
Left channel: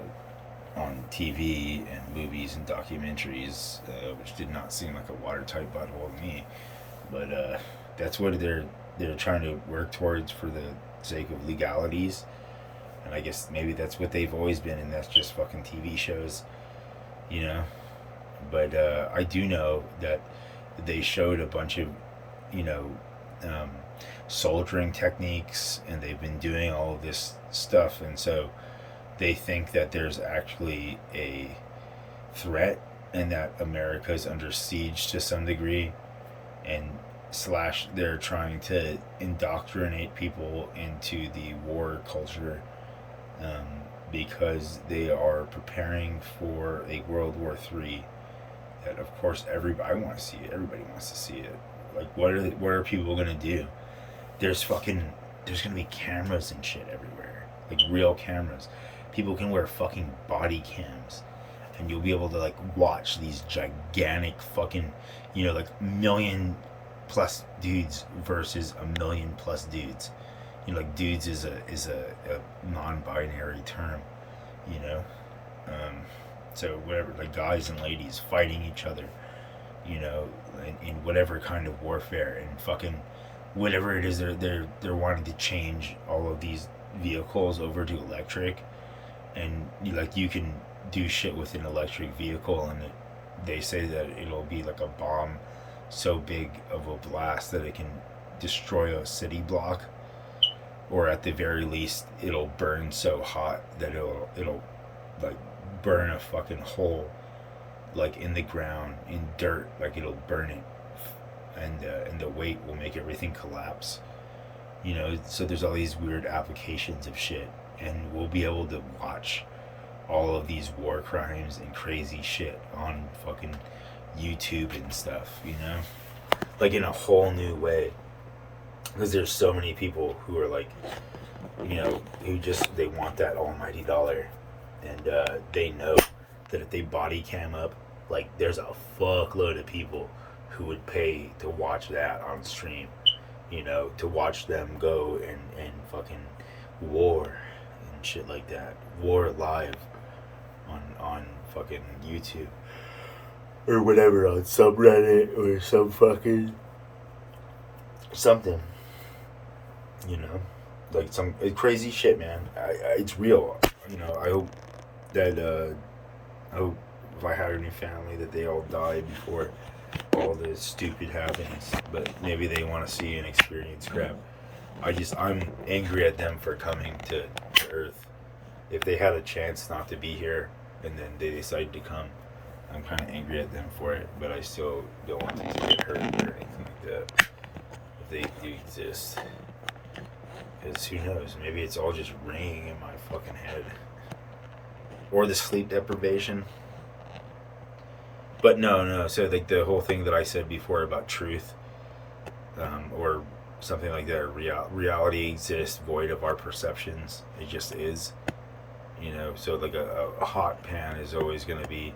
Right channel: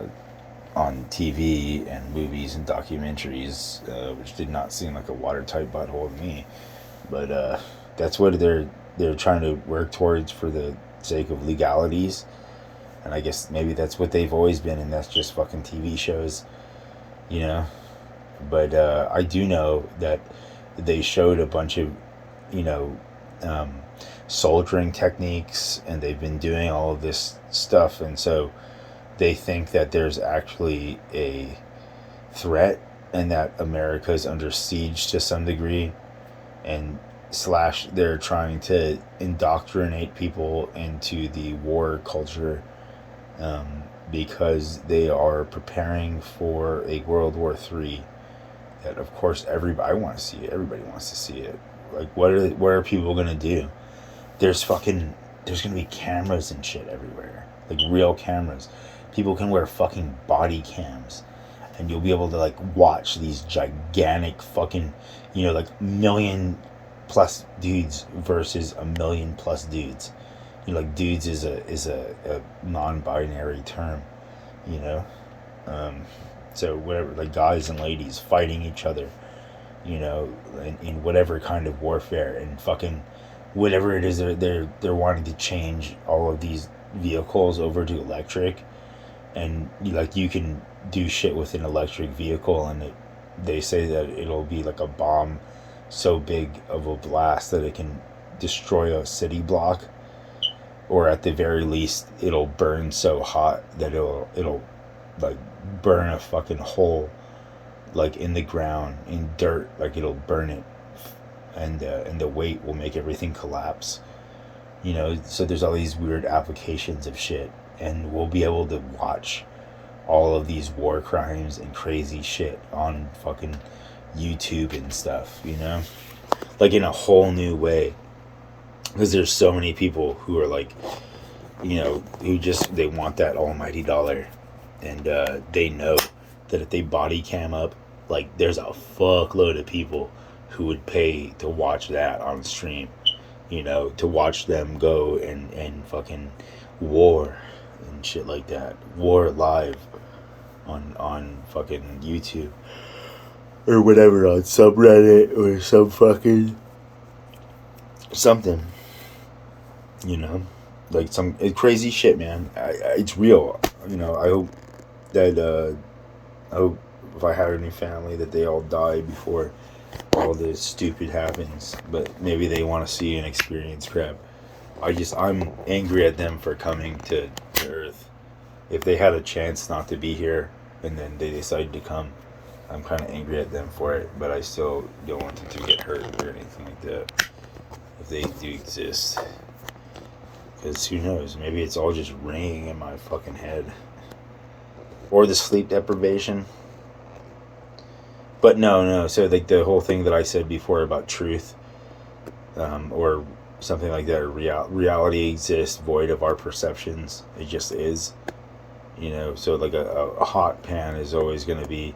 on TV and movies and documentaries, which did not seem like a watertight butthole to me. But that's what they're trying to work towards for the sake of legalities, and I guess maybe that's what they've always been, and that's just fucking TV shows, you know. But I do know that they showed a bunch of, you know, um, soldiering techniques, and they've been doing all of this stuff, and so they think that there's actually a threat and that America is under siege to some degree, and slash they're trying to indoctrinate people into the war culture, because they are preparing for a World War III. That of course everybody, I want to see it. Everybody wants to see it. Like, what are people gonna do? There's gonna be cameras and shit everywhere, like real cameras. People can wear fucking body cams, and you'll be able to, like, watch these gigantic fucking, like, million plus dudes versus a million plus dudes. Like, dudes is a non-binary term, you know. Um, so whatever, like, guys and ladies fighting each other, in whatever kind of warfare, and fucking whatever it is, they're wanting to change all of these vehicles over to electric, and like, you can do shit with an electric vehicle, and they say that it'll be like a bomb so big of a blast that it can destroy a city block, or at the very least it'll burn so hot that it'll like burn a fucking hole, like, in the ground, in dirt, like it'll burn it, and the weight will make everything collapse. So there's all these weird applications of shit, and we'll be able to watch all of these war crimes and crazy shit on fucking YouTube and stuff, like, in a whole new way, because there's so many people who are like, they want that almighty dollar, and they know that if they body cam up, like, there's a fuckload of people who would pay to watch that on stream, to watch them go and fucking war and shit like that, war live on fucking YouTube or whatever, on subreddit or some fucking something, like some crazy shit, man. It's real. I hope that I hope if I had any family that they all die before all this stupid happens. But maybe they want to see and experience crap. I'm angry at them for coming to Earth. If they had a chance not to be here and then they decided to come, I'm kind of angry at them for it. But I still don't want them to get hurt or anything like that, if they do exist. Because who knows? Maybe it's all just ringing in my fucking head. Or the sleep deprivation. But no. So, like, the whole thing that I said before about truth, or something like that, reality exists void of our perceptions. It just is. You know, so like a hot pan is always going to be,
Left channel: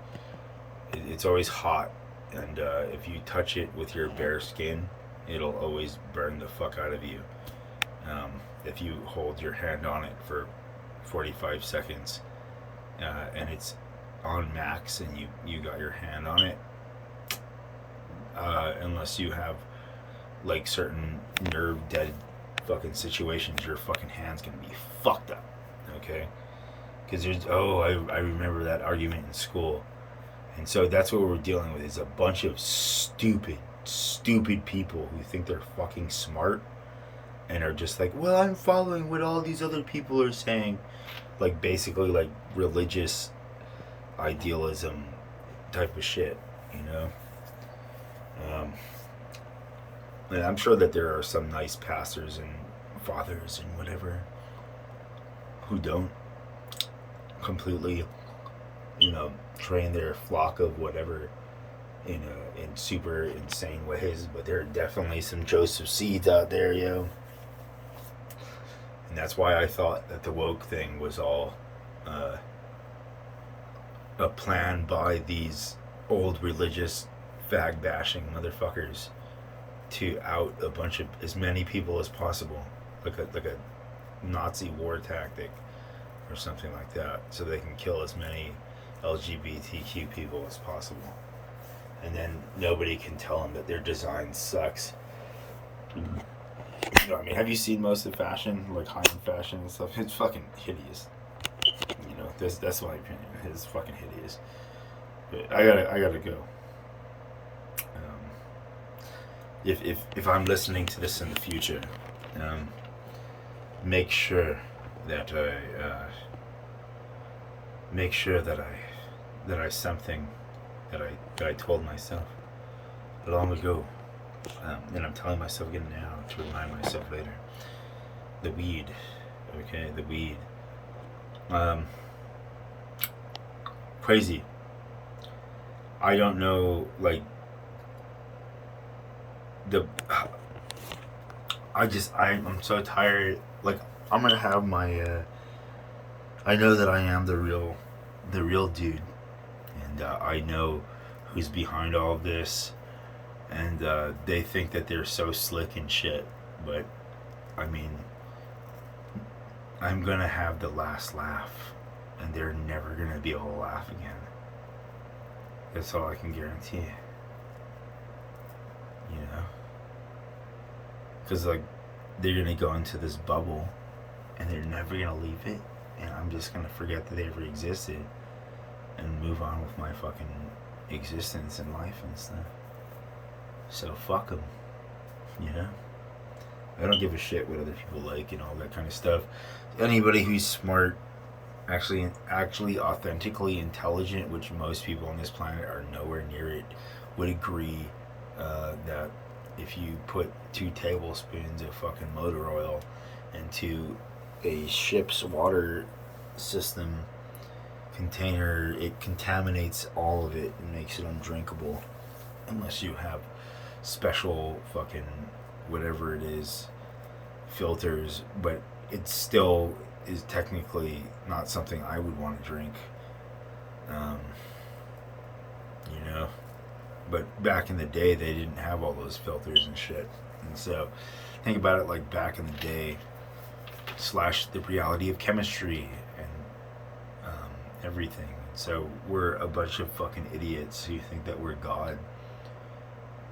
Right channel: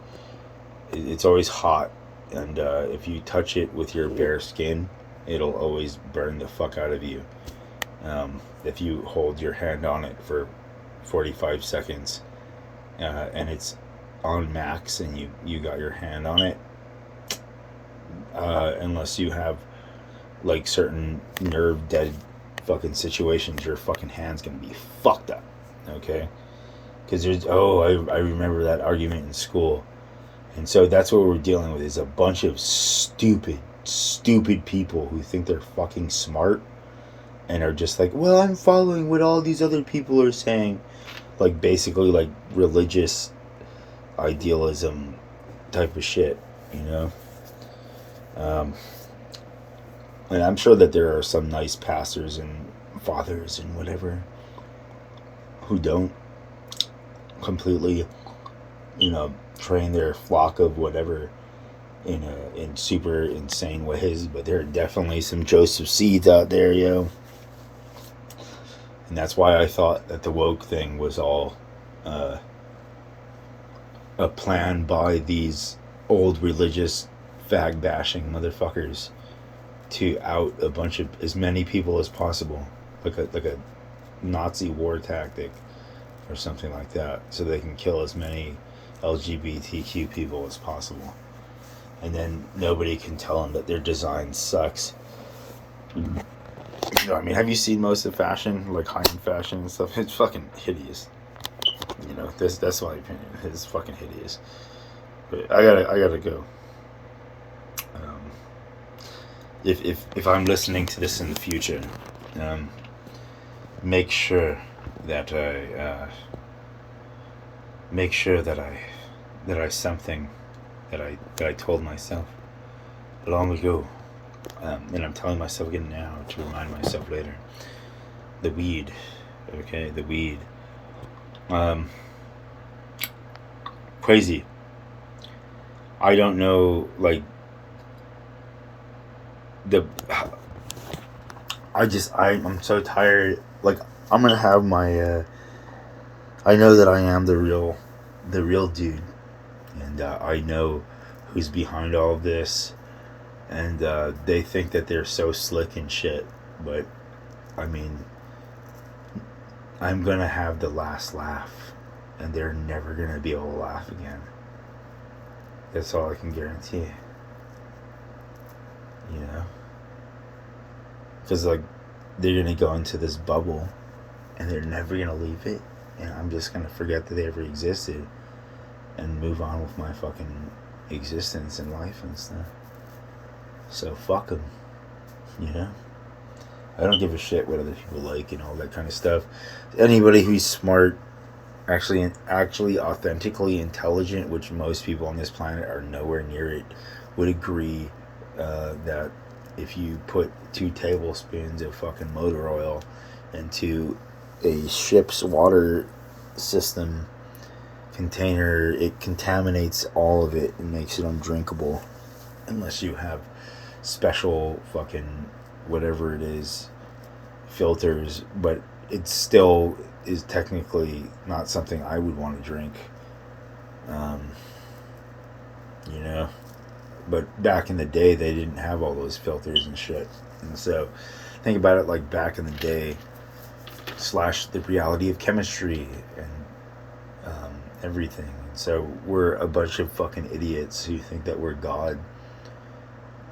it's always hot. And if you touch it with your bare skin, it'll always burn the fuck out of you. If you hold your hand on it for 45 seconds and it's on max and you got your hand on it, unless you have like certain nerve dead fucking situations, your fucking hand's gonna be fucked up. Okay? Because I remember that argument in school. And so that's what we're dealing with, is a bunch of stupid people who think they're fucking smart and are just like, well, I'm following what all these other people are saying. Like, basically, like, religious idealism type of shit, you know? And I'm sure that there are some nice pastors and fathers and whatever who don't completely, you know, train their flock of whatever in super insane ways, but there are definitely some Joseph seeds out there, yo. And that's why I thought that the woke thing was all a plan by these old religious fag bashing motherfuckers to out a bunch of as many people as possible, like a Nazi war tactic or something like that, so they can kill as many LGBTQ people as possible, and then nobody can tell them that their design sucks. You know, I mean, have you seen most of fashion, like high-end fashion and stuff? It's fucking hideous. You know, that's my opinion. It's fucking hideous. But I gotta go. If I'm listening to this in the future, make sure that I something that I told myself long ago, and I'm telling myself again now to remind myself later. The weed, okay, the weed. Crazy. I don't know, like I'm so tired. Like, I'm gonna have my. I know that I am the real dude, and I know who's behind all of this, and they think that they're so slick and shit, but I mean, I'm gonna have the last laugh, and they're never gonna be able to laugh again. That's all I can guarantee. You know, because like they're gonna go into this bubble, and they're never gonna leave it, and I'm just gonna forget that they ever existed, and move on with my fucking existence and life and stuff. So fuck them, you know. I don't give a shit what other people like and all that kind of stuff. Anybody who's smart, actually authentically intelligent, which most people on this planet are nowhere near it, would agree that if you put 2 tablespoons of fucking motor oil into a ship's water system container, it contaminates all of it and makes it undrinkable, unless you have special fucking whatever it is filters. But it still is technically not something I would want to drink, you know. But back in the day, they didn't have all those filters and shit, and so think about it, like back in the day, slash the reality of chemistry and everything. So we're a bunch of fucking idiots who think that we're God,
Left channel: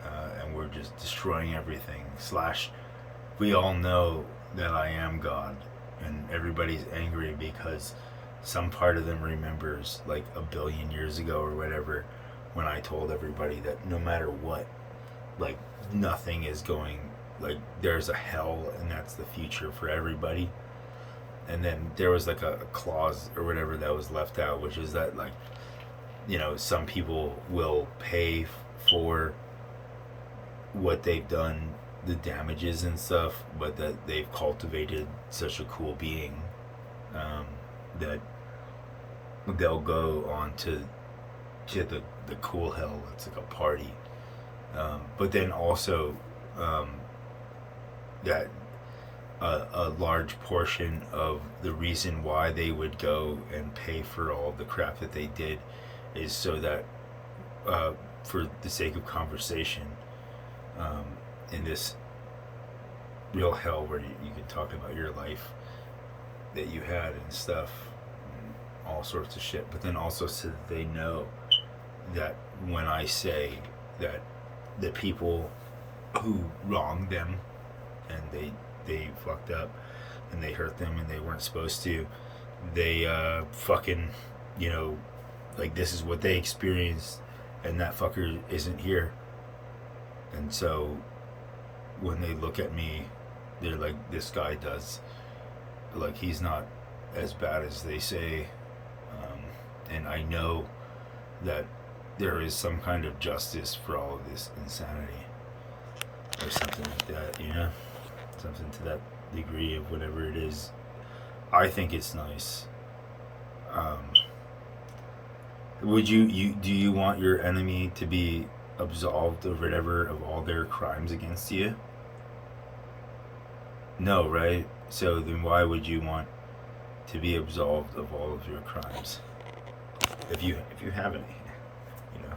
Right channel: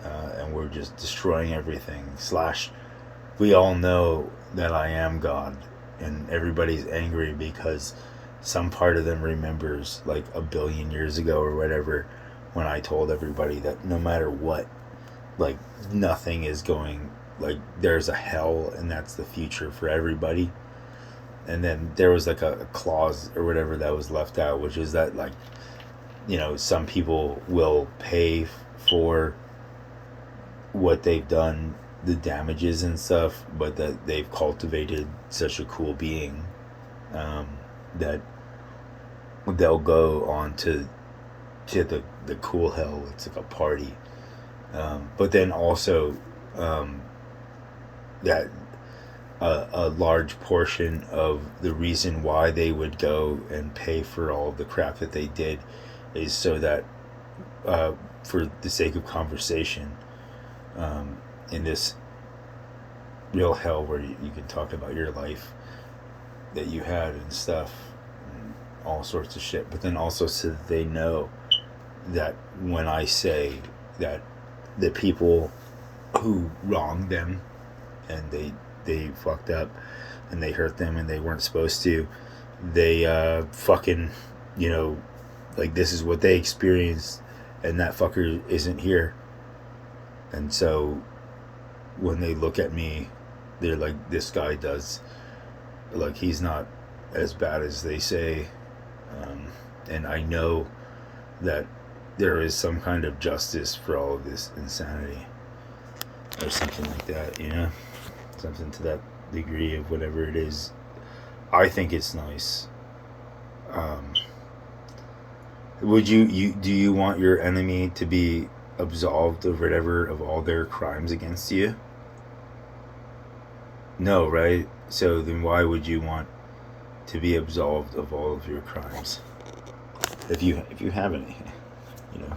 and we're just destroying everything. Slash, we all know that I am God, and everybody's angry because some part of them remembers like a billion years ago or whatever, when I told everybody that no matter what, like nothing is going, like there's a hell and that's the future for everybody. And then there was like a clause or whatever that was left out, which is that, like, you know, some people will pay for what they've done, the damages and stuff, but that they've cultivated such a cool being, that they'll go on to the cool hell. It's like a party, but then also that a large portion of the reason why they would go and pay for all the crap that they did is so that, for the sake of conversation, in this real hell where you can talk about your life that you had and stuff and all sorts of shit, but then also so that they know that when I say that the people who wronged them and they fucked up and they hurt them and they weren't supposed to, they fucking, you know, like this is what they experienced and that fucker isn't here. And so when they look at me, they're like, this guy does, like, he's not as bad as they say. And I know that there is some kind of justice for all of this insanity or something like that, you know, something to that degree of whatever it is. I think it's nice. Would you do you want your enemy to be absolved of whatever of all their crimes against you? No, right? So then why would you want to be absolved of all of your crimes? If you have any, you know.